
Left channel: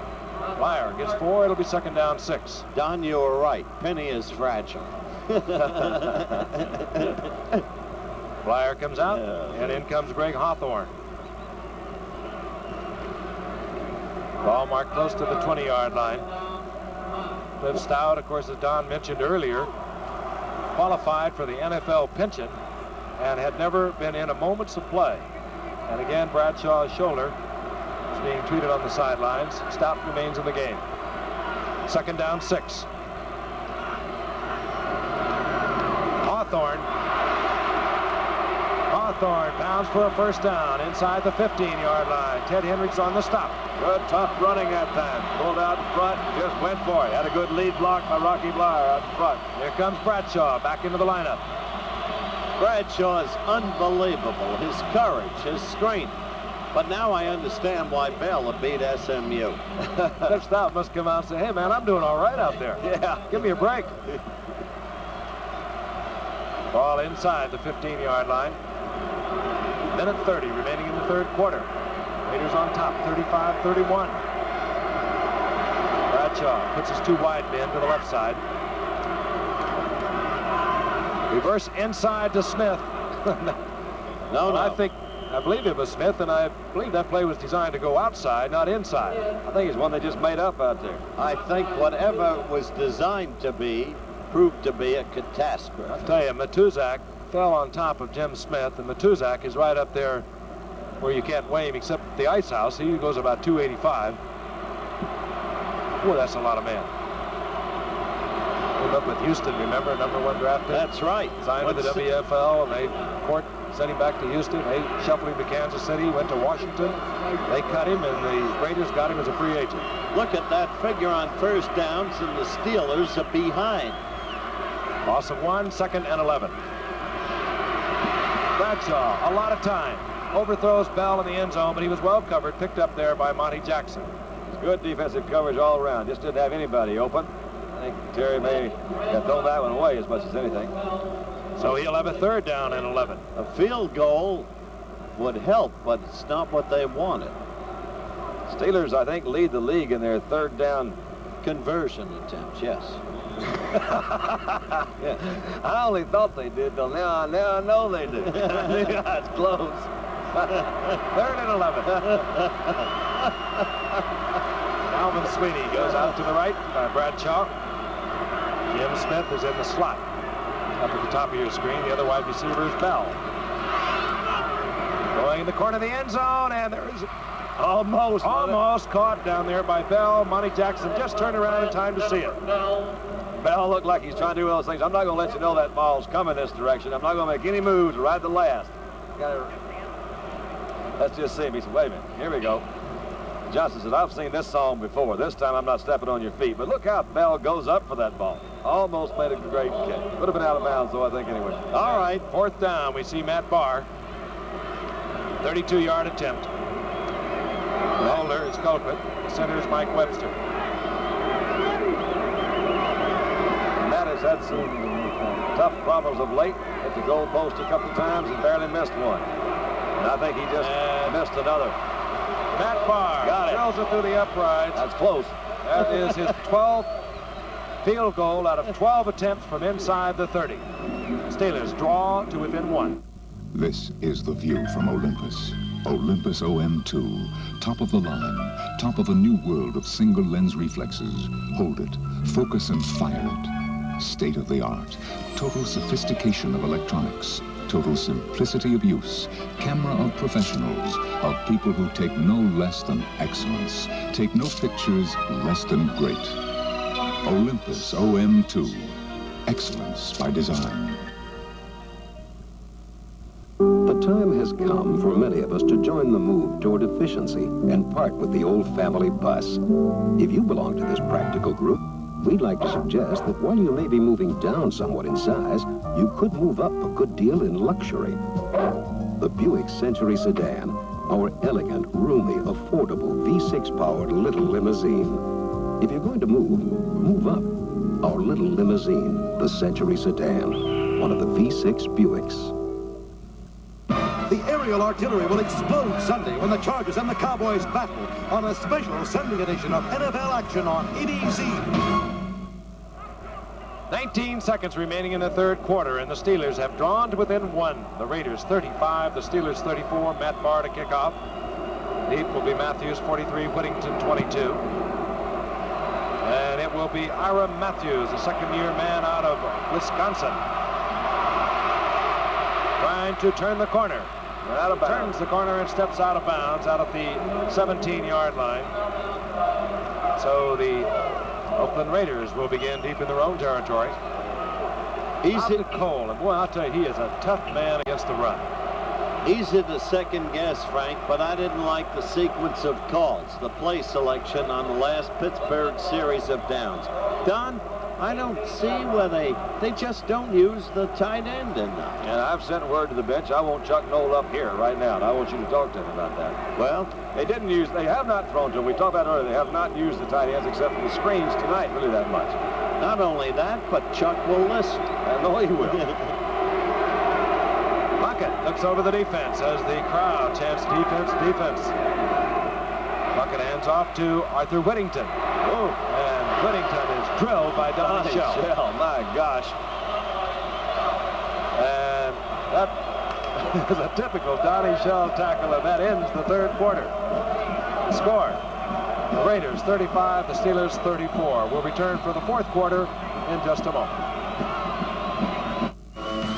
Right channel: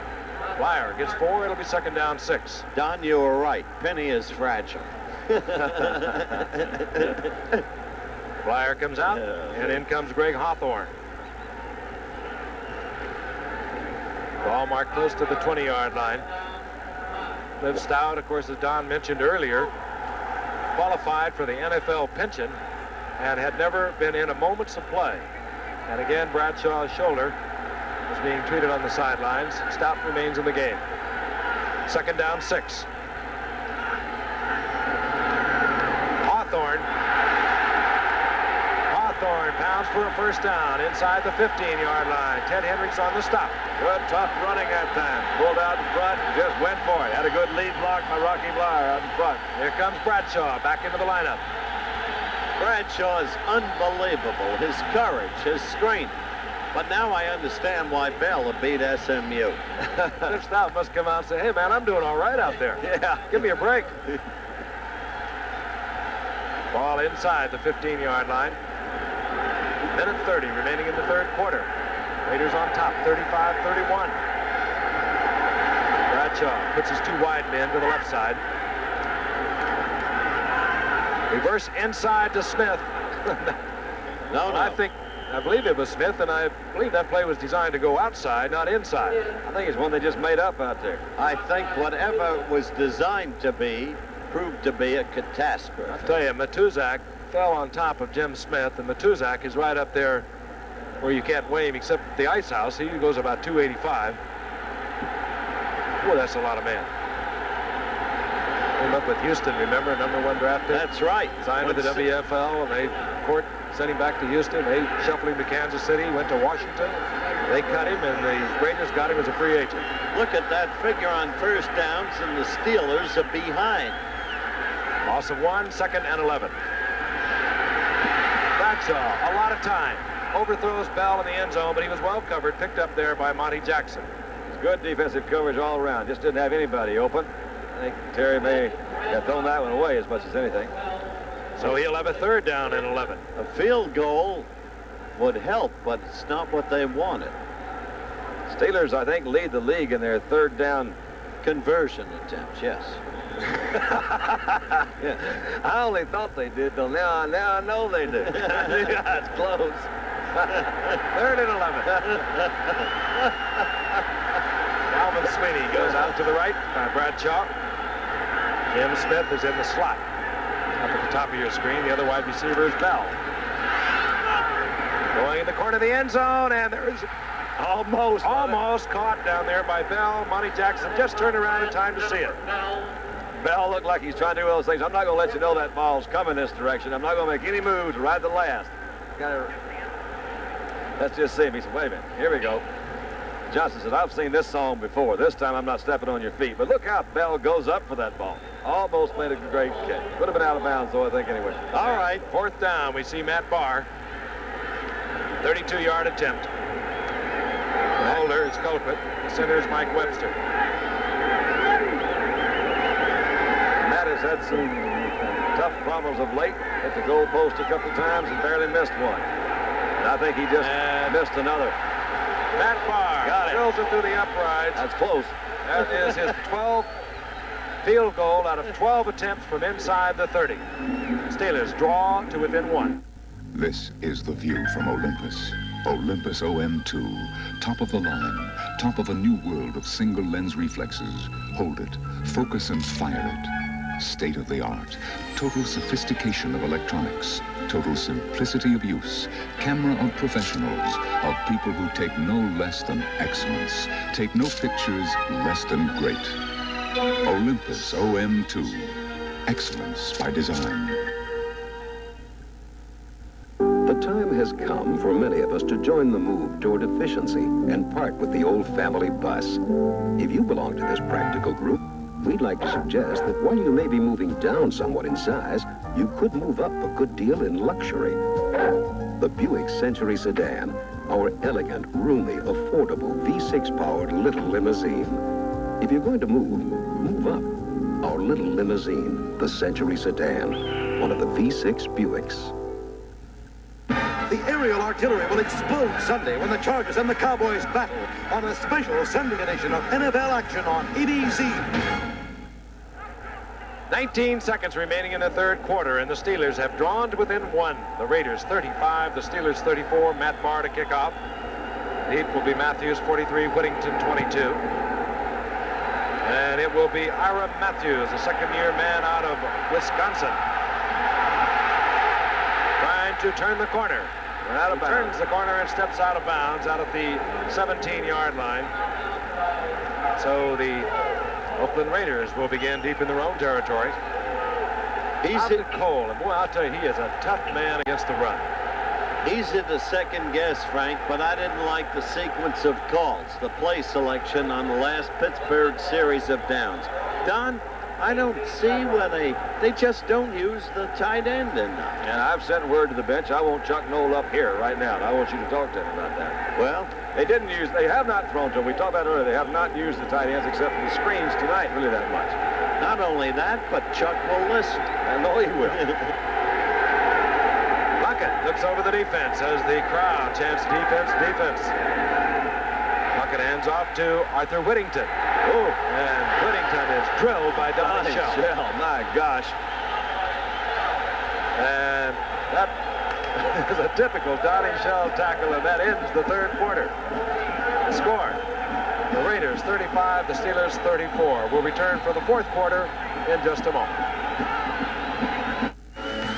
Blyer gets 4. It'll be second down 6. Don, you were right. Penny is fragile. Blyer comes out, and in comes Greg Hawthorne. Ball marked close to the 20-yard line. Cliff Stout, of course, as Don mentioned earlier, qualified for the NFL pension and had never been in a moments of play. And again, Bradshaw's shoulder is being treated on the sidelines. Stout remains in the game. Second down 6. Hawthorne pounds for a first down inside the 15-yard line. Ted Hendricks on the stop. Good tough running that time. Pulled out in front, just went for it. Had a good lead block by Rocky Blyer out in front. Here comes Bradshaw back into the lineup. Bradshaw is unbelievable. His courage, his strength. But now I understand why Bell beat SMU. Cliff Stout must come out and say, hey, man, I'm doing all right out there. Yeah. Give me a break. Ball inside the 15-yard line. Minute 30 remaining in the third quarter. Raiders on top, 35-31. Bradshaw puts his two wide men to the left side. Reverse inside to Smith. No. I believe it was Smith, and I believe that play was designed to go outside, not inside. I think it's one they just made up out there. I think whatever was designed to be proved to be a catastrophe. I'll tell you, Matuzak fell on top of Jim Smith, and Matuzak is right up there where you can't weigh him except the ice house. He goes about 285. Boy, that's a lot of men. Came up with Houston, remember, #1 draft pick? That's right. Signed with the WFL, and they court sent him back to Houston. They shuffled him to Kansas City, went to Washington. They cut him, and the Raiders got him as a free agent. Look at that figure on first downs, and the Steelers are behind. Loss of 1, 2nd and 11. Bradshaw, a lot of time. Overthrows Bell in the end zone, but he was well covered, picked up there by Monty Jackson. Good defensive coverage all around. Just didn't have anybody open. I think Terry may have thrown that one away as much as anything. So he'll have a 3rd down and 11. A field goal would help, but it's not what they wanted. Steelers, I think, lead the league in their 3rd down conversion attempts, yes. Yeah. I only thought they did, till now I know they do. Yeah, it's close. 3rd and 11. Alvin Sweeney goes out to the right by Bradshaw. Jim Smith is in the slot. Up at the top of your screen, the other wide receiver is Bell. Going in the corner of the end zone, and there is almost caught down there by Bell. Monty Jackson just turned around in time to see it. Bell looked like he's trying to do one of those things. I'm not going to let you know that ball's coming this direction. I'm not going to make any moves right at the last. Let's just see him. He said, wait a minute. Here we go. Johnson said, I've seen this song before. This time I'm not stepping on your feet. But look how Bell goes up for that ball. Almost made a great catch. Would have been out of bounds, though, I think, anyway. All right, 4th down. We see Matt Barr. 32-yard attempt. The holder is Colquitt. The center is Mike Webster. Matt has had some tough problems of late. Hit the goal post a couple times and barely missed one. And I think he just missed another. Matt Barr got it. Drills it through the uprights. That's close. That is his 12th field goal out of 12 attempts from inside the 30. Steelers draw to within 1. This is the view from Olympus. Olympus OM2. Top of the line. Top of a new world of single lens reflexes. Hold it. Focus and fire it. State of the art. Total sophistication of electronics. Total simplicity of use. Camera of professionals. Of people who take no less than excellence. Take no pictures less than great. Olympus OM2. Excellence by design. The time has come for many of us to join the move toward efficiency and part with the old family bus. If you belong to this practical group, we'd like to suggest that while you may be moving down somewhat in size, you could move up a good deal in luxury. The Buick Century Sedan, our elegant, roomy, affordable V6-powered little limousine. If you're going to move up. Our little limousine, the Century Sedan, one of the V6 Buicks. The aerial artillery will explode Sunday when the Chargers and the Cowboys battle on a special Sunday edition of NFL action on ABC. 19 seconds remaining in the 3rd quarter, and the Steelers have drawn to within 1. The Raiders 35, the Steelers 34. Matt Barr to kick off. Deep will be Matthews, 43, Whittington, 22. And it will be Ira Matthews, a second-year man out of Wisconsin, trying to turn the corner. Out of bounds. Turns the corner and steps out of bounds out of the 17-yard line. So the Oakland Raiders will begin deep in their own territory. He's hit Cole, and boy, I'll tell you, he is a tough man against the run. Easy to second guess, Frank, but I didn't like the sequence of calls, the play selection on the last Pittsburgh series of downs. Don, I don't see where they just don't use the tight end enough. And I've sent word to the bench. I want Chuck Noll up here right now, and I want you to talk to him about that. Well, they have not thrown to him. We talked about it earlier. They have not used the tight ends except for the screens tonight, really that much. Not only that, but Chuck will listen. I know he will. Puckett looks over the defense as the crowd chants defense. Puckett hands off to Arthur Whittington. Oh, and Whittington is drilled by Donnie Shell. My gosh. And that is a typical Donnie Shell tackle, and that ends the 3rd quarter. The score, the Raiders 35, the Steelers 34. We'll return for the 4th quarter in just a moment.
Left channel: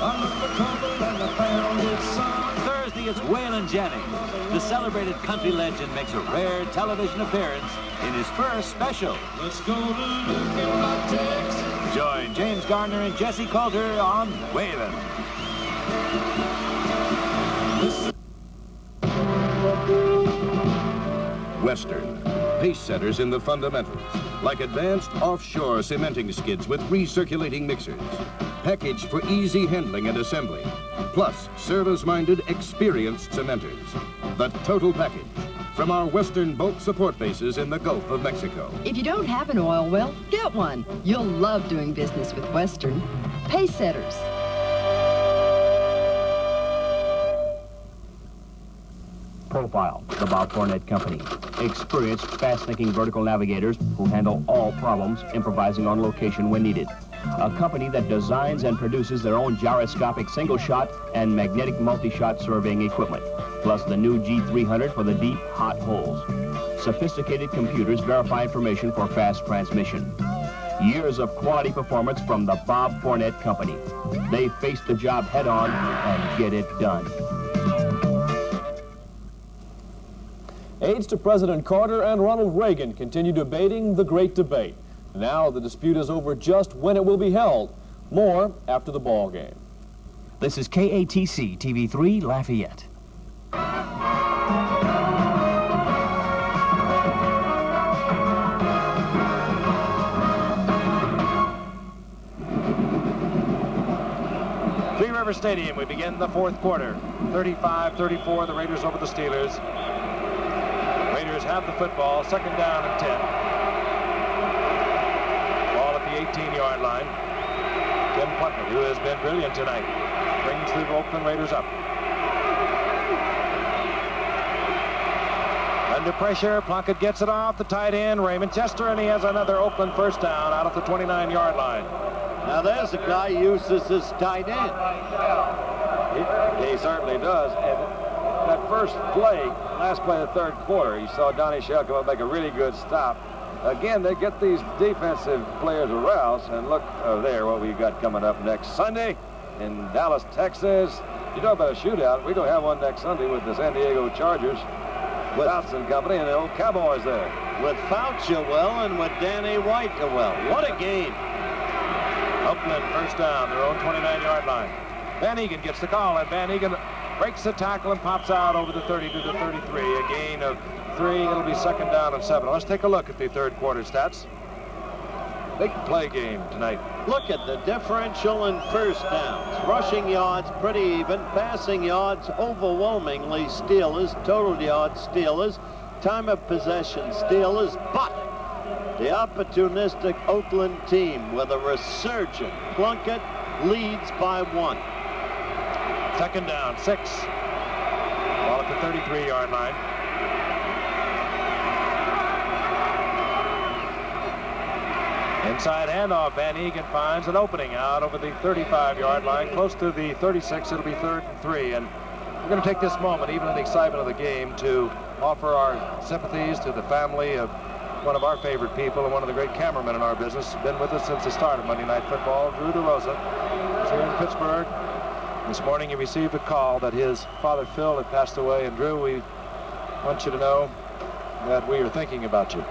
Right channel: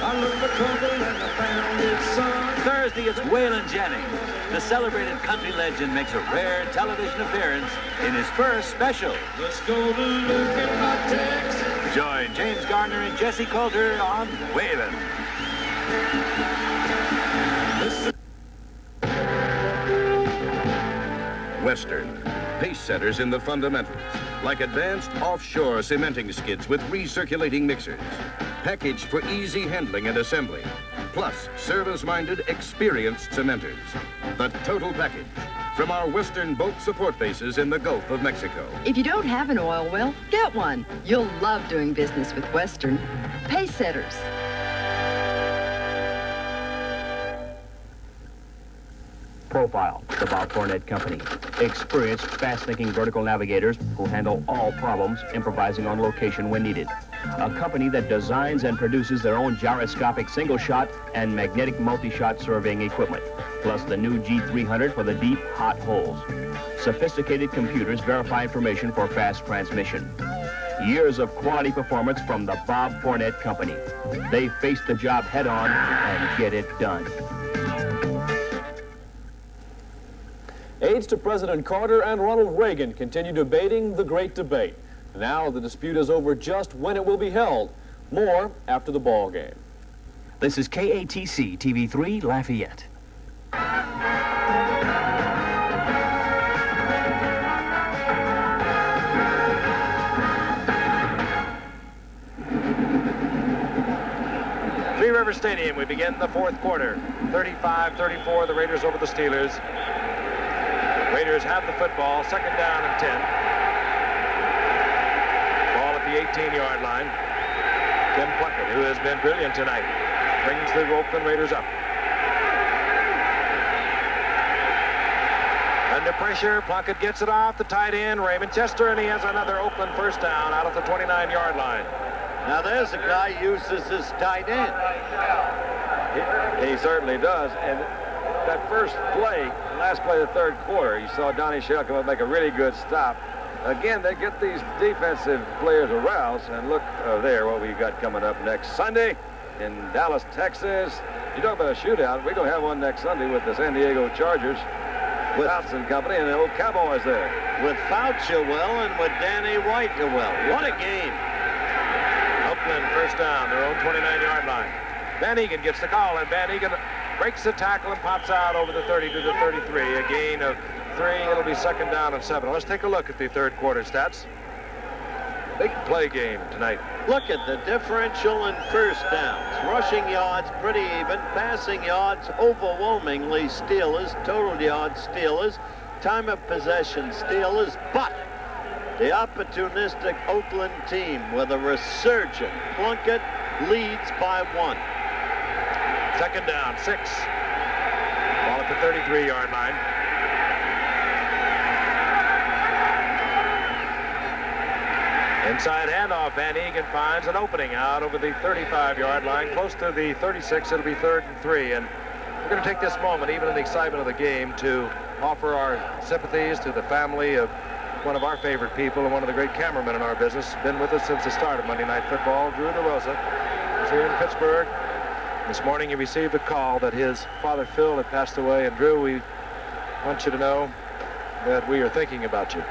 I looked for trouble and I found it, son. Thursday, it's Waylon Jennings. The celebrated country legend makes a rare television appearance in his first special. Let's go to look at my Texas. Join James Garner and Jesse Coulter on Waylon. Western. Pace setters in the fundamentals, like advanced offshore cementing skids with recirculating mixers, packaged for easy handling and assembly, plus service-minded, experienced cementers. The total package from our Western boat support bases in the Gulf of Mexico. If you don't have an oil well, get one. You'll love doing business with Western. Pace setters. Profile, the Bob Fournette Company. Experienced, fast-thinking vertical navigators who handle all problems, improvising on location when needed. A company that designs and produces their own gyroscopic single-shot and magnetic multi-shot surveying equipment, plus the new G300 for the deep, hot holes. Sophisticated computers verify information for fast transmission. Years of quality performance from the Bob Fournette Company. They face the job head-on and get it done. Aides to President Carter and Ronald Reagan continue debating the great debate. Now the dispute is over just when it will be held. More after the ball game. This is KATC TV3 Lafayette. Three River Stadium, we begin the fourth quarter. 35-34, the Raiders over the Steelers. Raiders have the football, second down and 10. Ball at the 18-yard line. Tim Plunkett, who has been brilliant tonight, brings the Oakland Raiders up. Under pressure, Plunkett gets it off the tight end, Raymond Chester, and he has another Oakland first down out at the 29-yard line. Now there's a guy who uses his tight end. He certainly does. And that first play, last play of the third quarter, you saw Donnie Shell come up and make a really good stop. Again, they get these defensive players aroused. And look there, what we've got coming up next Sunday in Dallas, Texas. You talk about a shootout. We're going to have one next Sunday with the San Diego Chargers, with Fouts Company and the old Cowboys there. With Fouts well and with Danny White well. What a game. Oakland first down, their own 29-yard line. Van Egan gets the call, and Van Egan breaks the tackle and pops out over the 30 to the 33. A gain of 3. It'll be second down and 7. Let's take a look at the third quarter stats. Big play game tonight. Look at the differential in first downs. Rushing yards pretty even. Passing yards overwhelmingly Steelers. Total yards Steelers. Time of possession Steelers. But the opportunistic Oakland team with a resurgent Plunkett leads by 1. Second down, 6. Ball at the 33-yard line. Inside handoff, Van Egan finds an opening out over the 35-yard line. Close to the 36, it'll be 3rd and 3. And we're going to take this moment, even in the excitement of the game, to offer our sympathies to the family of one of our favorite people and one of the great cameramen in our business. Been with us since the start of Monday Night Football. Drew DeRosa is here in Pittsburgh. This morning he received a call that his father Phil had passed away. And Drew, we want you to know that we are thinking about you.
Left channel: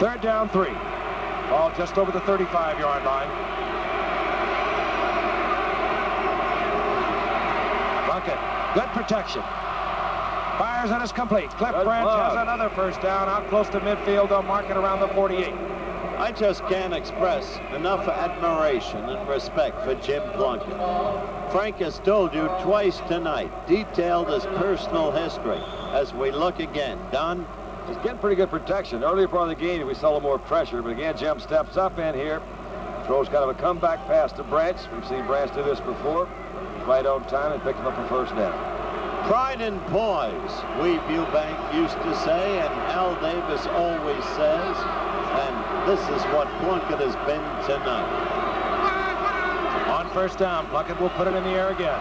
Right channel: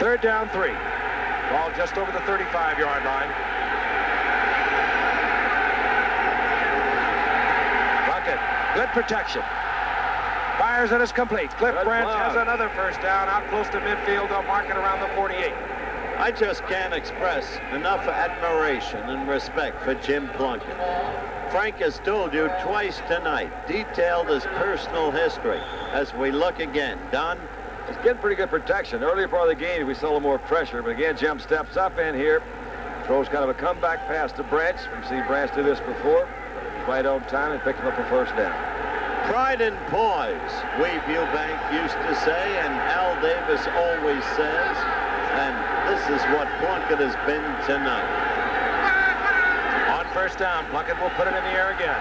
Third down, 3. Ball just over the 35-yard line. Plunkett, good protection. Fires and it's complete. Cliff Branch has another first down out close to midfield. They'll mark it around the 48. I just can't express enough admiration and respect for Jim Plunkett. Frank has told you twice tonight, detailed his personal history. As we look again, Don? He's getting pretty good protection. Earlier part of the game, we saw a little more pressure, but again, Jim steps up in here, throws kind of a comeback pass to Branch. We've seen Branch do this before. He's right on time and picked him up a first down. Pride and poise, we Viewbank used to say, and Al Davis always says, and this is what Plunkett has been tonight. On first down, Plunkett will put it in the air again.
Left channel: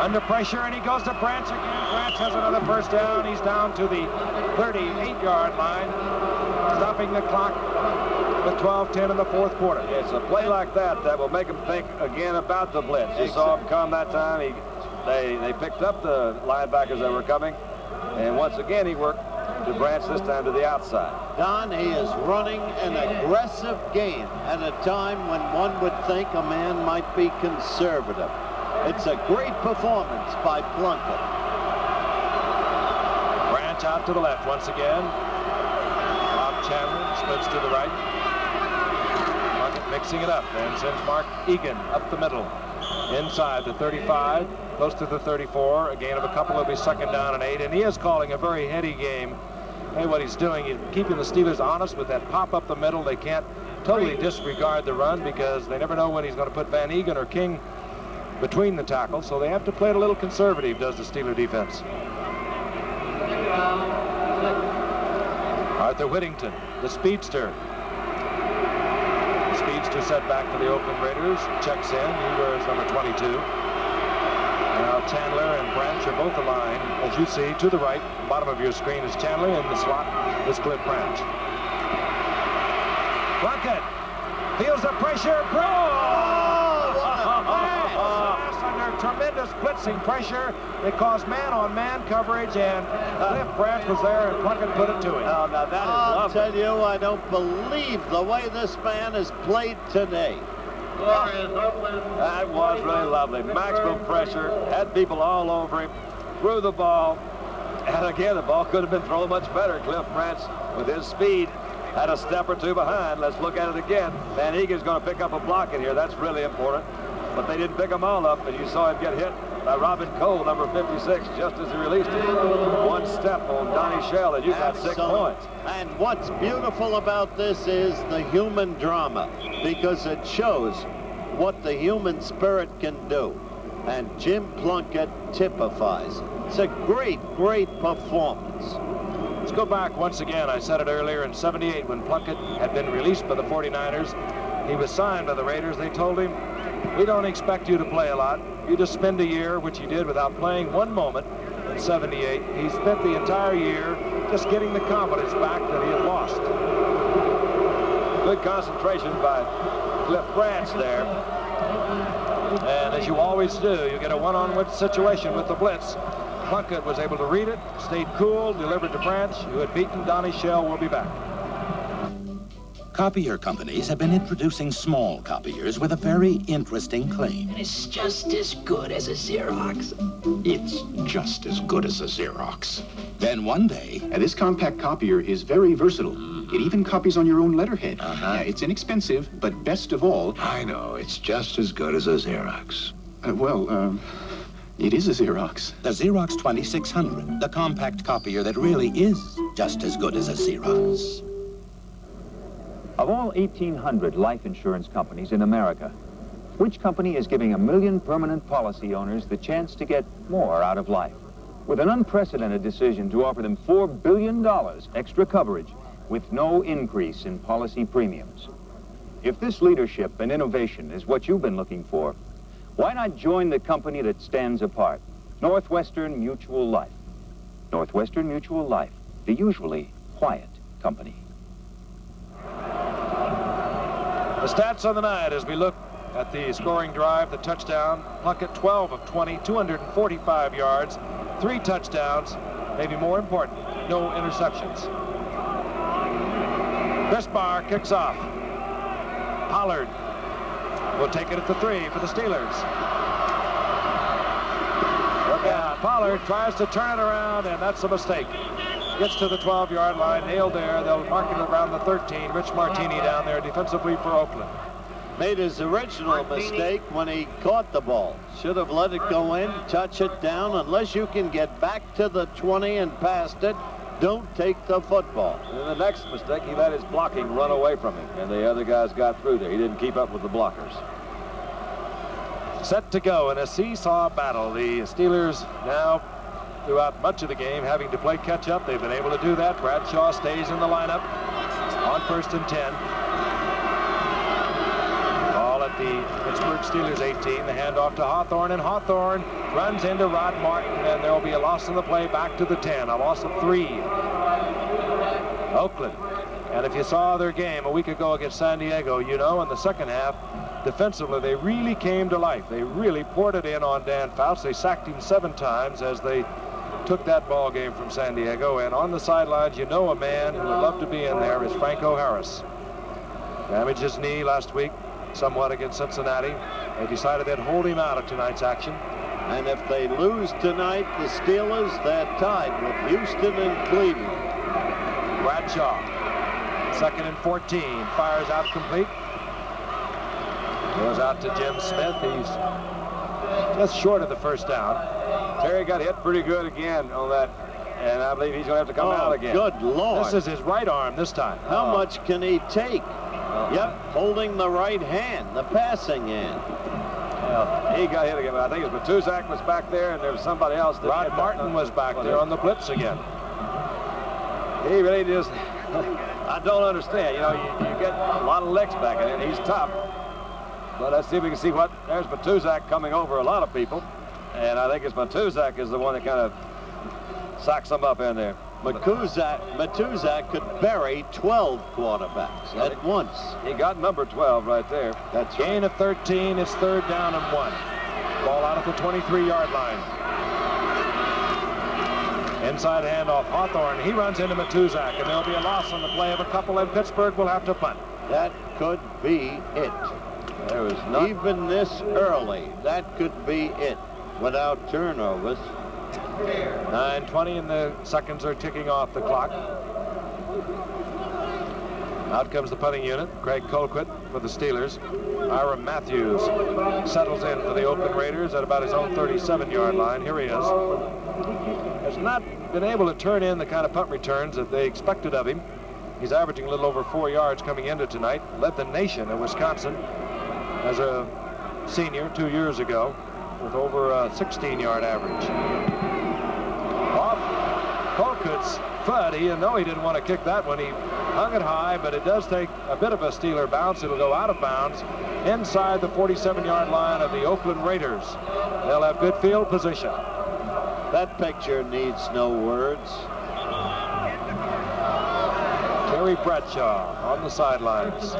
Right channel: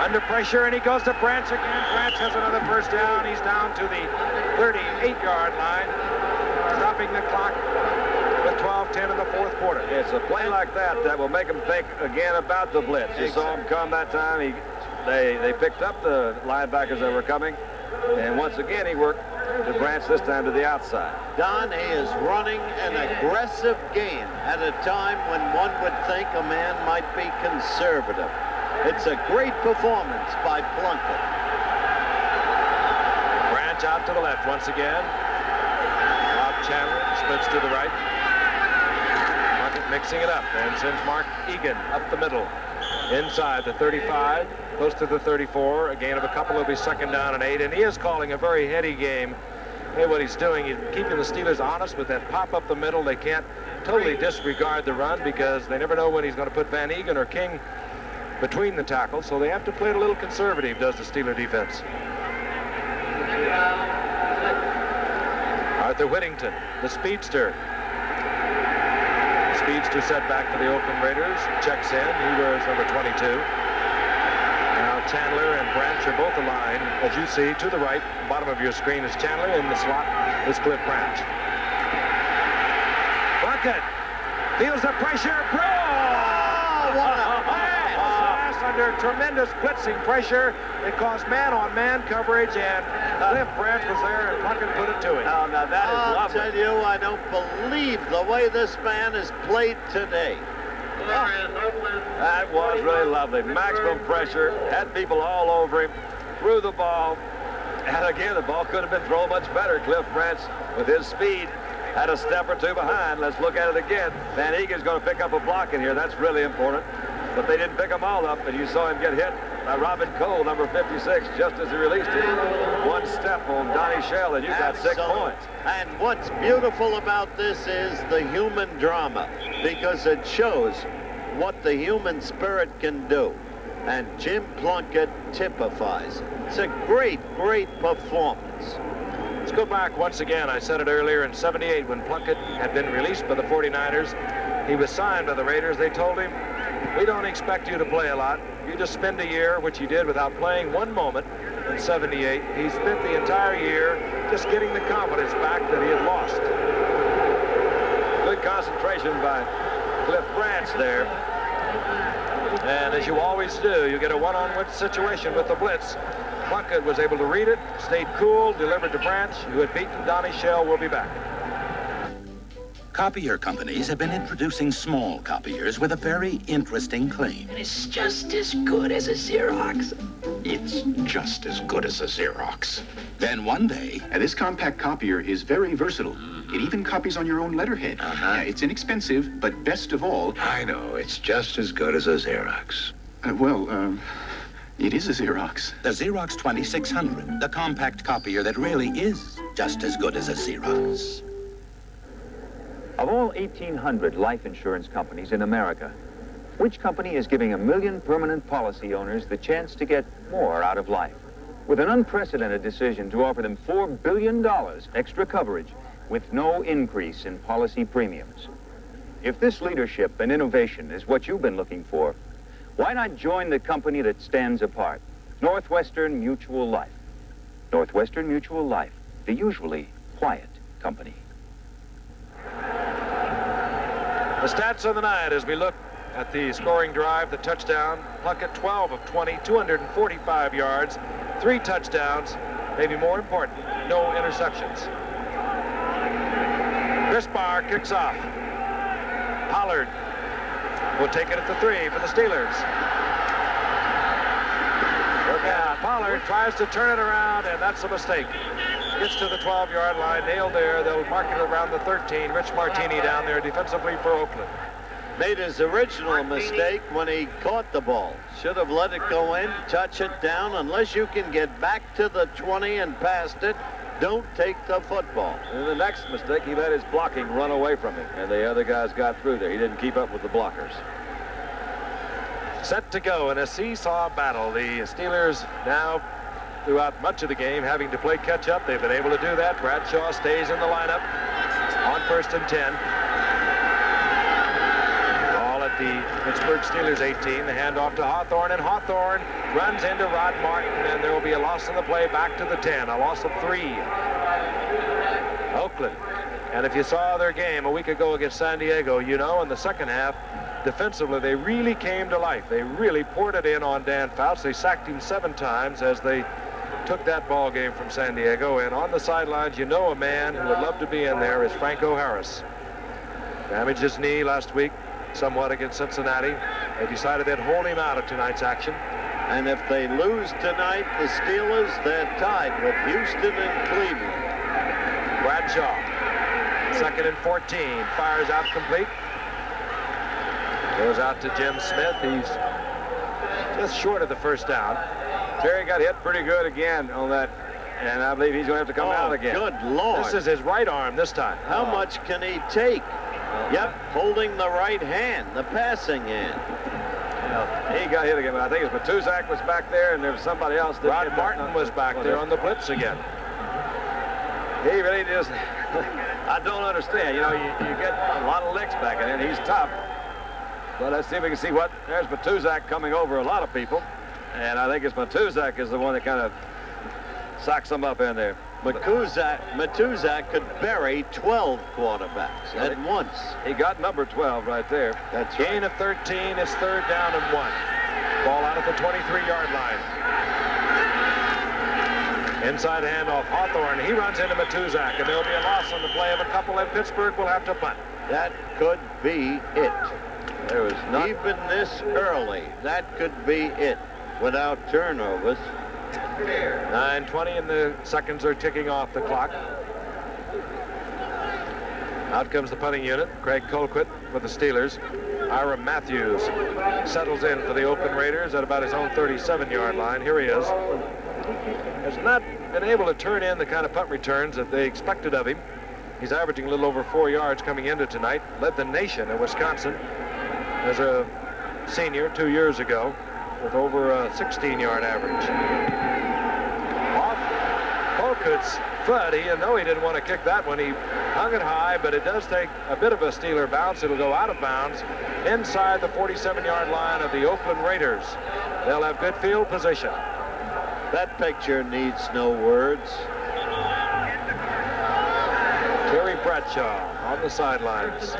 Under pressure, and he goes to Branch again. Branch has another first down. He's down to the 38-yard line, stopping the clock with 12-10 in the fourth quarter. It's a play like that that will make them think again about the blitz. You saw him come that time. They picked up the linebackers that were coming, and once again he worked to Branch, this time to the outside. Don, he is running an aggressive game at a time when one would think a man might be conservative. It's a great performance by Plunkett. Branch out to the left once again. Bob Chandler splits to the right. Plunkett mixing it up and sends Mark Egan up the middle. Inside the 35, close to the 34. A gain of a couple will be second down and 8. And he is calling a very heady game. Hey, what he's doing, he's keeping the Steelers honest with that pop up the middle. They can't totally disregard the run because they never know when he's going to put Van Egan or King between the tackles. So they have to play it a little conservative, does the Steeler defense. Arthur Whittington, the speedster. The speedster set back for the Oakland Raiders. Checks in. He wears number 22. Now Chandler and Branch are both aligned, as you see, to the right. Bottom of your screen is Chandler. In the slot is Cliff Branch. Plunkett feels the pressure. Oh, what a pass! Under tremendous blitzing pressure. It caused man-on-man coverage, and Cliff Branch was there, and Plunkett put it to him. Oh, now that is lovely. I'll tell you, I don't believe the way this man has played today. That was really lovely. Maximum pressure, had people all over him, threw the ball, and again, the ball could have been thrown much better. Cliff Branch, with his speed, had a step or two behind. Let's look at it again. Van Egan's going to pick up a block in here. That's really important. But they didn't pick them all up, and you saw him get hit by Robin Cole, number 56, just as he released it. One step on Donnie Shell, and you got 6 points. And what's beautiful about this is the human drama, because it shows what the human spirit can do. And Jim Plunkett typifies it. It's a great, great performance. Let's go back once again. I said it earlier in '78 when Plunkett had been released by the 49ers. He was signed by the Raiders. They told him, we don't expect you to play a lot. You just spend a year, which he did without playing one moment in '78. He spent the entire year just getting the confidence back that he had lost. Good concentration by Cliff Branch there. And as you always do, you get a one-on-one situation with the blitz. Plunkett was able to read it, stayed cool, delivered to Branch, who had beaten Donnie Shell. Will be back. Copier companies have been introducing small copiers with a very interesting claim. It's just as good as a Xerox. It's just as good as a Xerox. Then one day... this compact copier is very versatile. It even copies on your own letterhead. It's inexpensive, but best of all... I know, it's just as good as a Xerox. It is a Xerox. The Xerox 2600, the compact copier that really is just as good as a Xerox. Of all 1,800 life insurance companies in America, which company is giving 1 million permanent policy owners the chance to get more out of life? With an unprecedented decision to offer them $4 billion extra coverage with no increase in policy premiums. If this leadership and innovation is what you've been looking for, why not join the company that stands apart? Northwestern Mutual Life. Northwestern Mutual Life, the usually quiet company. The stats on the night as we look at the scoring drive, the touchdown. Plunkett 12 of 20, 245 yards, 3 touchdowns, maybe more important, no interceptions. Chris Barr kicks off. Pollard will take it at the 3 for the Steelers. Look out. Pollard tries to turn it around, and that's a mistake. Gets to the 12-yard line, nailed there. They'll mark it around the 13. Rich Martini down there defensively for Oakland. Made his original mistake when he caught the ball. Should have let it go in, touch it down. Unless you can get back to the 20 and past it, don't take the football. And the next mistake, he let his blocking run away from him, and the other guys got through there. He didn't keep up with the blockers. Set to go in a seesaw battle. The Steelers now, throughout much of the game, having to play catch-up. They've been able to do that. Bradshaw stays in the lineup on 1st and 10. Ball at the Pittsburgh Steelers 18. The handoff to Hawthorne, and Hawthorne runs into Rod Martin, and there will be a loss on the play back to the 10. A loss of 3. Oakland And if you saw their game a week ago against San Diego, you know, in the second half, defensively, they really came to life. They really poured it in on Dan Fouts. They sacked him 7 times as they took that ball game from San Diego. And on the sidelines, you know, a man who would love to be in there is Franco Harris. Damaged his knee last week somewhat against Cincinnati. They decided they'd hold him out of tonight's action. And if they lose tonight, the Steelers, they're tied with Houston and Cleveland. Bradshaw, 2nd and 14, fires out complete. Goes out to Jim Smith. He's just short of the first down. Terry got hit pretty good again on that, and I believe he's going to have to come out again. Good Lord. This is his right arm this time. How much can he take? Yep, holding the right hand, the passing hand. Well, he got hit again, but I think it was Matuzak was back there, and there was somebody else. That Rod Martin was back there on the blitz again. He really just, I don't understand. You know, you get a lot of licks back in it, and he's tough. But let's see if we can see what, there's Matuzak coming over a lot of people. And I think it's Matuzak is the one that kind of socks them up in there. Matuzak could bury 12 quarterbacks at once. He got number 12 right there. That's right. Gain of 13. It's 3rd down and 1. Ball out at the 23-yard line. Inside handoff, Hawthorne. He runs into Matuzak, and there'll be a loss on the play of a couple, and Pittsburgh will have to punt. That could be it. There was not even this early. That could be it without turnovers. 9:20 and the seconds are ticking off the clock. Out comes the punting unit. Craig Colquitt for the Steelers. Ira Matthews settles in for the Oakland Raiders at about his own 37-yard line. Here he is. Has not been able to turn in the kind of punt returns that they expected of him. He's averaging a little over 4 yards coming into tonight. Led the nation at Wisconsin as a senior 2 years ago with over a 16-yard average. Off Colquitt's foot. He didn't want to kick that one. He hung it high, but it does take a bit of a Steeler bounce. It'll go out of bounds inside the 47-yard line of the Oakland Raiders. They'll have good field position. That picture needs no words. Terry Bradshaw on the sidelines.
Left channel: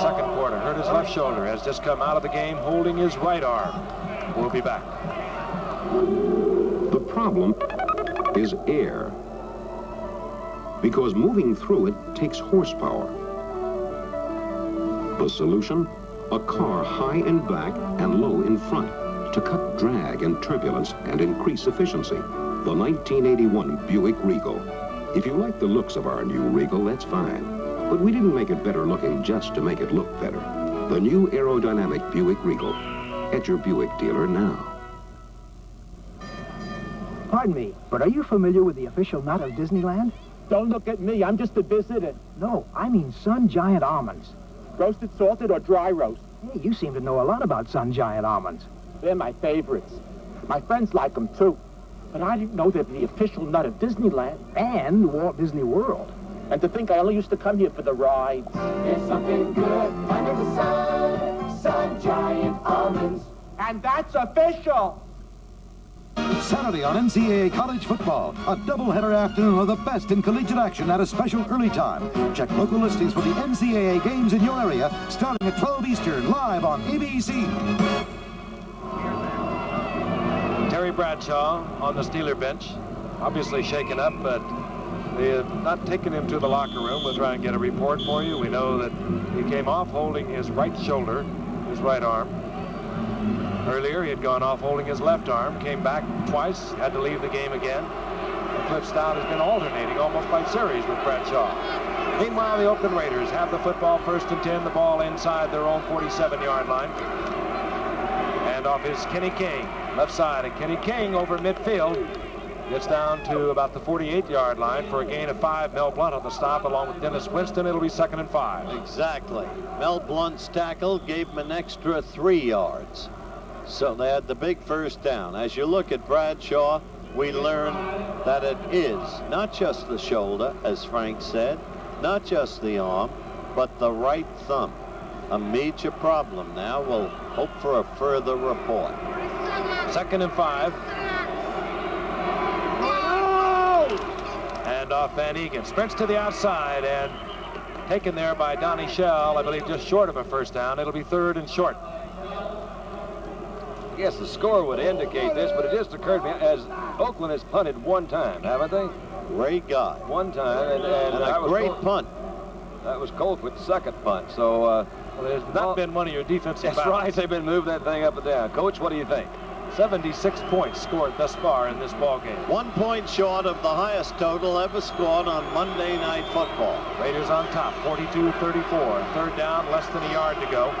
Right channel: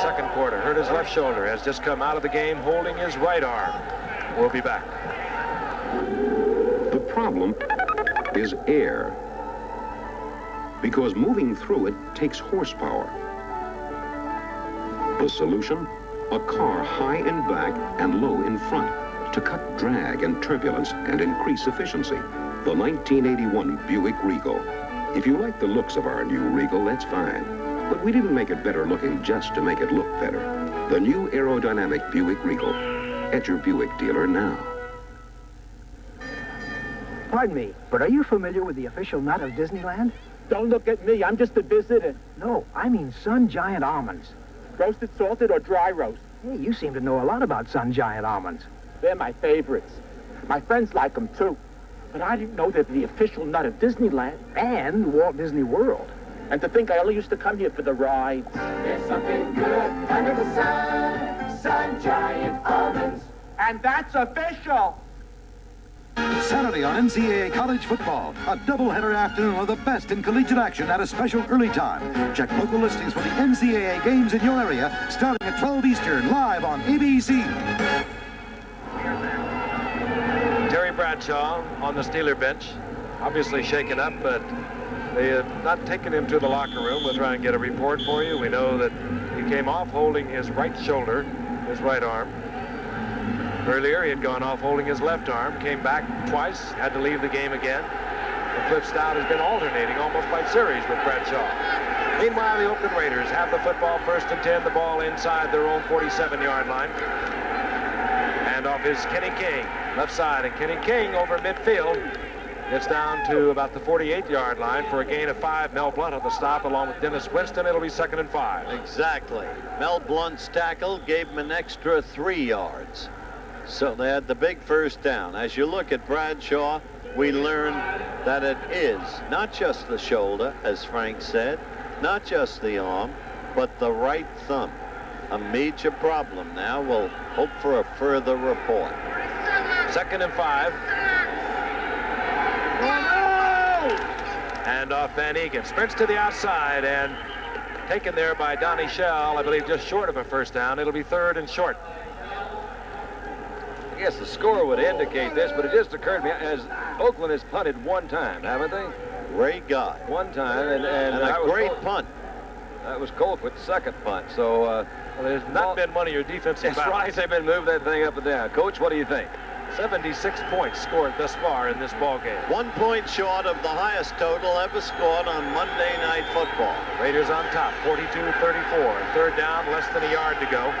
Second quarter, hurt his left shoulder, has just come out of the game holding his right arm. We'll be back. The problem is air, because moving through it takes horsepower. The solution? A car high in back and low in front to cut drag and turbulence and increase efficiency. The 1981 Buick Regal. If you like the looks of our new Regal, that's fine. But we didn't make it better looking just to make it look better. The new aerodynamic Buick Regal. At your Buick dealer now. Pardon me, but are you familiar with the official nut of Disneyland? Don't look at me. I'm just a visitor. No, I mean Sun Giant almonds. Roasted, salted, or dry roast? Hey, you seem to know a lot about Sun Giant almonds. They're my favorites. My friends like them, too. But I didn't know they're the official nut of Disneyland. And Walt Disney World. And to think I only used to come here for the rides. There's something good under the sun. Sun Giant almonds. And that's official. Saturday on NCAA College Football, a doubleheader afternoon of the best in collegiate action at a special early time. Check local listings for the NCAA games in your area, starting at 12 Eastern, live on ABC. Terry Bradshaw on the Steeler bench, obviously shaken up, but they have not taken him to the locker room. We'll try and get a report for you. We know that he came off holding his right shoulder, his right arm. Earlier, he had gone off holding his left arm, came back twice, had to leave the game again. And Cliff Stout has been alternating almost by series with Bradshaw. Meanwhile, the Oakland Raiders have the football, 1st and 10, the ball inside their own 47-yard line. And off is Kenny King, left side, and Kenny King over midfield gets down to about the 48-yard line for a gain of 5. Mel Blunt on the stop along with Dennis Winston. It'll be 2nd and 5. Exactly. Mel Blunt's tackle gave him an extra 3 yards. So they had the big first down. As you look at Bradshaw, we learn that it is not just the shoulder, as Frank said, not just the arm, but the right thumb. A major problem now. We'll hope for a further report. 2nd and 5. And handoff. Van Egan sprints to the outside and taken there by Donnie Shell, I believe just short of a first down. It'll be 3rd and short. I guess the score would indicate this, but it just occurred to me as Oakland has punted one time, haven't they? Great guy. One time, and a great punt. That was Colquitt's second punt. So, well, there's not been one of your defensive That's right. They've been moving that thing up and down. Coach, what do you think? 76 points scored thus far in this ball game. 1 point short of the highest total ever scored on Monday Night Football. Raiders on top, 42-34. 3rd down, less than a yard to go.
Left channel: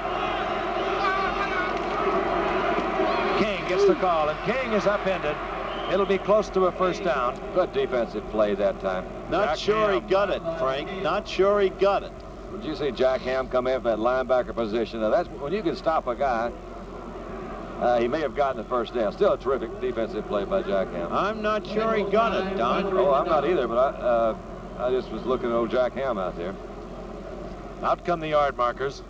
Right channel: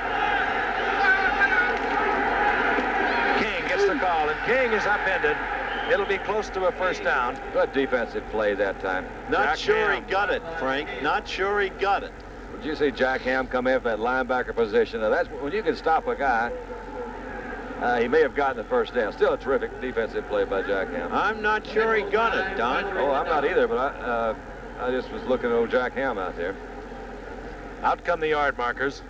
King gets the call, and King is upended. It'll be close to a first down. Good defensive play that time. Not sure he got it, Frank. Not sure he got it. Would you see Jack Ham come in for that linebacker position? Now, that's when you can stop a guy. He may have gotten the first down. Still a terrific defensive play by Jack Ham. I'm not sure he got it, Don. Oh, I'm not either, but I just was looking at old Jack Ham out there. Out come the yard markers.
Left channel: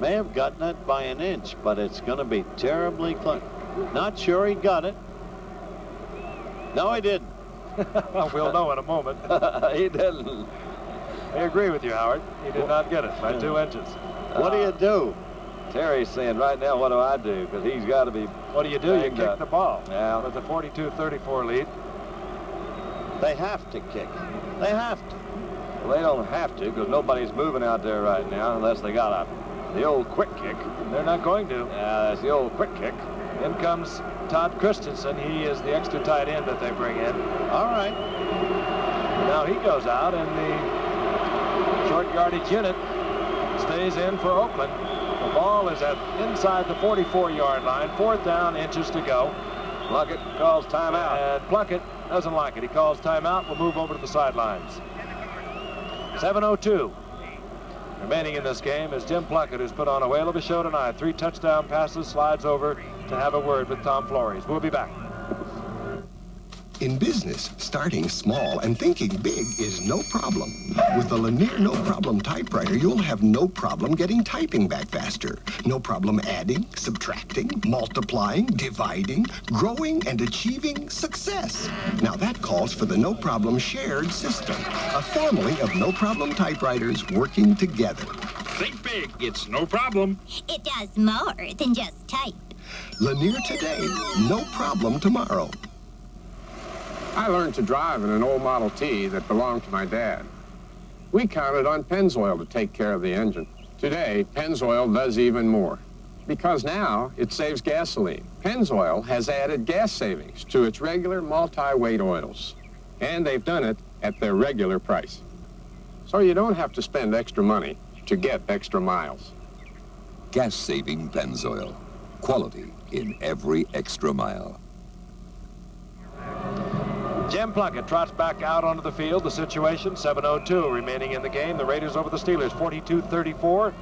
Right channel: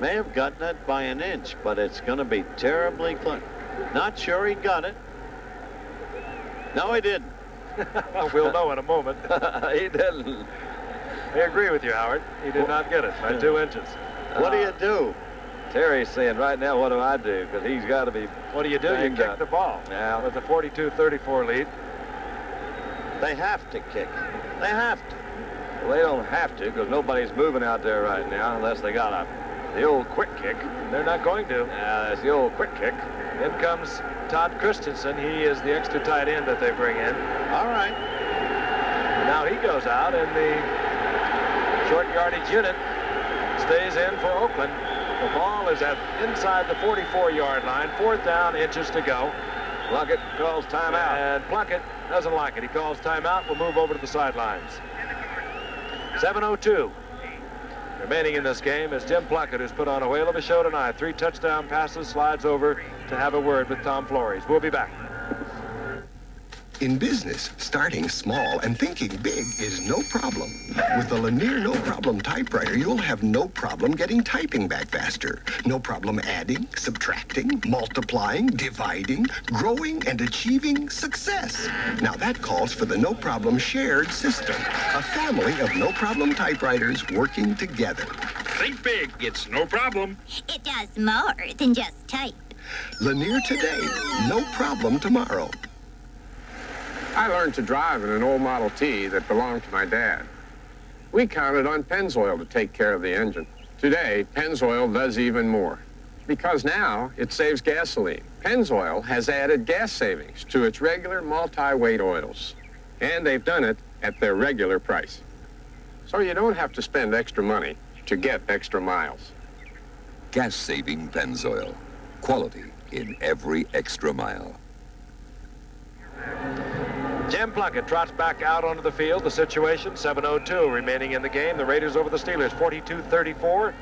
May have gotten it by an inch, but it's going to be terribly close. Not sure he got it. No, he didn't. We'll know in a moment. He didn't. I agree with you, Howard. He did not get it by 2 inches. What do you do? Terry's saying right now, what do I do? Because he's got to be. What do? You kick the ball. Yeah. With a 42-34 lead. They have to kick it. They have to. Well, they don't have to because nobody's moving out there right now unless they got the old quick kick. They're not going to. Yeah, that's the old quick kick. In comes Todd Christensen. He is the extra tight end that they bring in. All right. Now he goes out, and the short yardage unit stays in for Oakland. The ball is inside the 44-yard line. 4th down, inches to go. Plunkett calls timeout. And Plunkett doesn't like it. He calls timeout. We'll move over to the sidelines. 7:02 remaining in this game is Jim Plunkett, who's put on a whale of a show tonight. 3 touchdown passes, slides over to have a word with Tom Flores. We'll be back. In business, starting small and thinking big is no problem. With the Lanier No Problem typewriter, you'll have no problem getting typing back faster. No problem adding, subtracting, multiplying, dividing, growing, and achieving success. Now that calls for the No Problem shared system. A family of No Problem typewriters working together. Think big. It's no problem. It does more than just type. Lanier today, no problem tomorrow. I learned to drive in an old Model T that belonged to my dad. We counted on Pennzoil to take care of the engine. Today, Pennzoil does even more. Because now, it saves gasoline. Pennzoil has added gas savings to its regular multi-weight oils. And they've done it at their regular price. So you don't have to spend extra money to get extra miles. Gas-saving Pennzoil. Quality in every extra mile. Jim Plunkett trots back out onto the field. The situation, 7:02 remaining in the game. The Raiders over the Steelers, 42-34.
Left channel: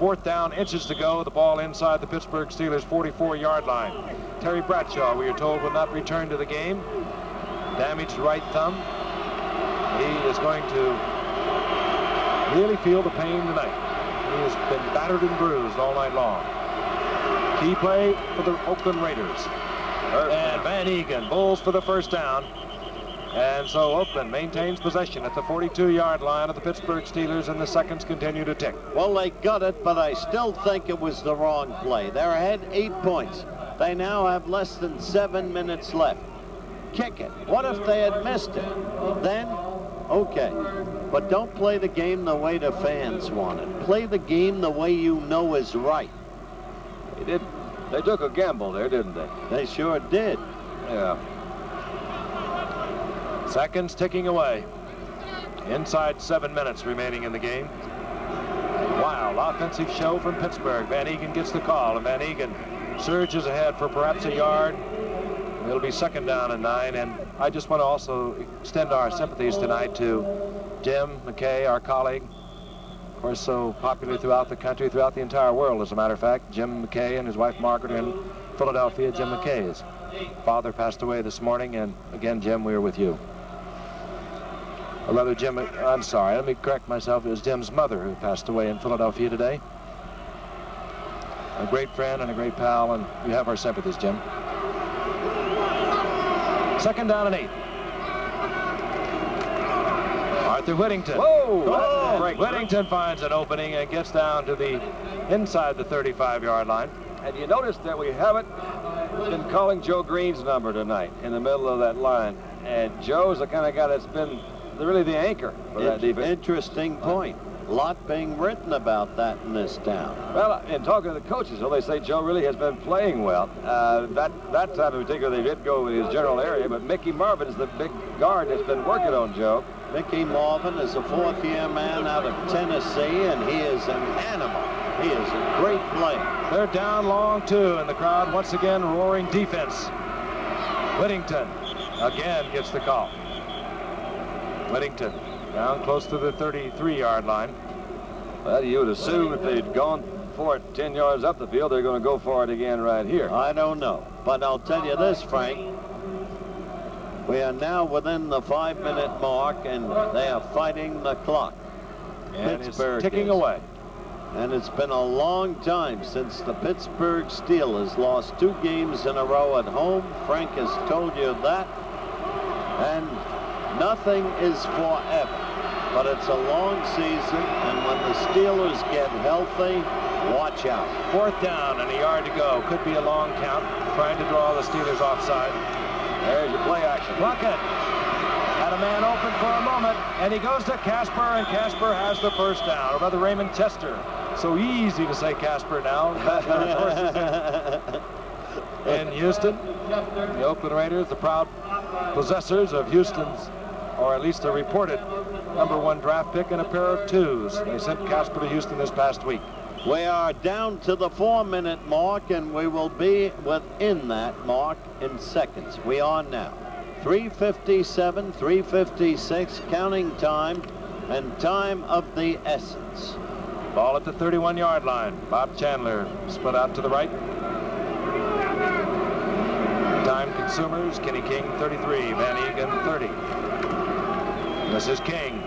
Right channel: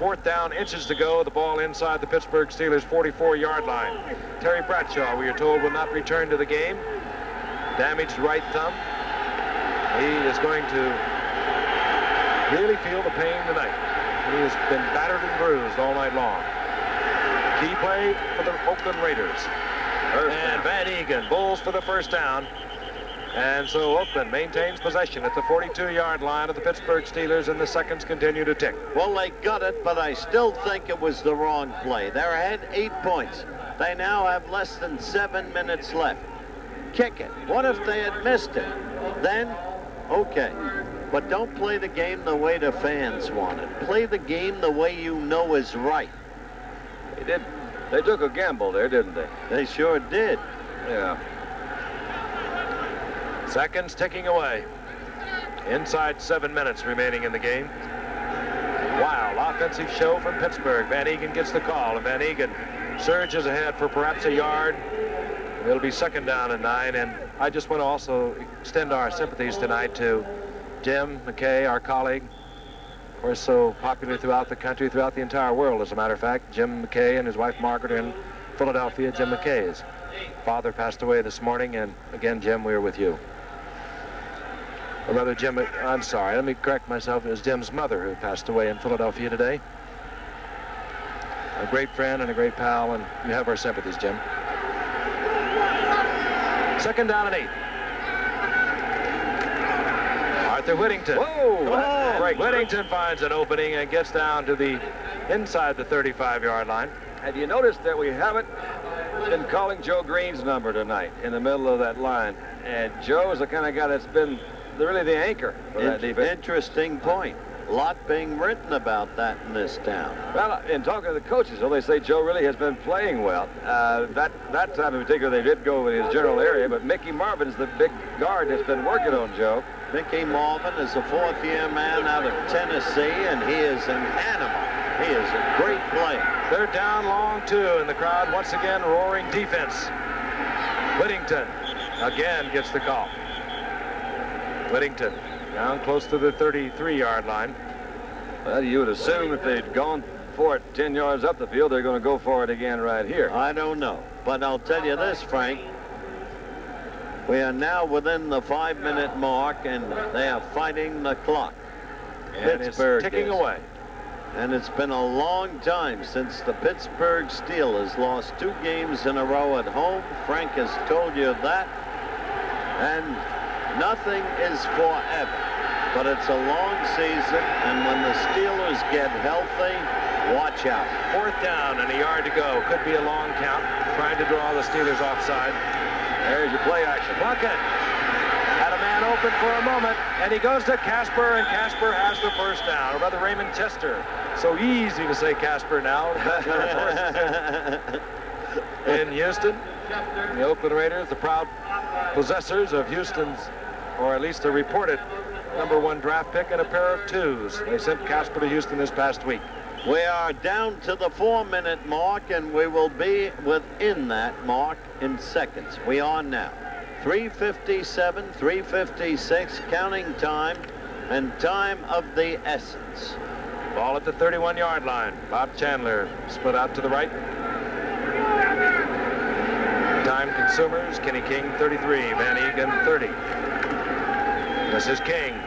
4th down, inches to go. The ball inside the Pittsburgh Steelers' 44-yard line. Terry Bradshaw, we are told, will not return to the game. Damaged right thumb. He is going to really feel the pain tonight. He has been battered and bruised all night long. Key play for the Oakland Raiders. And Van Egan bowls for the first down. And so Oakland maintains possession at the 42-yard line of the Pittsburgh Steelers, and the seconds continue to tick. Well, they got it, but I still think it was the wrong play. They're ahead 8 points. They now have less than 7 minutes left. Kick it. What if they had missed it? Then, okay. But don't play the game the way the fans want it. Play the game the way you know is right. They did. They took a gamble there, didn't they? They sure did. Yeah. Seconds ticking away. Inside 7 minutes remaining in the game. Wild offensive show from Pittsburgh. Van Egan gets the call, and Van Egan surges ahead for perhaps a yard. It'll be 2nd down and 9, and I just want to also extend our sympathies tonight to Jim McKay, our colleague. Of course, so popular throughout the country, throughout the entire world, as a matter of fact. Jim McKay and his wife Margaret are in Philadelphia. Jim McKay's father passed away this morning, and again, Jim, we are with you. Or rather, Jim, I'm sorry, let me correct myself. It was Jim's mother who passed away in Philadelphia today. A great friend and a great pal, and you have our sympathies, Jim. 2nd down and 8. Arthur Whittington. Whoa! Oh, Whittington finds an opening and gets down to the inside the 35-yard line. Have you noticed that we haven't been calling Joe Green's number tonight in the middle of that line? And Joe's the kind of guy that's been really the anchor for that defense. Interesting point. A lot being written about that in this town. Well, in talking to the coaches, they say Joe really has been playing well. That time in particular, they did go with his general area, but Mickey Marvin's the big guard that's been working on Joe. Mickey Marvin is a fourth-year man out of Tennessee, and he is an animal. He is a great player. They're down long, too, and the crowd once again roaring defense. Whittington again gets the call. Whittington down close to the 33-yard line. Well, you would assume if they'd gone for it 10 yards up the field, they're going to go for it again right here. I don't know, but I'll tell you this, Frank. We are now within the 5-minute mark, and they are fighting the clock. And Pittsburgh it's ticking is. away. And it's been a long time since the Pittsburgh Steelers lost 2 games in a row at home. Frank has told you that. And nothing is forever, but it's a long season, and when the Steelers get healthy, watch out. 4th down and a yard to go. Could be a long count, trying to draw the Steelers offside. There's your play action. Plunkett had a man open for a moment, and he goes to Casper, and Casper has the first down. Or rather, Raymond Chester. So easy to say Casper now. In Houston, the Oakland Raiders, the proud possessors of Houston's, or at least a reported #1 draft pick and a pair of 2s. They sent Casper to Houston this past week. We are down to the 4-minute mark, and we will be within that mark in seconds. We are now. 3:57, 3:56, counting time, and time of the essence. Ball at the 31-yard line. Bob Chandler split out to the right. Time consumers, Kenny King 33, Van Egan 30. This is King.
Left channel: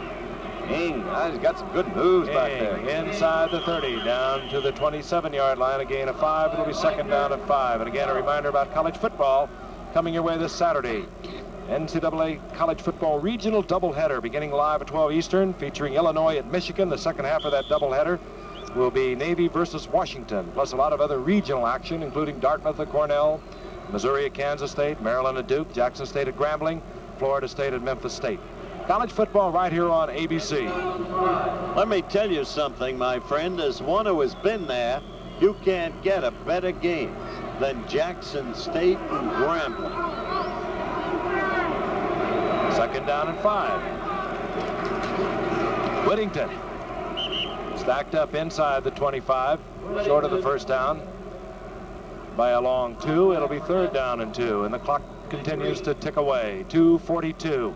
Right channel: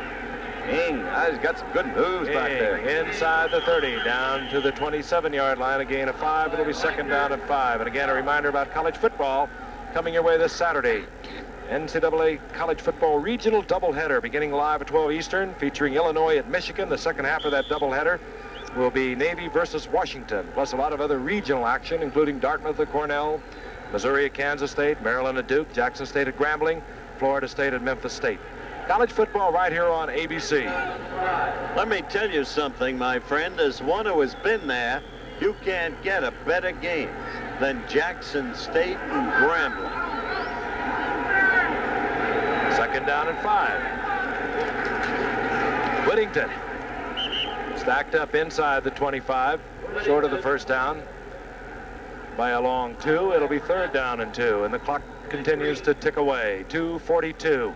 King, he's got some good moves back there. Inside the 30, down to the 27-yard line, a gain of 5. It'll be 2nd down and 5. And again, a reminder about college football coming your way this Saturday. NCAA college football regional doubleheader beginning live at 12 Eastern, featuring Illinois at Michigan. The second half of that doubleheader will be Navy versus Washington, plus a lot of other regional action, including Dartmouth at Cornell, Missouri at Kansas State, Maryland at Duke, Jackson State at Grambling, Florida State at Memphis State. College football right here on ABC. Let me tell you something, my friend. As one who has been there, you can't get a better game than Jackson State and Grambling. 2nd down and 5. Whittington stacked up inside the 25, short of the first down by a long 2. It'll be 3rd down and 2, and the clock continues to tick away. 2:42.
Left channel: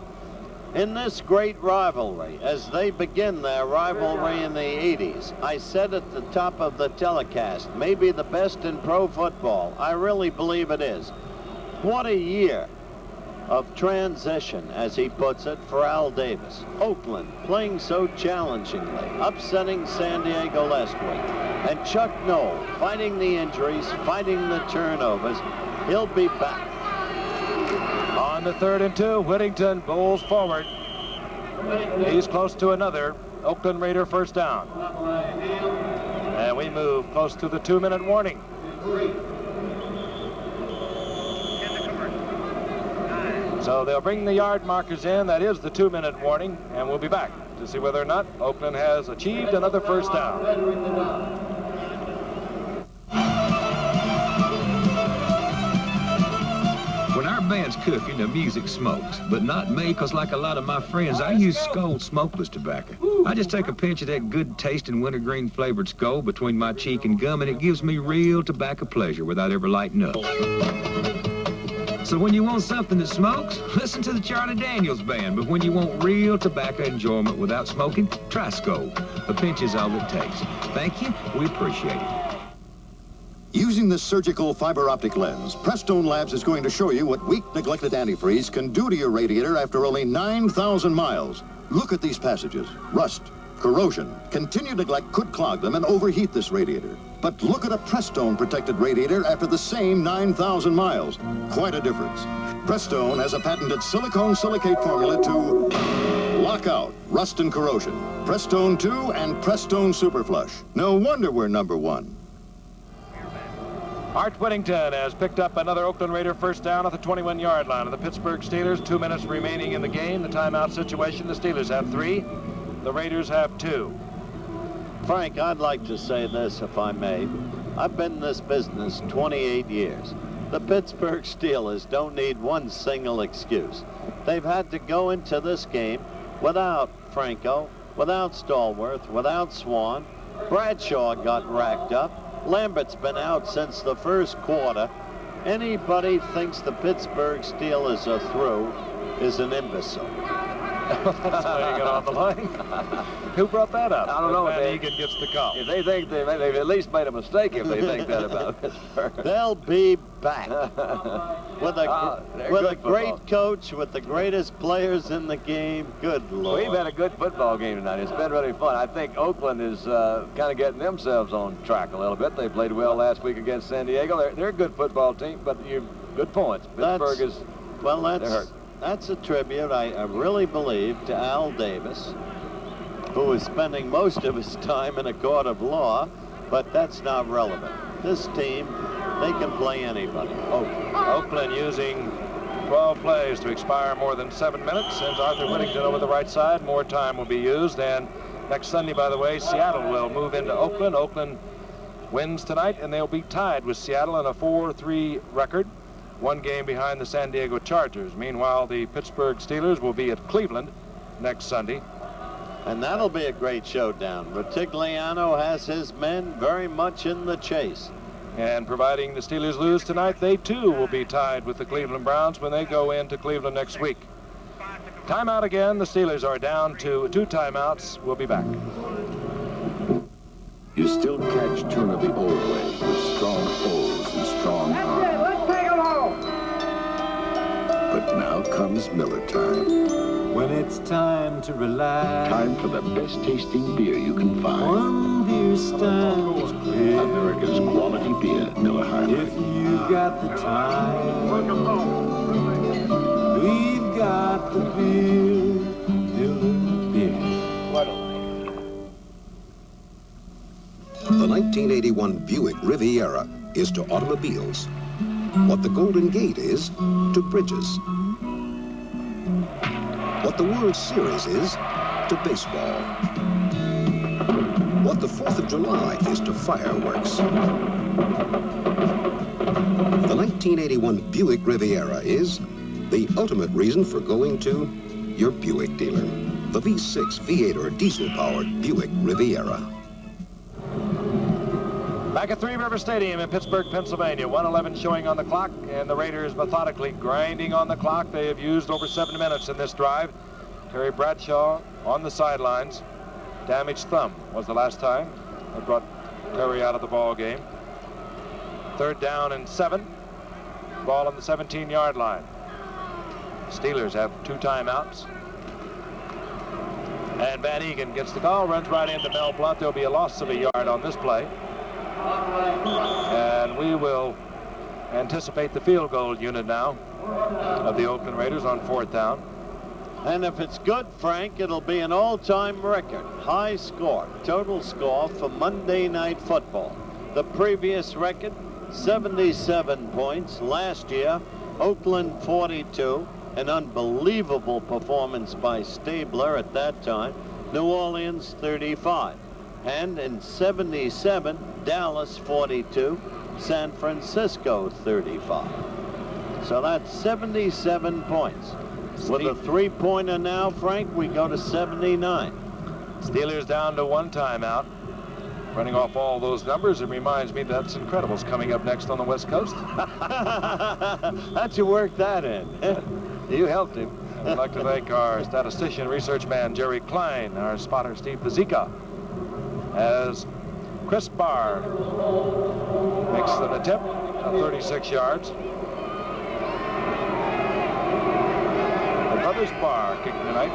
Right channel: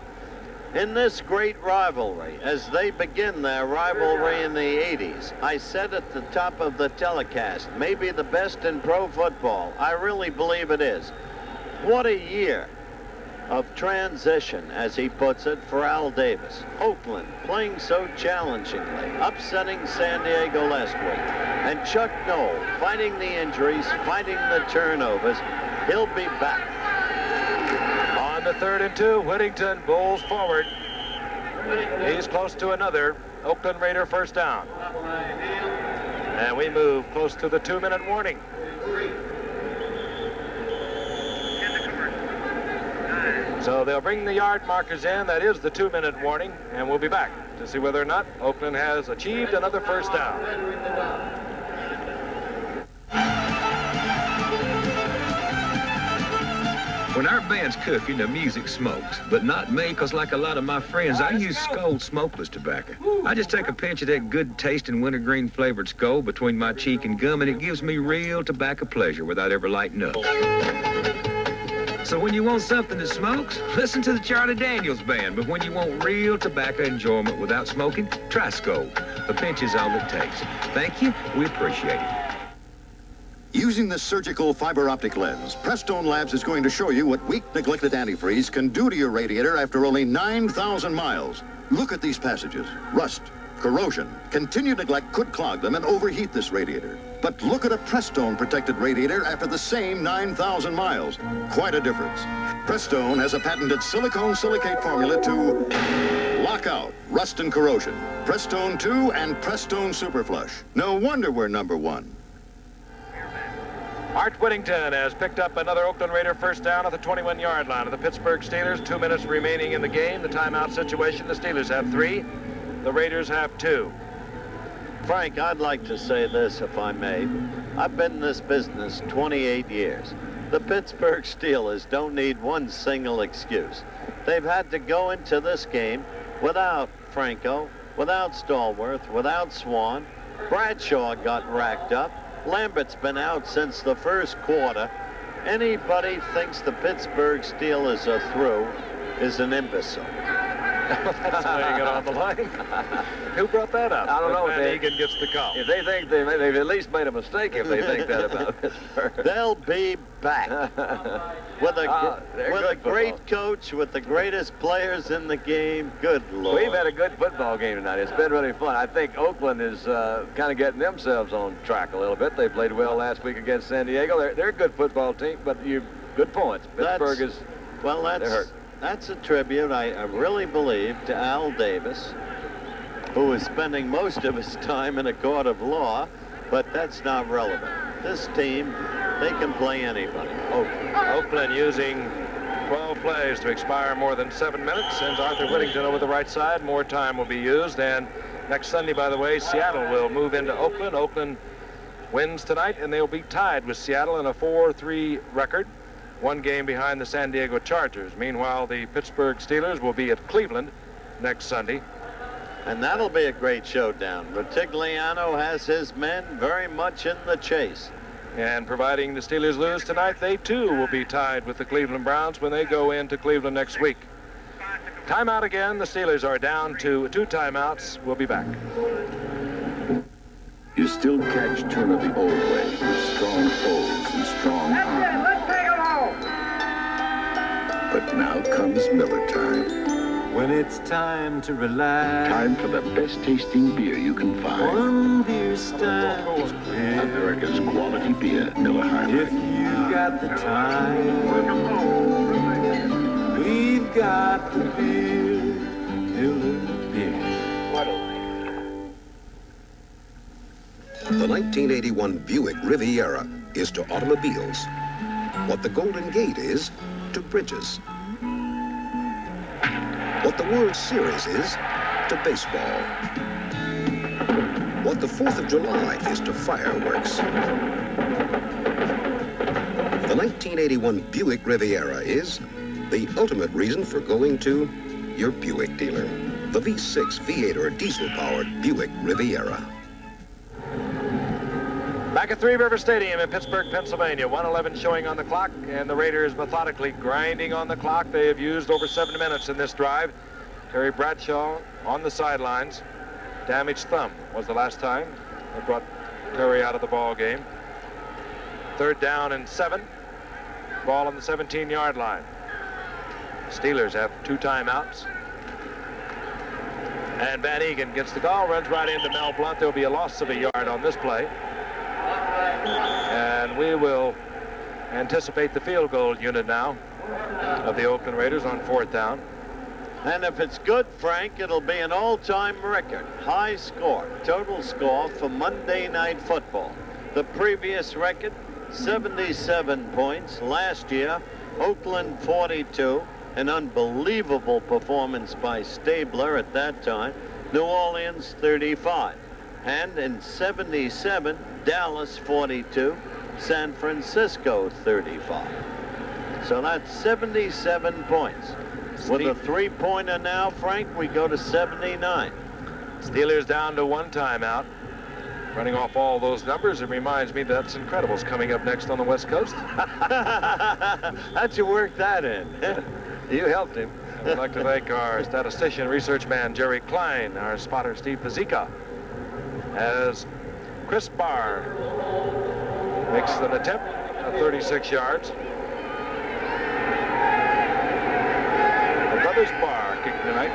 In this great rivalry, as they begin their rivalry in the 80s, I said at the top of the telecast, maybe the best in pro football. I really believe it is. What a year of transition, as he puts it, for Al Davis. Oakland playing so challengingly, upsetting San Diego last week. And Chuck Noll fighting the injuries, fighting the turnovers. He'll be back. On the 3rd and 2, Whittington bowls forward. He's close to another Oakland Raider first down. And we move close to the 2-minute warning. So they'll bring the yard markers in. That is the 2-minute warning, and we'll be back to see whether or not Oakland has achieved another first down. When our band's cooking, the music smokes. But not me, because like a lot of my friends, I use Skoal smokeless tobacco. I just take a pinch of that good tasting wintergreen flavored Skoal between my cheek and gum, and it gives me real tobacco pleasure without ever lighting up. So when you want something that smokes, listen to the Charlie Daniels Band. But when you want real tobacco enjoyment without smoking, try Skoal. A pinch is all it takes. Thank you. We appreciate it. Using this surgical fiber optic lens, Prestone Labs is going to show you what weak, neglected antifreeze can do to your radiator after only 9,000 miles. Look at these passages. Rust, corrosion, continued neglect could clog them and overheat this radiator. But look at a Prestone protected radiator after the same 9,000 miles. Quite a difference. Prestone has a patented silicone silicate formula to Lockout, rust and corrosion. Prestone 2 and Prestone Super Flush. No wonder we're #1. Art Whittington has picked up another Oakland Raider first down at the 21-yard line of the Pittsburgh Steelers. 2 minutes remaining in the game. The timeout situation, the Steelers have 3. The Raiders have 2. Frank, I'd like to say this, if I may. I've been in this business 28 years. The Pittsburgh Steelers don't need one single excuse. They've had to go into this game without Franco, without Stallworth, without Swan. Bradshaw got racked up. Lambert's been out since the first quarter. Anybody thinks the Pittsburgh Steelers are through is an imbecile. That's laying it on the line. Who brought that up? I don't know. Van Egan gets the call. If they think they've at least made a mistake if they think that about Pittsburgh. They'll be back with a great coach, with the greatest players in the game. Good Lord. We've had a good football game tonight. It's been really fun. I think Oakland is kind of getting themselves on track a little bit. They played well last week against San Diego. They're a good football team, but good points. Pittsburgh is. Well, they're hurt. That's a tribute, I really believe, to Al Davis, who is spending most of his time in a court of law, but that's not relevant. This team, they can play anybody. Oakland using 12 plays to expire more than 7 minutes. Sends Arthur Whittington over the right side. More time will be used. And next Sunday, by the way, Seattle will move into Oakland. Oakland wins tonight, and they'll be tied with Seattle in a 4-3 record. 1 game behind the San Diego Chargers. Meanwhile, the Pittsburgh Steelers will be at Cleveland next Sunday. And that'll be a great showdown. Rutigliano has his men very much in the chase. And providing the Steelers lose tonight, they too will be tied with the Cleveland Browns when they go into Cleveland next week. Timeout again. The Steelers are down to 2 timeouts. We'll be back. You still catch Turner the old way with strong O's and strong arms. Let's take them home. But now comes Miller time. When it's time to relax. Time for the best tasting beer you can find. One beer stands clear. America's quality beer, Miller High Life. If you've got the time, we've got the beer, Miller beer. What a The 1981 Buick Riviera is to automobiles what the Golden Gate is to bridges. What the World Series is to baseball. What the 4th of July is to fireworks. The 1981 Buick Riviera is the ultimate reason for going to your Buick dealer. The V6, V8, or diesel-powered Buick Riviera. Back at Three River Stadium in Pittsburgh, Pennsylvania. 1:11 showing on the clock, and the Raiders methodically grinding on the clock. They have used over 7 minutes in this drive. Terry Bradshaw on the sidelines. Damaged thumb was the last time they brought Terry out of the ball game. 3rd down and 7. Ball on the 17-yard line. Steelers have 2 timeouts. And Van Egan gets the call, runs right into Mel Blount. There'll be a loss of a yard on this play. And we will anticipate the field goal unit now of the Oakland Raiders on 4th down. And if it's good, Frank, it'll be an all-time record. High score, total score for Monday Night Football. The previous record, 77 points. Last year, Oakland 42. An unbelievable performance by Stabler at that time. New Orleans 35. And in 77, Dallas 42, San Francisco 35. So that's 77 points. With a 3-pointer now, Frank, we go to 79. Steelers down to 1 timeout. Running off all those numbers, it reminds me that's Incredibles coming up next on the West Coast. How'd you work that in? You helped him. I'd like to thank our statistician, research man, Jerry Klein, our spotter, Steve Pazika, as Chris Barr makes an attempt at 36 yards. The brothers Barr kicking tonight.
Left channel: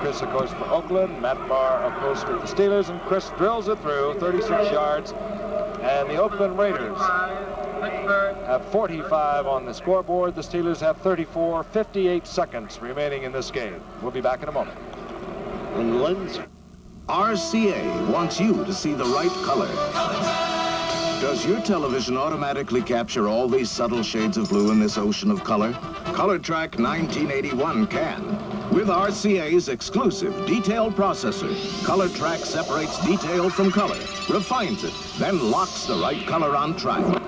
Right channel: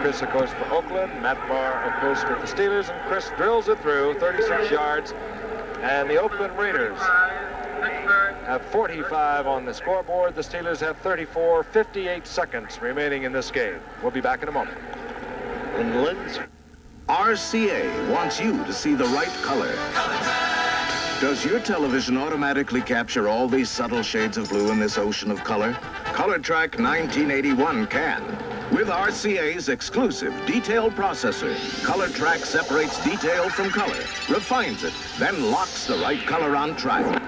Chris, of course, for Oakland. Matt Barr, of course, with the Steelers. And Chris drills it through, 36 yards. And the Oakland Raiders have 45 on the scoreboard. The Steelers have 34, 58 seconds remaining in this game. We'll be back in a moment. in Linz. RCA wants you to see the right color. Does your television automatically capture all these subtle shades of blue in this ocean of color? ColorTrack 1981 can. With RCA's exclusive detailed processor, ColorTrack separates detail from color, refines it, then locks the right color on track.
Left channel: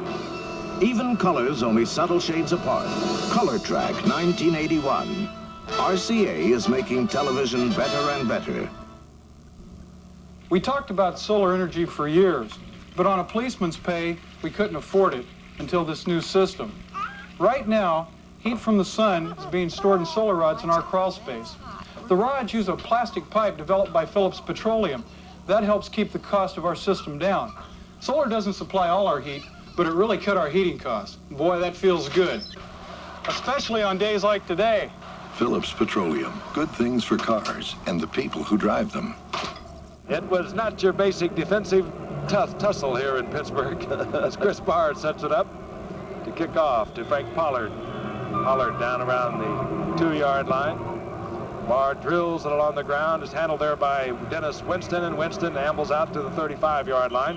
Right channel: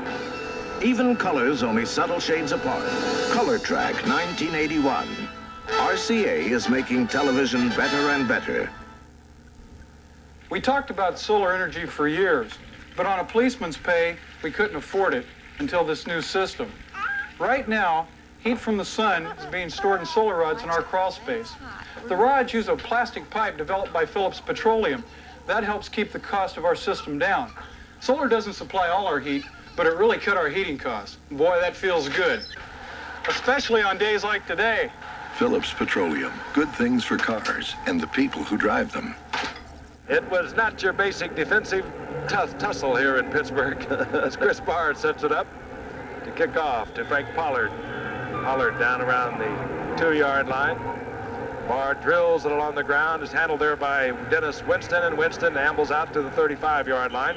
Even colors only subtle shades apart. ColorTrack 1981. RCA is making television better and better. We talked about solar energy for years, but on a policeman's pay, we couldn't afford it until this new system. Right now, heat from the sun is being stored in solar rods in our crawl space. The rods use a plastic pipe developed by Phillips Petroleum. That helps keep the cost of our system down. Solar doesn't supply all our heat, but it really cut our heating costs. Boy, that feels good, especially on days like today. Phillips Petroleum, good things for cars and the people who drive them. It was not your basic defensive tussle here in Pittsburgh as Chris Bard sets it up to kick off to Frank Pollard. Pollard down around the 2-yard line. Bard drills it along the ground. Is handled there by Dennis Winston, and Winston ambles out to the 35-yard line.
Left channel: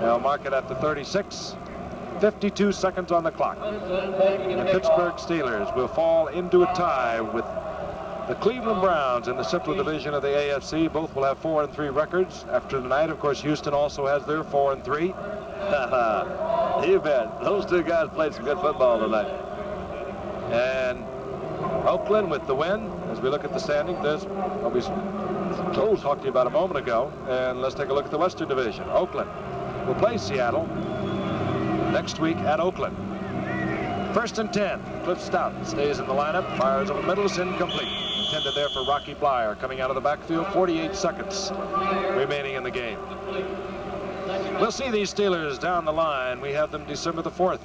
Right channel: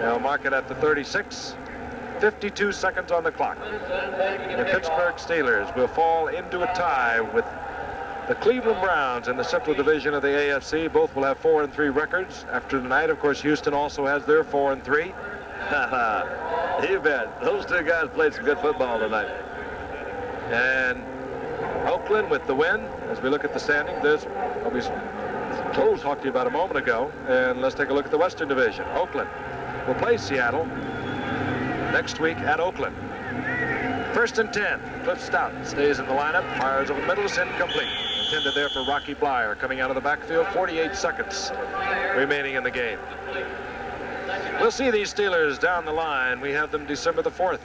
They'll mark it at the 36. 52 seconds on the clock. The Pittsburgh Steelers will fall into a tie with the Cleveland Browns in the Central Division of the AFC. Both will have 4-3 records. After tonight, of course, Houston also has their 4-3. You bet. Those two guys played some good football tonight. And Oakland with the win. As we look at the standing, there's what we talked to you about a moment ago. And let's take a look at the Western Division. Oakland will play Seattle next week at Oakland. 1st and 10. Cliff Stout stays in the lineup. Fires over the middle. Is incomplete. Intended there for Rocky Blyer coming out of the backfield. 48 seconds remaining in the game. We'll see these Steelers down the line. We have them December the 4th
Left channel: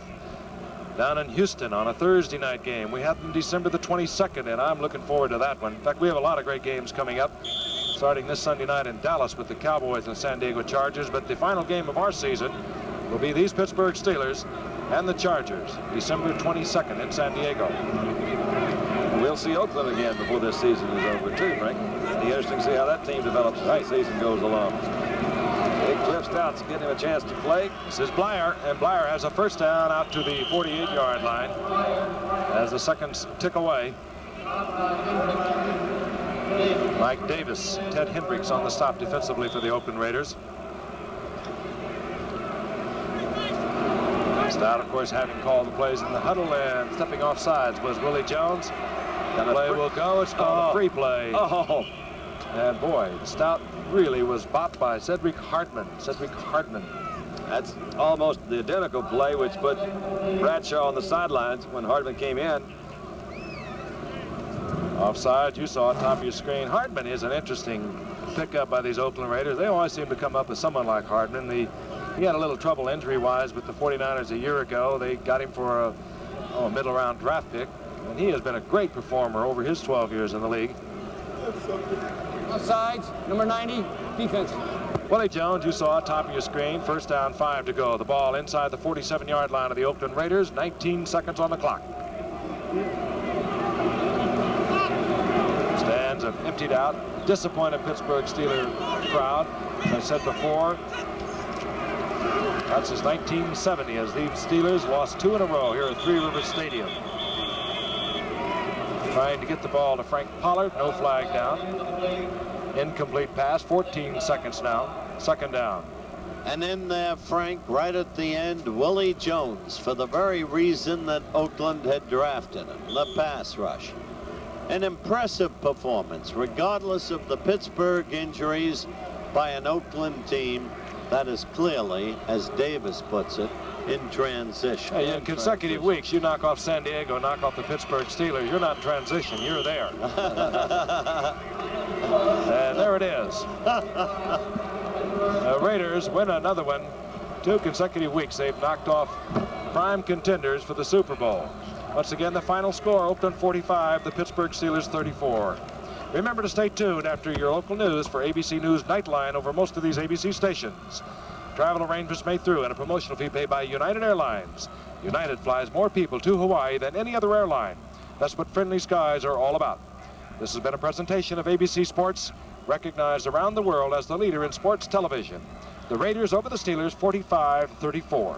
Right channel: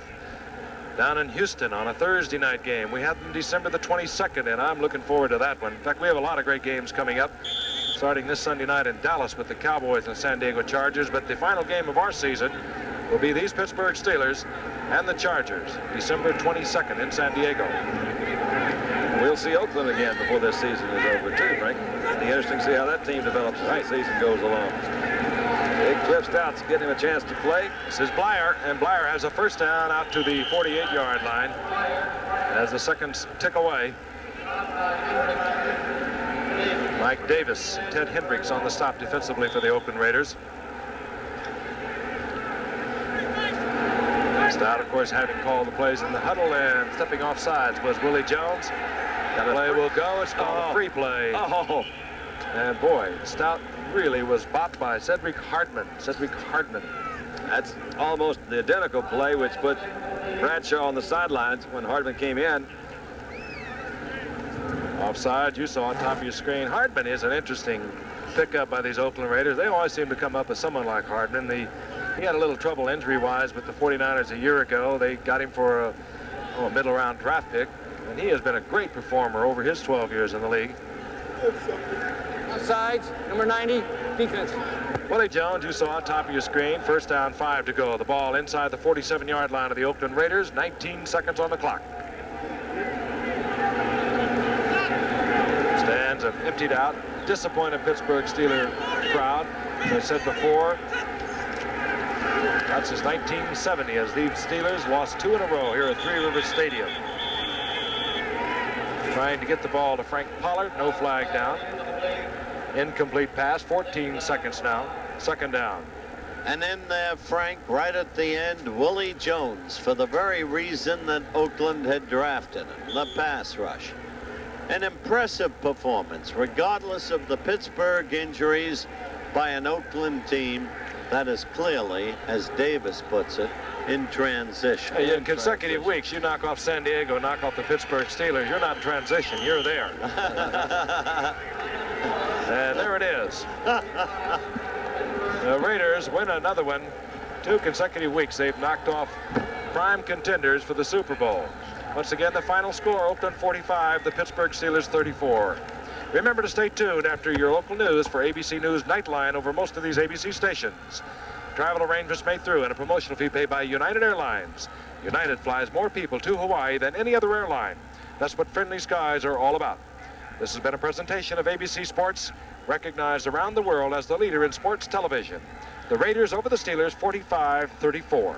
down in Houston on a Thursday night game. We have them December the 22nd, and I'm looking forward to that one. In fact, we have a lot of great games coming up, starting this Sunday night in Dallas with the Cowboys and San Diego Chargers. But the final game of our season will be these Pittsburgh Steelers and the Chargers, December 22nd in San Diego. We'll see Oakland again before this season is over, too, Frank. It'll be interesting to see how that team develops as the season goes along. Big Cliff Stout's getting him a chance to play. This is Blyer, and Blyer has a first down out to the 48-yard line as the seconds tick away. Mike Davis, Ted Hendricks on the stop defensively for the Oakland Raiders. Stout, of course, having called the plays in the huddle, and stepping off sides was Willie Jones. The play will go. It's called a free play. Oh. And boy, Stout really was bopped by Cedric Hardman. That's almost the identical play which put Bradshaw on the sidelines when Hardman came in. Offside, you saw at top of your screen. Hardman is an interesting pickup by these Oakland Raiders. They always seem to come up with someone like Hardman. He had a little trouble injury-wise with the 49ers a year ago. They got him for a middle-round draft pick, and he has been a great performer over his 12 years in the league. Offsides, number 90, defense. Willie Jones, you saw at top of your screen. First down, 5 to go. The ball inside the 47-yard line of the Oakland Raiders. 19 seconds on the clock. Stands have emptied out. Disappointed Pittsburgh Steeler crowd. As I said before, that's since 1970 as the Steelers lost 2 in a row here at Three Rivers Stadium. Trying to get the ball to Frank Pollard. No flag down. Incomplete pass. 14 seconds now. Second down. And in there, Frank, right at the end, Willie Jones, for the very reason that Oakland had drafted him, the pass rush. An impressive performance, regardless of the Pittsburgh injuries, by an Oakland team that is clearly, as Davis puts it, in transition. Hey, in consecutive weeks, you knock off San Diego, knock off the Pittsburgh Steelers. You're not in transition. You're there. And there it is. The Raiders win another one. 2 consecutive weeks they've knocked off prime contenders for the Super Bowl. Once again, the final score, Oakland 45, the Pittsburgh Steelers 34. Remember to stay tuned after your local news for ABC News Nightline over most of these ABC stations. Travel arrangements made through and a promotional fee paid by United Airlines. United flies more people to Hawaii than any other airline. That's what friendly skies are all about. This has been a presentation of ABC Sports, recognized around the world as the leader in sports television. The Raiders over the Steelers, 45-34.